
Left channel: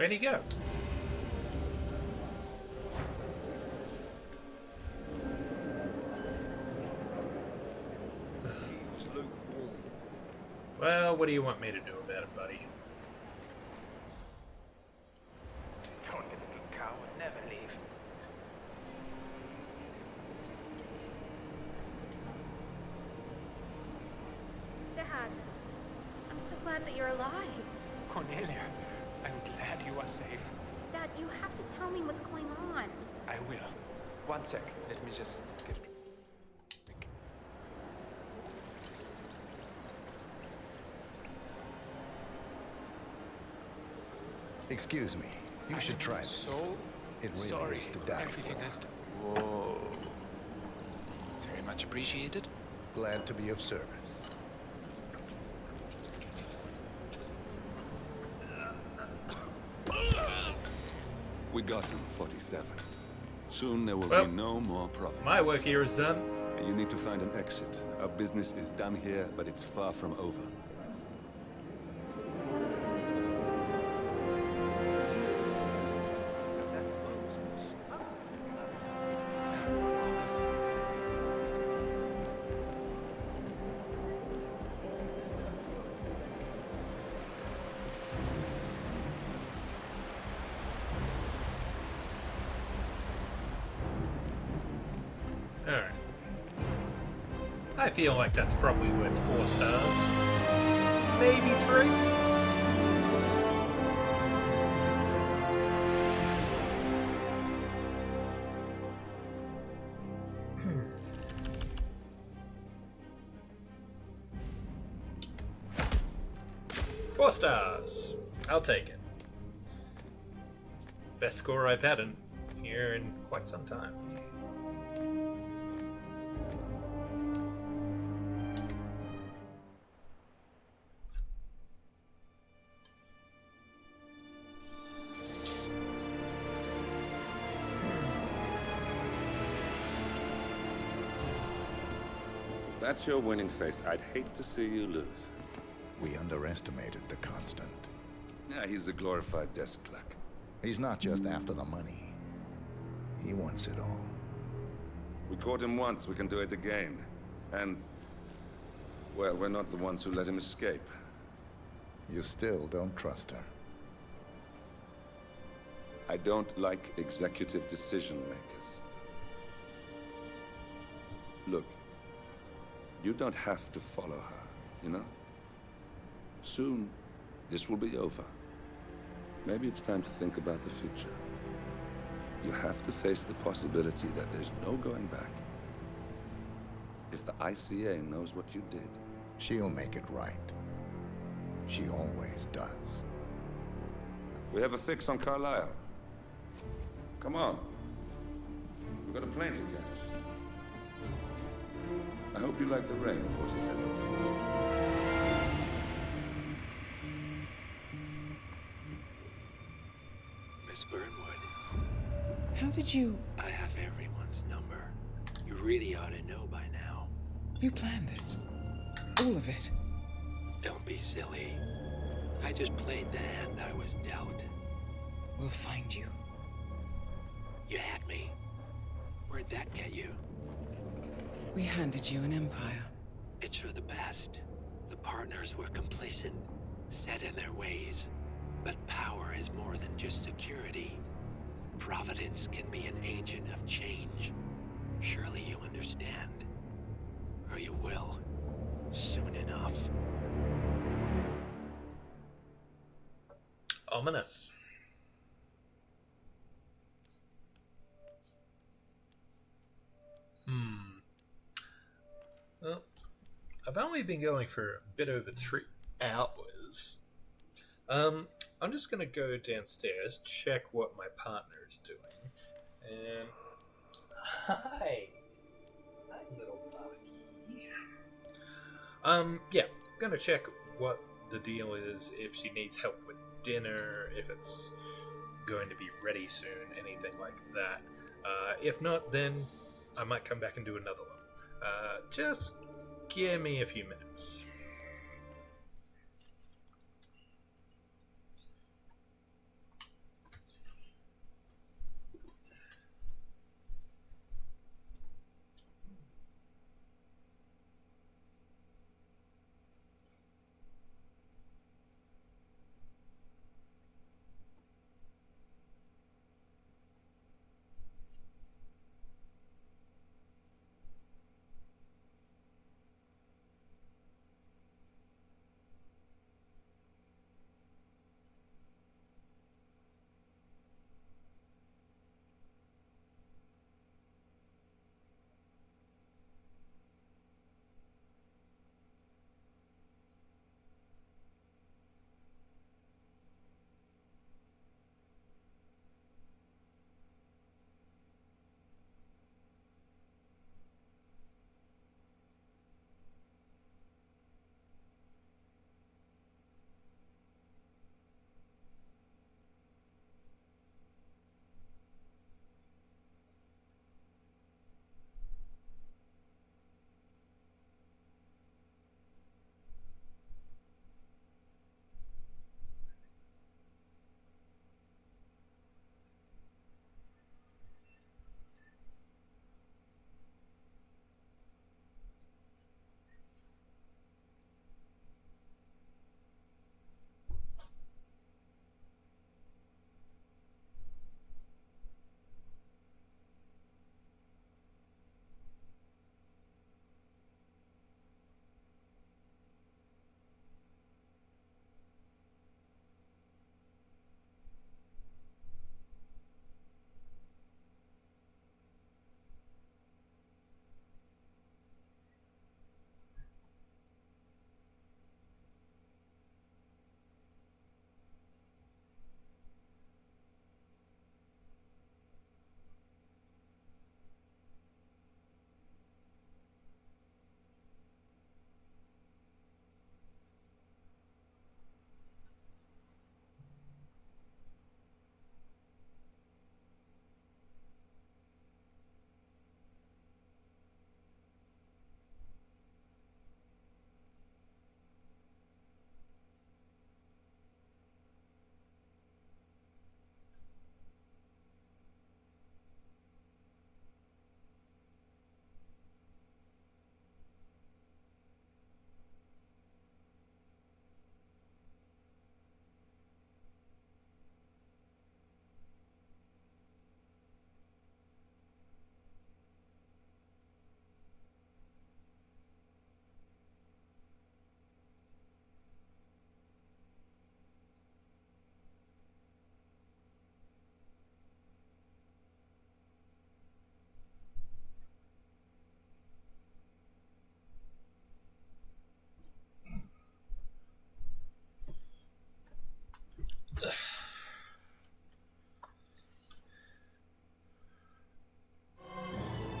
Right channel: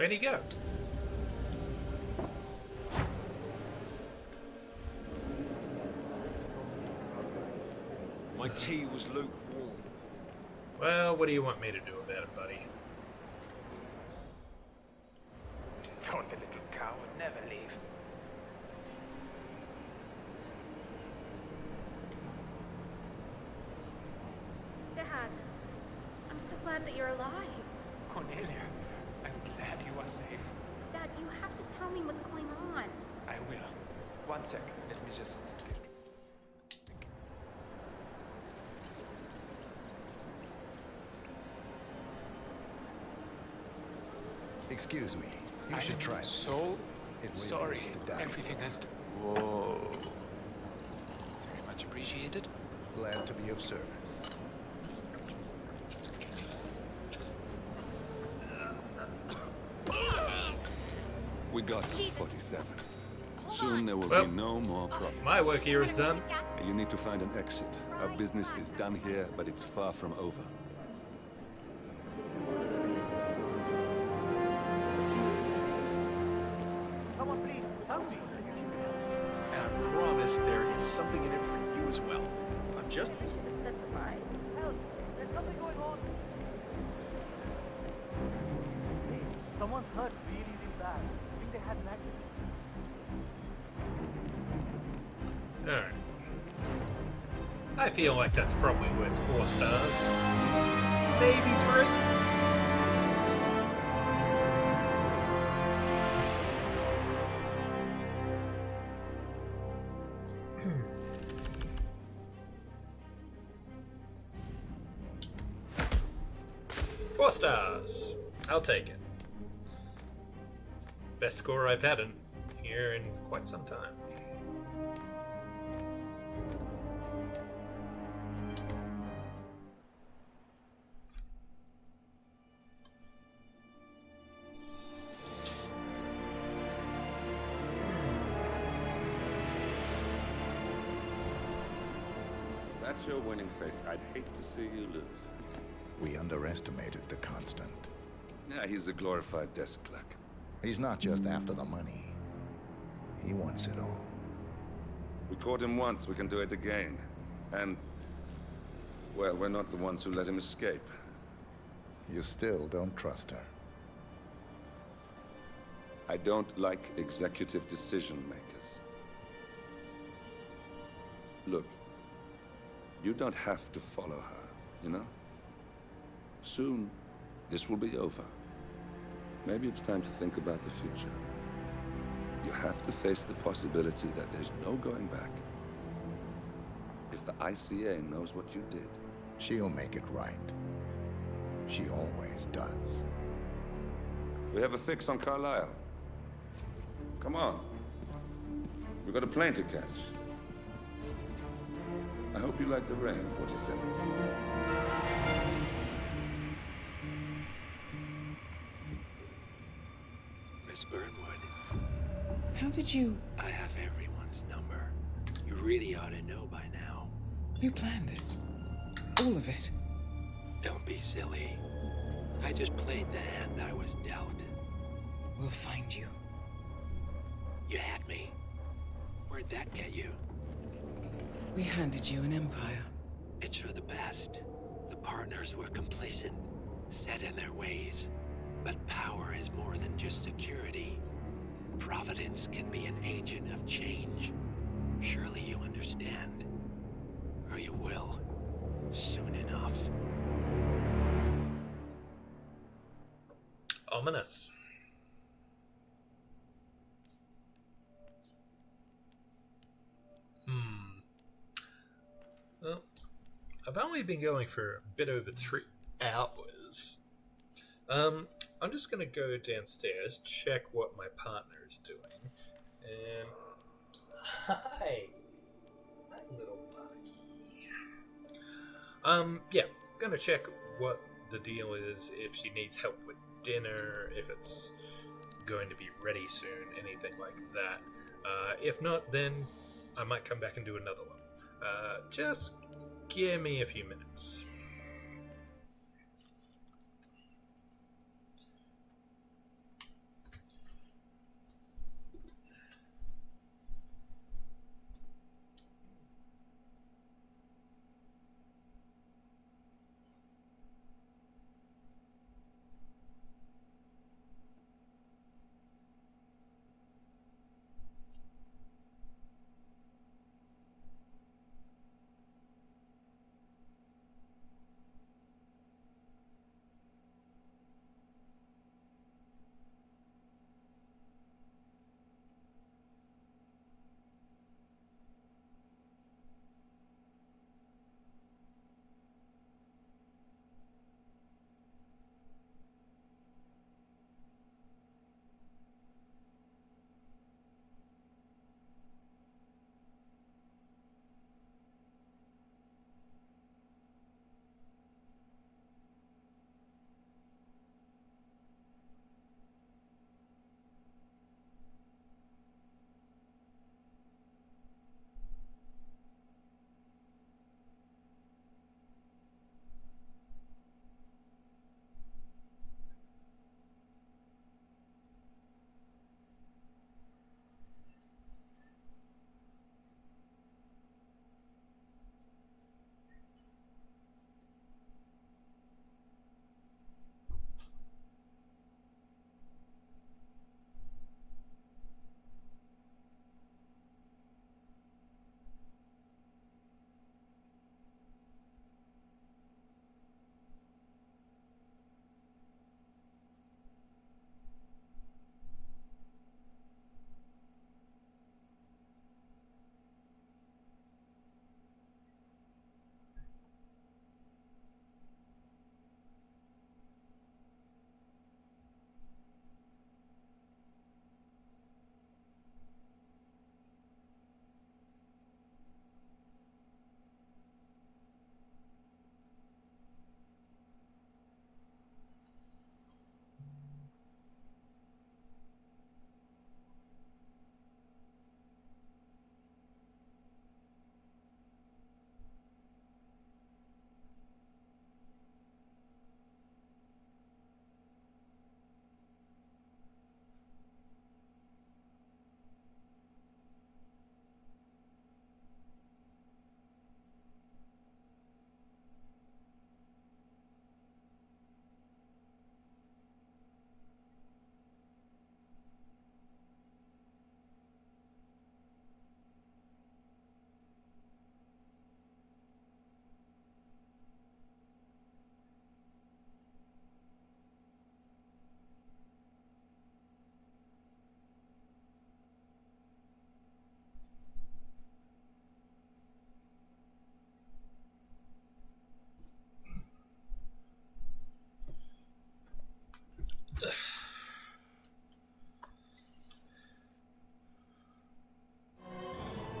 Where'd he go? My tea was lukewarm. Well, what do you want me to do about it, buddy? Thought the little cow would never leave. Dad, I'm so glad that you're alive. Cornelia, I'm glad you are safe. Dad, you have to tell me what's going on. I will. One sec. Let me just get... Excuse me. You should try this. So It really sorry. is to die Everything for. has to. Whoa. Very much appreciated. Glad to be of service. We got him, 47. Soon there will Well, be no more problems. my work here is done. You need to find an exit. Our business is done here, but it's far from over. And I promise there is something in it for you as well. Not just Alright. I feel like that's probably worth 4 stars. Maybe 3? Four stars. I'll take it. Best score I've had in here in quite some time. If that's your winning face, I'd hate to see you lose. We underestimated the Constant. Yeah, he's a glorified desk clerk. He's not just after the money. He wants it all. We caught him once, we can do it again. And, well, we're not the ones who let him escape. You still don't trust her. I don't like executive decision makers. Look, you don't have to follow her, you know? Soon, this will be over. Maybe it's time to think about the future. You have to face the possibility that there's no going back. If the ICA knows what you did... She'll make it right. She always does. We have a fix on Carlisle. Come on. We've got a plane to catch. I hope you like the rain, 47. Miss Burnwood, How did you... I have everyone's number. You really ought to know by now. You planned this? All of it? Don't be silly. I just played the hand I was dealt. We'll find you. You had me. Where'd that get you? We handed you an empire. It's for the best. The partners were complacent, set in their ways. But power is more than just security. Providence can be an agent of change. Surely you understand. Or you will. Soon enough. Ominous. Well, I've only been going for a bit over 3 hours. I'm just gonna go downstairs, check what my partner is doing, and hi, little monkey. Yeah, gonna check what the deal is, if she needs help with dinner, if it's going to be ready soon, anything like that. If not, then I might come back and do another one. Just give me a few minutes.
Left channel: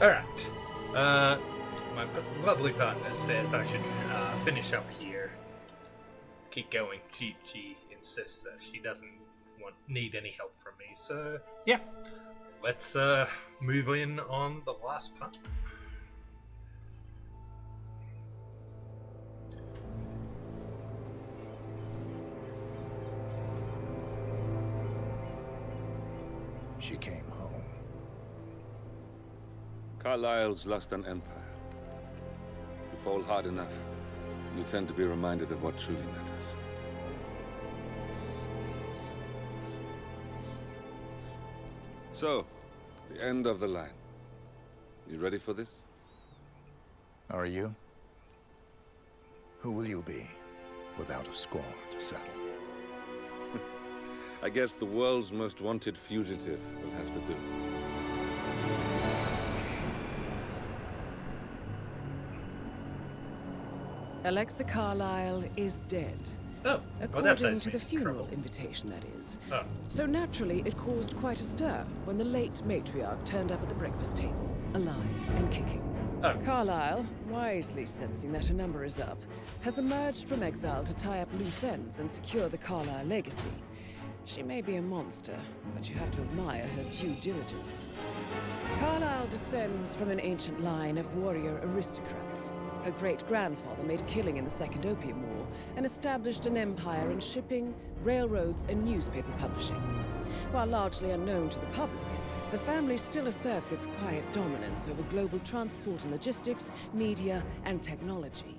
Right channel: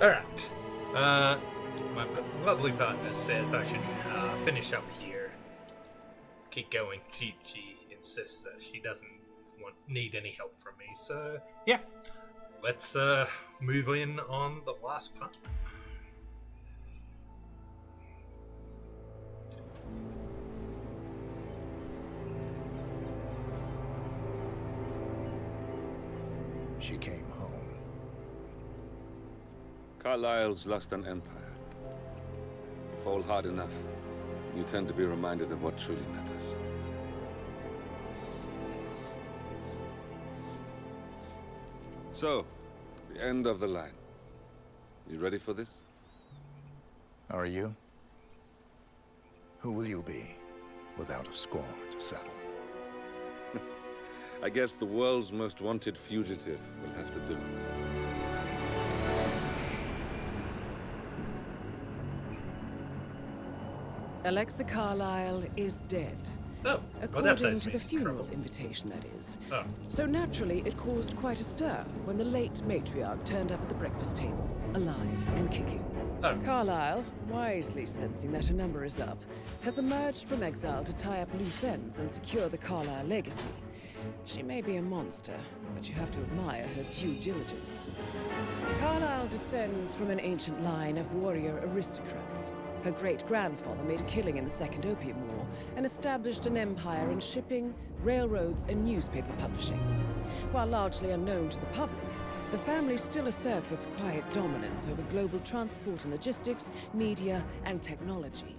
Alright. My lovely partner says I should finish up here. Keep going. She insists that she doesn't need any help from me. So, yeah. Let's move in on the last part. She came home. Carlyle's lost an empire. You fall hard enough, you tend to be reminded of what truly matters. So, the end of the line. You ready for this? Are you? Who will you be, without a score to settle? I guess the world's most wanted fugitive will have to do. Alexa Carlyle is dead. Oh, according to the funeral invitation, that is. Oh. So naturally, it caused quite a stir when the late matriarch turned up at the breakfast table, alive and kicking. Oh. Carlyle, wisely sensing that her number is up, has emerged from exile to tie up loose ends and secure the Carlyle legacy. She may be a monster, but you have to admire her due diligence. Carlyle descends from an ancient line of warrior aristocrats. Her great-grandfather made a killing in the Second Opium War and established an empire in shipping, railroads, and newspaper publishing. While largely unknown to the public, the family still asserts its quiet dominance over global transport and logistics, media, and technology.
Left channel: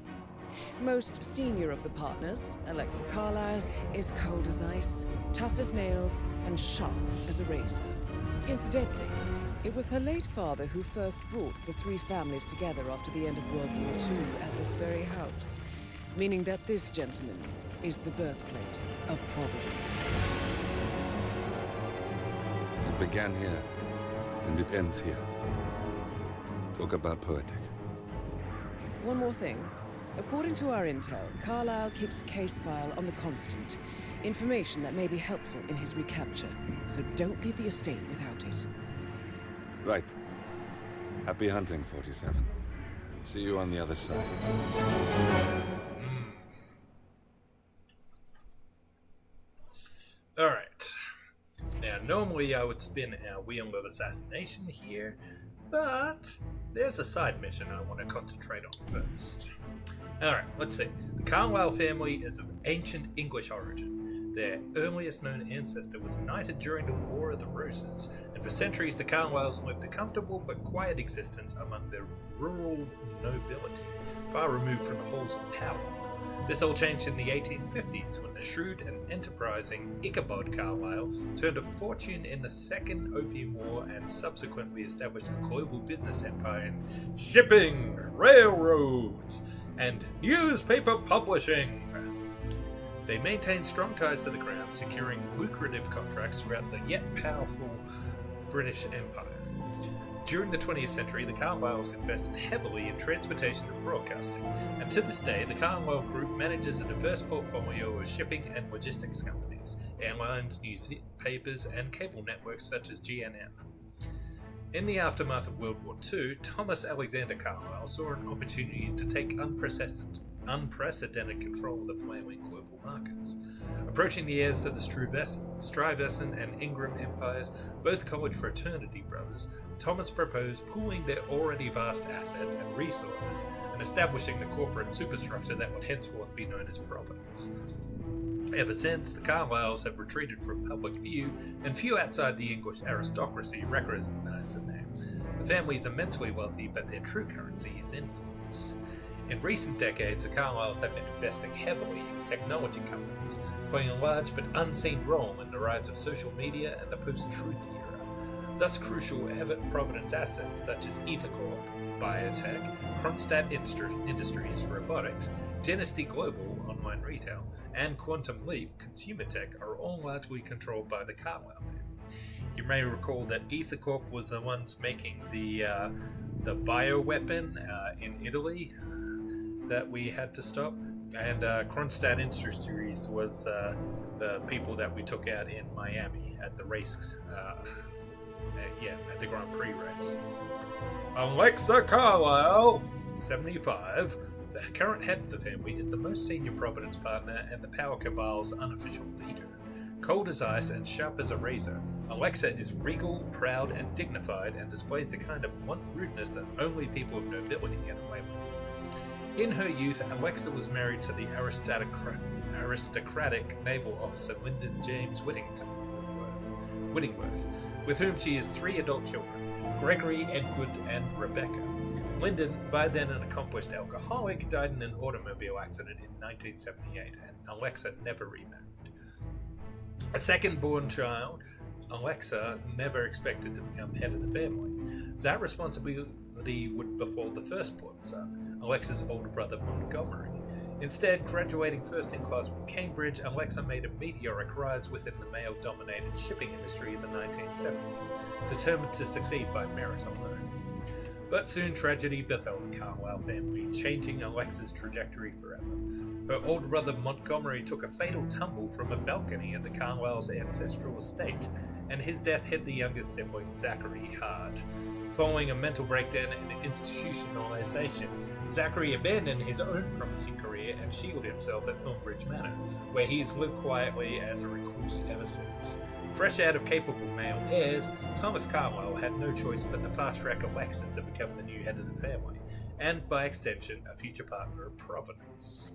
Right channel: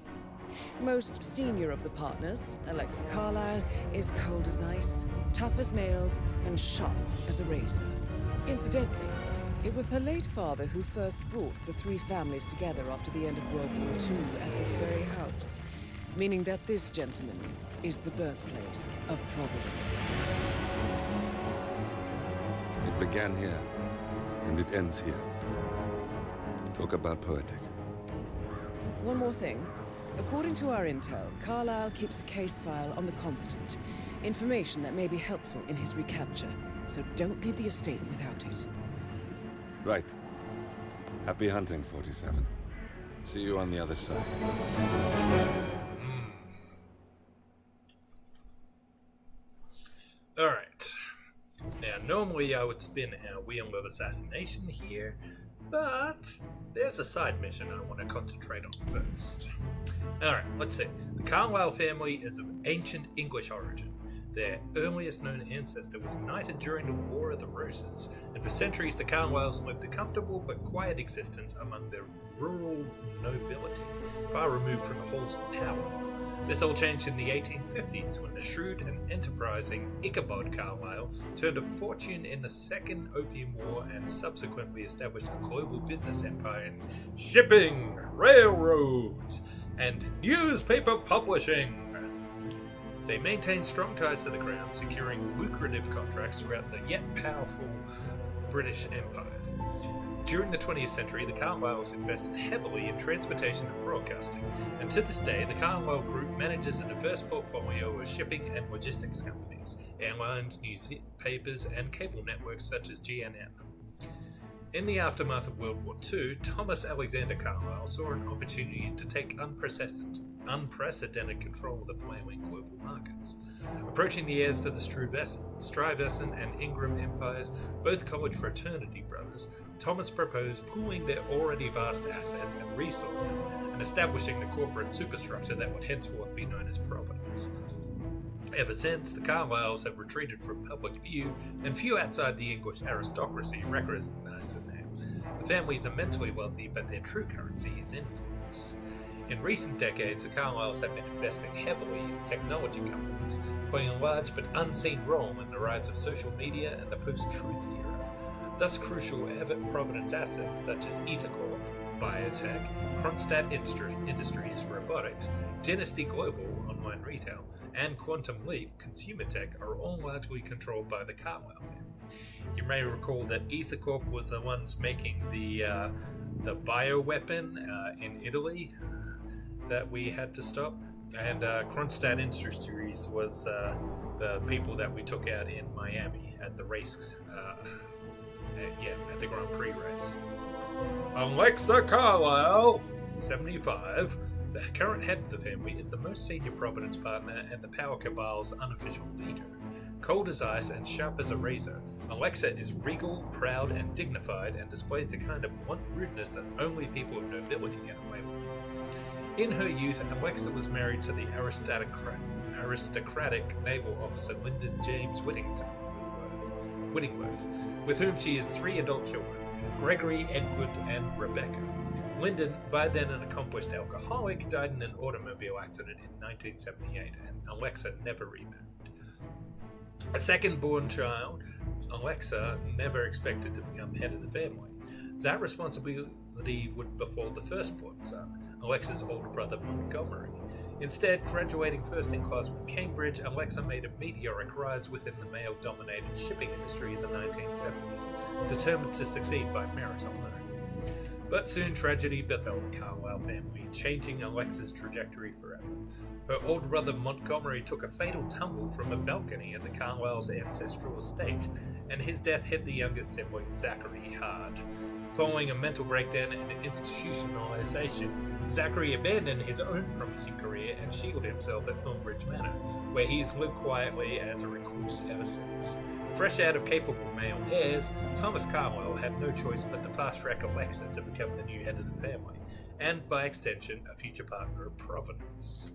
Most senior of the partners, Alexa Carlyle, is cold as ice, tough as nails, and sharp as a razor. Incidentally, it was her late father who first brought the three families together after the end of World War II at this very house, meaning that this gentleman is the birthplace of Providence. It began here, and it ends here. Talk about poetic. One more thing. According to our intel, Carlyle keeps a case file on the Constant. Information that may be helpful in his recapture, so don't leave the estate without it. Right. Happy hunting, 47. See you on the other side. Alright. Now, normally I would spin our wheel of assassination here, but there's a side mission I want to concentrate on first. Alright, let's see. The Carlyle family is of ancient English origin. Their earliest known ancestor was knighted during the War of the Roses, and for centuries the Carlyles lived a comfortable but quiet existence among the rural nobility, far removed from the halls of power. This all changed in the 1850s when the shrewd and enterprising Ichabod Carlyle turned a fortune in the Second Opium War and subsequently established a global business empire in shipping, railroads, and newspaper publishing. They maintained strong ties to the crown, securing lucrative contracts throughout the yet powerful British Empire. During the 20th century, the Carlyles invested heavily in transportation and broadcasting, and to this day, the Carlyle Group manages a diverse portfolio of shipping and logistics companies, airlines, newspapers, and cable networks such as GNN. In the aftermath of World War II, Thomas Alexander Carlyle saw an opportunity to take unprecedented control of the flailing global markets. Approaching the heirs to the Stuyvesant and Ingram empires, both college fraternity brothers, Thomas proposed pooling their already vast assets and resources and establishing the corporate superstructure that would henceforth be known as Providence. Ever since, the Carlyles have retreated from public view, and few outside the English aristocracy recognize the name. The family is immensely wealthy, but their true currency is influence. In recent decades, the Carlyles have been investing heavily in technology companies, playing a large but unseen role in the rise of social media and the post-truth era. Thus, crucial Providence assets such as EtherCorp, Biotech, Kronstadt Industries, Robotics, Dynasty Global, online retail, and Quantum Leap, consumer tech, are all largely controlled by the Carlyle family. You may recall that EtherCorp was the ones making the bioweapon in Italy that we had to stop, and Kronstadt Industries was the people that we took out in Miami at the race, at the Grand Prix race. Alexa Carlisle, 75, the current head of the family, is the most senior Providence partner and the power cabal's unofficial leader. Cold as ice and sharp as a razor, Alexa is regal, proud, and dignified, and displays the kind of blunt rudeness that only people of nobility get away with. In her youth, Alexa was married to the aristocratic naval officer Lyndon James Whittingworth, with whom she has 3 adult children, Gregory, Edward, and Rebecca. Lyndon, by then an accomplished alcoholic, died in an automobile accident in 1978, and Alexa never remarried. A second-born child, Alexa never expected to become head of the family. That responsibility would befall the firstborn son, Alexa's older brother Montgomery. Instead, graduating first in class from Cambridge, Alexa made a meteoric rise within the male-dominated shipping industry in the 1970s, determined to succeed by merit alone. But soon tragedy befell the Carlisle family, changing Alexa's trajectory forever. Her older brother Montgomery took a fatal tumble from a balcony at the Carlisle's ancestral estate, and his death hit the youngest sibling, Zachary, hard. Following a mental breakdown and institutionalization, Zachary abandoned his own promising career and shielded himself at Thornbridge Manor, where he has lived quietly as a recluse ever since. Fresh out of capable male heirs, Thomas Carlisle had no choice but to fast-track Alexa to become the new head of the family, and by extension, a future partner of Providence.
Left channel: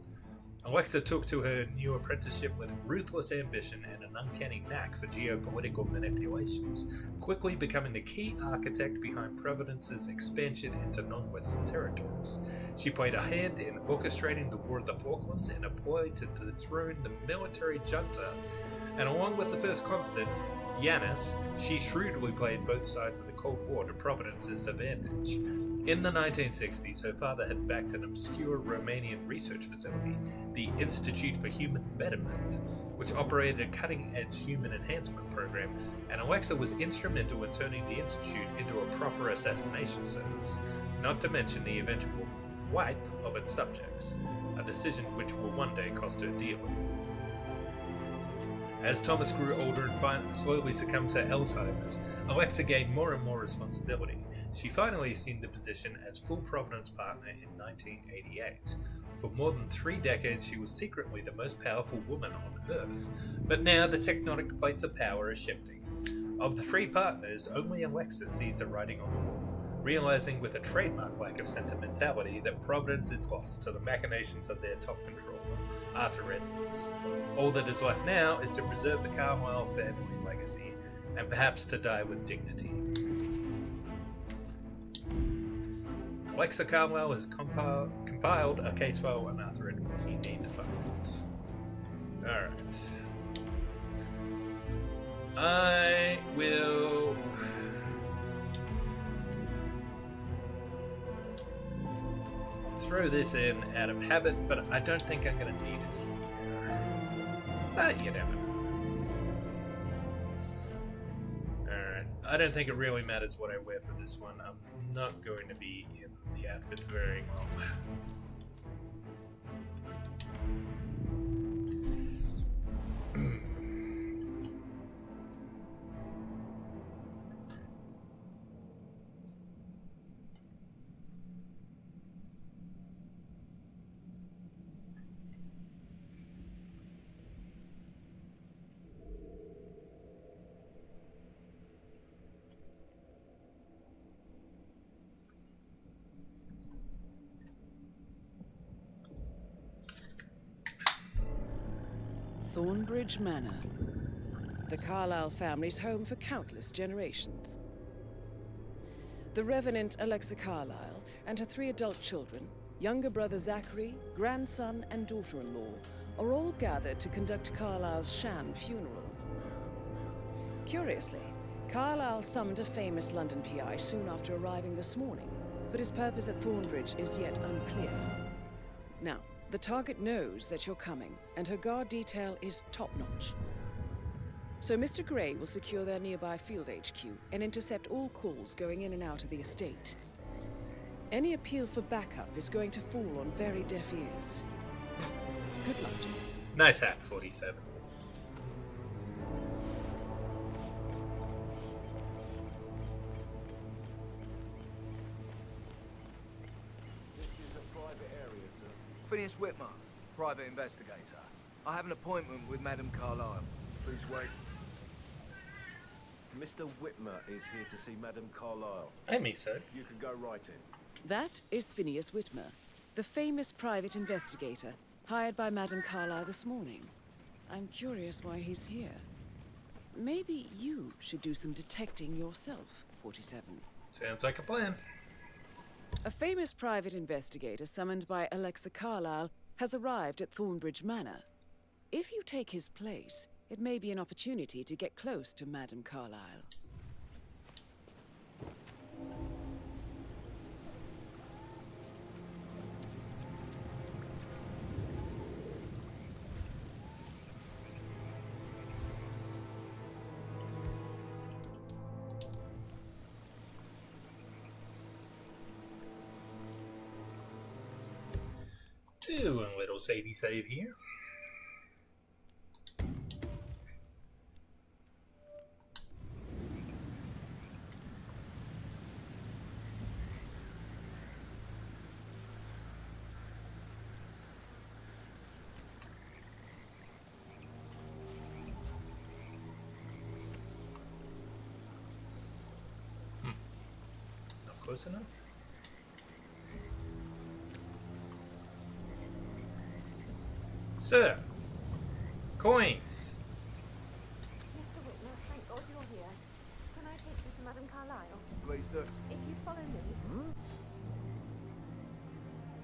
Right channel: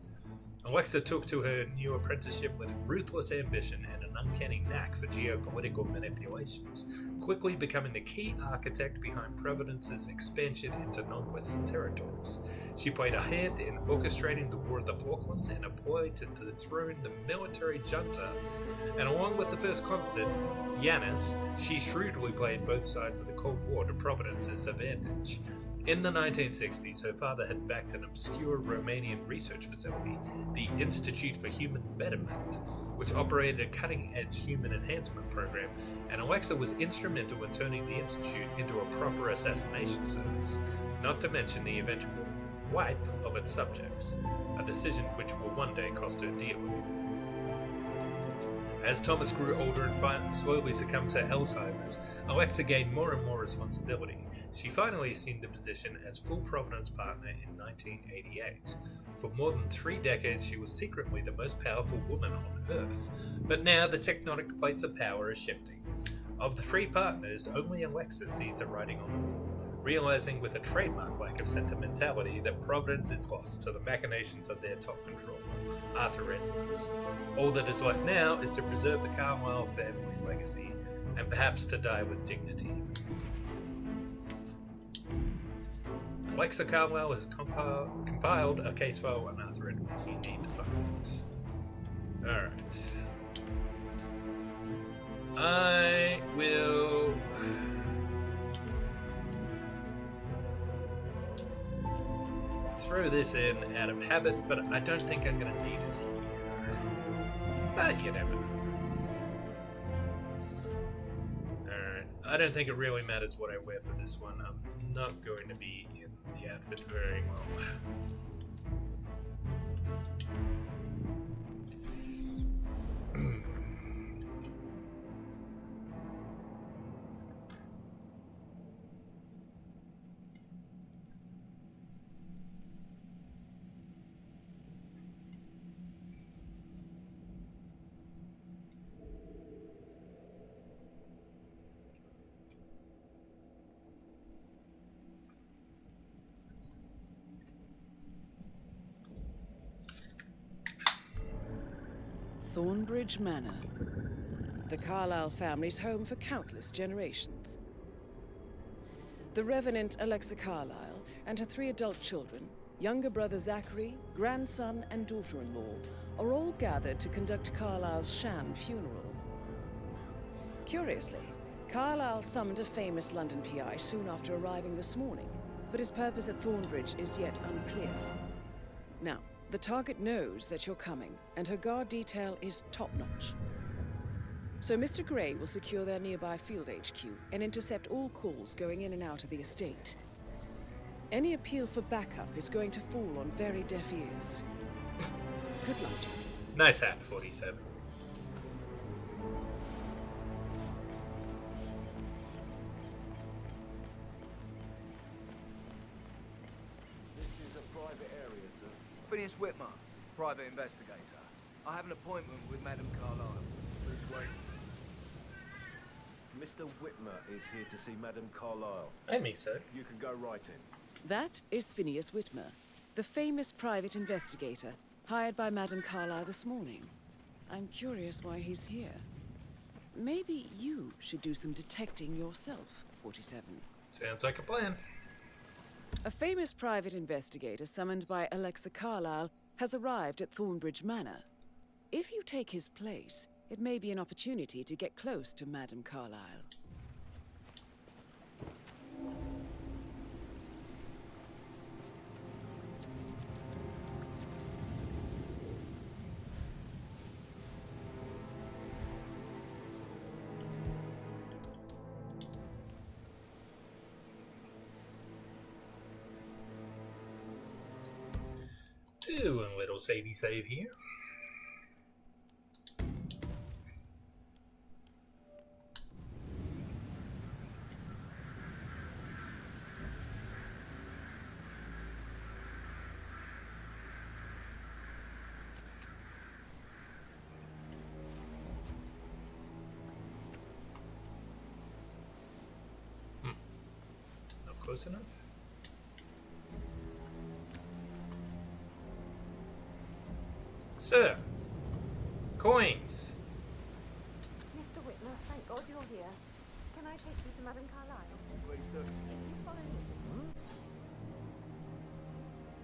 Alexa took to her new apprenticeship with ruthless ambition and an uncanny knack for geopolitical manipulations, quickly becoming the key architect behind Providence's expansion into non-Western territories. She played a hand in orchestrating the War of the Falklands in a ploy to dethrone the military junta, and along with the first constant, Yanis, she shrewdly played both sides of the Cold War to Providence's advantage. In the 1960s, her father had backed an obscure Romanian research facility, the Institute for Human Betterment, which operated a cutting-edge human enhancement program, and Alexa was instrumental in turning the institute into a proper assassination service, not to mention the eventual wipe of its subjects, a decision which will one day cost her dearly. As Thomas grew older and slowly succumbed to Alzheimer's, Alexa gained more and more responsibility. She finally assumed the position as full Providence partner in 1988. For more than 3 decades, she was secretly the most powerful woman on Earth. But now the tectonic plates of power are shifting. Of the 3 partners, only Alexa sees the writing on the wall, realizing with a trademark lack of sentimentality that Providence is lost to the machinations of their top controller, Arthur Edwards. All that is left now is to preserve the Carlisle family legacy, and perhaps to die with dignity. Alexa Carlisle has compiled a case file on Arthur Edwards. You need to find it. Alright. I will... throw this in out of habit, but I don't think I'm going to need it here. But you never know. Alright. I don't think it really matters what I wear for this one. I'm not going to be in the outfit very well. Thornbridge Manor, the Carlisle family's home for countless generations. The Revenant Alexa Carlisle and her 3 adult children, younger brother Zachary, grandson, and daughter-in-law, are all gathered to conduct Carlisle's sham funeral. Curiously, Carlisle summoned a famous London PI soon after arriving this morning, but his purpose at Thornbridge is yet unclear. Now, the target knows that you're coming, and her guard detail is top-notch. So Mr. Gray will secure their nearby field HQ and intercept all calls going in and out of the estate. Any appeal for backup is going to fall on very deaf ears. Good luck, gentlemen. Nice hat, 47. private area, sir. Phineas Whitmer, private investigator. I have an appointment with Madame Carlyle. Please wait. Mr. Whitmer is here to see Madame Carlyle. I mean so. You can go right in. That is Phineas Whitmer, the famous private investigator hired by Madame Carlyle this morning. I'm curious why he's here. Maybe you should do some detecting yourself, 47. Sounds like a plan. A famous private investigator summoned by Alexa Carlyle has arrived at Thornbridge Manor. If you take his place, it may be an opportunity to get close to Madame Carlyle. Doing a little savey save here. Not close enough. Sir, coins. Mr. Whitmer, thank God you're here. Can I take you to Madame Carlyle? Please do. If you follow me.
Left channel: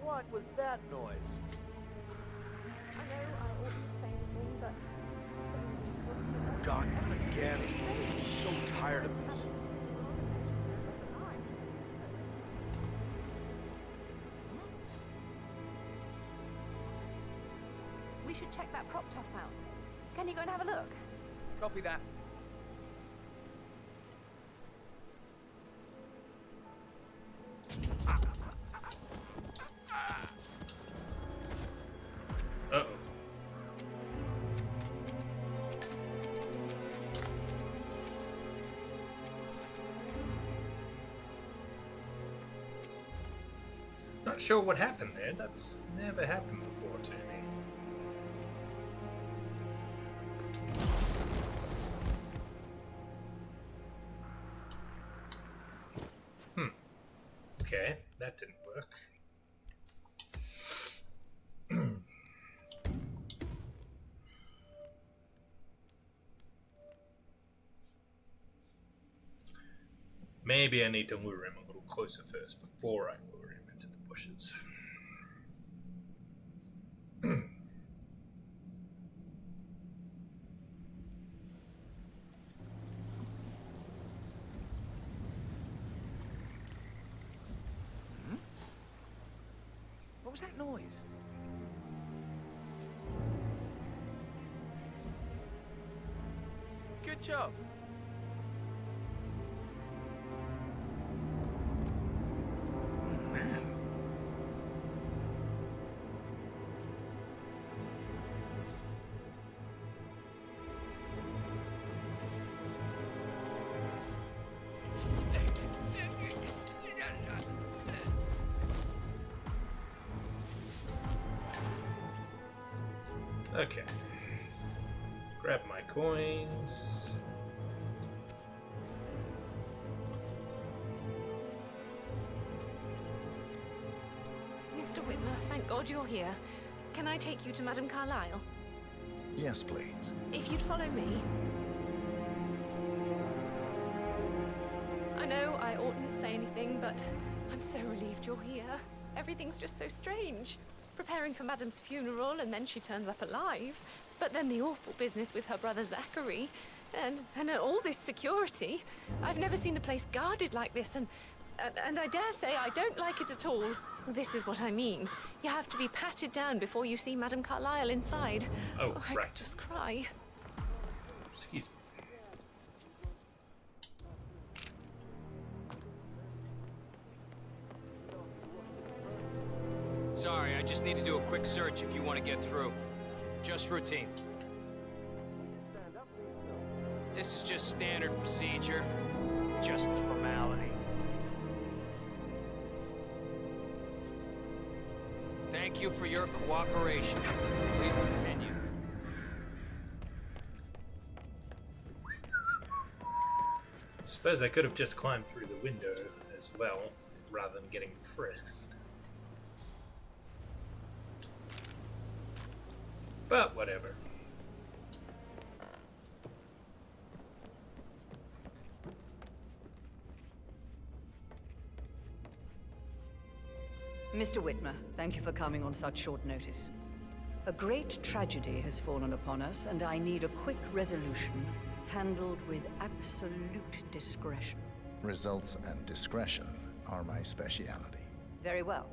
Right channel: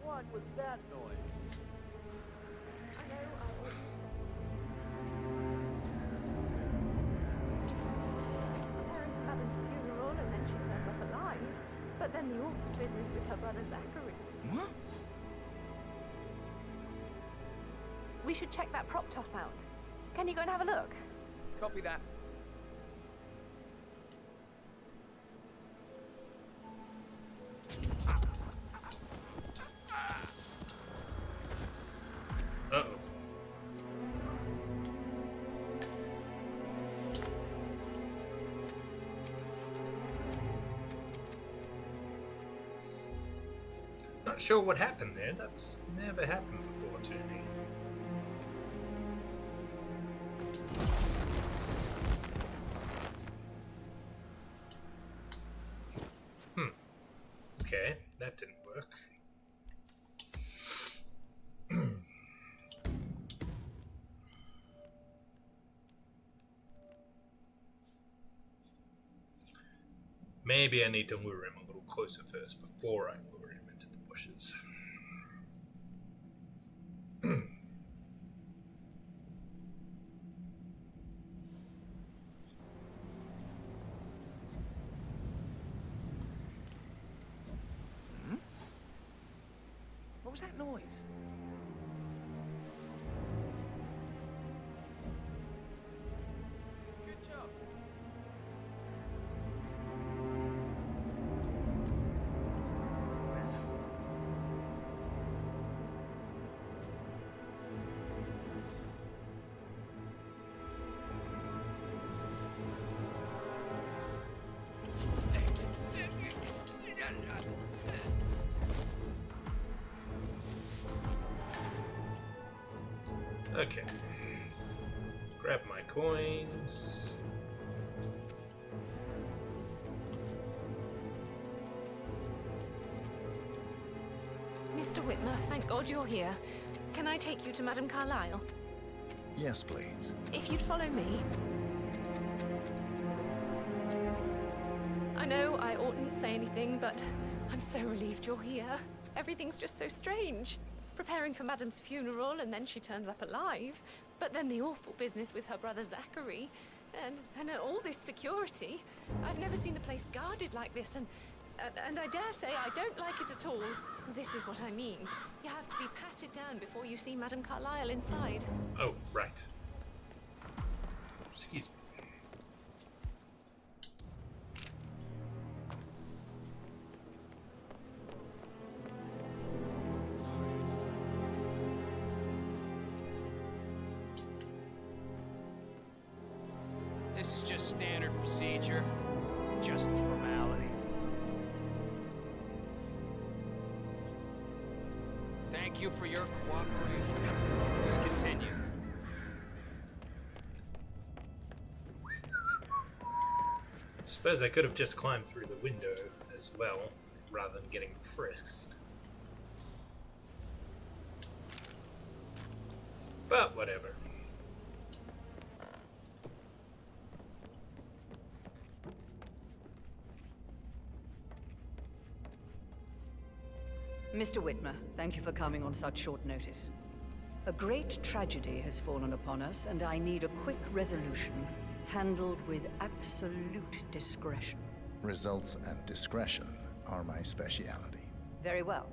What was that noise? I know I oughtn't say anything, but... God, again. I'm so tired of this. Madame's funeral and then she turned up alive. But then the awful business with her brother Zachary. What? We should check that prop toss out. Can you go and have a look? Copy that. Uh-oh. Not sure what happened there. That's never happened before to me. Okay, that didn't work. Maybe I need to lure him a little closer first before I lure him into the bushes. What was that noise? Good job. Man. Okay. Grab my coins. Mr. Whitmer, thank God you're here. Can I take you to Madame Carlyle? Yes, please. If you'd follow me. I know I oughtn't say anything, but I'm so relieved you're here. Everything's just so strange. Preparing for Madame's funeral, and then she turns up alive. But then the awful business with her brother Zachary. And all this security. I've never seen the place guarded like this, and I dare say I don't like it at all. Well, this is what I mean. You have to be patted down before you see Madame Carlyle inside. Oh, I right. could just cry. Excuse me. Sorry, I just need to do a quick search if you want to get through. Just routine. This is just standard procedure. Just a formality. Thank you for your cooperation. Please continue. I suppose I could have just climbed through the window as well, rather than getting frisked. But whatever. Mr. Whitmer, thank you for coming on such short notice. A great tragedy has fallen upon us, and I need a quick resolution, handled with absolute discretion. Results and discretion are my speciality. Very well.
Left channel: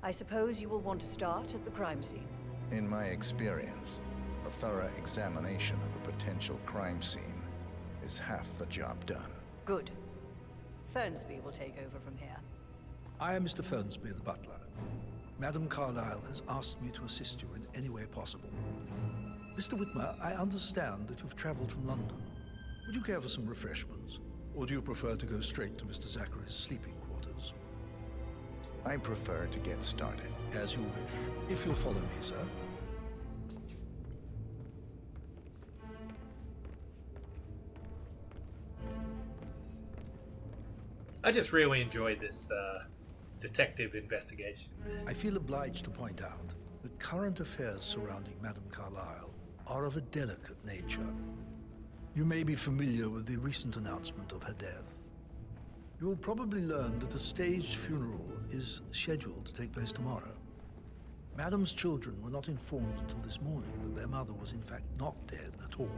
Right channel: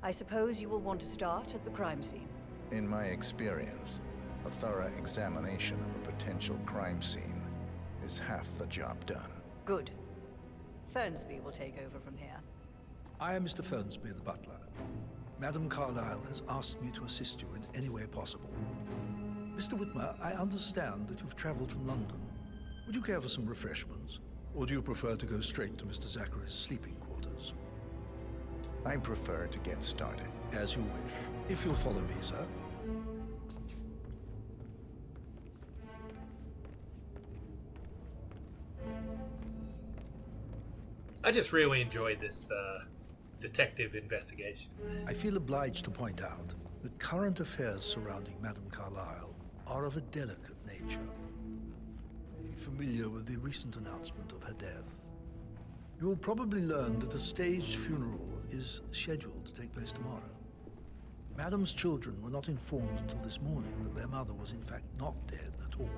I suppose you will want to start at the crime scene. In my experience, a thorough examination of a potential crime scene is half the job done. Good. Fernsby will take over from here. I am Mr. Fernsby, the butler. Madame Carlyle has asked me to assist you in any way possible. Mr. Whitmer, I understand that you've traveled from London. Would you care for some refreshments? Or do you prefer to go straight to Mr. Zachary's sleeping quarters? I prefer to get started. As you wish. If you'll follow me, sir. I just really enjoyed this detective investigation. I feel obliged to point out that current affairs surrounding Madame Carlyle are of a delicate nature. You may be familiar with the recent announcement of her death. You will probably learn that a staged funeral is scheduled to take place tomorrow. Madame's children were not informed until this morning that their mother was in fact not dead at all.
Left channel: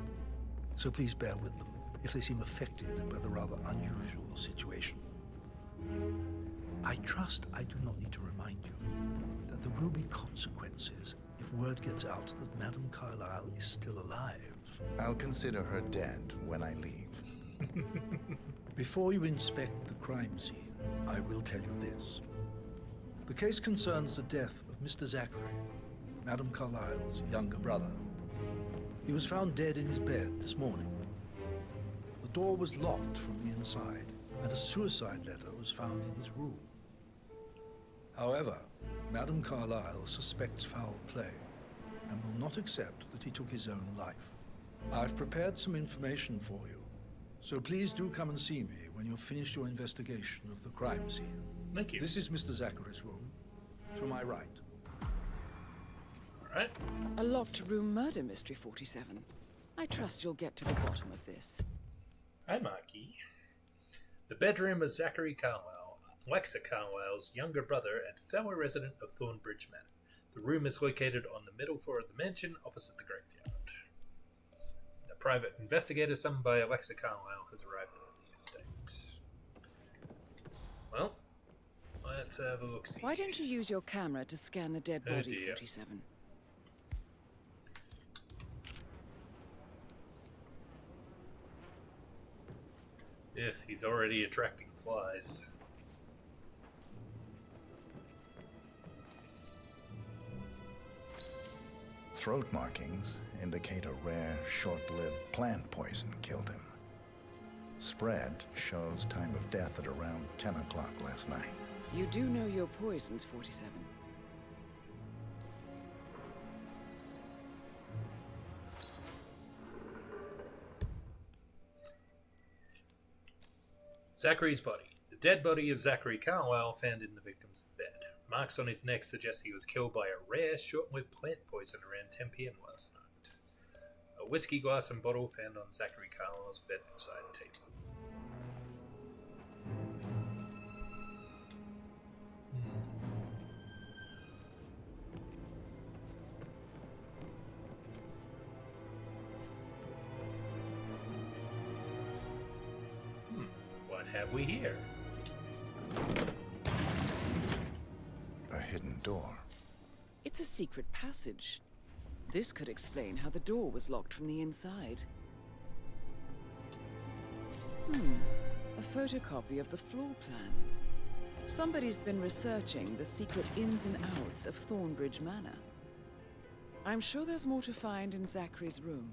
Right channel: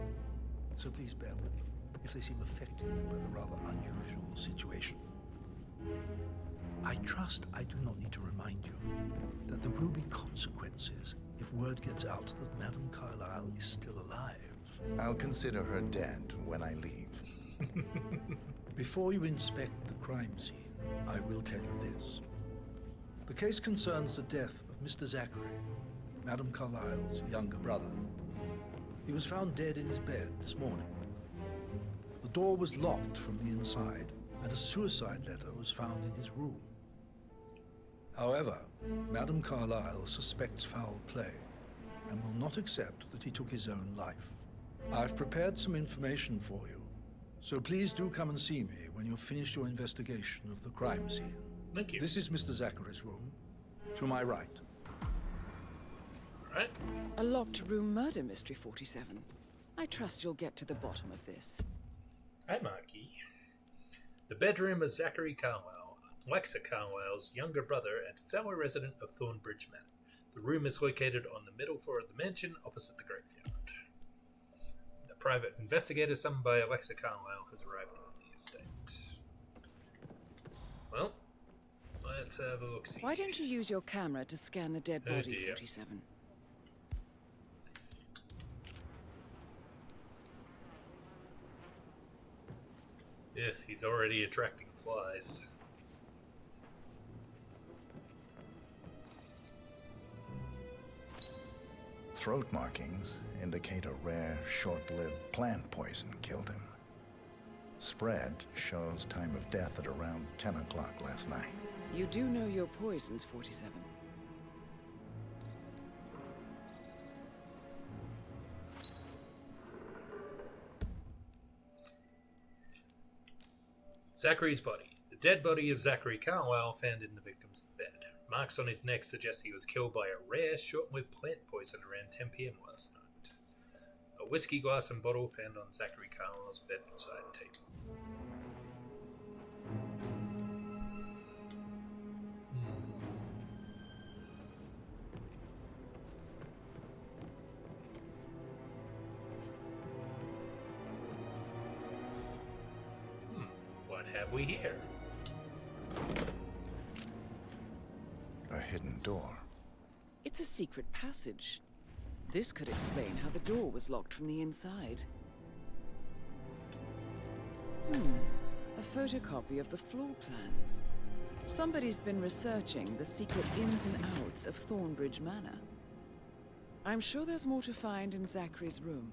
So please bear with them if they seem affected by the rather unusual situation. I trust I do not need to remind you that there will be consequences if word gets out that Madame Carlyle is still alive. I'll consider her dead when I leave. Before you inspect the crime scene, I will tell you this. The case concerns the death of Mr. Zachary, Madame Carlyle's younger brother. He was found dead in his bed this morning. The door was locked from the inside, and a suicide letter was found in his room. However, Madame Carlyle suspects foul play and will not accept that he took his own life. I've prepared some information for you, so please do come and see me when you've finished your investigation of the crime scene. Thank you. This is Mr. Zachary's room, to my right. All right. A locked room murder mystery, 47. I trust you'll get to the bottom of this. Hi, Marky. The bedroom of Zachary Carlyle, Alexa Carlyle's younger brother and fellow resident of Thornbridge Manor. The room is located on the middle floor of the mansion opposite the graveyard. The private investigator summoned by Alexa Carlyle has arrived at the estate. Well, let's have a look-see. Why don't you use your camera to scan the dead body, 47? Yeah, he's already attracting flies. Throat markings indicate a rare, short-lived plant poison killed him. Spread shows time of death at around 10 o'clock last night. You do know your poisons, 47. Zachary's body. The dead body of Zachary Carlyle found in the victim's bed. Marks on his neck suggest he was killed by a rare, short-lived plant poison around 10 p.m. last night. A whiskey glass and bottle found on Zachary Carlyle's bedside table. What have we here? A hidden door. It's a secret passage. This could explain how the door was locked from the inside. A photocopy of the floor plans. Somebody's been researching the secret ins and outs of Thornbridge Manor. I'm sure there's more to find in Zachary's room.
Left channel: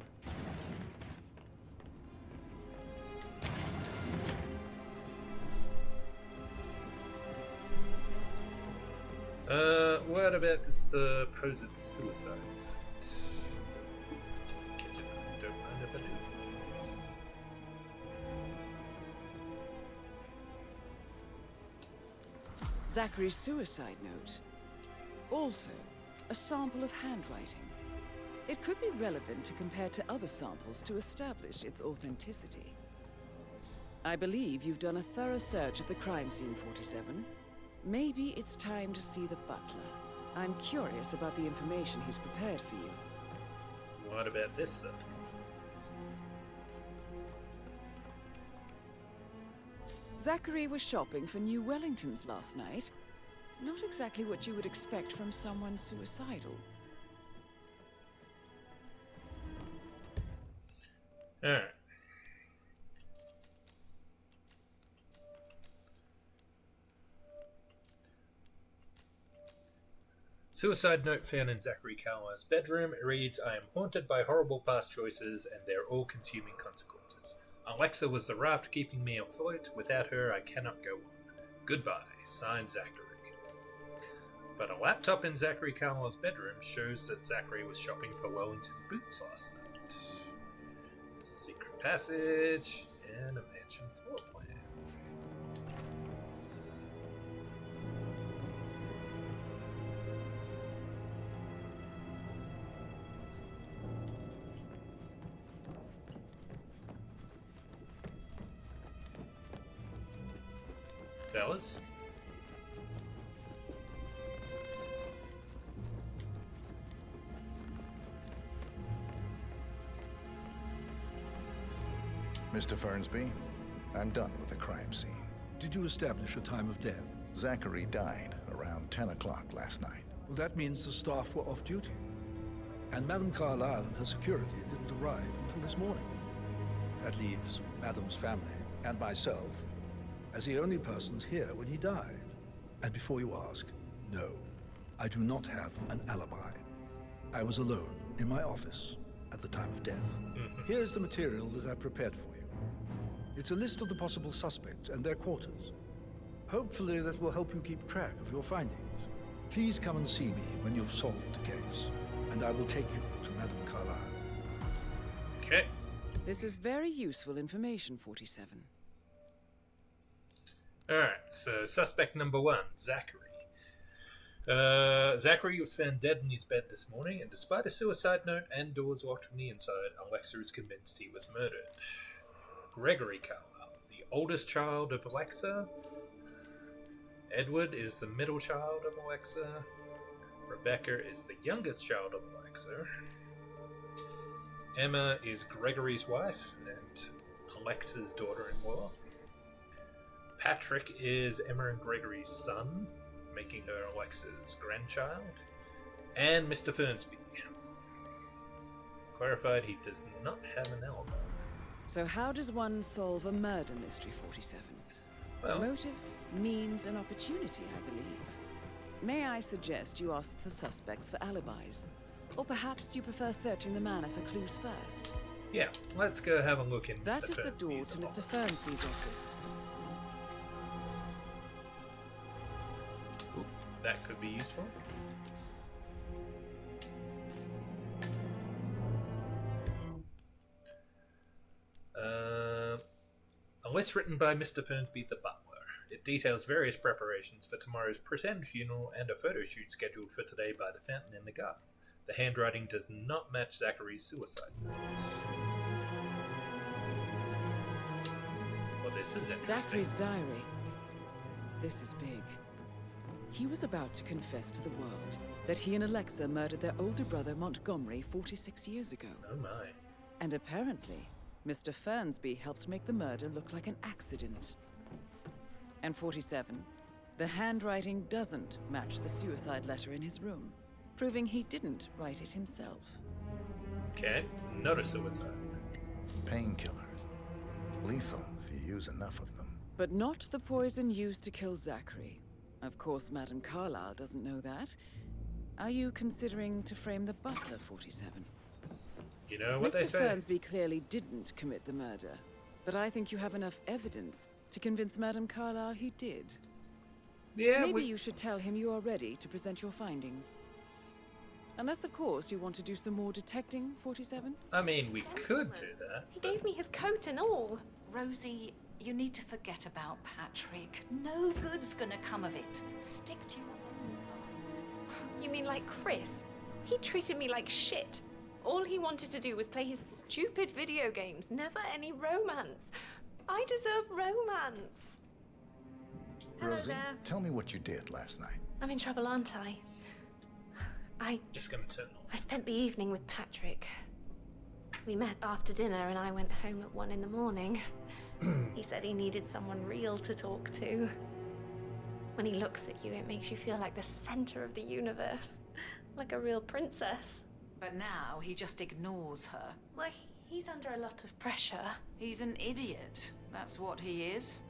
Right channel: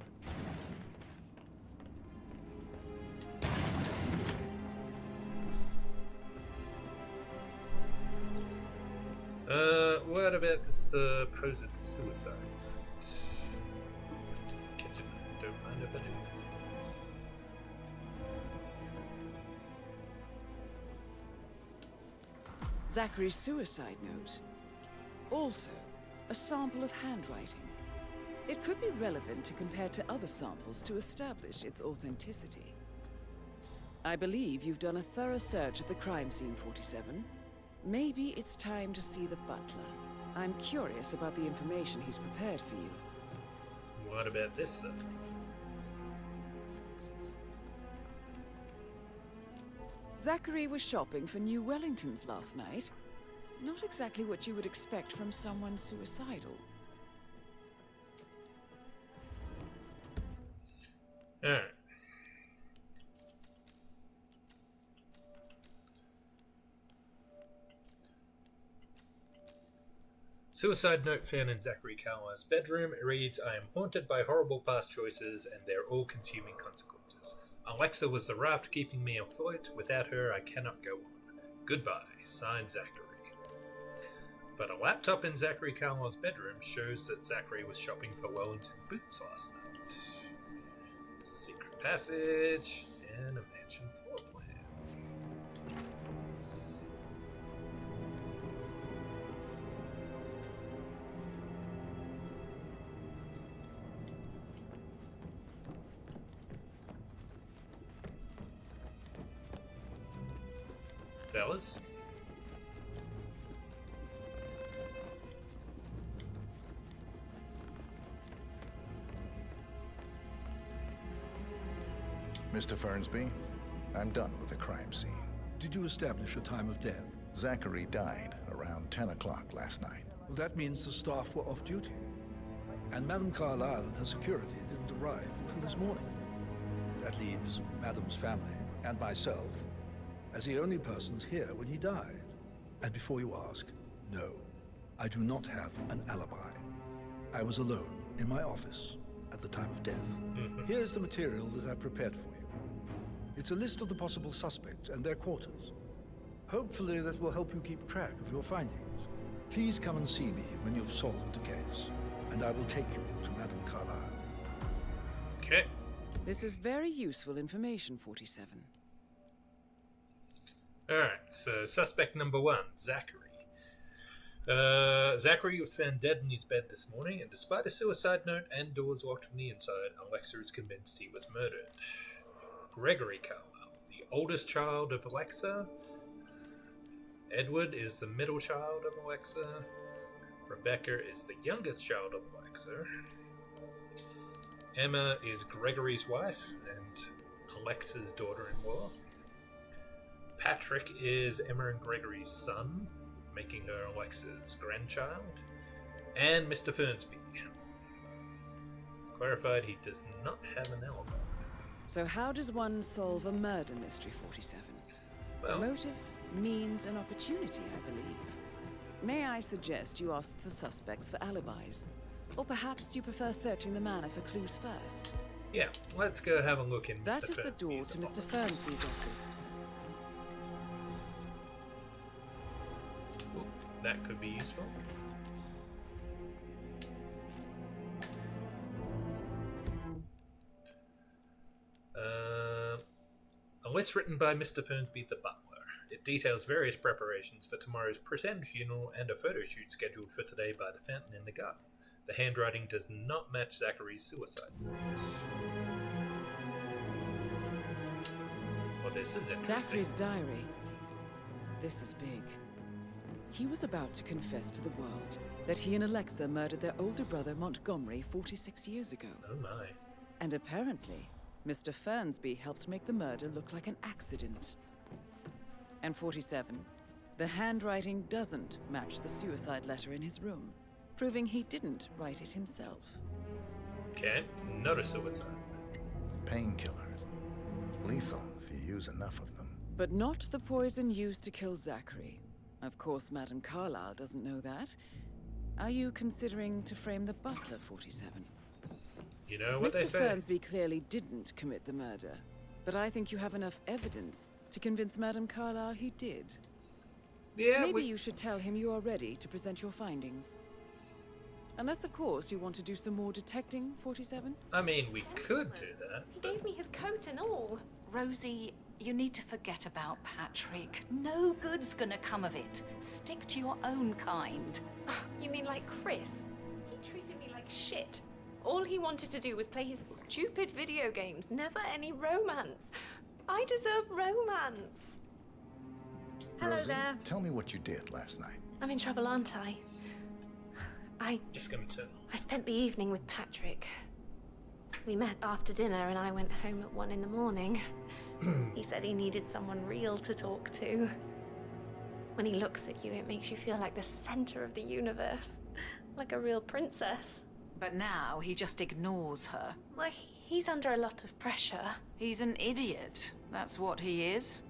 What about this supposed suicide? Catch it. Don't mind if I do. Zachary's suicide note. Also, a sample of handwriting. It could be relevant to compare to other samples to establish its authenticity. I believe you've done a thorough search of the crime scene, 47. Maybe it's time to see the butler. I'm curious about the information he's prepared for you. What about this stuff? Zachary was shopping for new Wellingtons last night. Not exactly what you would expect from someone suicidal. Alright. Suicide note found in Zachary Carlisle's bedroom. It reads, I am haunted by horrible past choices and their all-consuming consequences. Alexa was the raft keeping me afloat. Without her, I cannot go on. Goodbye. Signed, Zachary. But a laptop in Zachary Carlisle's bedroom shows that Zachary was shopping for Wellington boots last night. There's a secret passage and a mansion floor plan. Fellas? Mr. Fernsby, I'm done with the crime scene. Did you establish a time of death? Zachary died around 10 o'clock last night. Well, that means the staff were off duty. And Madame Carlyle and her security didn't arrive until this morning. That leaves Madame's family and myself as the only persons here when he died. And before you ask, no, I do not have an alibi. I was alone in my office at the time of death. Here's the material that I prepared for you. It's a list of the possible suspects and their quarters. Hopefully that will help you keep track of your findings. Please come and see me when you've solved the case, and I will take you to Madame Carlyle. Okay. This is very useful information, 47. Alright, so suspect number 1, Zachary. Zachary was found dead in his bed this morning, and despite a suicide note and doors locked from the inside, Alexa is convinced he was murdered. Gregory Carlisle, the oldest child of Alexa. Edward is the middle child of Alexa. Rebecca is the youngest child of Alexa. Emma is Gregory's wife and Alexa's daughter-in-law. Patrick is Emma and Gregory's son, making her Alexa's grandchild. And Mr. Fernsby. Clarified he does not have an alibi. So how does one solve a murder mystery, 47? Well, motive, means, and opportunity, I believe. May I suggest you ask the suspects for alibis? Or perhaps do you prefer searching the manor for clues first? Yeah, let's go have a look in That Mr. is the door to Mr. Fernsby's office. Ooh, that could be useful. A list written by Mr. Fernsby the butler. It details various preparations for tomorrow's pretend funeral and a photo shoot scheduled for today by the fountain in the garden. The handwriting does not match Zachary's suicide notes. Well, this is interesting. Zachary's diary. This is big. He was about to confess to the world that he and Alexa murdered their older brother Montgomery 46 years ago. Oh my. And apparently, Mr. Fernsby helped make the murder look like an accident. And 47, the handwriting doesn't match the suicide letter in his room, proving he didn't write it himself. Okay, not a suicide. Painkillers. Lethal if you use enough of them. But not the poison used to kill Zachary. Of course, Madame Carlyle doesn't know that. Are you considering to frame the butler, 47? You know what Mr. they say. Fernsby clearly didn't commit the murder, but I think you have enough evidence to convince Madame Carlyle he did. Yeah, Maybe you should tell him you are ready to present your findings. Unless, of course, you want to do some more detecting, 47? I mean, we could do that. He gave me his coat and all. Rosie, you need to forget about Patrick. No good's gonna come of it. Stick to your own kind. You mean like Chris? He treated me like shit. All he wanted to do was play his stupid video games, never any romance. I deserve romance. Hello Rosie, there. tell me what you did last night. I'm in trouble, aren't I? Just gonna turn I spent the evening with Patrick. We met after dinner and I went home at 1 in the morning. He said he needed someone real to talk to. When he looks at you, it makes you feel like the center of the universe. Like a real princess. But now he just ignores her. Well, he's under a lot of pressure. He's an idiot. That's what he is.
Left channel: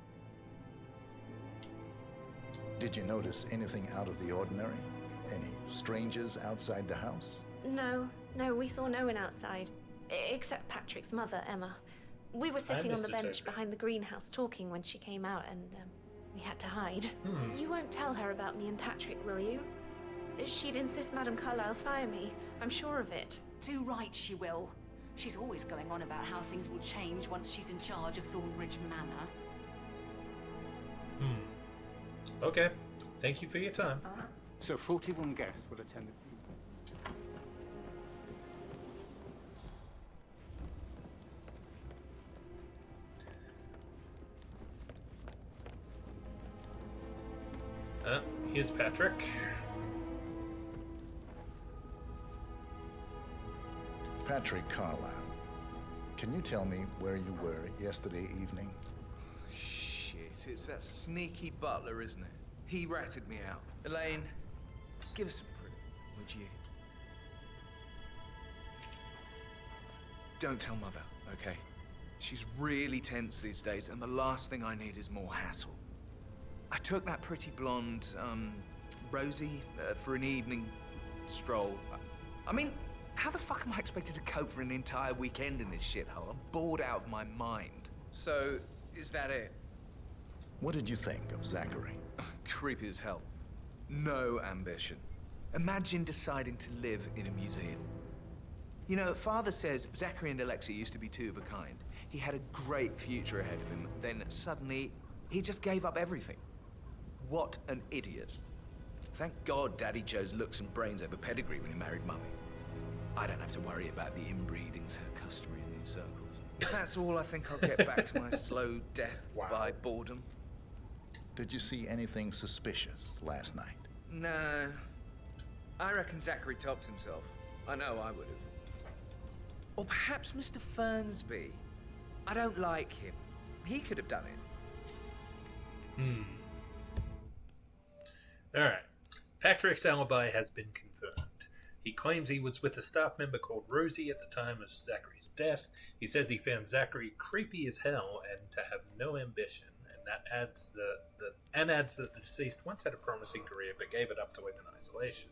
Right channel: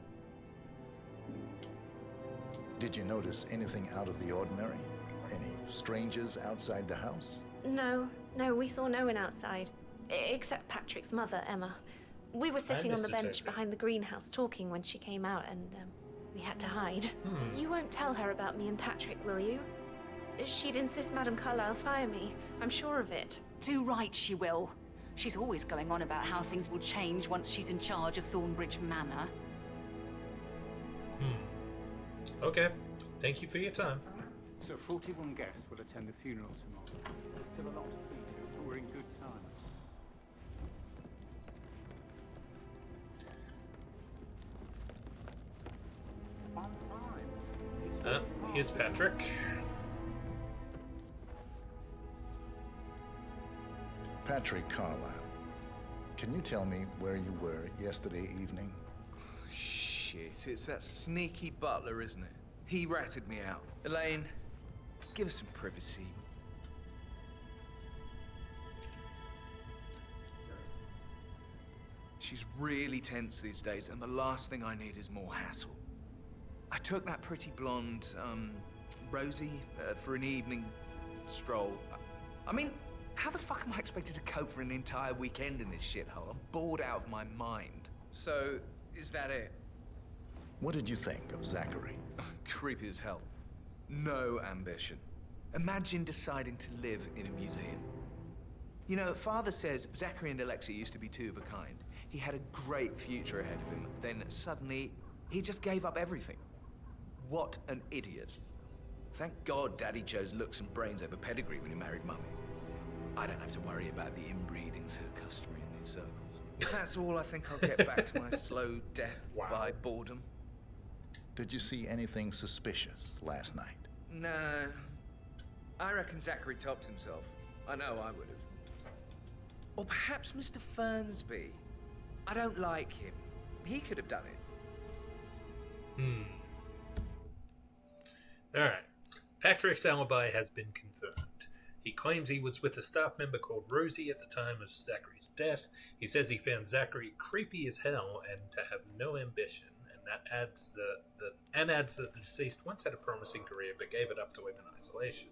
Did you notice anything out of the ordinary? Any strangers outside the house? No, we saw no one outside. Except Patrick's mother, Emma. We were sitting on the bench behind the greenhouse talking when she came out and we had to hide. You won't tell her about me and Patrick, will you? She'd insist Madame Carlyle fire me. I'm sure of it. Too right she will. She's always going on about how things will change once she's in charge of Thornbridge Manor. Okay. Thank you for your time. So 41 guests will attend the funeral tomorrow. Still a lot of people who are in good time. Here's Patrick. Patrick Carlyle, can you tell me where you were yesterday evening? Shit, it's that sneaky butler, isn't it? He ratted me out. Elaine, give us some privacy, would you? Don't tell Mother, okay? She's really tense these days, and the last thing I need is more hassle. I took that pretty blonde, Rosie, for an evening stroll. I mean, how the fuck am I expected to cope for an entire weekend in this shithole? I'm bored out of my mind. So, is that it? What did you think of Zachary? Creepy as hell. No ambition. Imagine deciding to live in a museum. You know, Father says Zachary and Alexia used to be two of a kind. He had a great future ahead of him, then suddenly, he just gave up everything. What an idiot. Thank God Daddy chose looks and brains over pedigree when he married Mummy. I don't have to worry about the inbreeding so customary in these circles. If that's all, I think I'll get back to my slow death by boredom. Did you see anything suspicious last night? No. I reckon Zachary tops himself. I know I would have. Or perhaps Mr. Fernsby. I don't like him. He could have done it. Alright. Patrick's alibi has been confirmed. He claims he was with a staff member called Rosie at the time of Zachary's death. He says he found Zachary creepy as hell and to have no ambition, and that adds that the deceased once had a promising career but gave it up to live in isolation.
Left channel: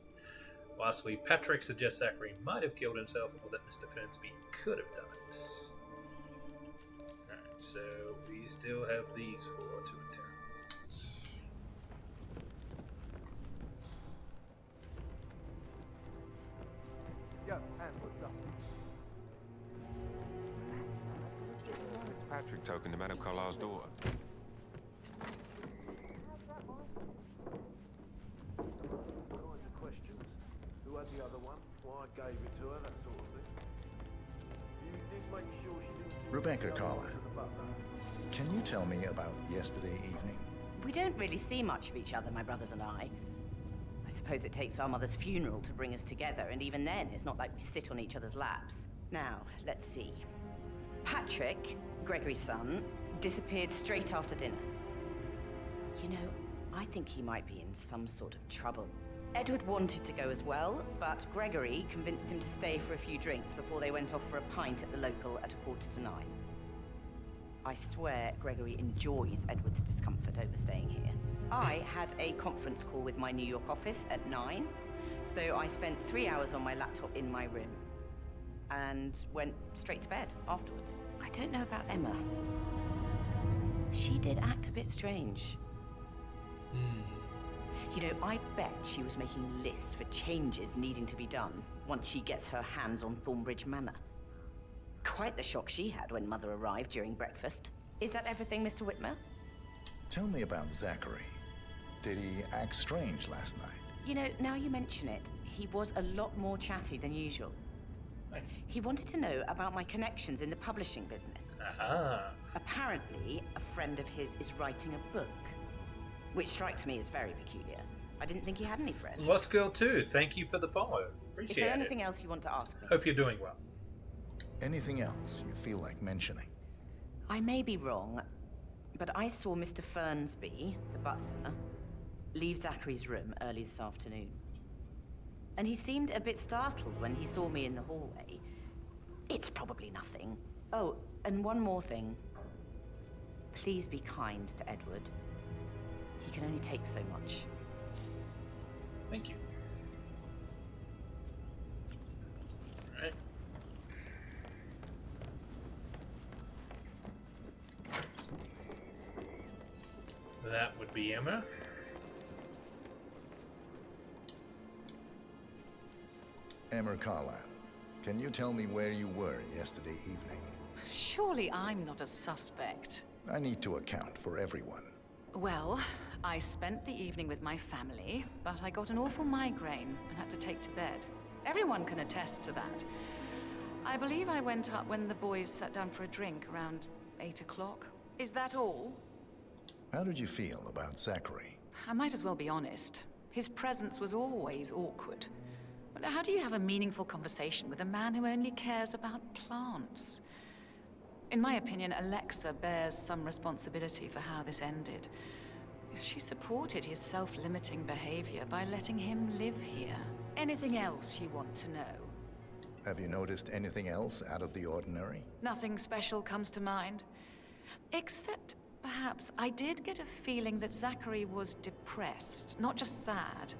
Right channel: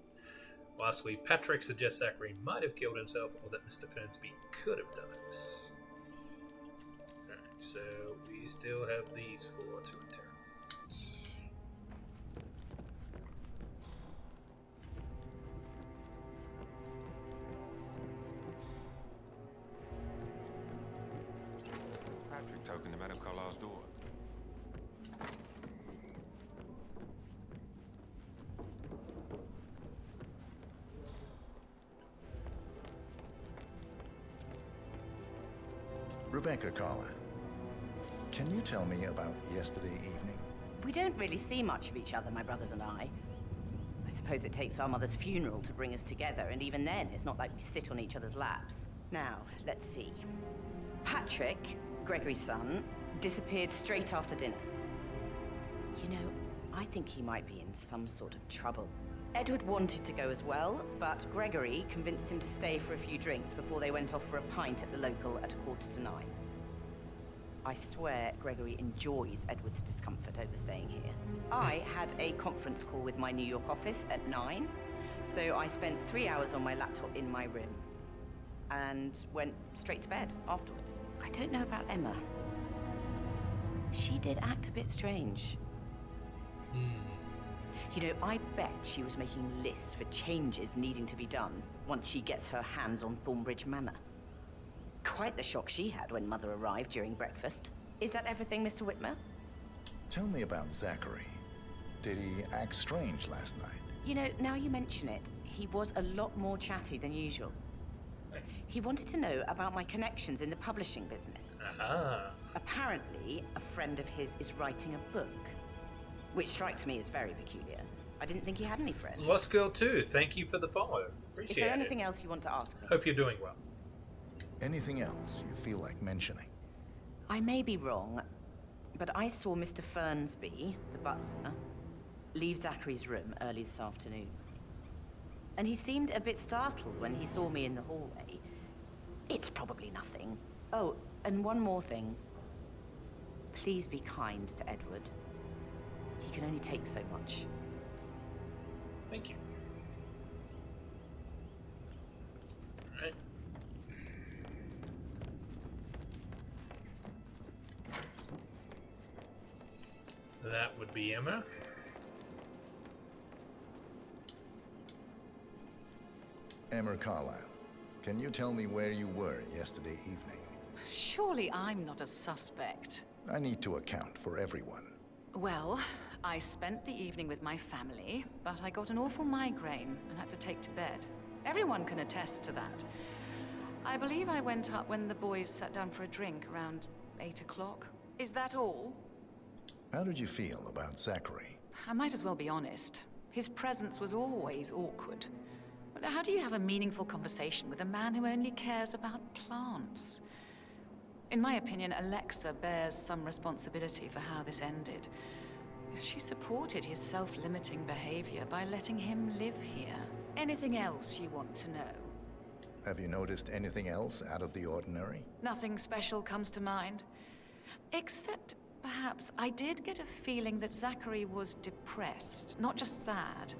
Lastly, Patrick suggests Zachary might have killed himself or that Mr. Fernsby could have done it. Alright, so we still have these four to interrogate. Patrick talking to Madame Carlyle's door. Who had the other one? Why I gave it to her, that sort of thing. Rebecca Carlyle, can you tell me about yesterday evening? We don't really see much of each other, my brothers and I. I suppose it takes our mother's funeral to bring us together, and even then, it's not like we sit on each other's laps. Now, let's see. Patrick, Gregory's son, disappeared straight after dinner. You know, I think he might be in some sort of trouble. Edward wanted to go as well, but Gregory convinced him to stay for a few drinks before they went off for a pint at the local at 9:15. I swear Gregory enjoys Edward's discomfort over staying here. I had a conference call with my New York office at 9, so I spent 3 hours on my laptop in my room and went straight to bed afterwards. I don't know about Emma. She did act a bit strange. You know, I bet she was making lists for changes needing to be done once she gets her hands on Thornbridge Manor. Quite the shock she had when Mother arrived during breakfast. Is that everything, Mr. Whitmer? Tell me about Zachary. Did he act strange last night? You know, now you mention it, he was a lot more chatty than usual. He wanted to know about my connections in the publishing business. Apparently, a friend of his is writing a book, which strikes me as very peculiar. I didn't think he had any friends. Lost Girl 2, thank you for the follow. Appreciate it. Is there anything else you want to ask me? Hope you're doing well. Anything else you feel like mentioning? I may be wrong, but I saw Mr. Fernsby, the butler, leave Zachary's room early this afternoon. And he seemed a bit startled when he saw me in the hallway. It's probably nothing. Oh, and one more thing. Please be kind to Edward. He can only take so much. Thank you. Alright. That would be Emma. Emma Carlyle, can you tell me where you were yesterday evening? Surely I'm not a suspect. I need to account for everyone. Well, I spent the evening with my family, but I got an awful migraine and had to take to bed. Everyone can attest to that. I believe I went up when the boys sat down for a drink around 8 o'clock. Is that all? How did you feel about Zachary? I might as well be honest. His presence was always awkward. But how do you have a meaningful conversation with a man who only cares about plants? In my opinion, Alexa bears some responsibility for how this ended. She supported his self-limiting behavior by letting him live here. Anything else you want to know? Have you noticed anything else out of the ordinary? Nothing special comes to mind. Except, perhaps, I did get a feeling that Zachary was depressed, not just sad.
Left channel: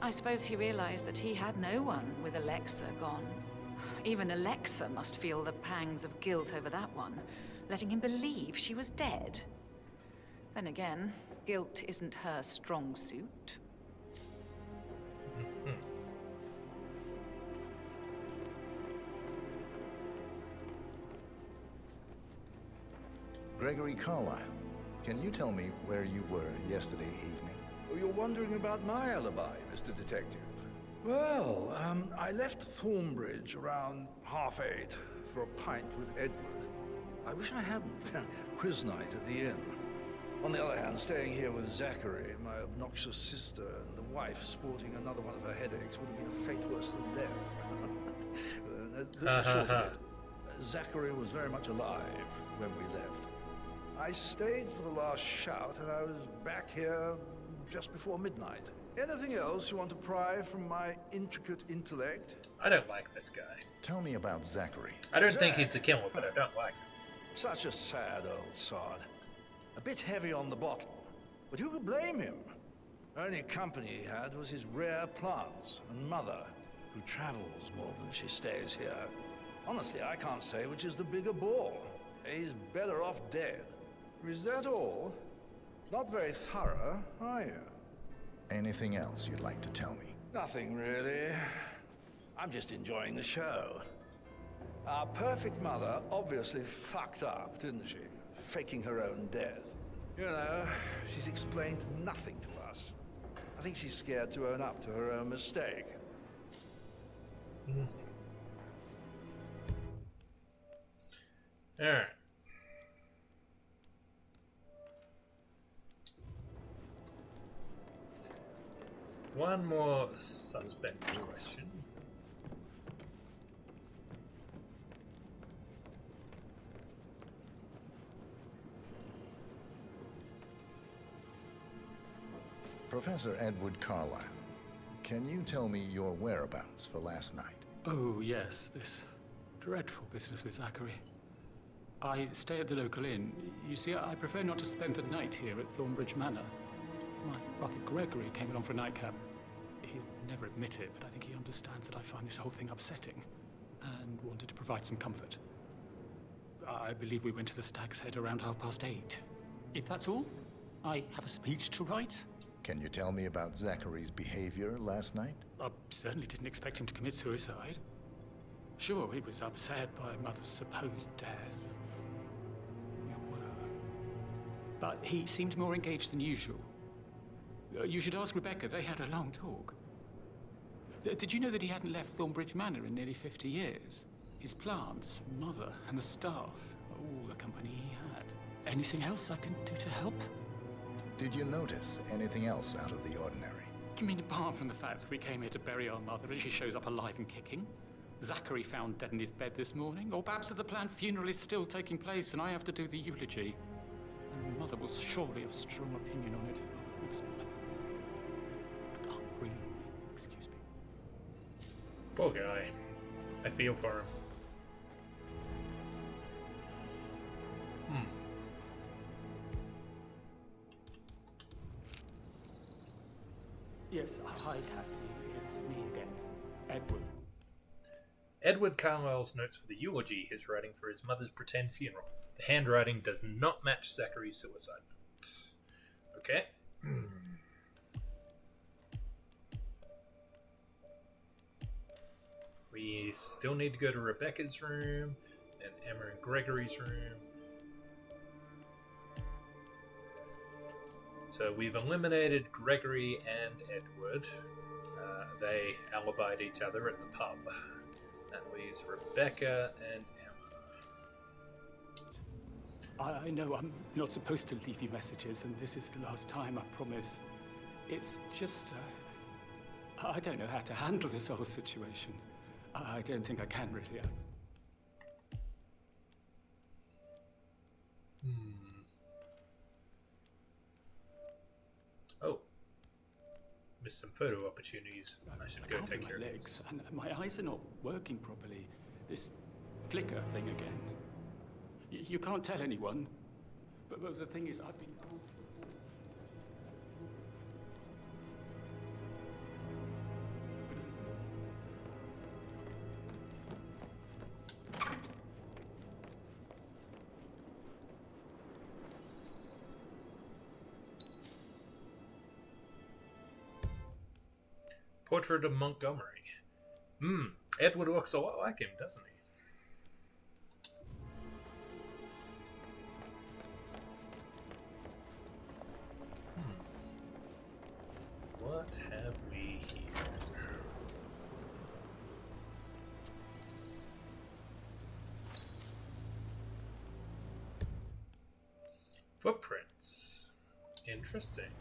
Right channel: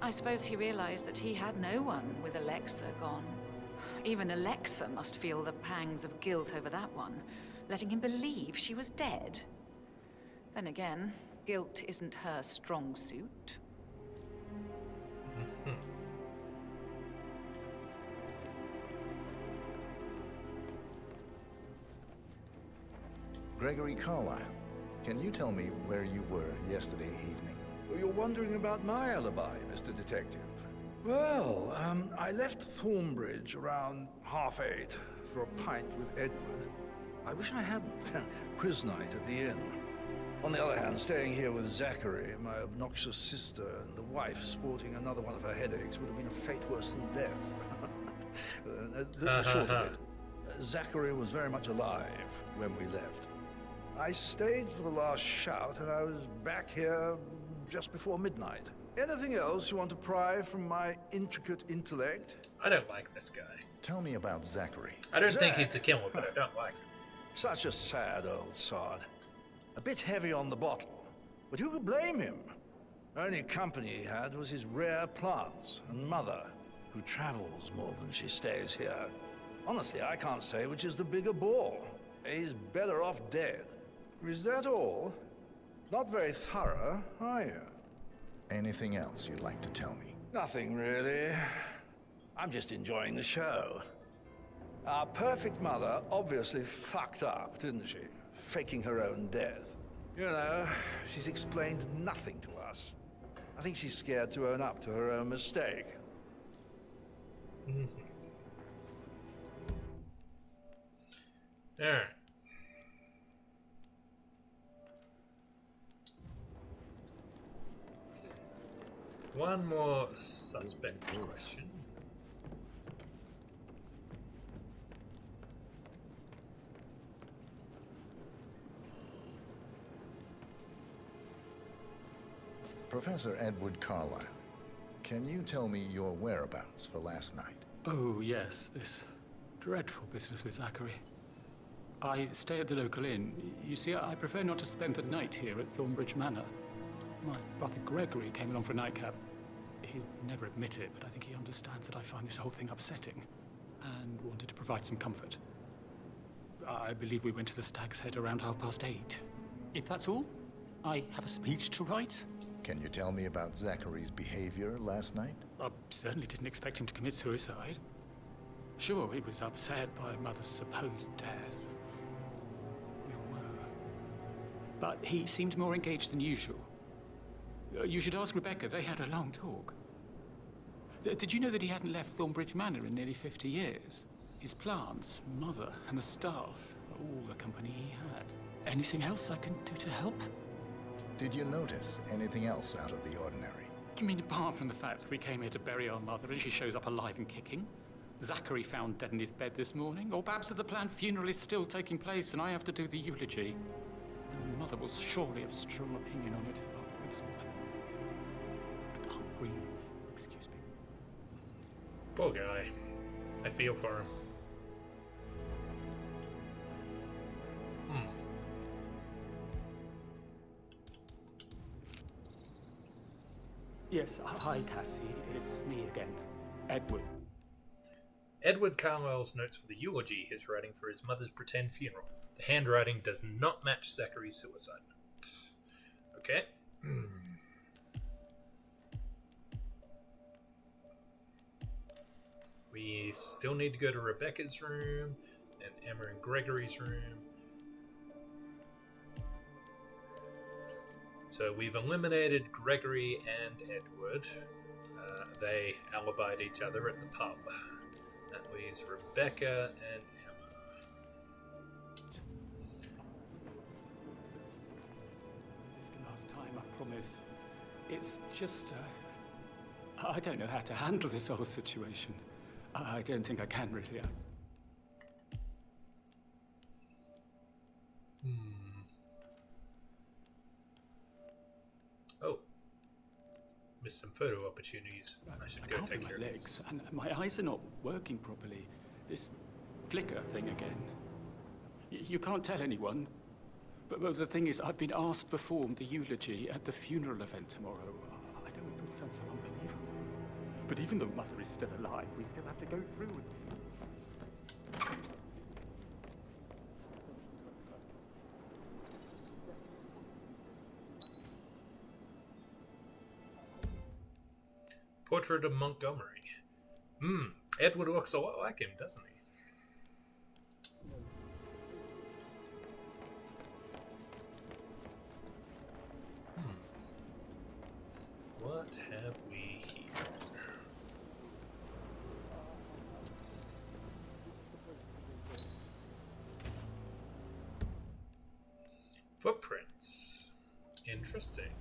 I suppose he realized that he had no one with Alexa gone. Even Alexa must feel the pangs of guilt over that one, letting him believe she was dead. Then again, guilt isn't her strong suit. Gregory Carlyle, can you tell me where you were yesterday evening? Oh, you're wondering about my alibi, Mr. Detective. Well, I left Thornbridge around 8:30 for a pint with Edward. I wish I hadn't. Quiz night at the inn. On the other hand, staying here with Zachary, my obnoxious sister, and the wife sporting another one of her headaches would have been a fate worse than death. The short of it, Zachary was very much alive when we left. I stayed for the last shout, and I was back here just before midnight. Anything else you want to pry from my intricate intellect? I don't like this guy. Tell me about Zachary. I don't think he's a killer, but I don't like him. Such a sad old sod. A bit heavy on the bottle, but who could blame him? Only company he had was his rare plants and mother, who travels more than she stays here. Honestly, I can't say which is the bigger bore. He's better off dead. Is that all? Not very thorough, are you? Anything else you'd like to tell me? Nothing really. I'm just enjoying the show. Our perfect mother obviously fucked up, didn't she? Faking her own death. You know, she's explained nothing to us. I think she's scared to own up to her own mistake. Alright. One more suspect question. Professor Edward Carlyle, can you tell me your whereabouts for last night? Oh, yes, this dreadful business with Zachary. I stay at the local inn. You see, I prefer not to spend the night here at Thornbridge Manor. My brother Gregory came along for a nightcap. He'd never admit it, but I think he understands that I find this whole thing upsetting and wanted to provide some comfort. I believe we went to the Stag's Head around 8:30. If that's all, I have a speech to write. Can you tell me about Zachary's behavior last night? I certainly didn't expect him to commit suicide. Sure, he was upset by Mother's supposed death. We were. But he seemed more engaged than usual. You should ask Rebecca. They had a long talk. Did you know that he hadn't left Thornbridge Manor in nearly 50 years? His plants, Mother, and the staff, all the company he had. Anything else I can do to help? Did you notice anything else out of the ordinary? You mean apart from the fact that we came here to bury our mother and she shows up alive and kicking? Zachary found dead in his bed this morning? Or perhaps that the planned funeral is still taking place and I have to do the eulogy? And Mother will surely have strong opinion on it afterwards. I can't breathe. Excuse me. Poor guy. I feel for him. Yes, hi Cassie, it's me again. Edward. Edward Carlyle's notes for the eulogy he's writing for his mother's pretend funeral. The handwriting does not match Zachary's suicide note. Okay. We still need to go to Rebecca's room and Emma and Gregory's room. So we've eliminated Gregory and Edward. They alibied each other at the pub. That leaves Rebecca and Emma. I know I'm not supposed to leave you messages, and this is the last time, I promise. It's just, I don't know how to handle this whole situation. I don't think I can, really. Oh. Missed some photo opportunities. I should go take care of my legs, and my eyes are not working properly. This flicker thing again. You can't tell anyone. But the thing is, I've been asked to perform the eulogy at the funeral event tomorrow. I don't know, it sounds so unbelievable. But even though Mother is still alive, we still have to go through with it. Portrait of Montgomery. Edward looks a lot like him, doesn't he? What have we here? Footprints. Interesting.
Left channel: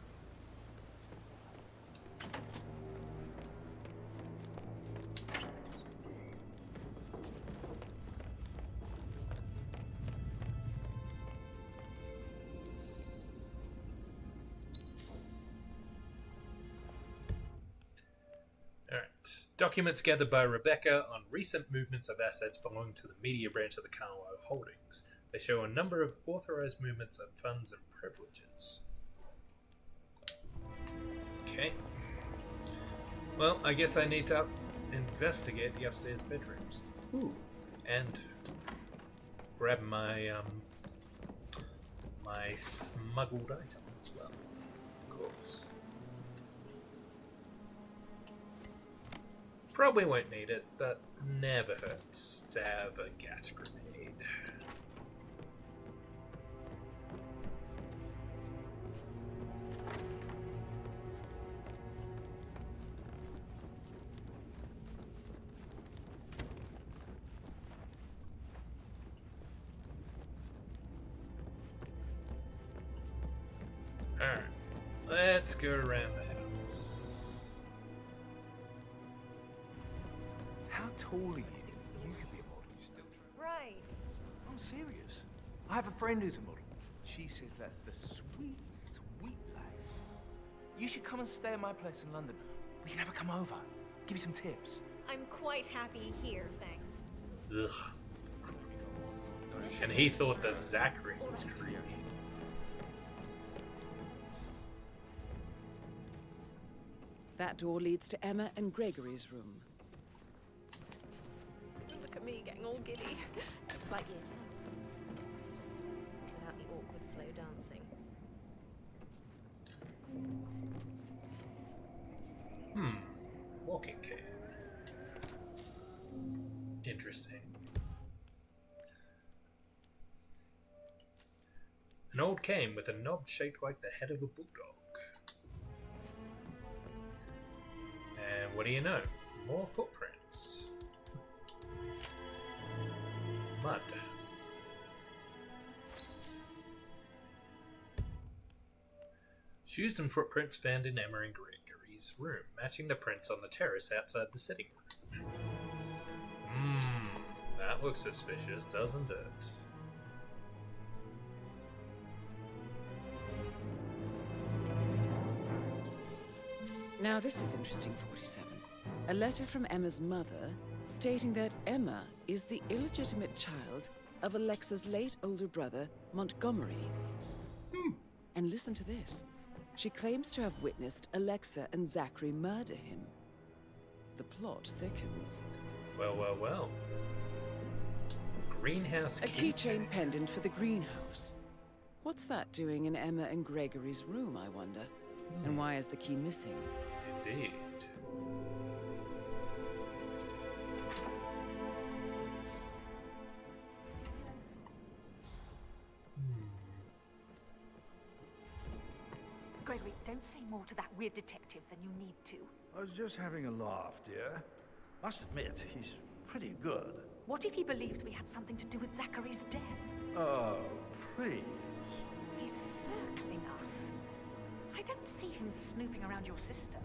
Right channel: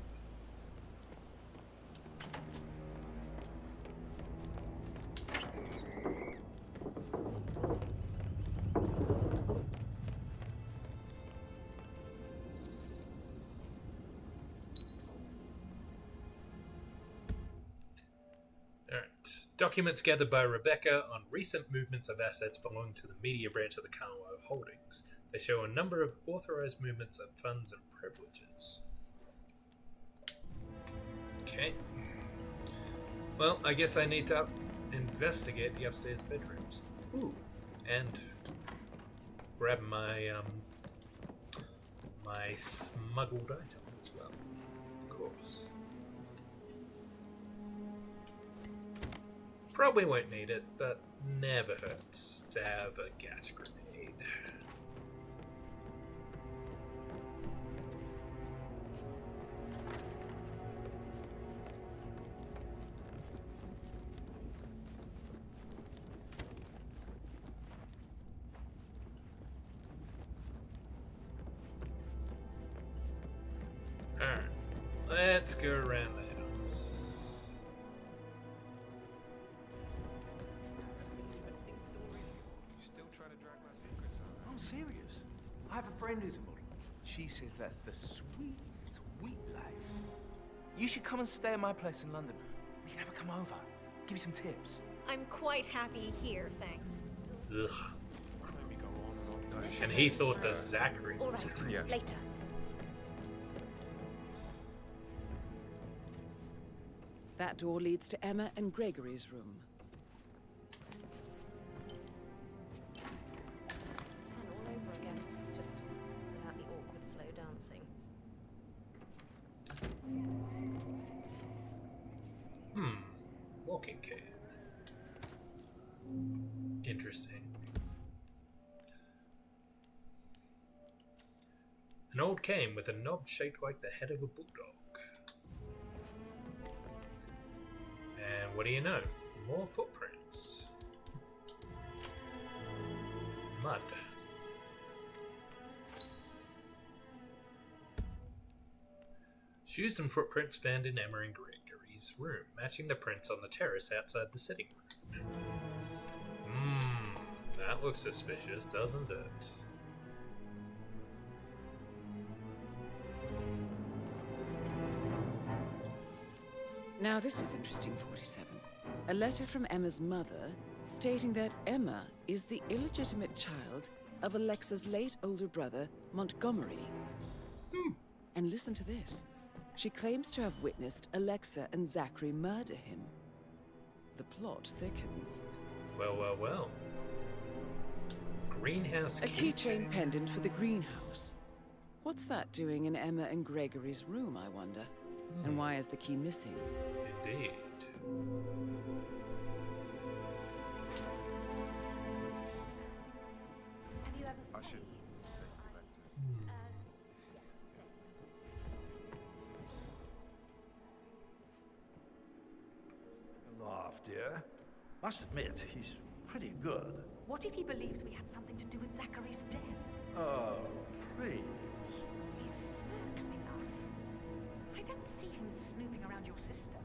Documents gathered by Rebecca on recent movements of assets belonging to the media branch of the Carlisle Holdings. They show a number of authorized movements of funds and privileges. Okay. Well, I guess I need to investigate the upstairs bedrooms. Ooh. And grab my my smuggled item as well. Of course. Probably won't need it, but never hurts to have a gas grenade. Alright, let's go around the house. I'm serious. I have a friend who's a model. She says that's the sweet, sweet life. You should come and stay at my place in London. We can have her come over. Give you some tips. I'm quite happy here, thanks. Ugh. And he thought that Zachary was later. That door leads to Emma and Gregory's room. Look at me getting all giddy. It's like year 10 all over again, just without the awkward slow dancing. walking cane. Interesting. An old cane with a knob shaped like the head of a bulldog. And what do you know? More footprints. Mud. Shoes and footprints found in Emma and Gregory's room, matching the prints on the terrace outside the sitting room. That looks suspicious, doesn't it? Now this is interesting, 47. A letter from Emma's mother stating that Emma is the illegitimate child of Alexa's late older brother, Montgomery. And listen to this. She claims to have witnessed Alexa and Zachary murder him. The plot thickens. Well, well, well. Greenhouse A keychain pendant for the greenhouse. What's that doing in Emma and Gregory's room, I wonder? And why is the key missing? Indeed. Gregory, don't say more to that weird detective than you need to. I was just having a laugh, dear. Must admit, he's pretty good. What if he believes we had something to do with Zachary's death? Oh, please. He's circling us. I don't see him snooping around your sister.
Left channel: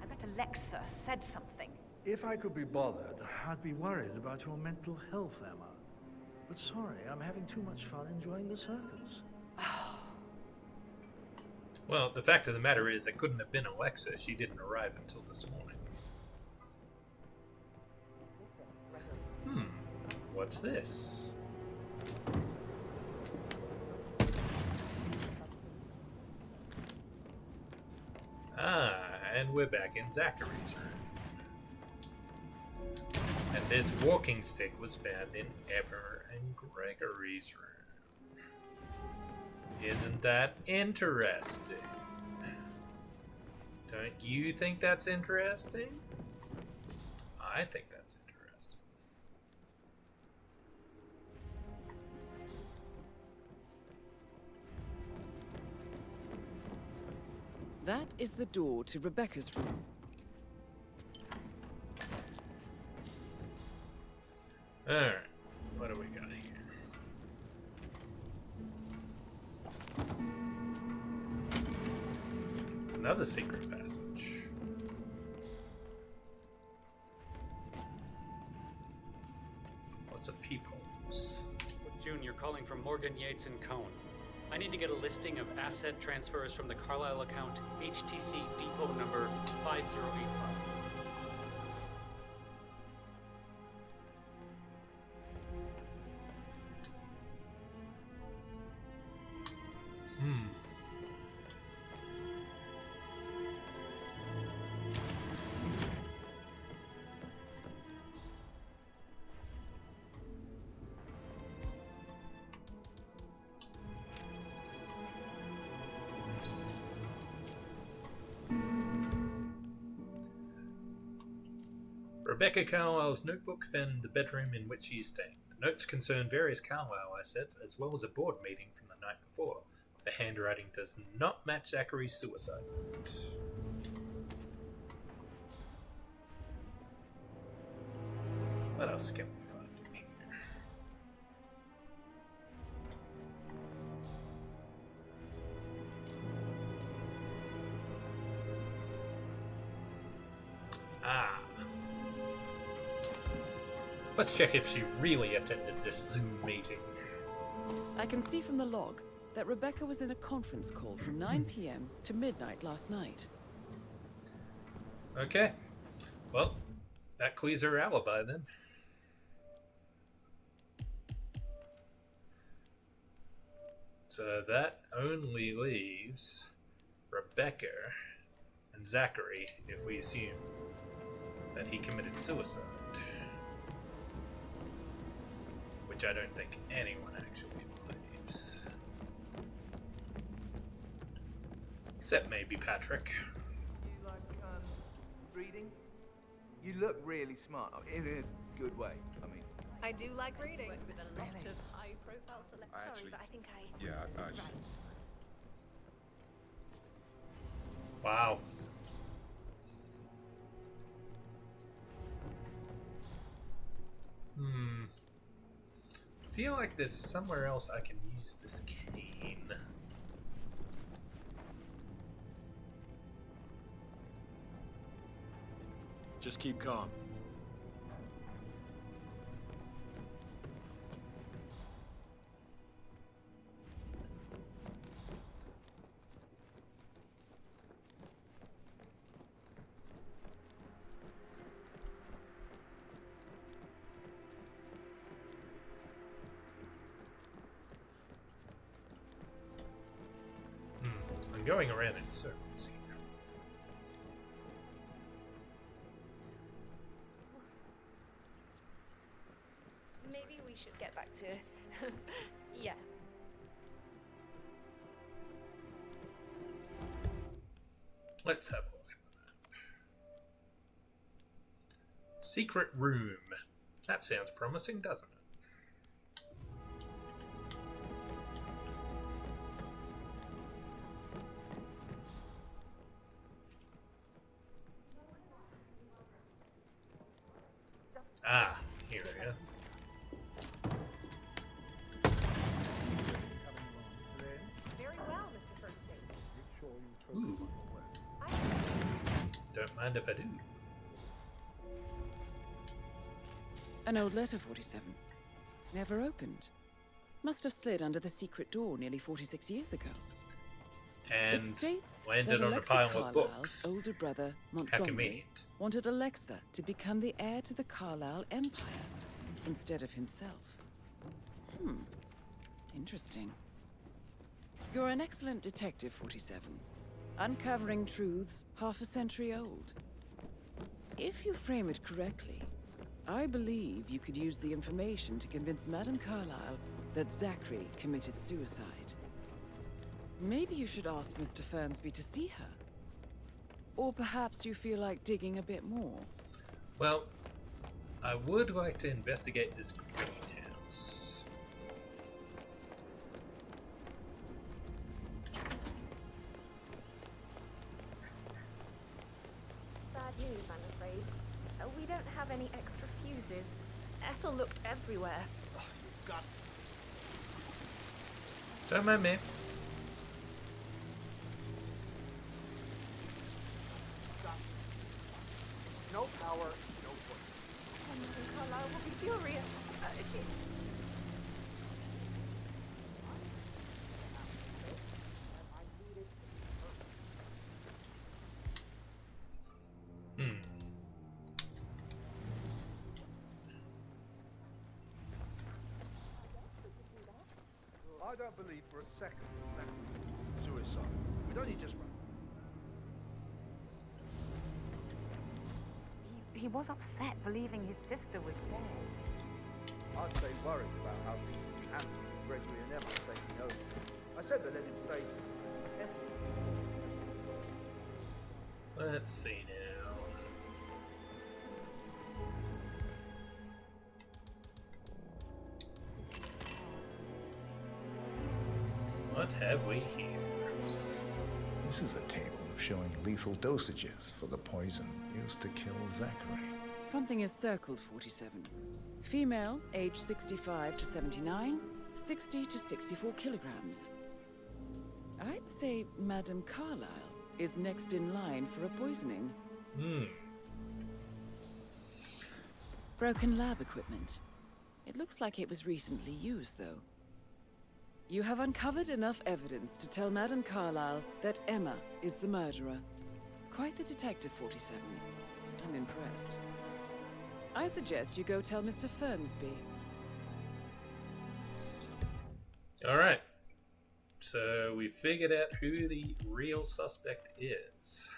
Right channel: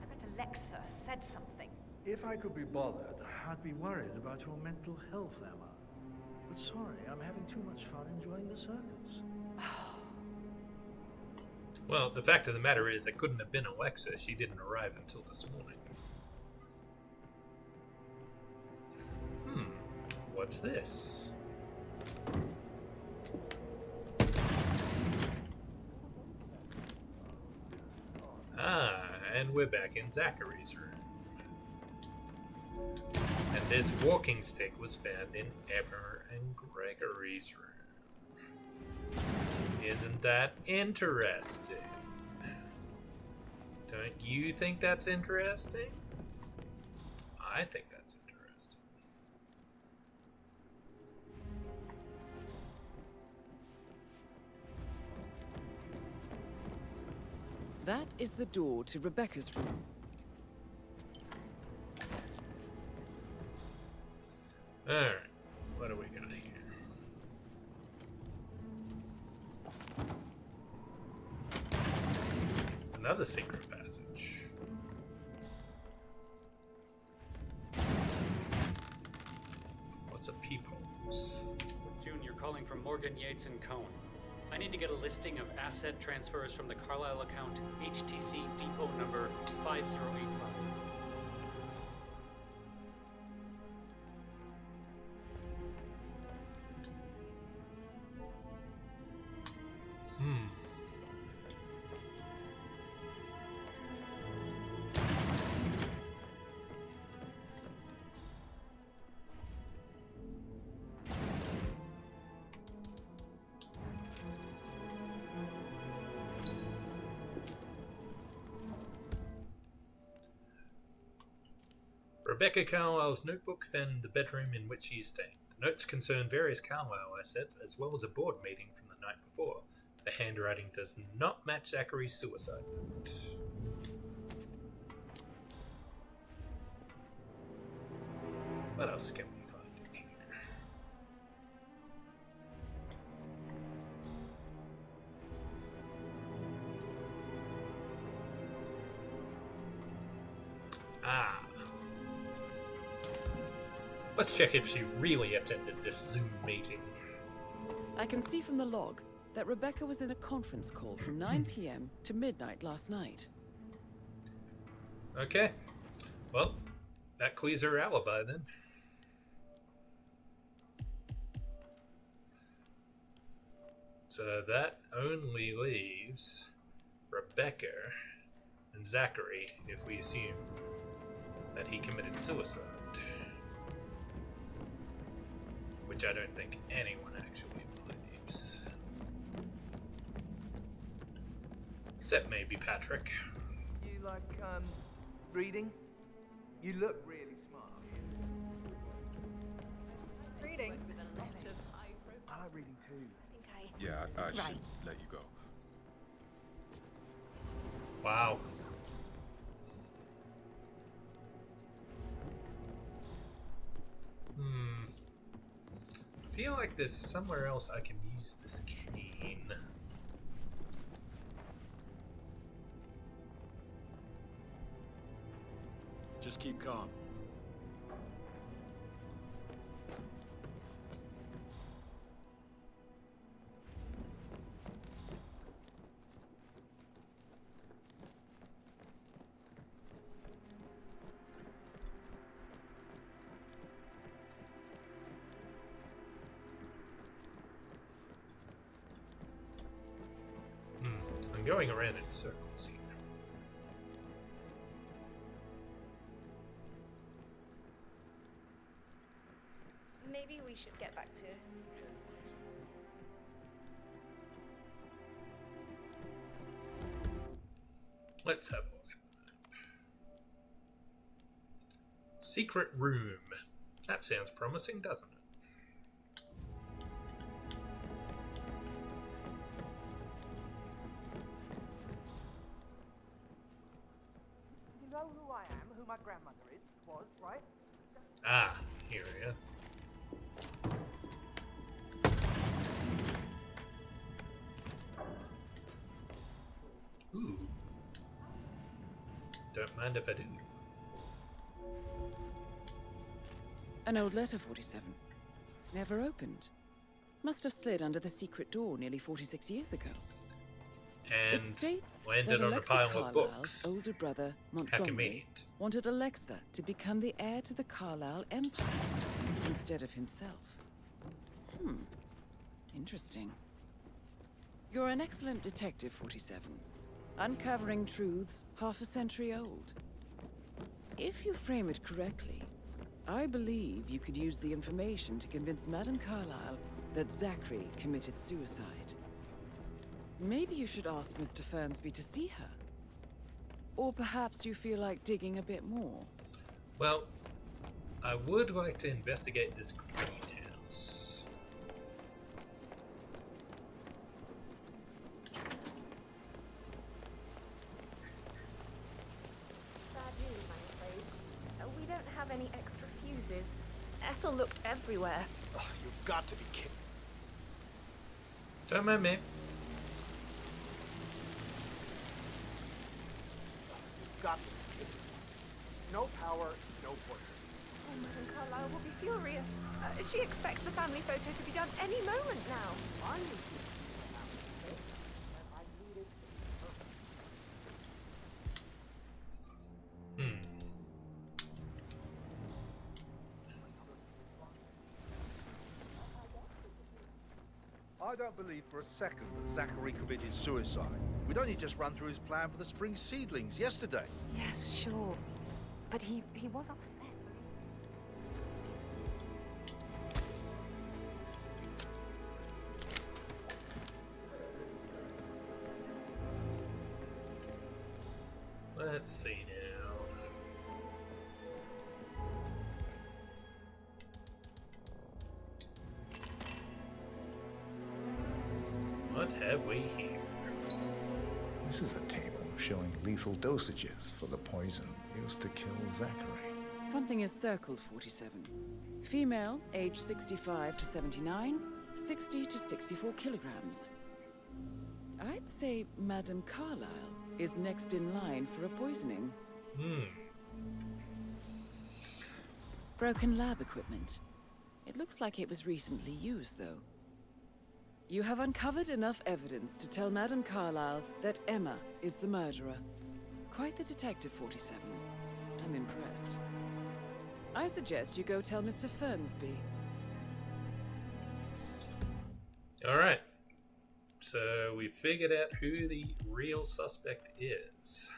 I bet Alexa said something. If I could be bothered, I'd be worried about your mental health, Emma. But sorry, I'm having too much fun enjoying the circus. Well, the fact of the matter is, it couldn't have been Alexa. She didn't arrive until this morning. What's this? And we're back in Zachary's room. And this walking stick was found in Emma and Gregory's room. Isn't that interesting? Don't you think that's interesting? I think that's interesting. That is the door to Rebecca's room. Alright, what do we got here? Another secret passage. What's a peepholes? June, you're calling from Morgan, Yates & Cohn. I need to get a listing of asset transfers from the Carlisle account HTC depot number 5085. Rebecca Carlisle's notebook found in the bedroom in which she is staying. The notes concern various Carlisle assets as well as a board meeting from the night before. The handwriting does not match Zachary's suicide note. What else can we find in here? Let's check if she really attended this Zoom meeting. I can see from the log that Rebecca was in a conference call from 9 p.m. to midnight last night. Okay. Well, that clears her alibi then. So that only leaves Rebecca and Zachary if we assume that he committed suicide. Which I don't think anyone actually believes. Except maybe Patrick. You like, reading? You look really smart, in a good way. I mean, I do like reading. With a lot of high-profile Sorry, but I think I... Yeah, I should let you go. Wow. I feel like there's somewhere else I can use this cane. Just keep calm. I'm going around in circles here. Maybe we should get back to... yeah. Let's have a look. Secret room. That sounds promising, doesn't it? you know who I am, who my grandmother was, right? Ah, here we go. Ooh. Don't mind if I do. An old letter, 47. Never opened. Must have slid under the secret door nearly 46 years ago. And it states landed that on Alexa a pile Carlyle's of books. older brother, How Montgomery, convenient. wanted Alexa to become the heir to the Carlyle Empire instead of himself. Interesting. You're an excellent detective, 47. Uncovering truths half a century old. If you frame it correctly, I believe you could use the information to convince Madame Carlyle that Zachary committed suicide. Maybe you should ask Mr. Fernsby to see her. Or perhaps you feel like digging a bit more. Well, I would like to investigate this greenhouse. Bad news, I'm afraid. We don't have any extra fuses. Ethel looked everywhere. Oh, you've got to be kidding. Don't mind me. Got to be kidding. No power, no point. Oh, Madame Carlyle will be furious. She expects the family photo to be done any moment now. I need to have it, and I need it to be perfect. I don't believe for a second that Zachary committed suicide. We'd only just run through his plan for the spring seedlings yesterday. Yes, sure. But he was upset believing his sister was dead. I'd say worried about how things would be happening with Gregory and Ethel taking over. I said they let him stay. Let's see now. What have we here? This is a table showing lethal dosages for the poison used to kill Zachary. Something is circled, 47. Female, age 65 to 79, 60 to 64 kilograms. I'd say Madame Carlyle is next in line for a poisoning. Broken lab equipment. It looks like it was recently used, though. You have uncovered enough evidence to tell Madame Carlyle that Emma is the murderer. Quite the detective, 47. I'm impressed. I suggest you go tell Mr. Fernsby. Alright. So we figured out who the real suspect is.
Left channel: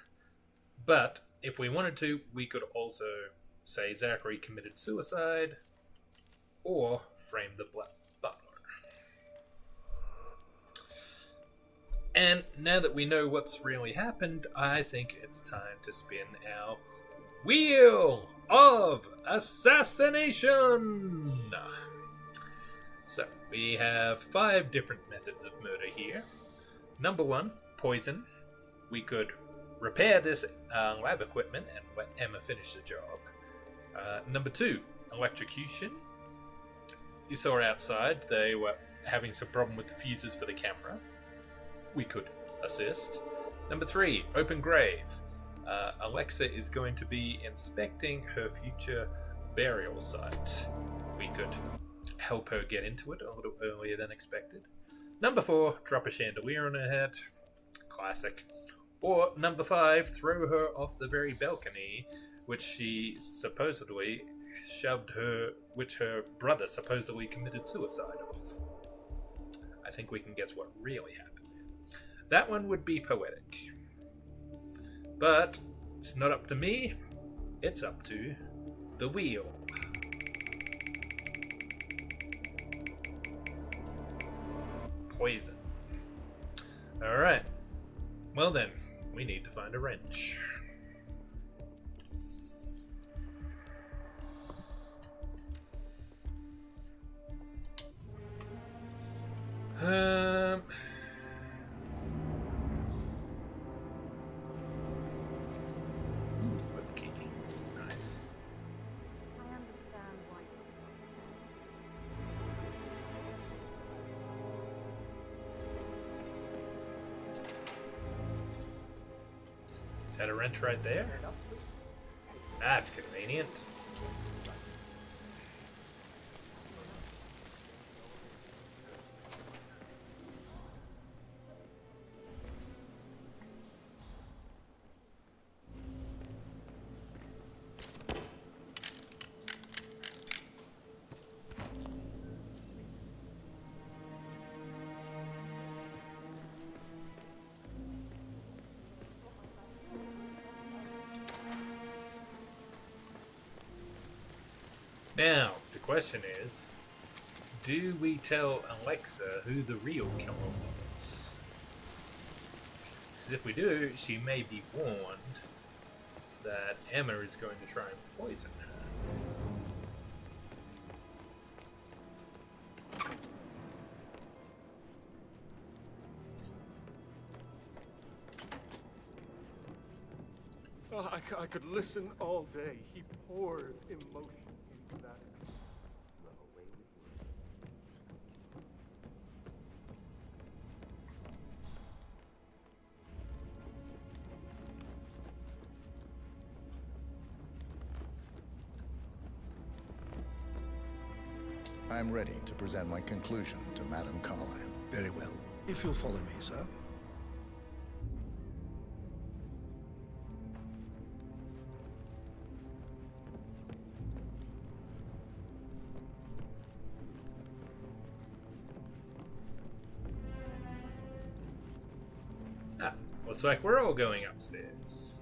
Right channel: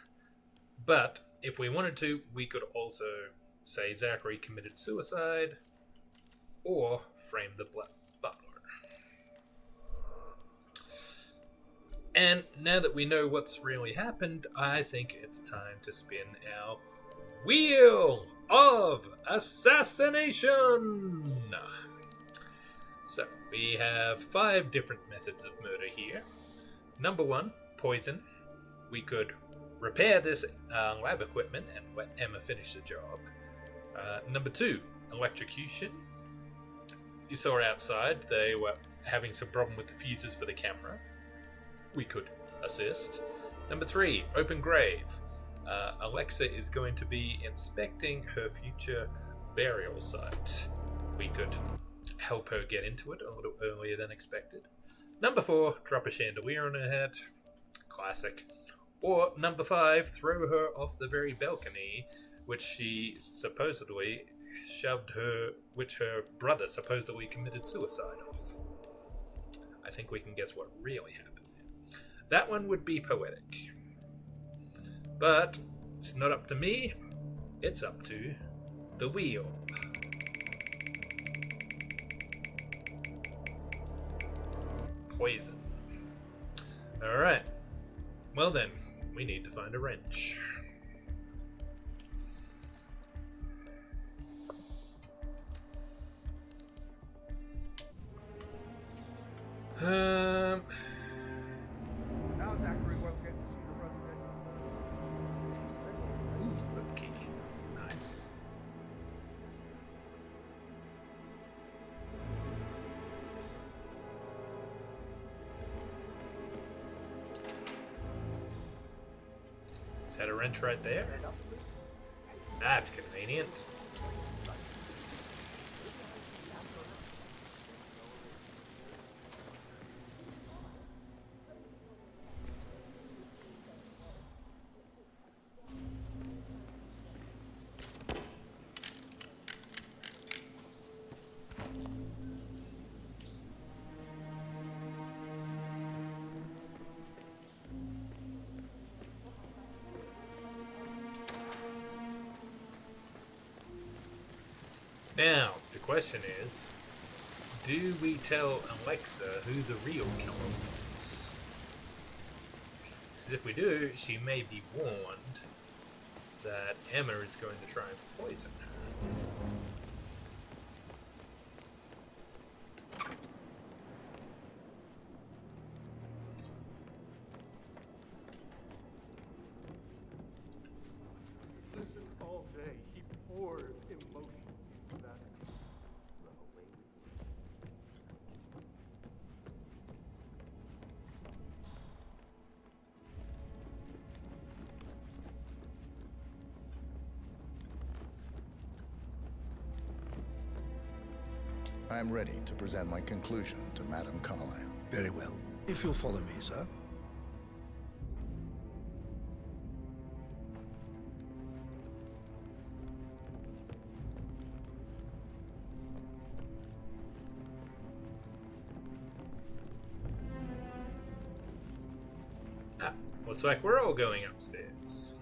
But if we wanted to, we could also say Zachary committed suicide or frame the butler. And now that we know what's really happened, I think it's time to spin our Wheel of Assassination! So, we have 5 different methods of murder here. Number 1, poison. We could repair this lab equipment and let Emma finish the job. Number 2, electrocution. You saw outside, they were having some problem with the fuses for the camera. We could assist. Number 3, open grave. Alexa is going to be inspecting her future burial site. We could help her get into it a little earlier than expected. Number 4, drop a chandelier on her head. Classic. Or number 5, throw her off the very balcony, which she supposedly which her brother supposedly committed suicide off. I think we can guess what really happened there. That one would be poetic. But it's not up to me, it's up to the wheel. Poison. Alright. Well then, we need to find a wrench. Key. Nice. Is that a wrench right there? That's convenient. Now, the question is, do we tell Alexa who the real killer was? Because if we do, she may be warned that Emma is going to try and poison her. Oh, I could listen all day. He poured emotion into that. Run away with me. I'm ready to present my conclusion to Madame Carlyle. Very well. If you'll follow me, sir. Looks like we're all going upstairs.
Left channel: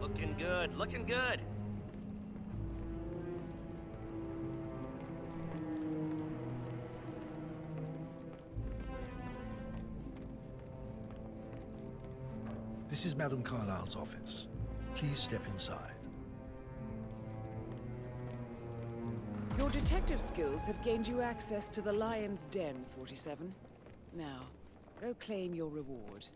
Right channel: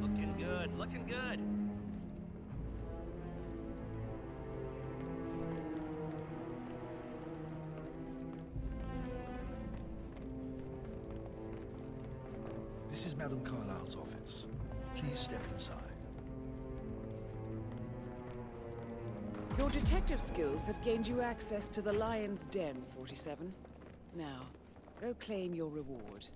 Looking good, looking good. This is Madame Carlyle's office. Please step inside. Your detective skills have gained you access to the Lion's Den, 47. Now, go claim your reward.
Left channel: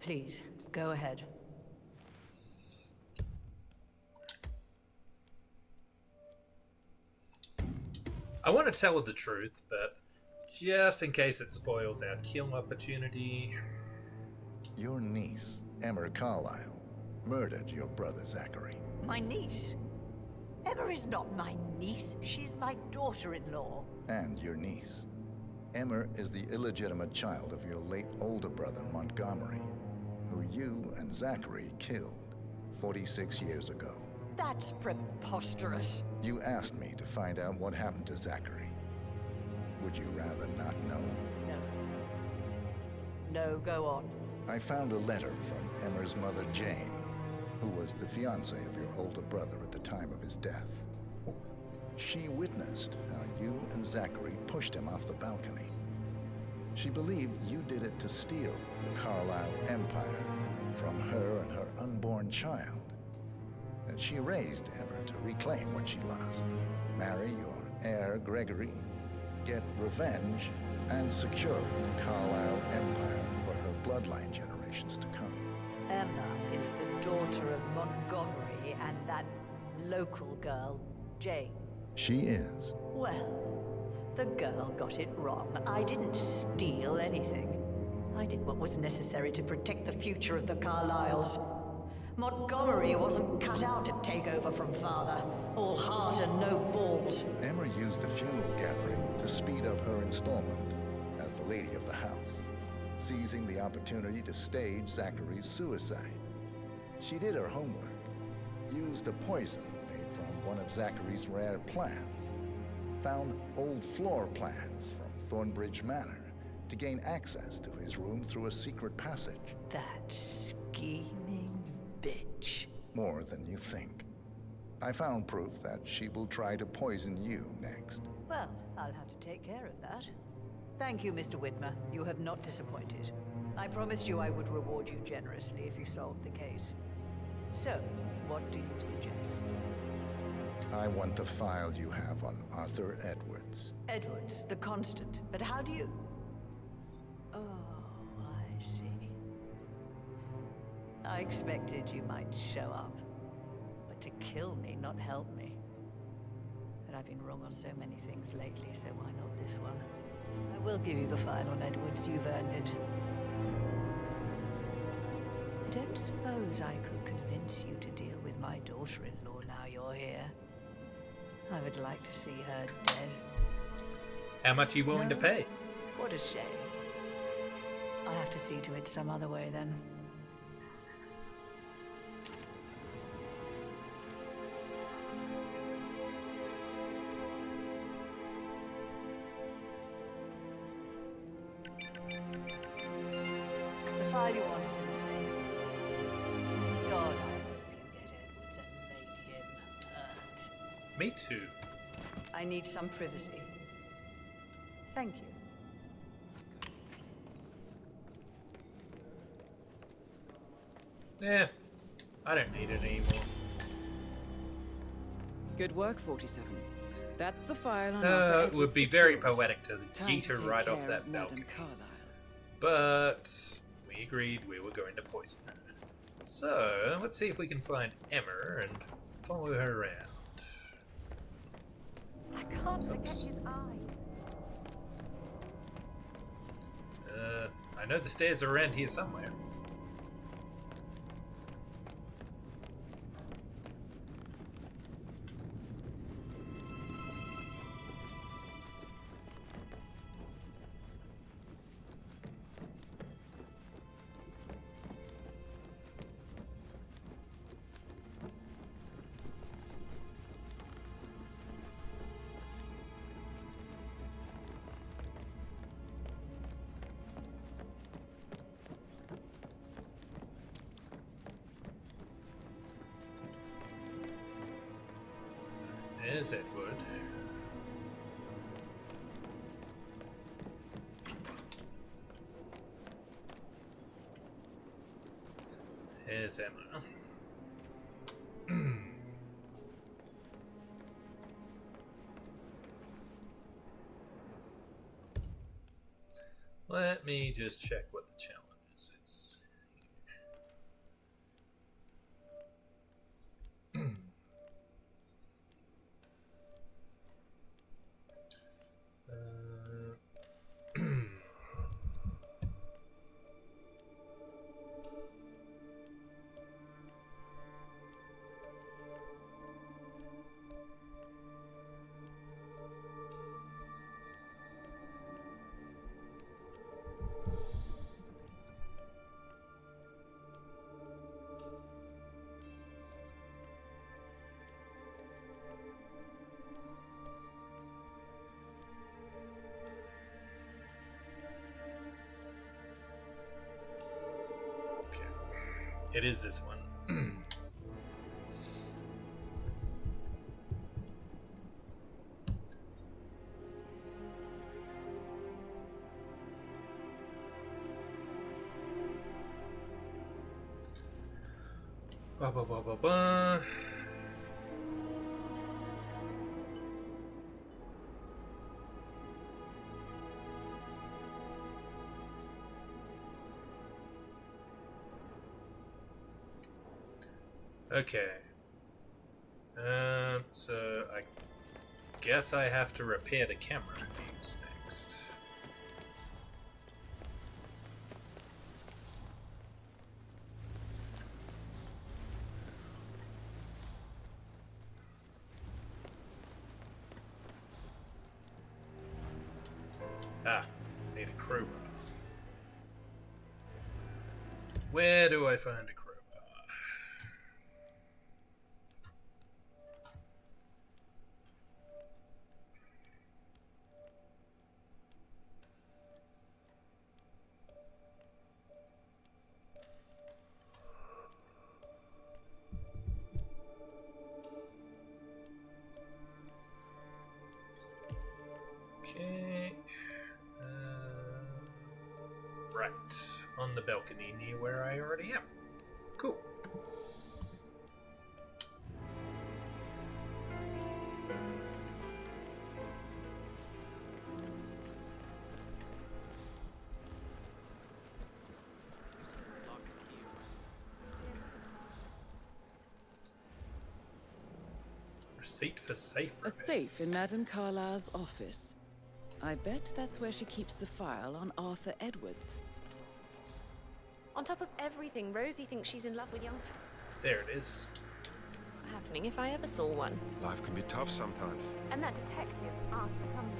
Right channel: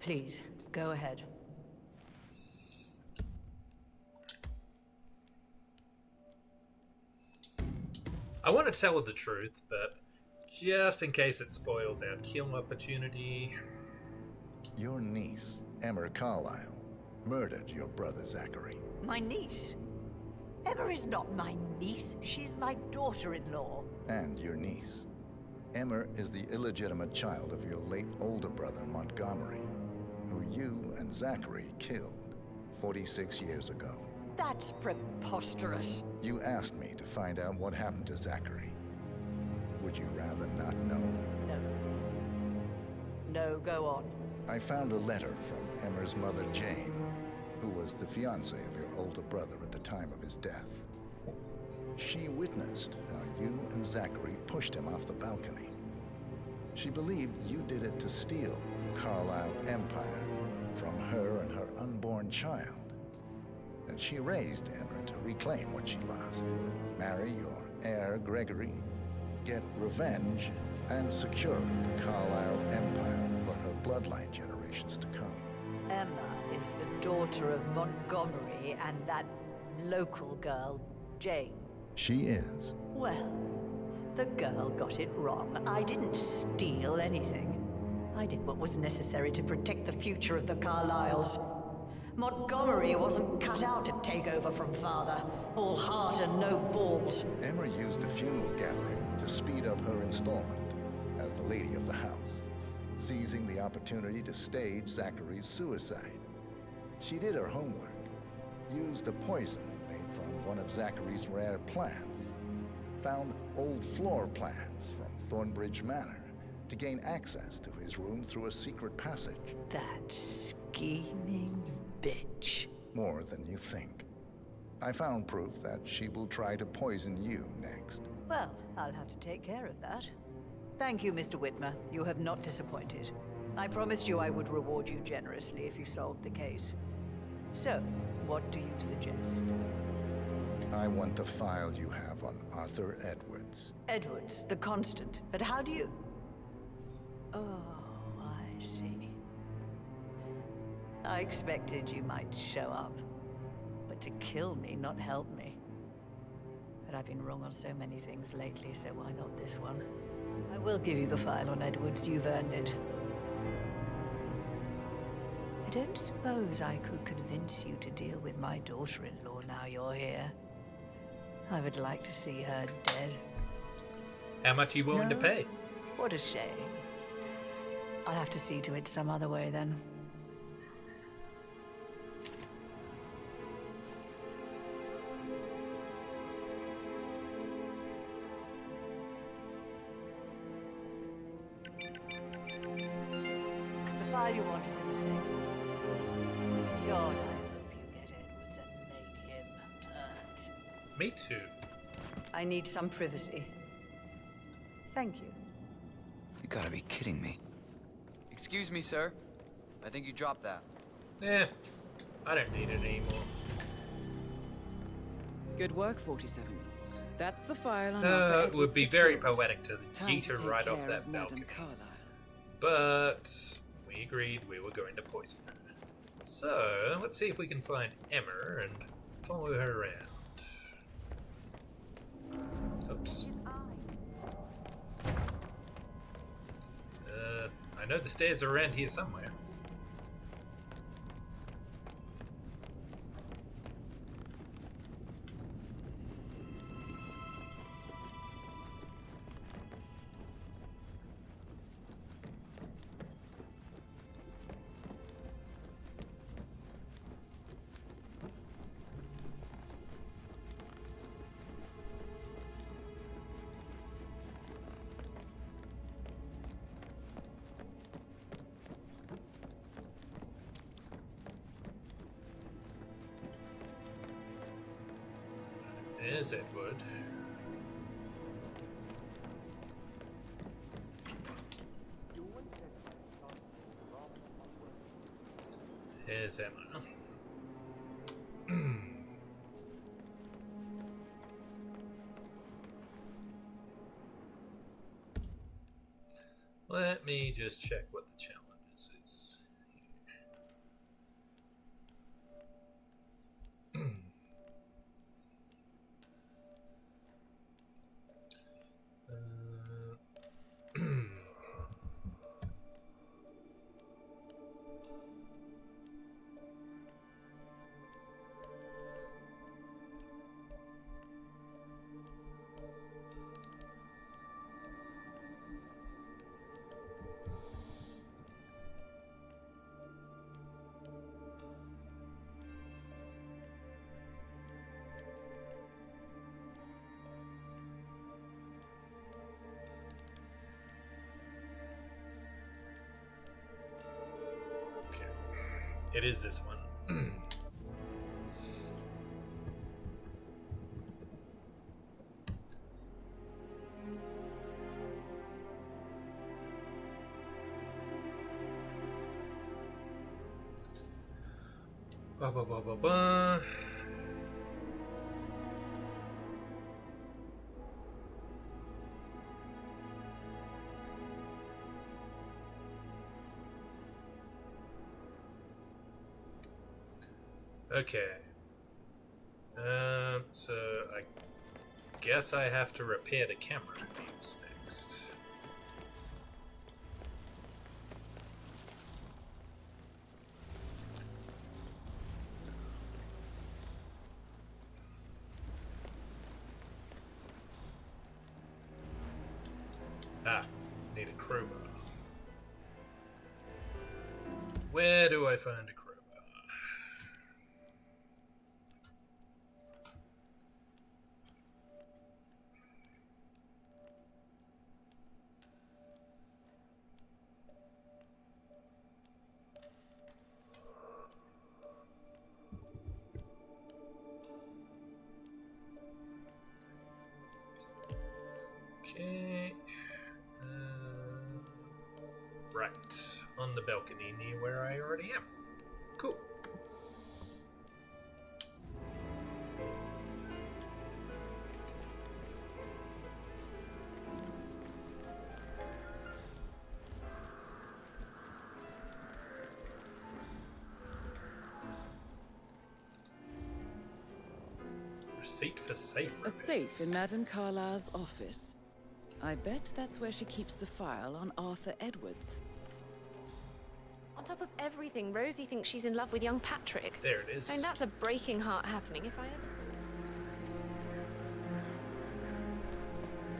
Please, go ahead. I want to tell her the truth, but just in case it spoils our kill opportunity. Your niece, Emma Carlyle, murdered your brother Zachary. My niece? Emma is not my niece. She's my daughter-in-law. And your niece. Emma is the illegitimate child of your late older brother Montgomery, who you and Zachary killed 46 years ago. That's preposterous. You asked me to find out what happened to Zachary. Would you rather not know? No. No, go on. I found a letter from Emmer's mother, Jane, who was the fiancée of your older brother at the time of his death. She witnessed how you and Zachary pushed him off the balcony. She believed you did it to steal the Carlisle Empire from her and her unborn child. And she raised Emmer to reclaim what she lost. Marry your heir, Gregory, get revenge, and secure the Carlisle Empire for her bloodline generations to come. Emma is the daughter of Montgomery and that local girl, Jane. She is. Well, the girl got it wrong. I didn't steal anything. I did what was necessary to protect the future of the Carlyles. Montgomery wasn't cut out to take over from father. All heart and no balls. Emma used the funeral gathering to speed up her installment as the lady of the house, seizing the opportunity to stage Zachary's suicide. She did her homework, used a poison made from one of Zachary's rare plants, found old floor plans from Thornbridge Manor to gain access to his room through a secret passage. That scheming bitch. More than you think. I found proof that she will try to poison you next. Well, I'll have to take care of that. Thank you, Mr. Whitmer. You have not disappointed. I promised you I would reward you generously if you solved the case. So, what do you suggest? I want the file you have on Arthur Edwards. Edwards, the Constant. But how do you... Oh, I see. I expected you might show up. But to kill me, not help me. But I've been wrong on so many things lately, so why not this one? I will give you the file on Edwards. You've earned it. I don't suppose I could convince you to deal with my daughter-in-law now you're here. I would like to see her dead. How much are you willing to pay? What a shame. I'll have to see to it some other way then. The file you want is in the safe. God, I hope you get Edwards and make him hurt. Me too. I need some privacy. Thank you. You gotta be kidding me. Excuse me, sir. I think you dropped that. Eh, I don't need it anymore. Good work, 47. That's the file on Arthur It would Edwards be very secured. poetic to Time yeet her take right off care that of Madame balcony. Carlisle. But we agreed we were going to poison her. So let's see if we can find Emmer and follow her around. Oops. I know the stairs are around here somewhere. There's Edward. Here's Emma. Let me just check what the challenge is. It's It is this one. Ba ba ba ba ba. Okay. So I guess I have to repair the camera views next. Ah, need a crowbar. Where do I find a crowbar? Okay. Right. On the balcony near where I already am. Cool. Receipt for safe A safe in Madame Carlyle's office. I bet that's where she keeps the file on Arthur Edwards. On top of everything, Rosie thinks she's in love with young Patrick. There it is. And that's a breaking heart happening if I ever saw one. Life can be tough sometimes. And that detective asked something.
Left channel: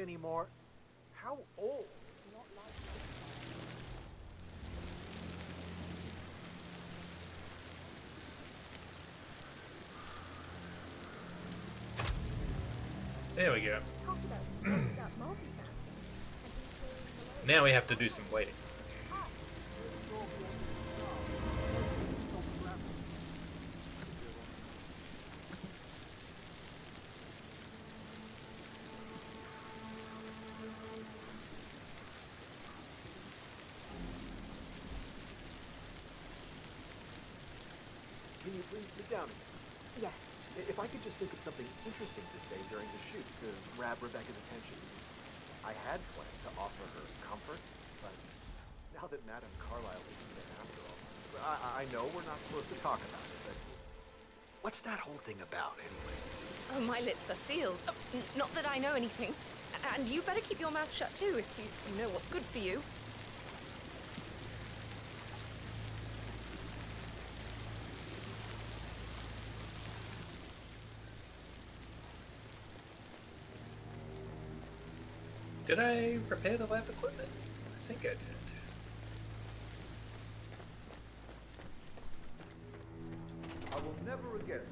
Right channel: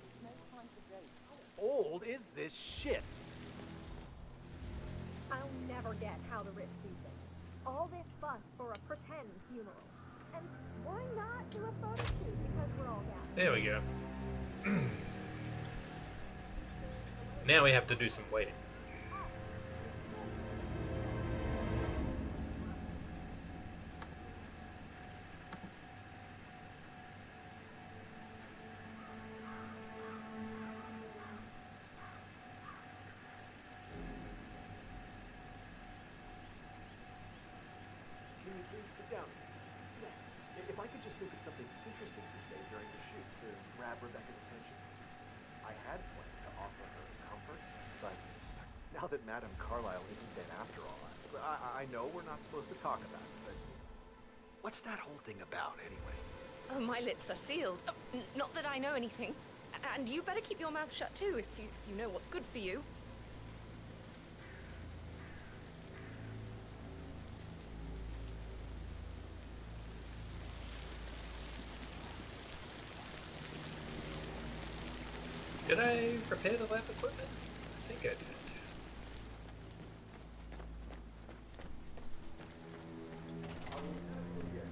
Anymore? How old is this shit? I'll never get out of this season. All this fuss for a pretend human. Or not to authority because we're all that. There we go. Now we have to do some waiting. Can you please sit down again? Yes. If I could just think of something interesting to say during the shoot to grab Rebecca's attention. I had planned to offer her comfort, but now that Madame Carlyle isn't dead after all, I know we're not supposed to talk about it, but what's that whole thing about anyway? Oh, my lips are sealed. Oh, not that I know anything. And you better keep your mouth shut too if you know what's good for you. Did I repair the lab equipment? I think I did. I will never again.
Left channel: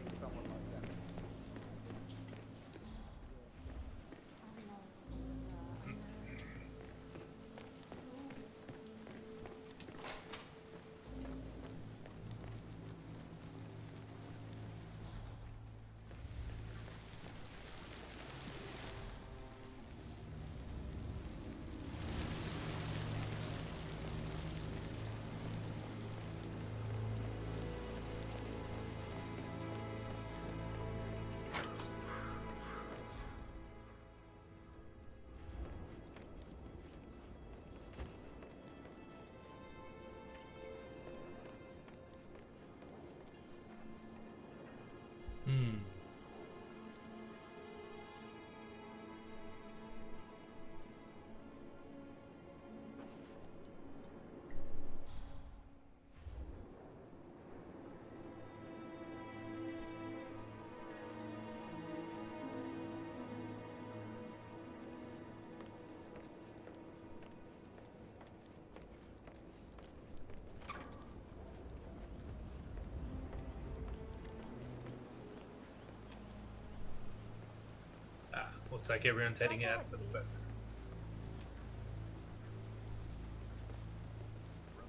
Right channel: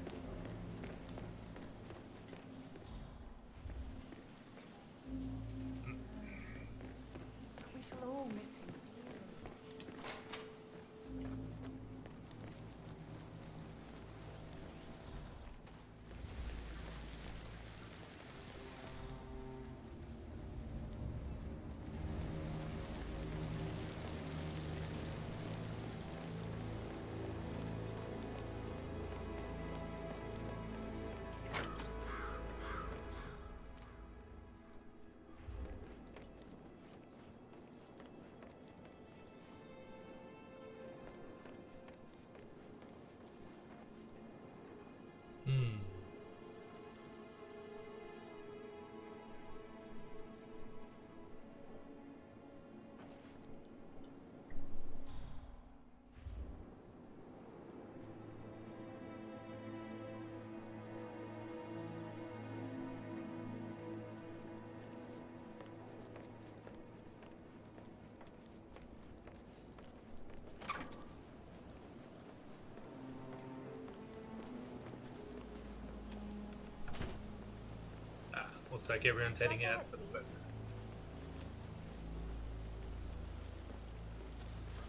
Looks like everyone's heading out for the photo.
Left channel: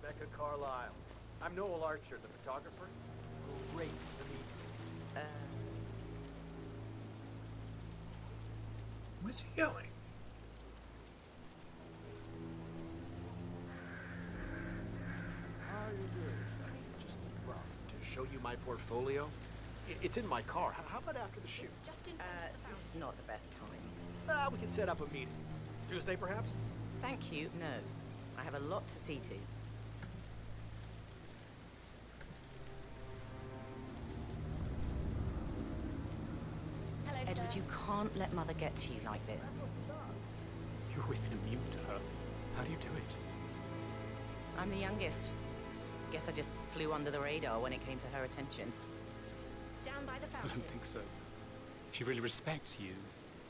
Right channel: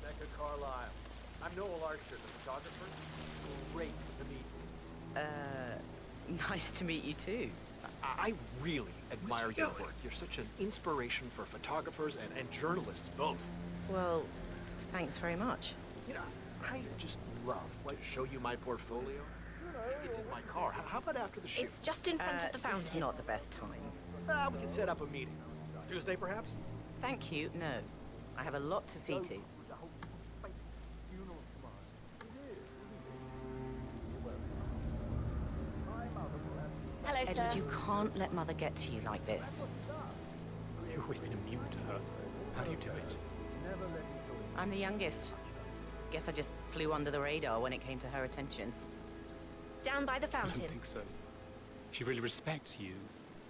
Rebecca Carlisle. I'm Noel Archer, the photographer. Great to meet you. Nice to meet you too. I really admire your work. You're such an inspiration for photographers and journalists both. Well, thanks very much. You know, I just love to show you my portfolio. It's in my car. How about after the shoot? It's just in front of the fountain. This is not the best time. We can set up a meeting. Tuesday, perhaps? Thank you, no. I have a lot to see to. Hello, Edward, sir. you can't let Mother get to you like this. You've always been immune to her. How do you do it? I'm the youngest. Guess I just flew under the radar when it came to her attention. Down by the I fountain. don't think so. She really respects you.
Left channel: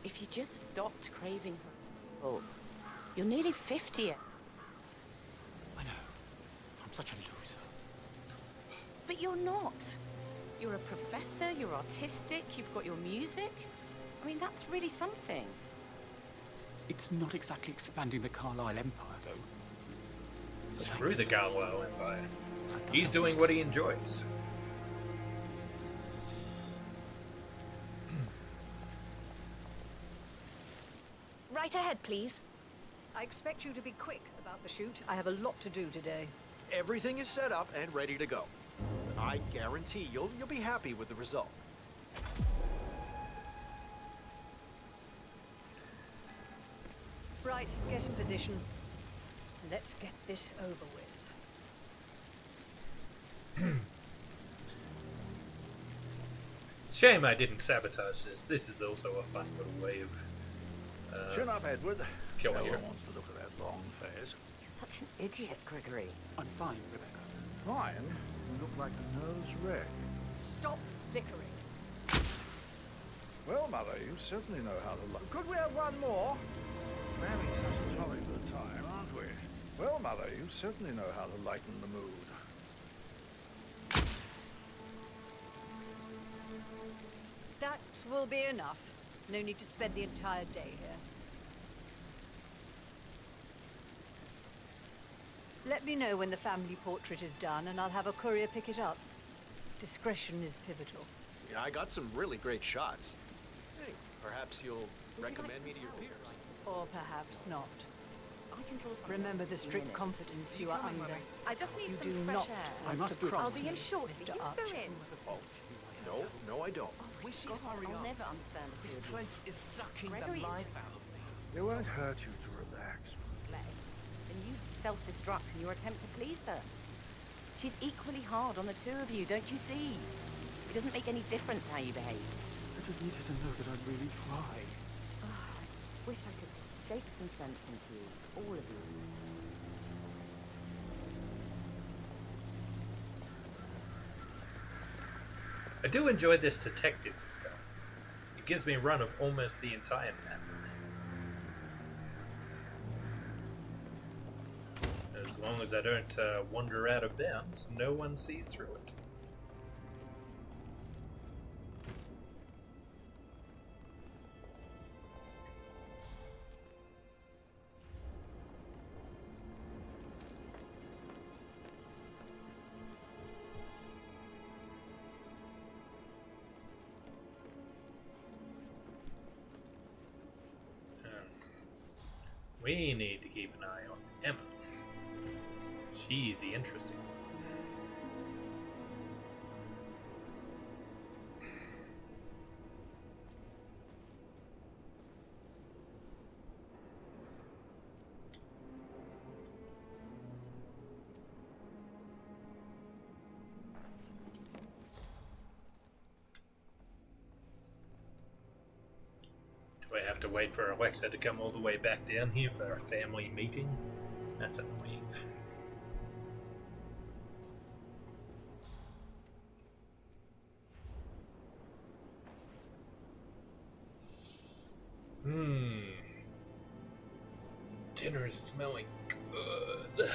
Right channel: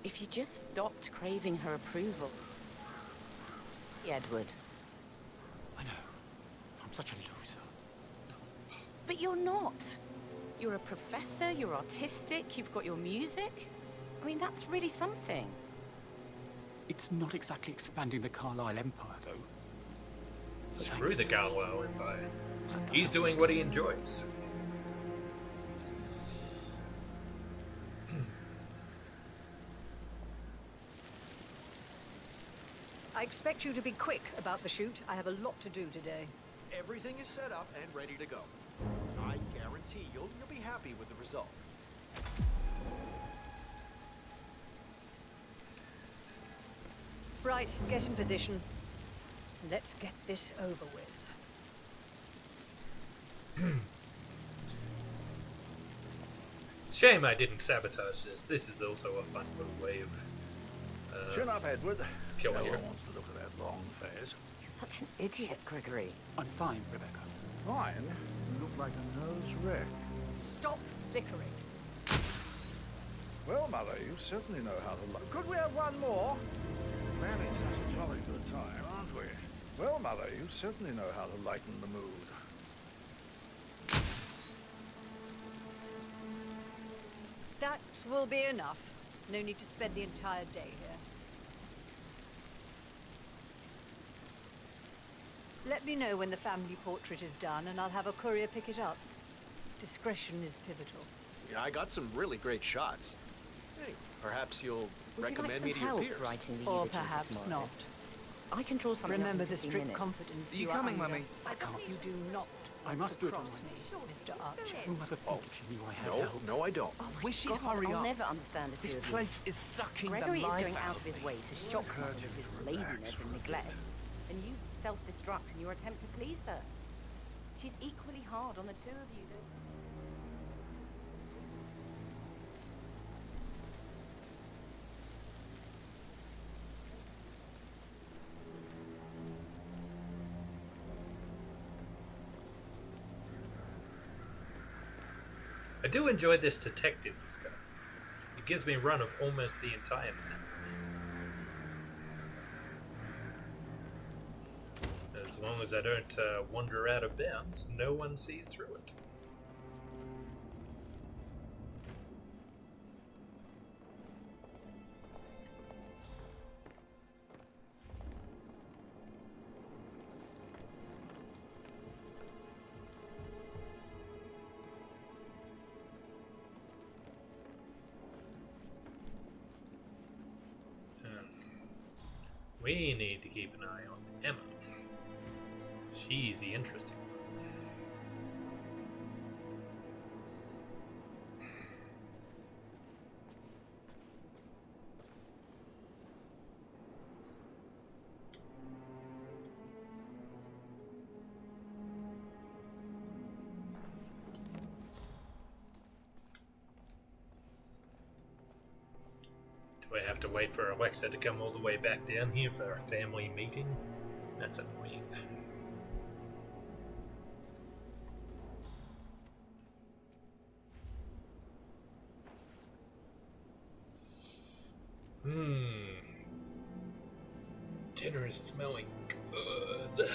If you just stopped craving her approval. You're nearly 50, Edward. I know. I'm such a loser. But you're not. You're a professor, you're artistic, you've got your music. I mean, that's really something. It's not exactly expanding the Carlisle Empire, though. Screw the Carlisle Empire. He's doing what he enjoys. Right ahead, please. I expect you to be quick about the shoot. I have a lot to do today. Everything is set up and ready to go. I guarantee you'll be happy with the result. Right, get in position. Let's get this over with. Shame I didn't sabotage this. This is also a fun little way of Chin up, Edward. killing No you. one wants to look at that long face. You're such an idiot, Gregory. I'm fine, Rebecca. Fine. You look like a nervous wreck. Stop bickering. Well, Mother, you certainly know how to... Could we have one more? We're having such a jolly good time, aren't we? Well, Mother, you certainly know how to lighten the mood. That will be enough. No need to spend the entire day here. Let me know when the family portrait is done, and I'll have a courier pick it up. Discretion is pivotal. Yeah, I got some really great shots. Hey, perhaps you'll recommend me to your peers. Or perhaps not. I can draw something Remember up in the 15 strict minutes. confidence Are you you are coming, under. Mummy? I just need You some do fresh not air. want I must to do it. cross I'll me, be Mr. Archer. No, I don't. Oh my Wish you'd God, hurry I'll up. never understand the This two of you. place is sucking Gregory the is life going out out of of his me. way to It won't shock hurt her you with to his relax, laziness and neglect. And you self-destruct in your attempt to please her. She's equally hard on the two of you, don't you see? It doesn't make any difference how you behave. I just need her to know that I really try. Wish I could shake some sense into you, all of you. I do enjoy this detective discovery. It gives me a run of almost the entire map. As long as I don't wander out of bounds, no one sees through it. We need to keep an eye on Emma. She's the interesting one. Do I have to wait for Alexa to come all the way back down here for a family meeting? That's annoying. Dinner is smelling good.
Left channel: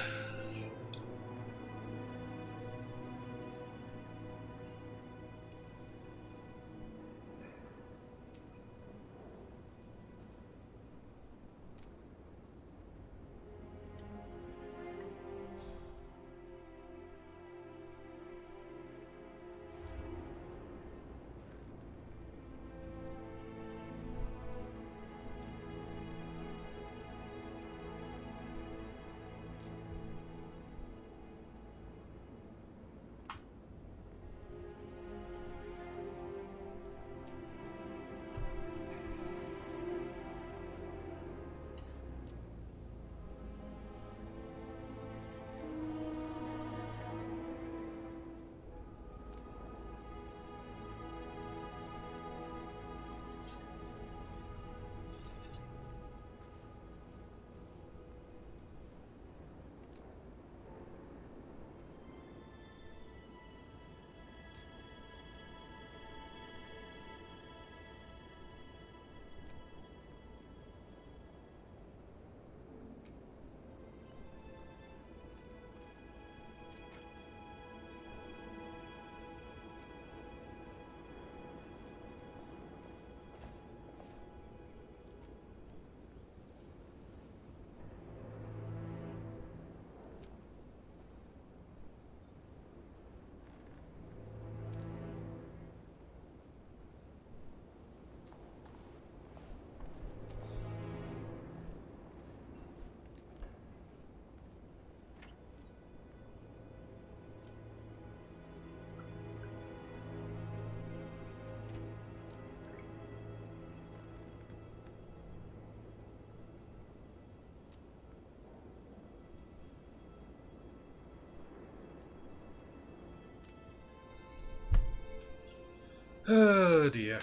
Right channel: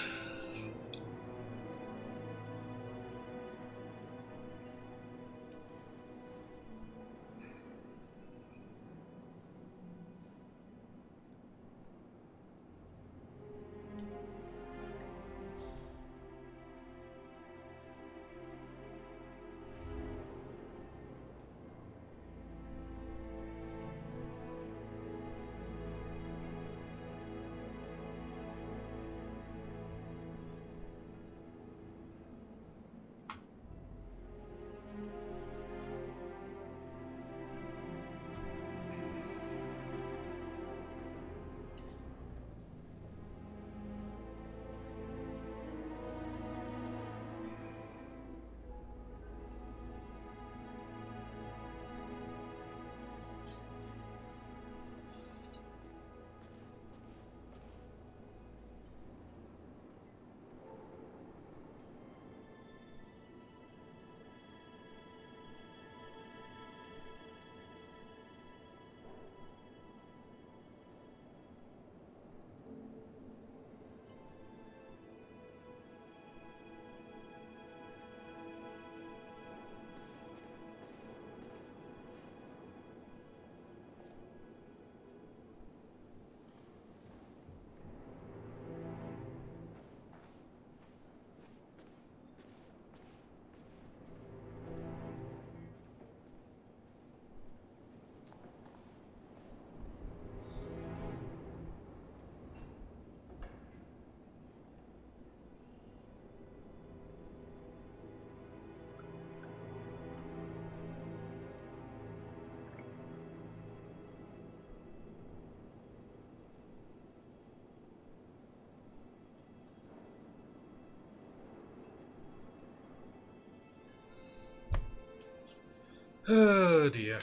Oh dear.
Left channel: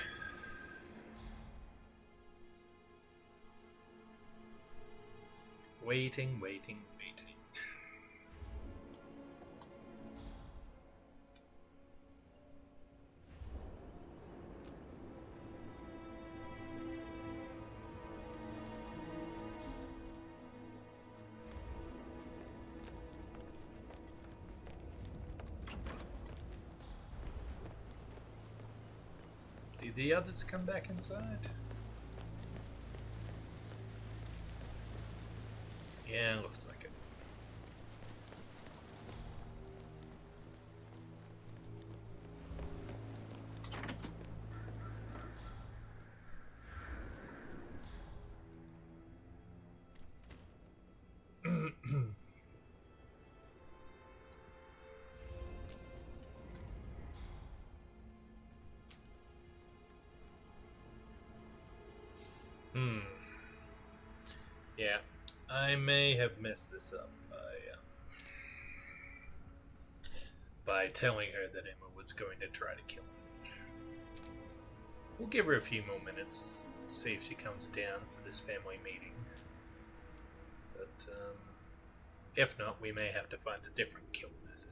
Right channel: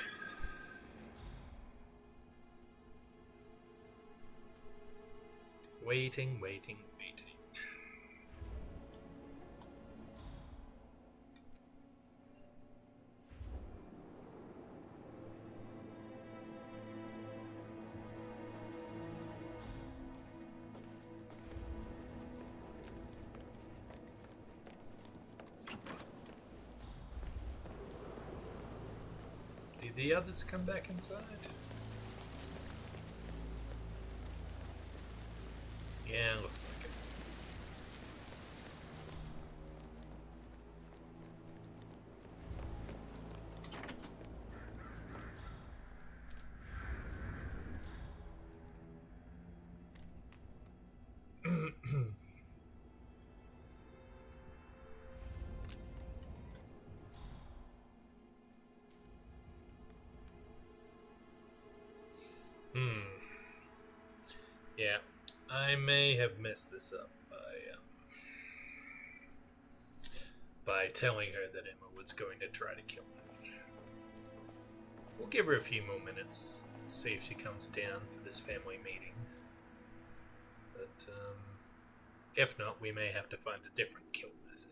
Waiting, waiting, waiting. Did the others come back inside? Yeah, looks like it. Yeah, I may have messed this up by telling her that Emma was going to try to kill him. We'll give her a few more minutes, see if she comes down for this family meeting. But if not, we may have to find a different kill method.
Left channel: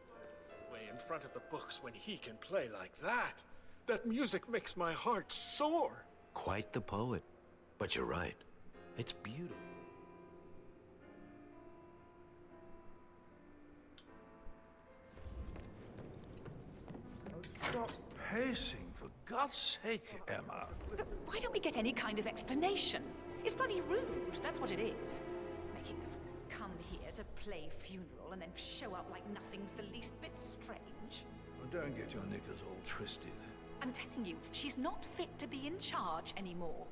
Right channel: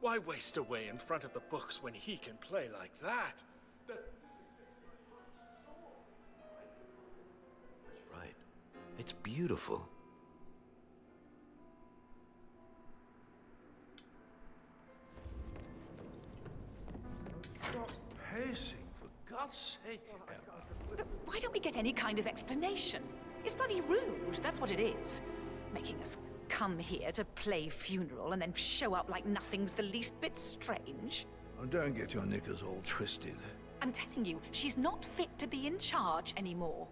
Why waste away in front of the books when he can play like that? That music makes my heart soar. Quite the poet. But you're right. It's beautiful. Stop pacing, for God's sake, Emma. Why don't we get any kind of explanation? It's bloody rude, that's what it is. Making us come here to play funeral and then show up like nothing's the least bit strange. Oh, don't get your knickers all twisted. I'm telling you, she's not fit to be in charge anymore.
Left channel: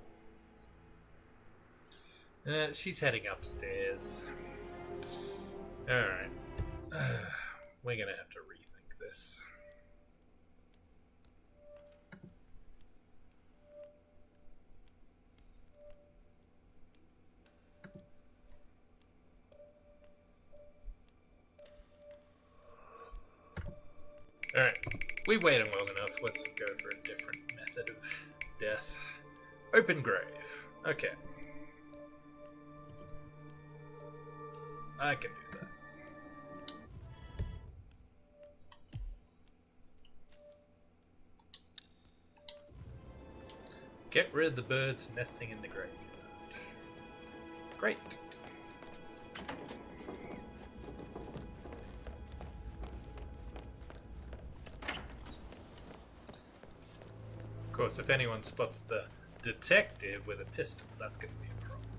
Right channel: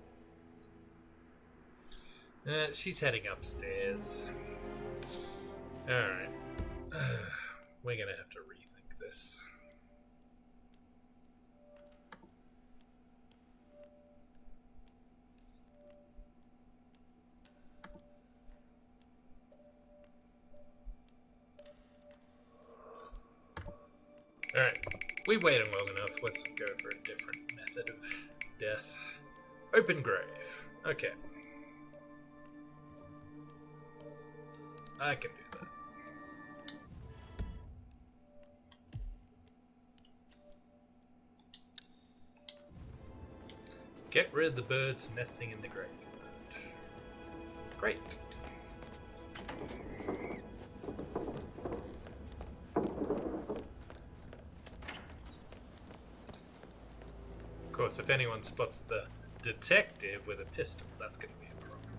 She's heading upstairs. Alright. We're gonna have to rethink this. Alright, we waited long enough. Let's go for a different method of death. Open grave. Okay. I can do that. Get rid of the birds nesting in the graveyard. Great. Of course, if anyone spots the detective with a pistol, that's going to be a problem.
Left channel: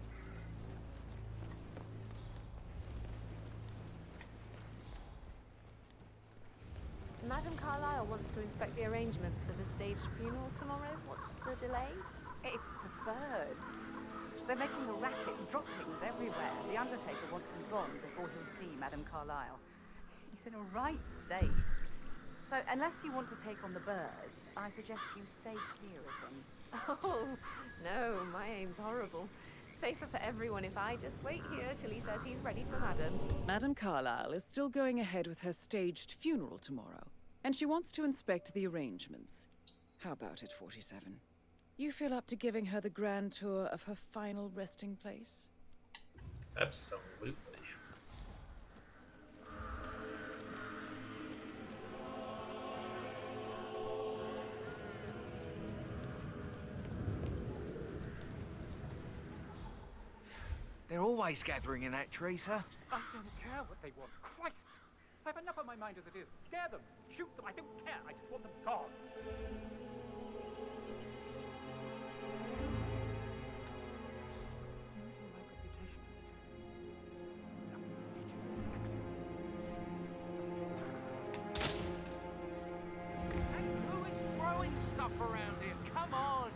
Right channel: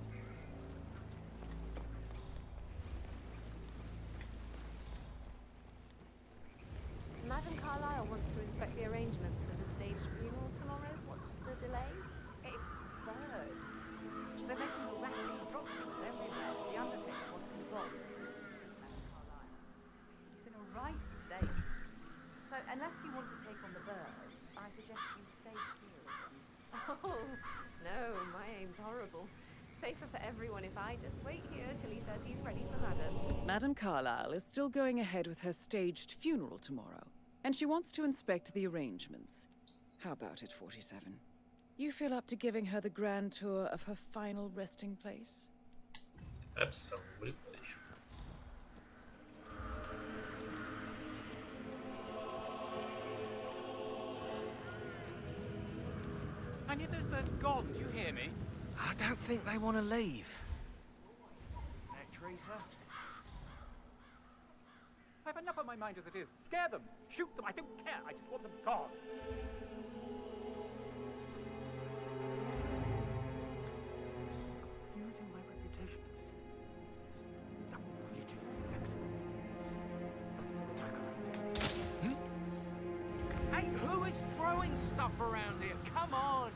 Madam Carlyle wants to inspect the arrangements for the staged funeral tomorrow. What's the delay? It's the birds. They're making a racket, droppings everywhere. The undertaker wants them gone before he'll see Madam Carlyle. He's in a right state. So, unless you want to take on the birds, I suggest you stay clear of them. Oh, no, my aim's horrible. Safer for everyone if I just wait here till he says he's ready for Madam. Madam Carlyle is still going ahead with her staged funeral tomorrow, and she wants to inspect the arrangements. How about it, 47? You feel up to giving her the grand tour of her final resting place? Absolutely. I knew those birds gone. Do you hear me? I don't think they want to leave. They're always gathering in that tree, sir. I don't care what they want. Christ! I have enough on my mind as it is. Scare them. Shoot them. I don't care. I just want them gone. Using my reputation for this outrageous spectacle. Hey, who is throwing stuff around here? Come on!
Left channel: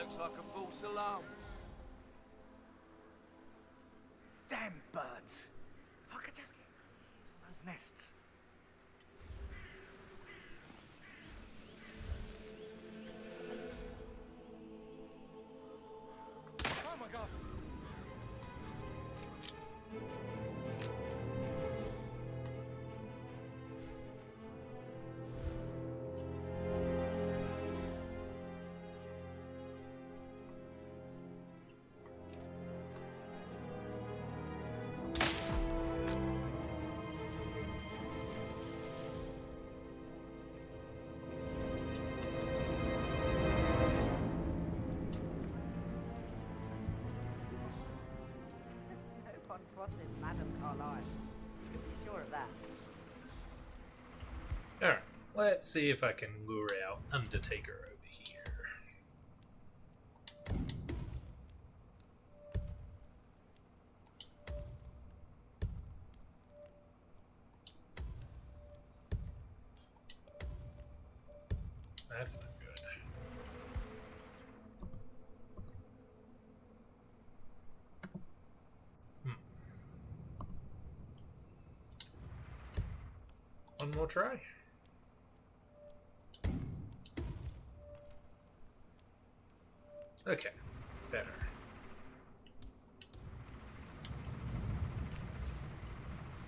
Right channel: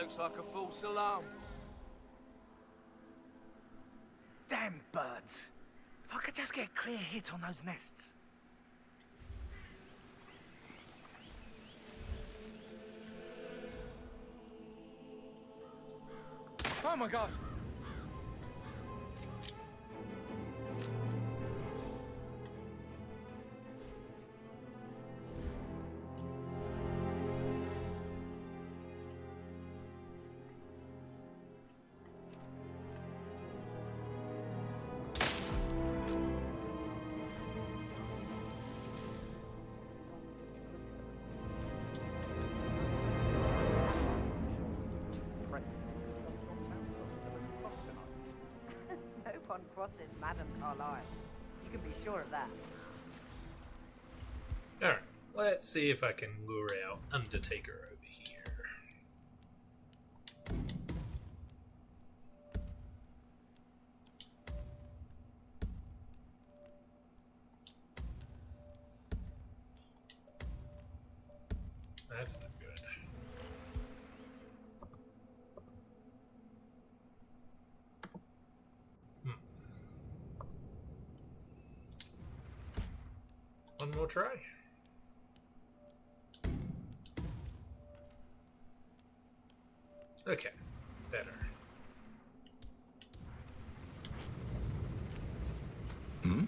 looks like a false alarm. Damn birds. If I could just get a clear hit on those nests. Oh my god! No one crosses Madame Carlyle. You can be sure of that. Alright, let's see if I can lure out Undertaker over here. That's not good. One more try. Okay, better. Hmm?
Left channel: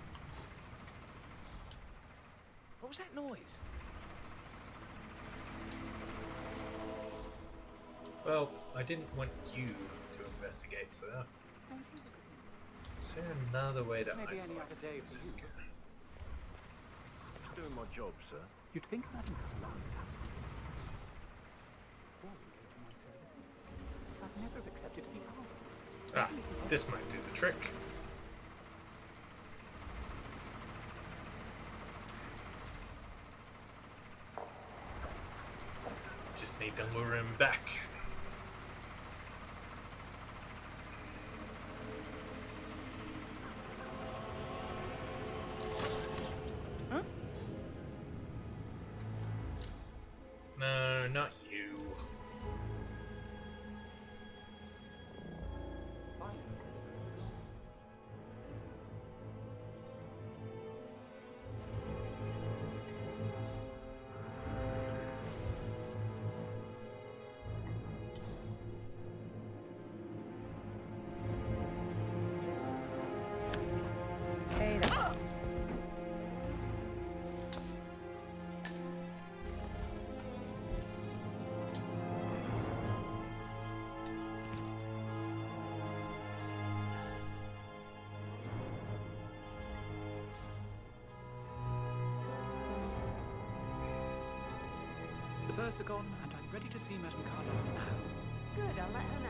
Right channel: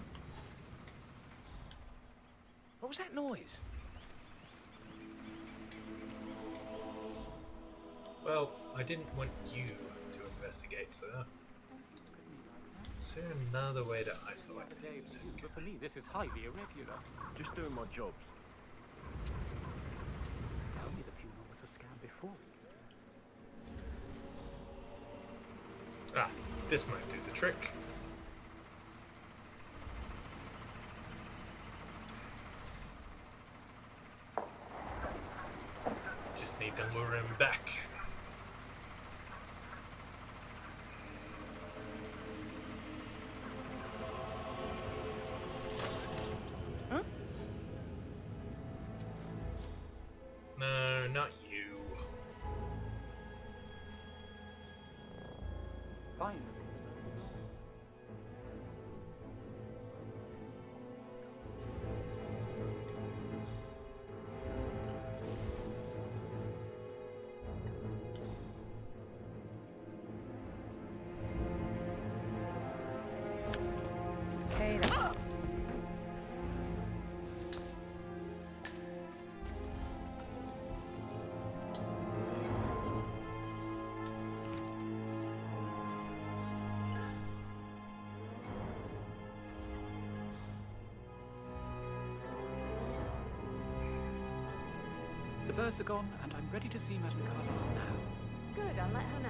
What was that noise? Well, I didn't want you to investigate, sir. Is there another way to isolate Another day for you, but for me this is highly irregular. Just doing my job, sir. You'd think that. Before we came to my place. I've never accepted people. Ah, this might do the trick. Just need to lure him back. No, not you. Fine. Okay, then. The birds are gone, and I'm ready to see Madame Carlyle now. Good, I'll let her know.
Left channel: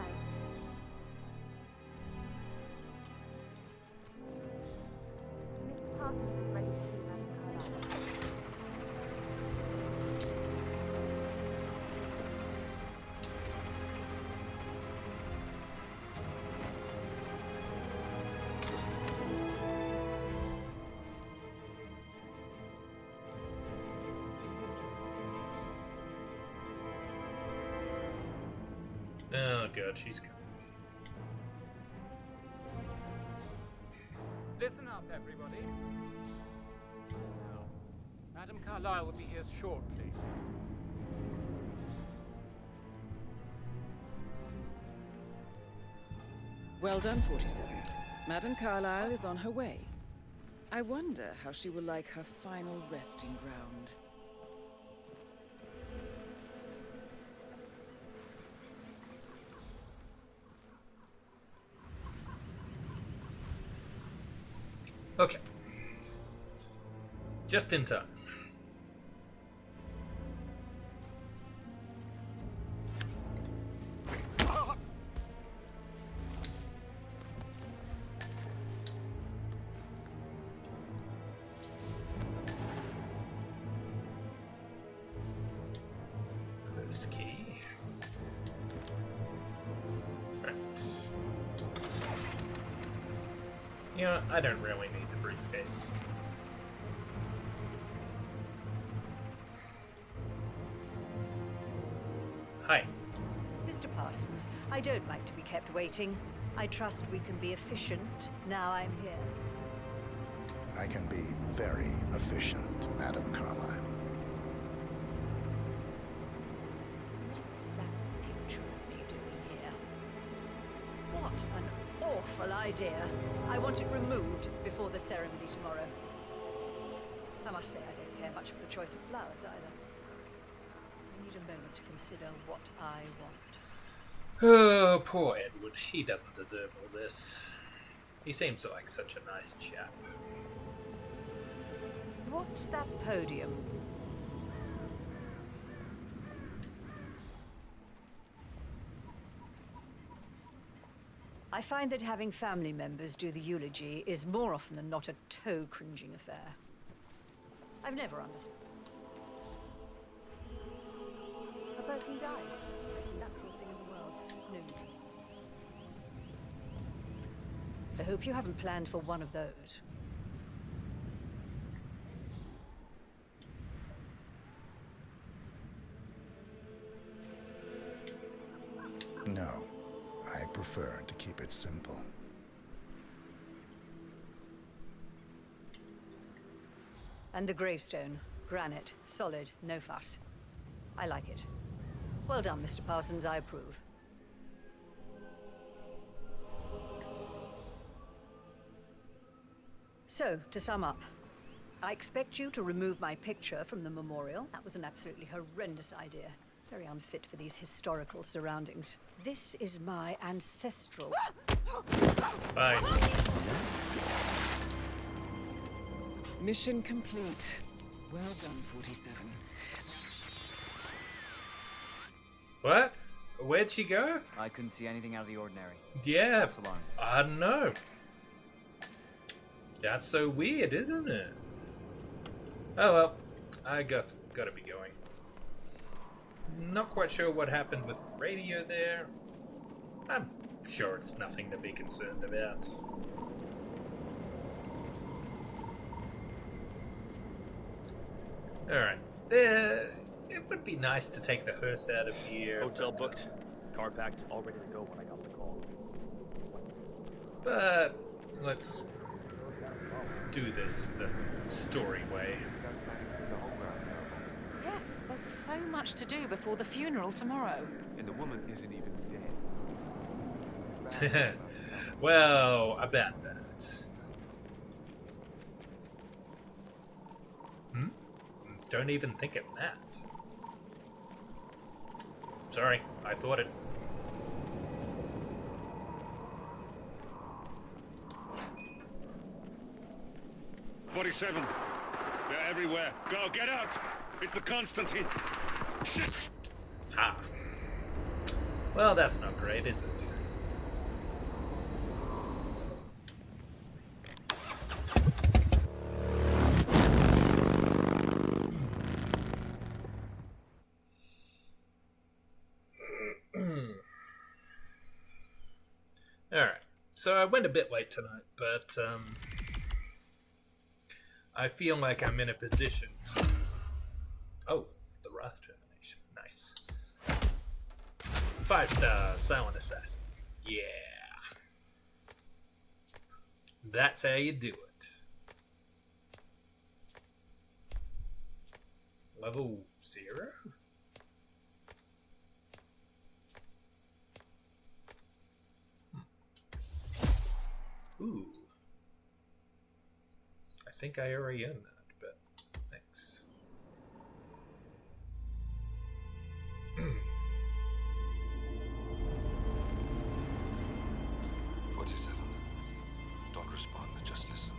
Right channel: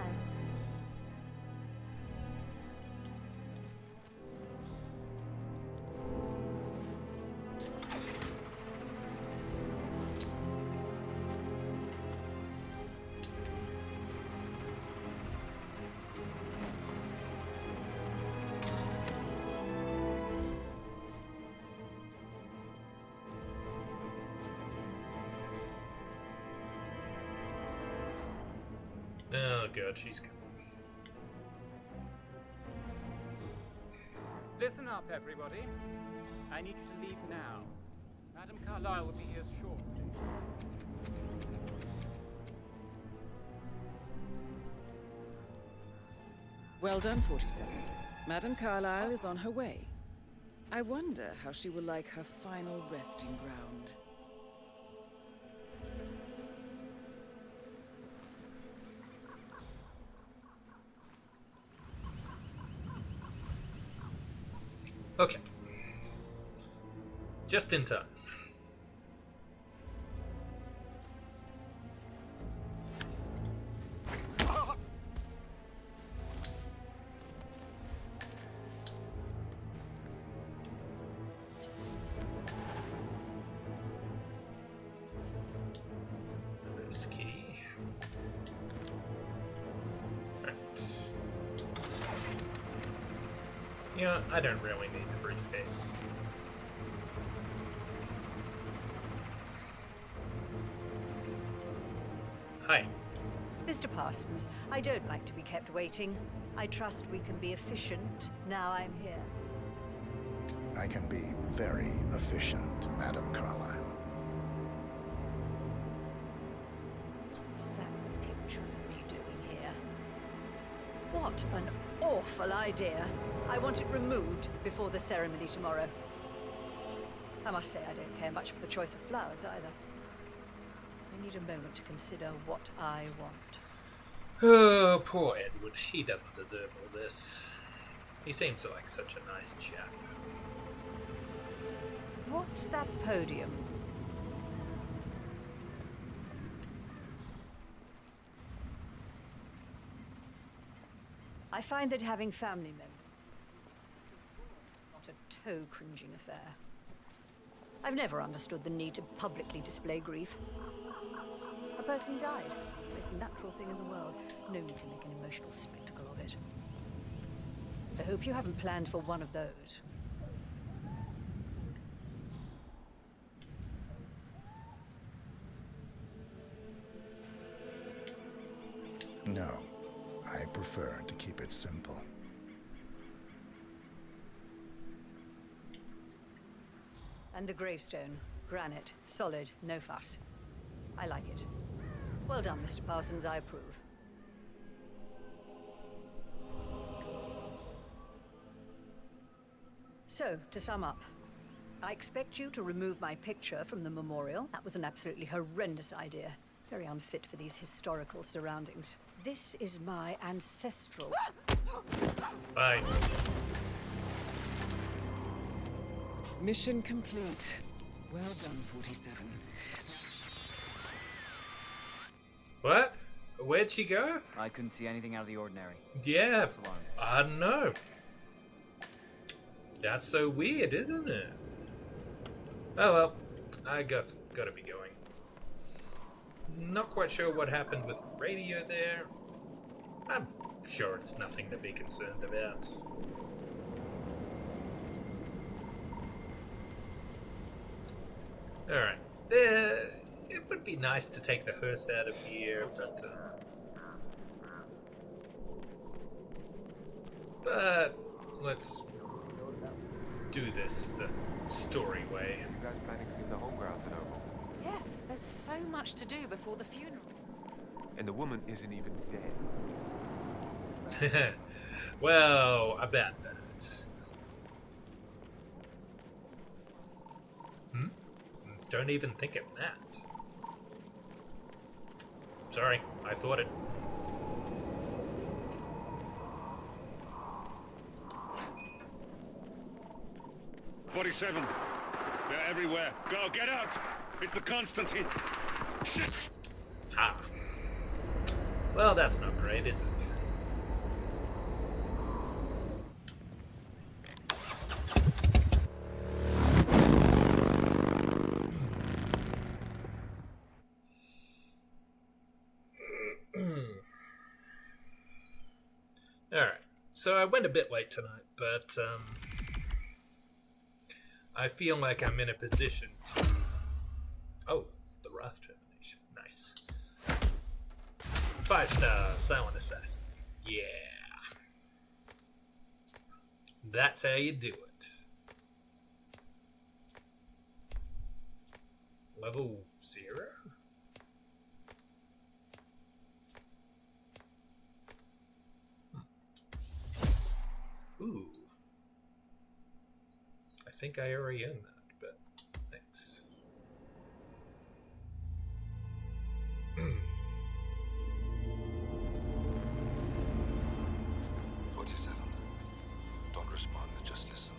Oh god, she's coming. Listen up, everybody. I need you to leave now. Madame Carlyle will be here shortly. Well done, 47. Madame Carlyle is on her way. I wonder how she will like her final resting ground. Okay. Just in time. This key. Right. Yeah, I don't really need the briefcase. Hi. Mr. Parsons, I don't like to be kept waiting. I trust we can be efficient now I'm here. I can be very efficient, Madam Carlyle. What's that picture of me doing here? What an awful idea. I want it removed before the ceremony tomorrow. I must say I don't care much for the choice of flowers either. I need a moment to consider what I want. Oh, poor Edward. He doesn't deserve all this. He seems like such a nice chap. What's that podium? I find that having family members do the eulogy is more often than not a toe-cringing affair. I've never understood the need to publicly display grief. A person died. It's the most natural thing in the world. No need to make an emotional spectacle of it. I hope you haven't planned for one of those. No, I prefer to keep it simple. And the gravestone. Granite. Solid. No fuss. I like it. Well done, Mr. Parsons. I approve. So, to sum up, I expect you to remove my picture from the memorial. That was an absolutely horrendous idea. Very unfit for these historical surroundings. This is my ancestral... Bye. Mission complete. Well done, 47. What? Where'd she go? I couldn't see anything out of the ordinary. Yeah, I don't know. That's so weird, isn't it? Oh well, I gotta be going. Not quite sure what happened with the radio there. I'm sure it's nothing to be concerned about. Alright. It would be nice to take the hearse out of here. Hotel booked. Car packed. All ready to go when I got the call. But let's do this the story way. You guys planning to do the home ground miracle? Yes, there's so much to do before the funeral tomorrow. And the woman isn't even dead. Well, about that. Don't even think of that. Sorry, I thought it. "47. They're everywhere. Go, get out! It's the Constantine. Shit! Ha. Well, that's not great, is it? Alright, so I went a bit late tonight, but I feel like I'm in a position to... Oh, the Wrath termination. Nice. 5-star Silent Assassin. Yeah. That's how you do it. Level 0? Ooh. I think I already own that, but thanks. 47. Don't respond, just listen.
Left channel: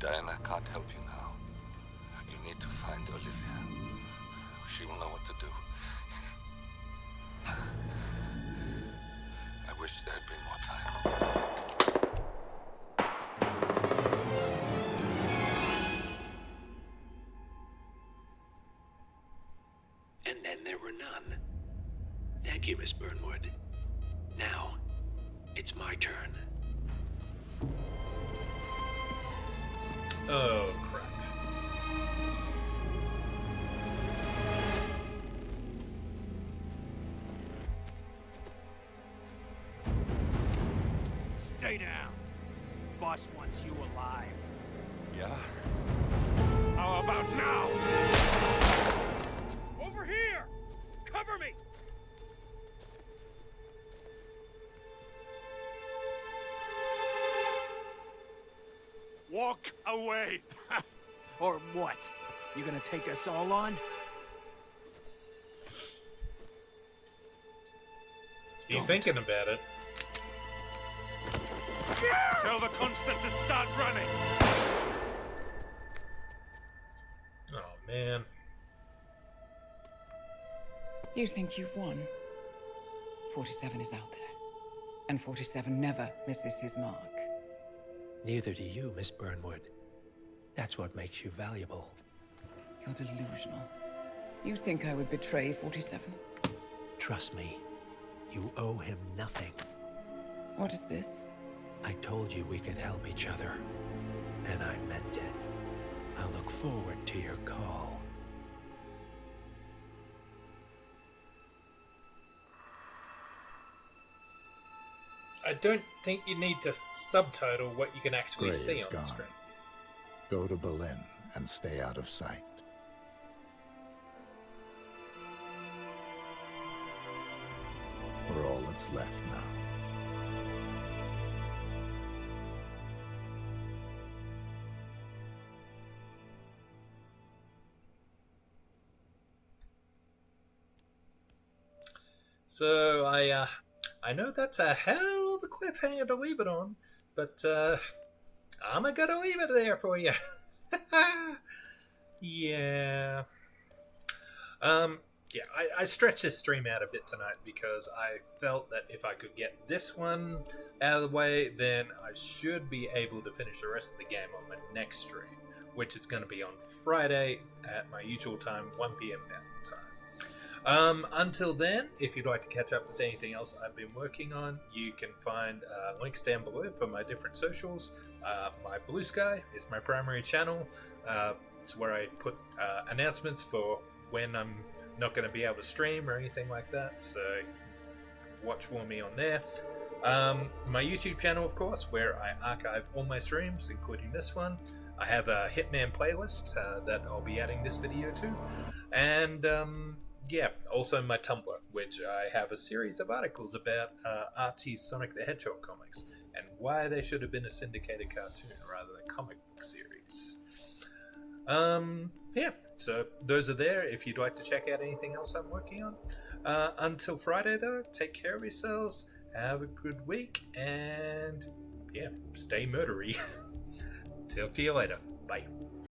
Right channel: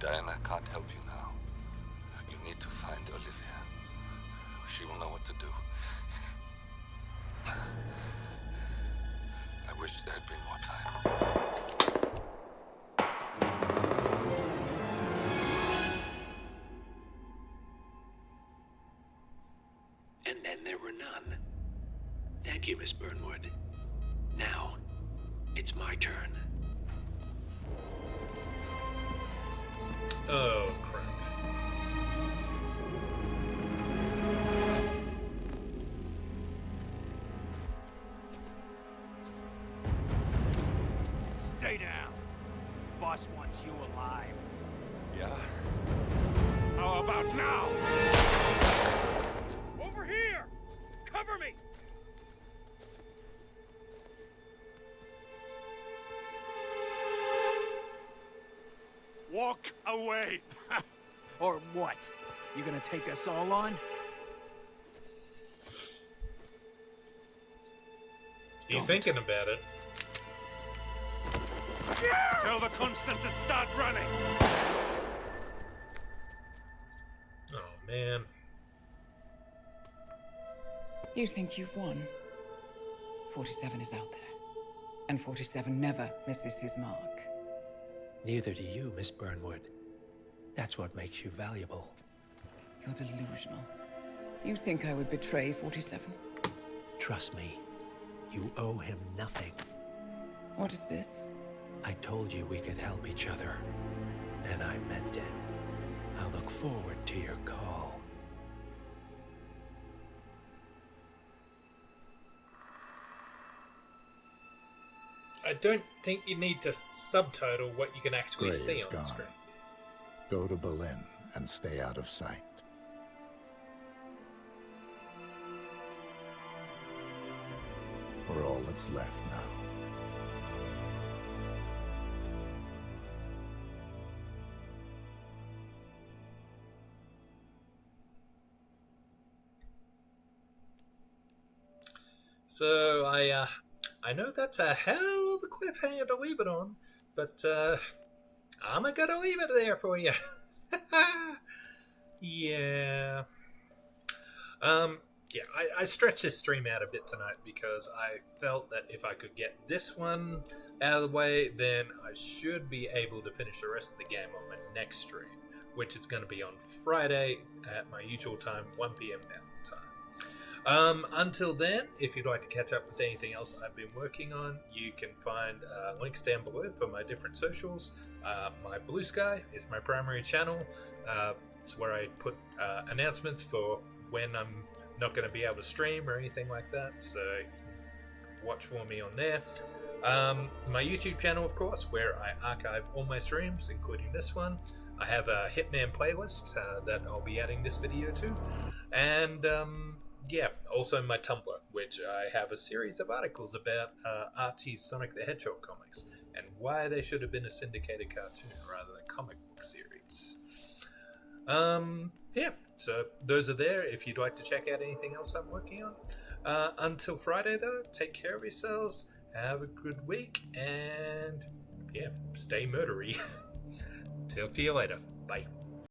Diana can't help you now. You need to find Olivia. She will know what to do. I wish there had been more time. And then there were none. Thank you, Miss Burnwood. Now, it's my turn. Oh, crap. Stay down. Boss wants you alive. Yeah? How about now? Over here! Cover me! Walk away! Or what? You gonna take us all on? He's thinking about it. Tell the Constant to start running! Oh, man. You think you've won? 47 is out there. And 47 never misses his mark. Neither do you, Miss Burnwood. That's what makes you valuable. You're delusional. You think I would betray 47? Trust me, you owe him nothing. What is this? I told you we could help each other, and I meant it. I'll look forward to your call. I don't think you need to subtitle what you can actually Gray see is on the gone. screen. Go to Berlin and stay out of sight. We're all that's left now. So I know that's a hell of a cliffhanger to leave it on, but I'm gonna leave it there for you. Yeah. Yeah, I stretched this stream out a bit tonight because I felt that if I could get this one out of the way, then I should be able to finish the rest of the game on my next stream, which is going to be on Friday at my usual time, 1 p.m. Mountain Time. Until then, if you'd like to catch up with anything else I've been working on, you can find links down below for my different socials. My Blue Sky is my primary channel. It's where I put announcements for when I'm not going to be able to stream or anything like that, so watch for me on there. My YouTube channel, of course, where I archive all my streams, including this one. I have a Hitman playlist that I'll be adding this video to, and yeah, also my Tumblr, which I have a series of articles about Archie's Sonic the Hedgehog comics and why they should have been a syndicated cartoon rather than comic book series. Yeah, so those are there if you'd like to check out anything else I'm working on. Until Friday, though, take care of yourselves, have a good week, and yeah, stay murdery. Talk to you later. Bye.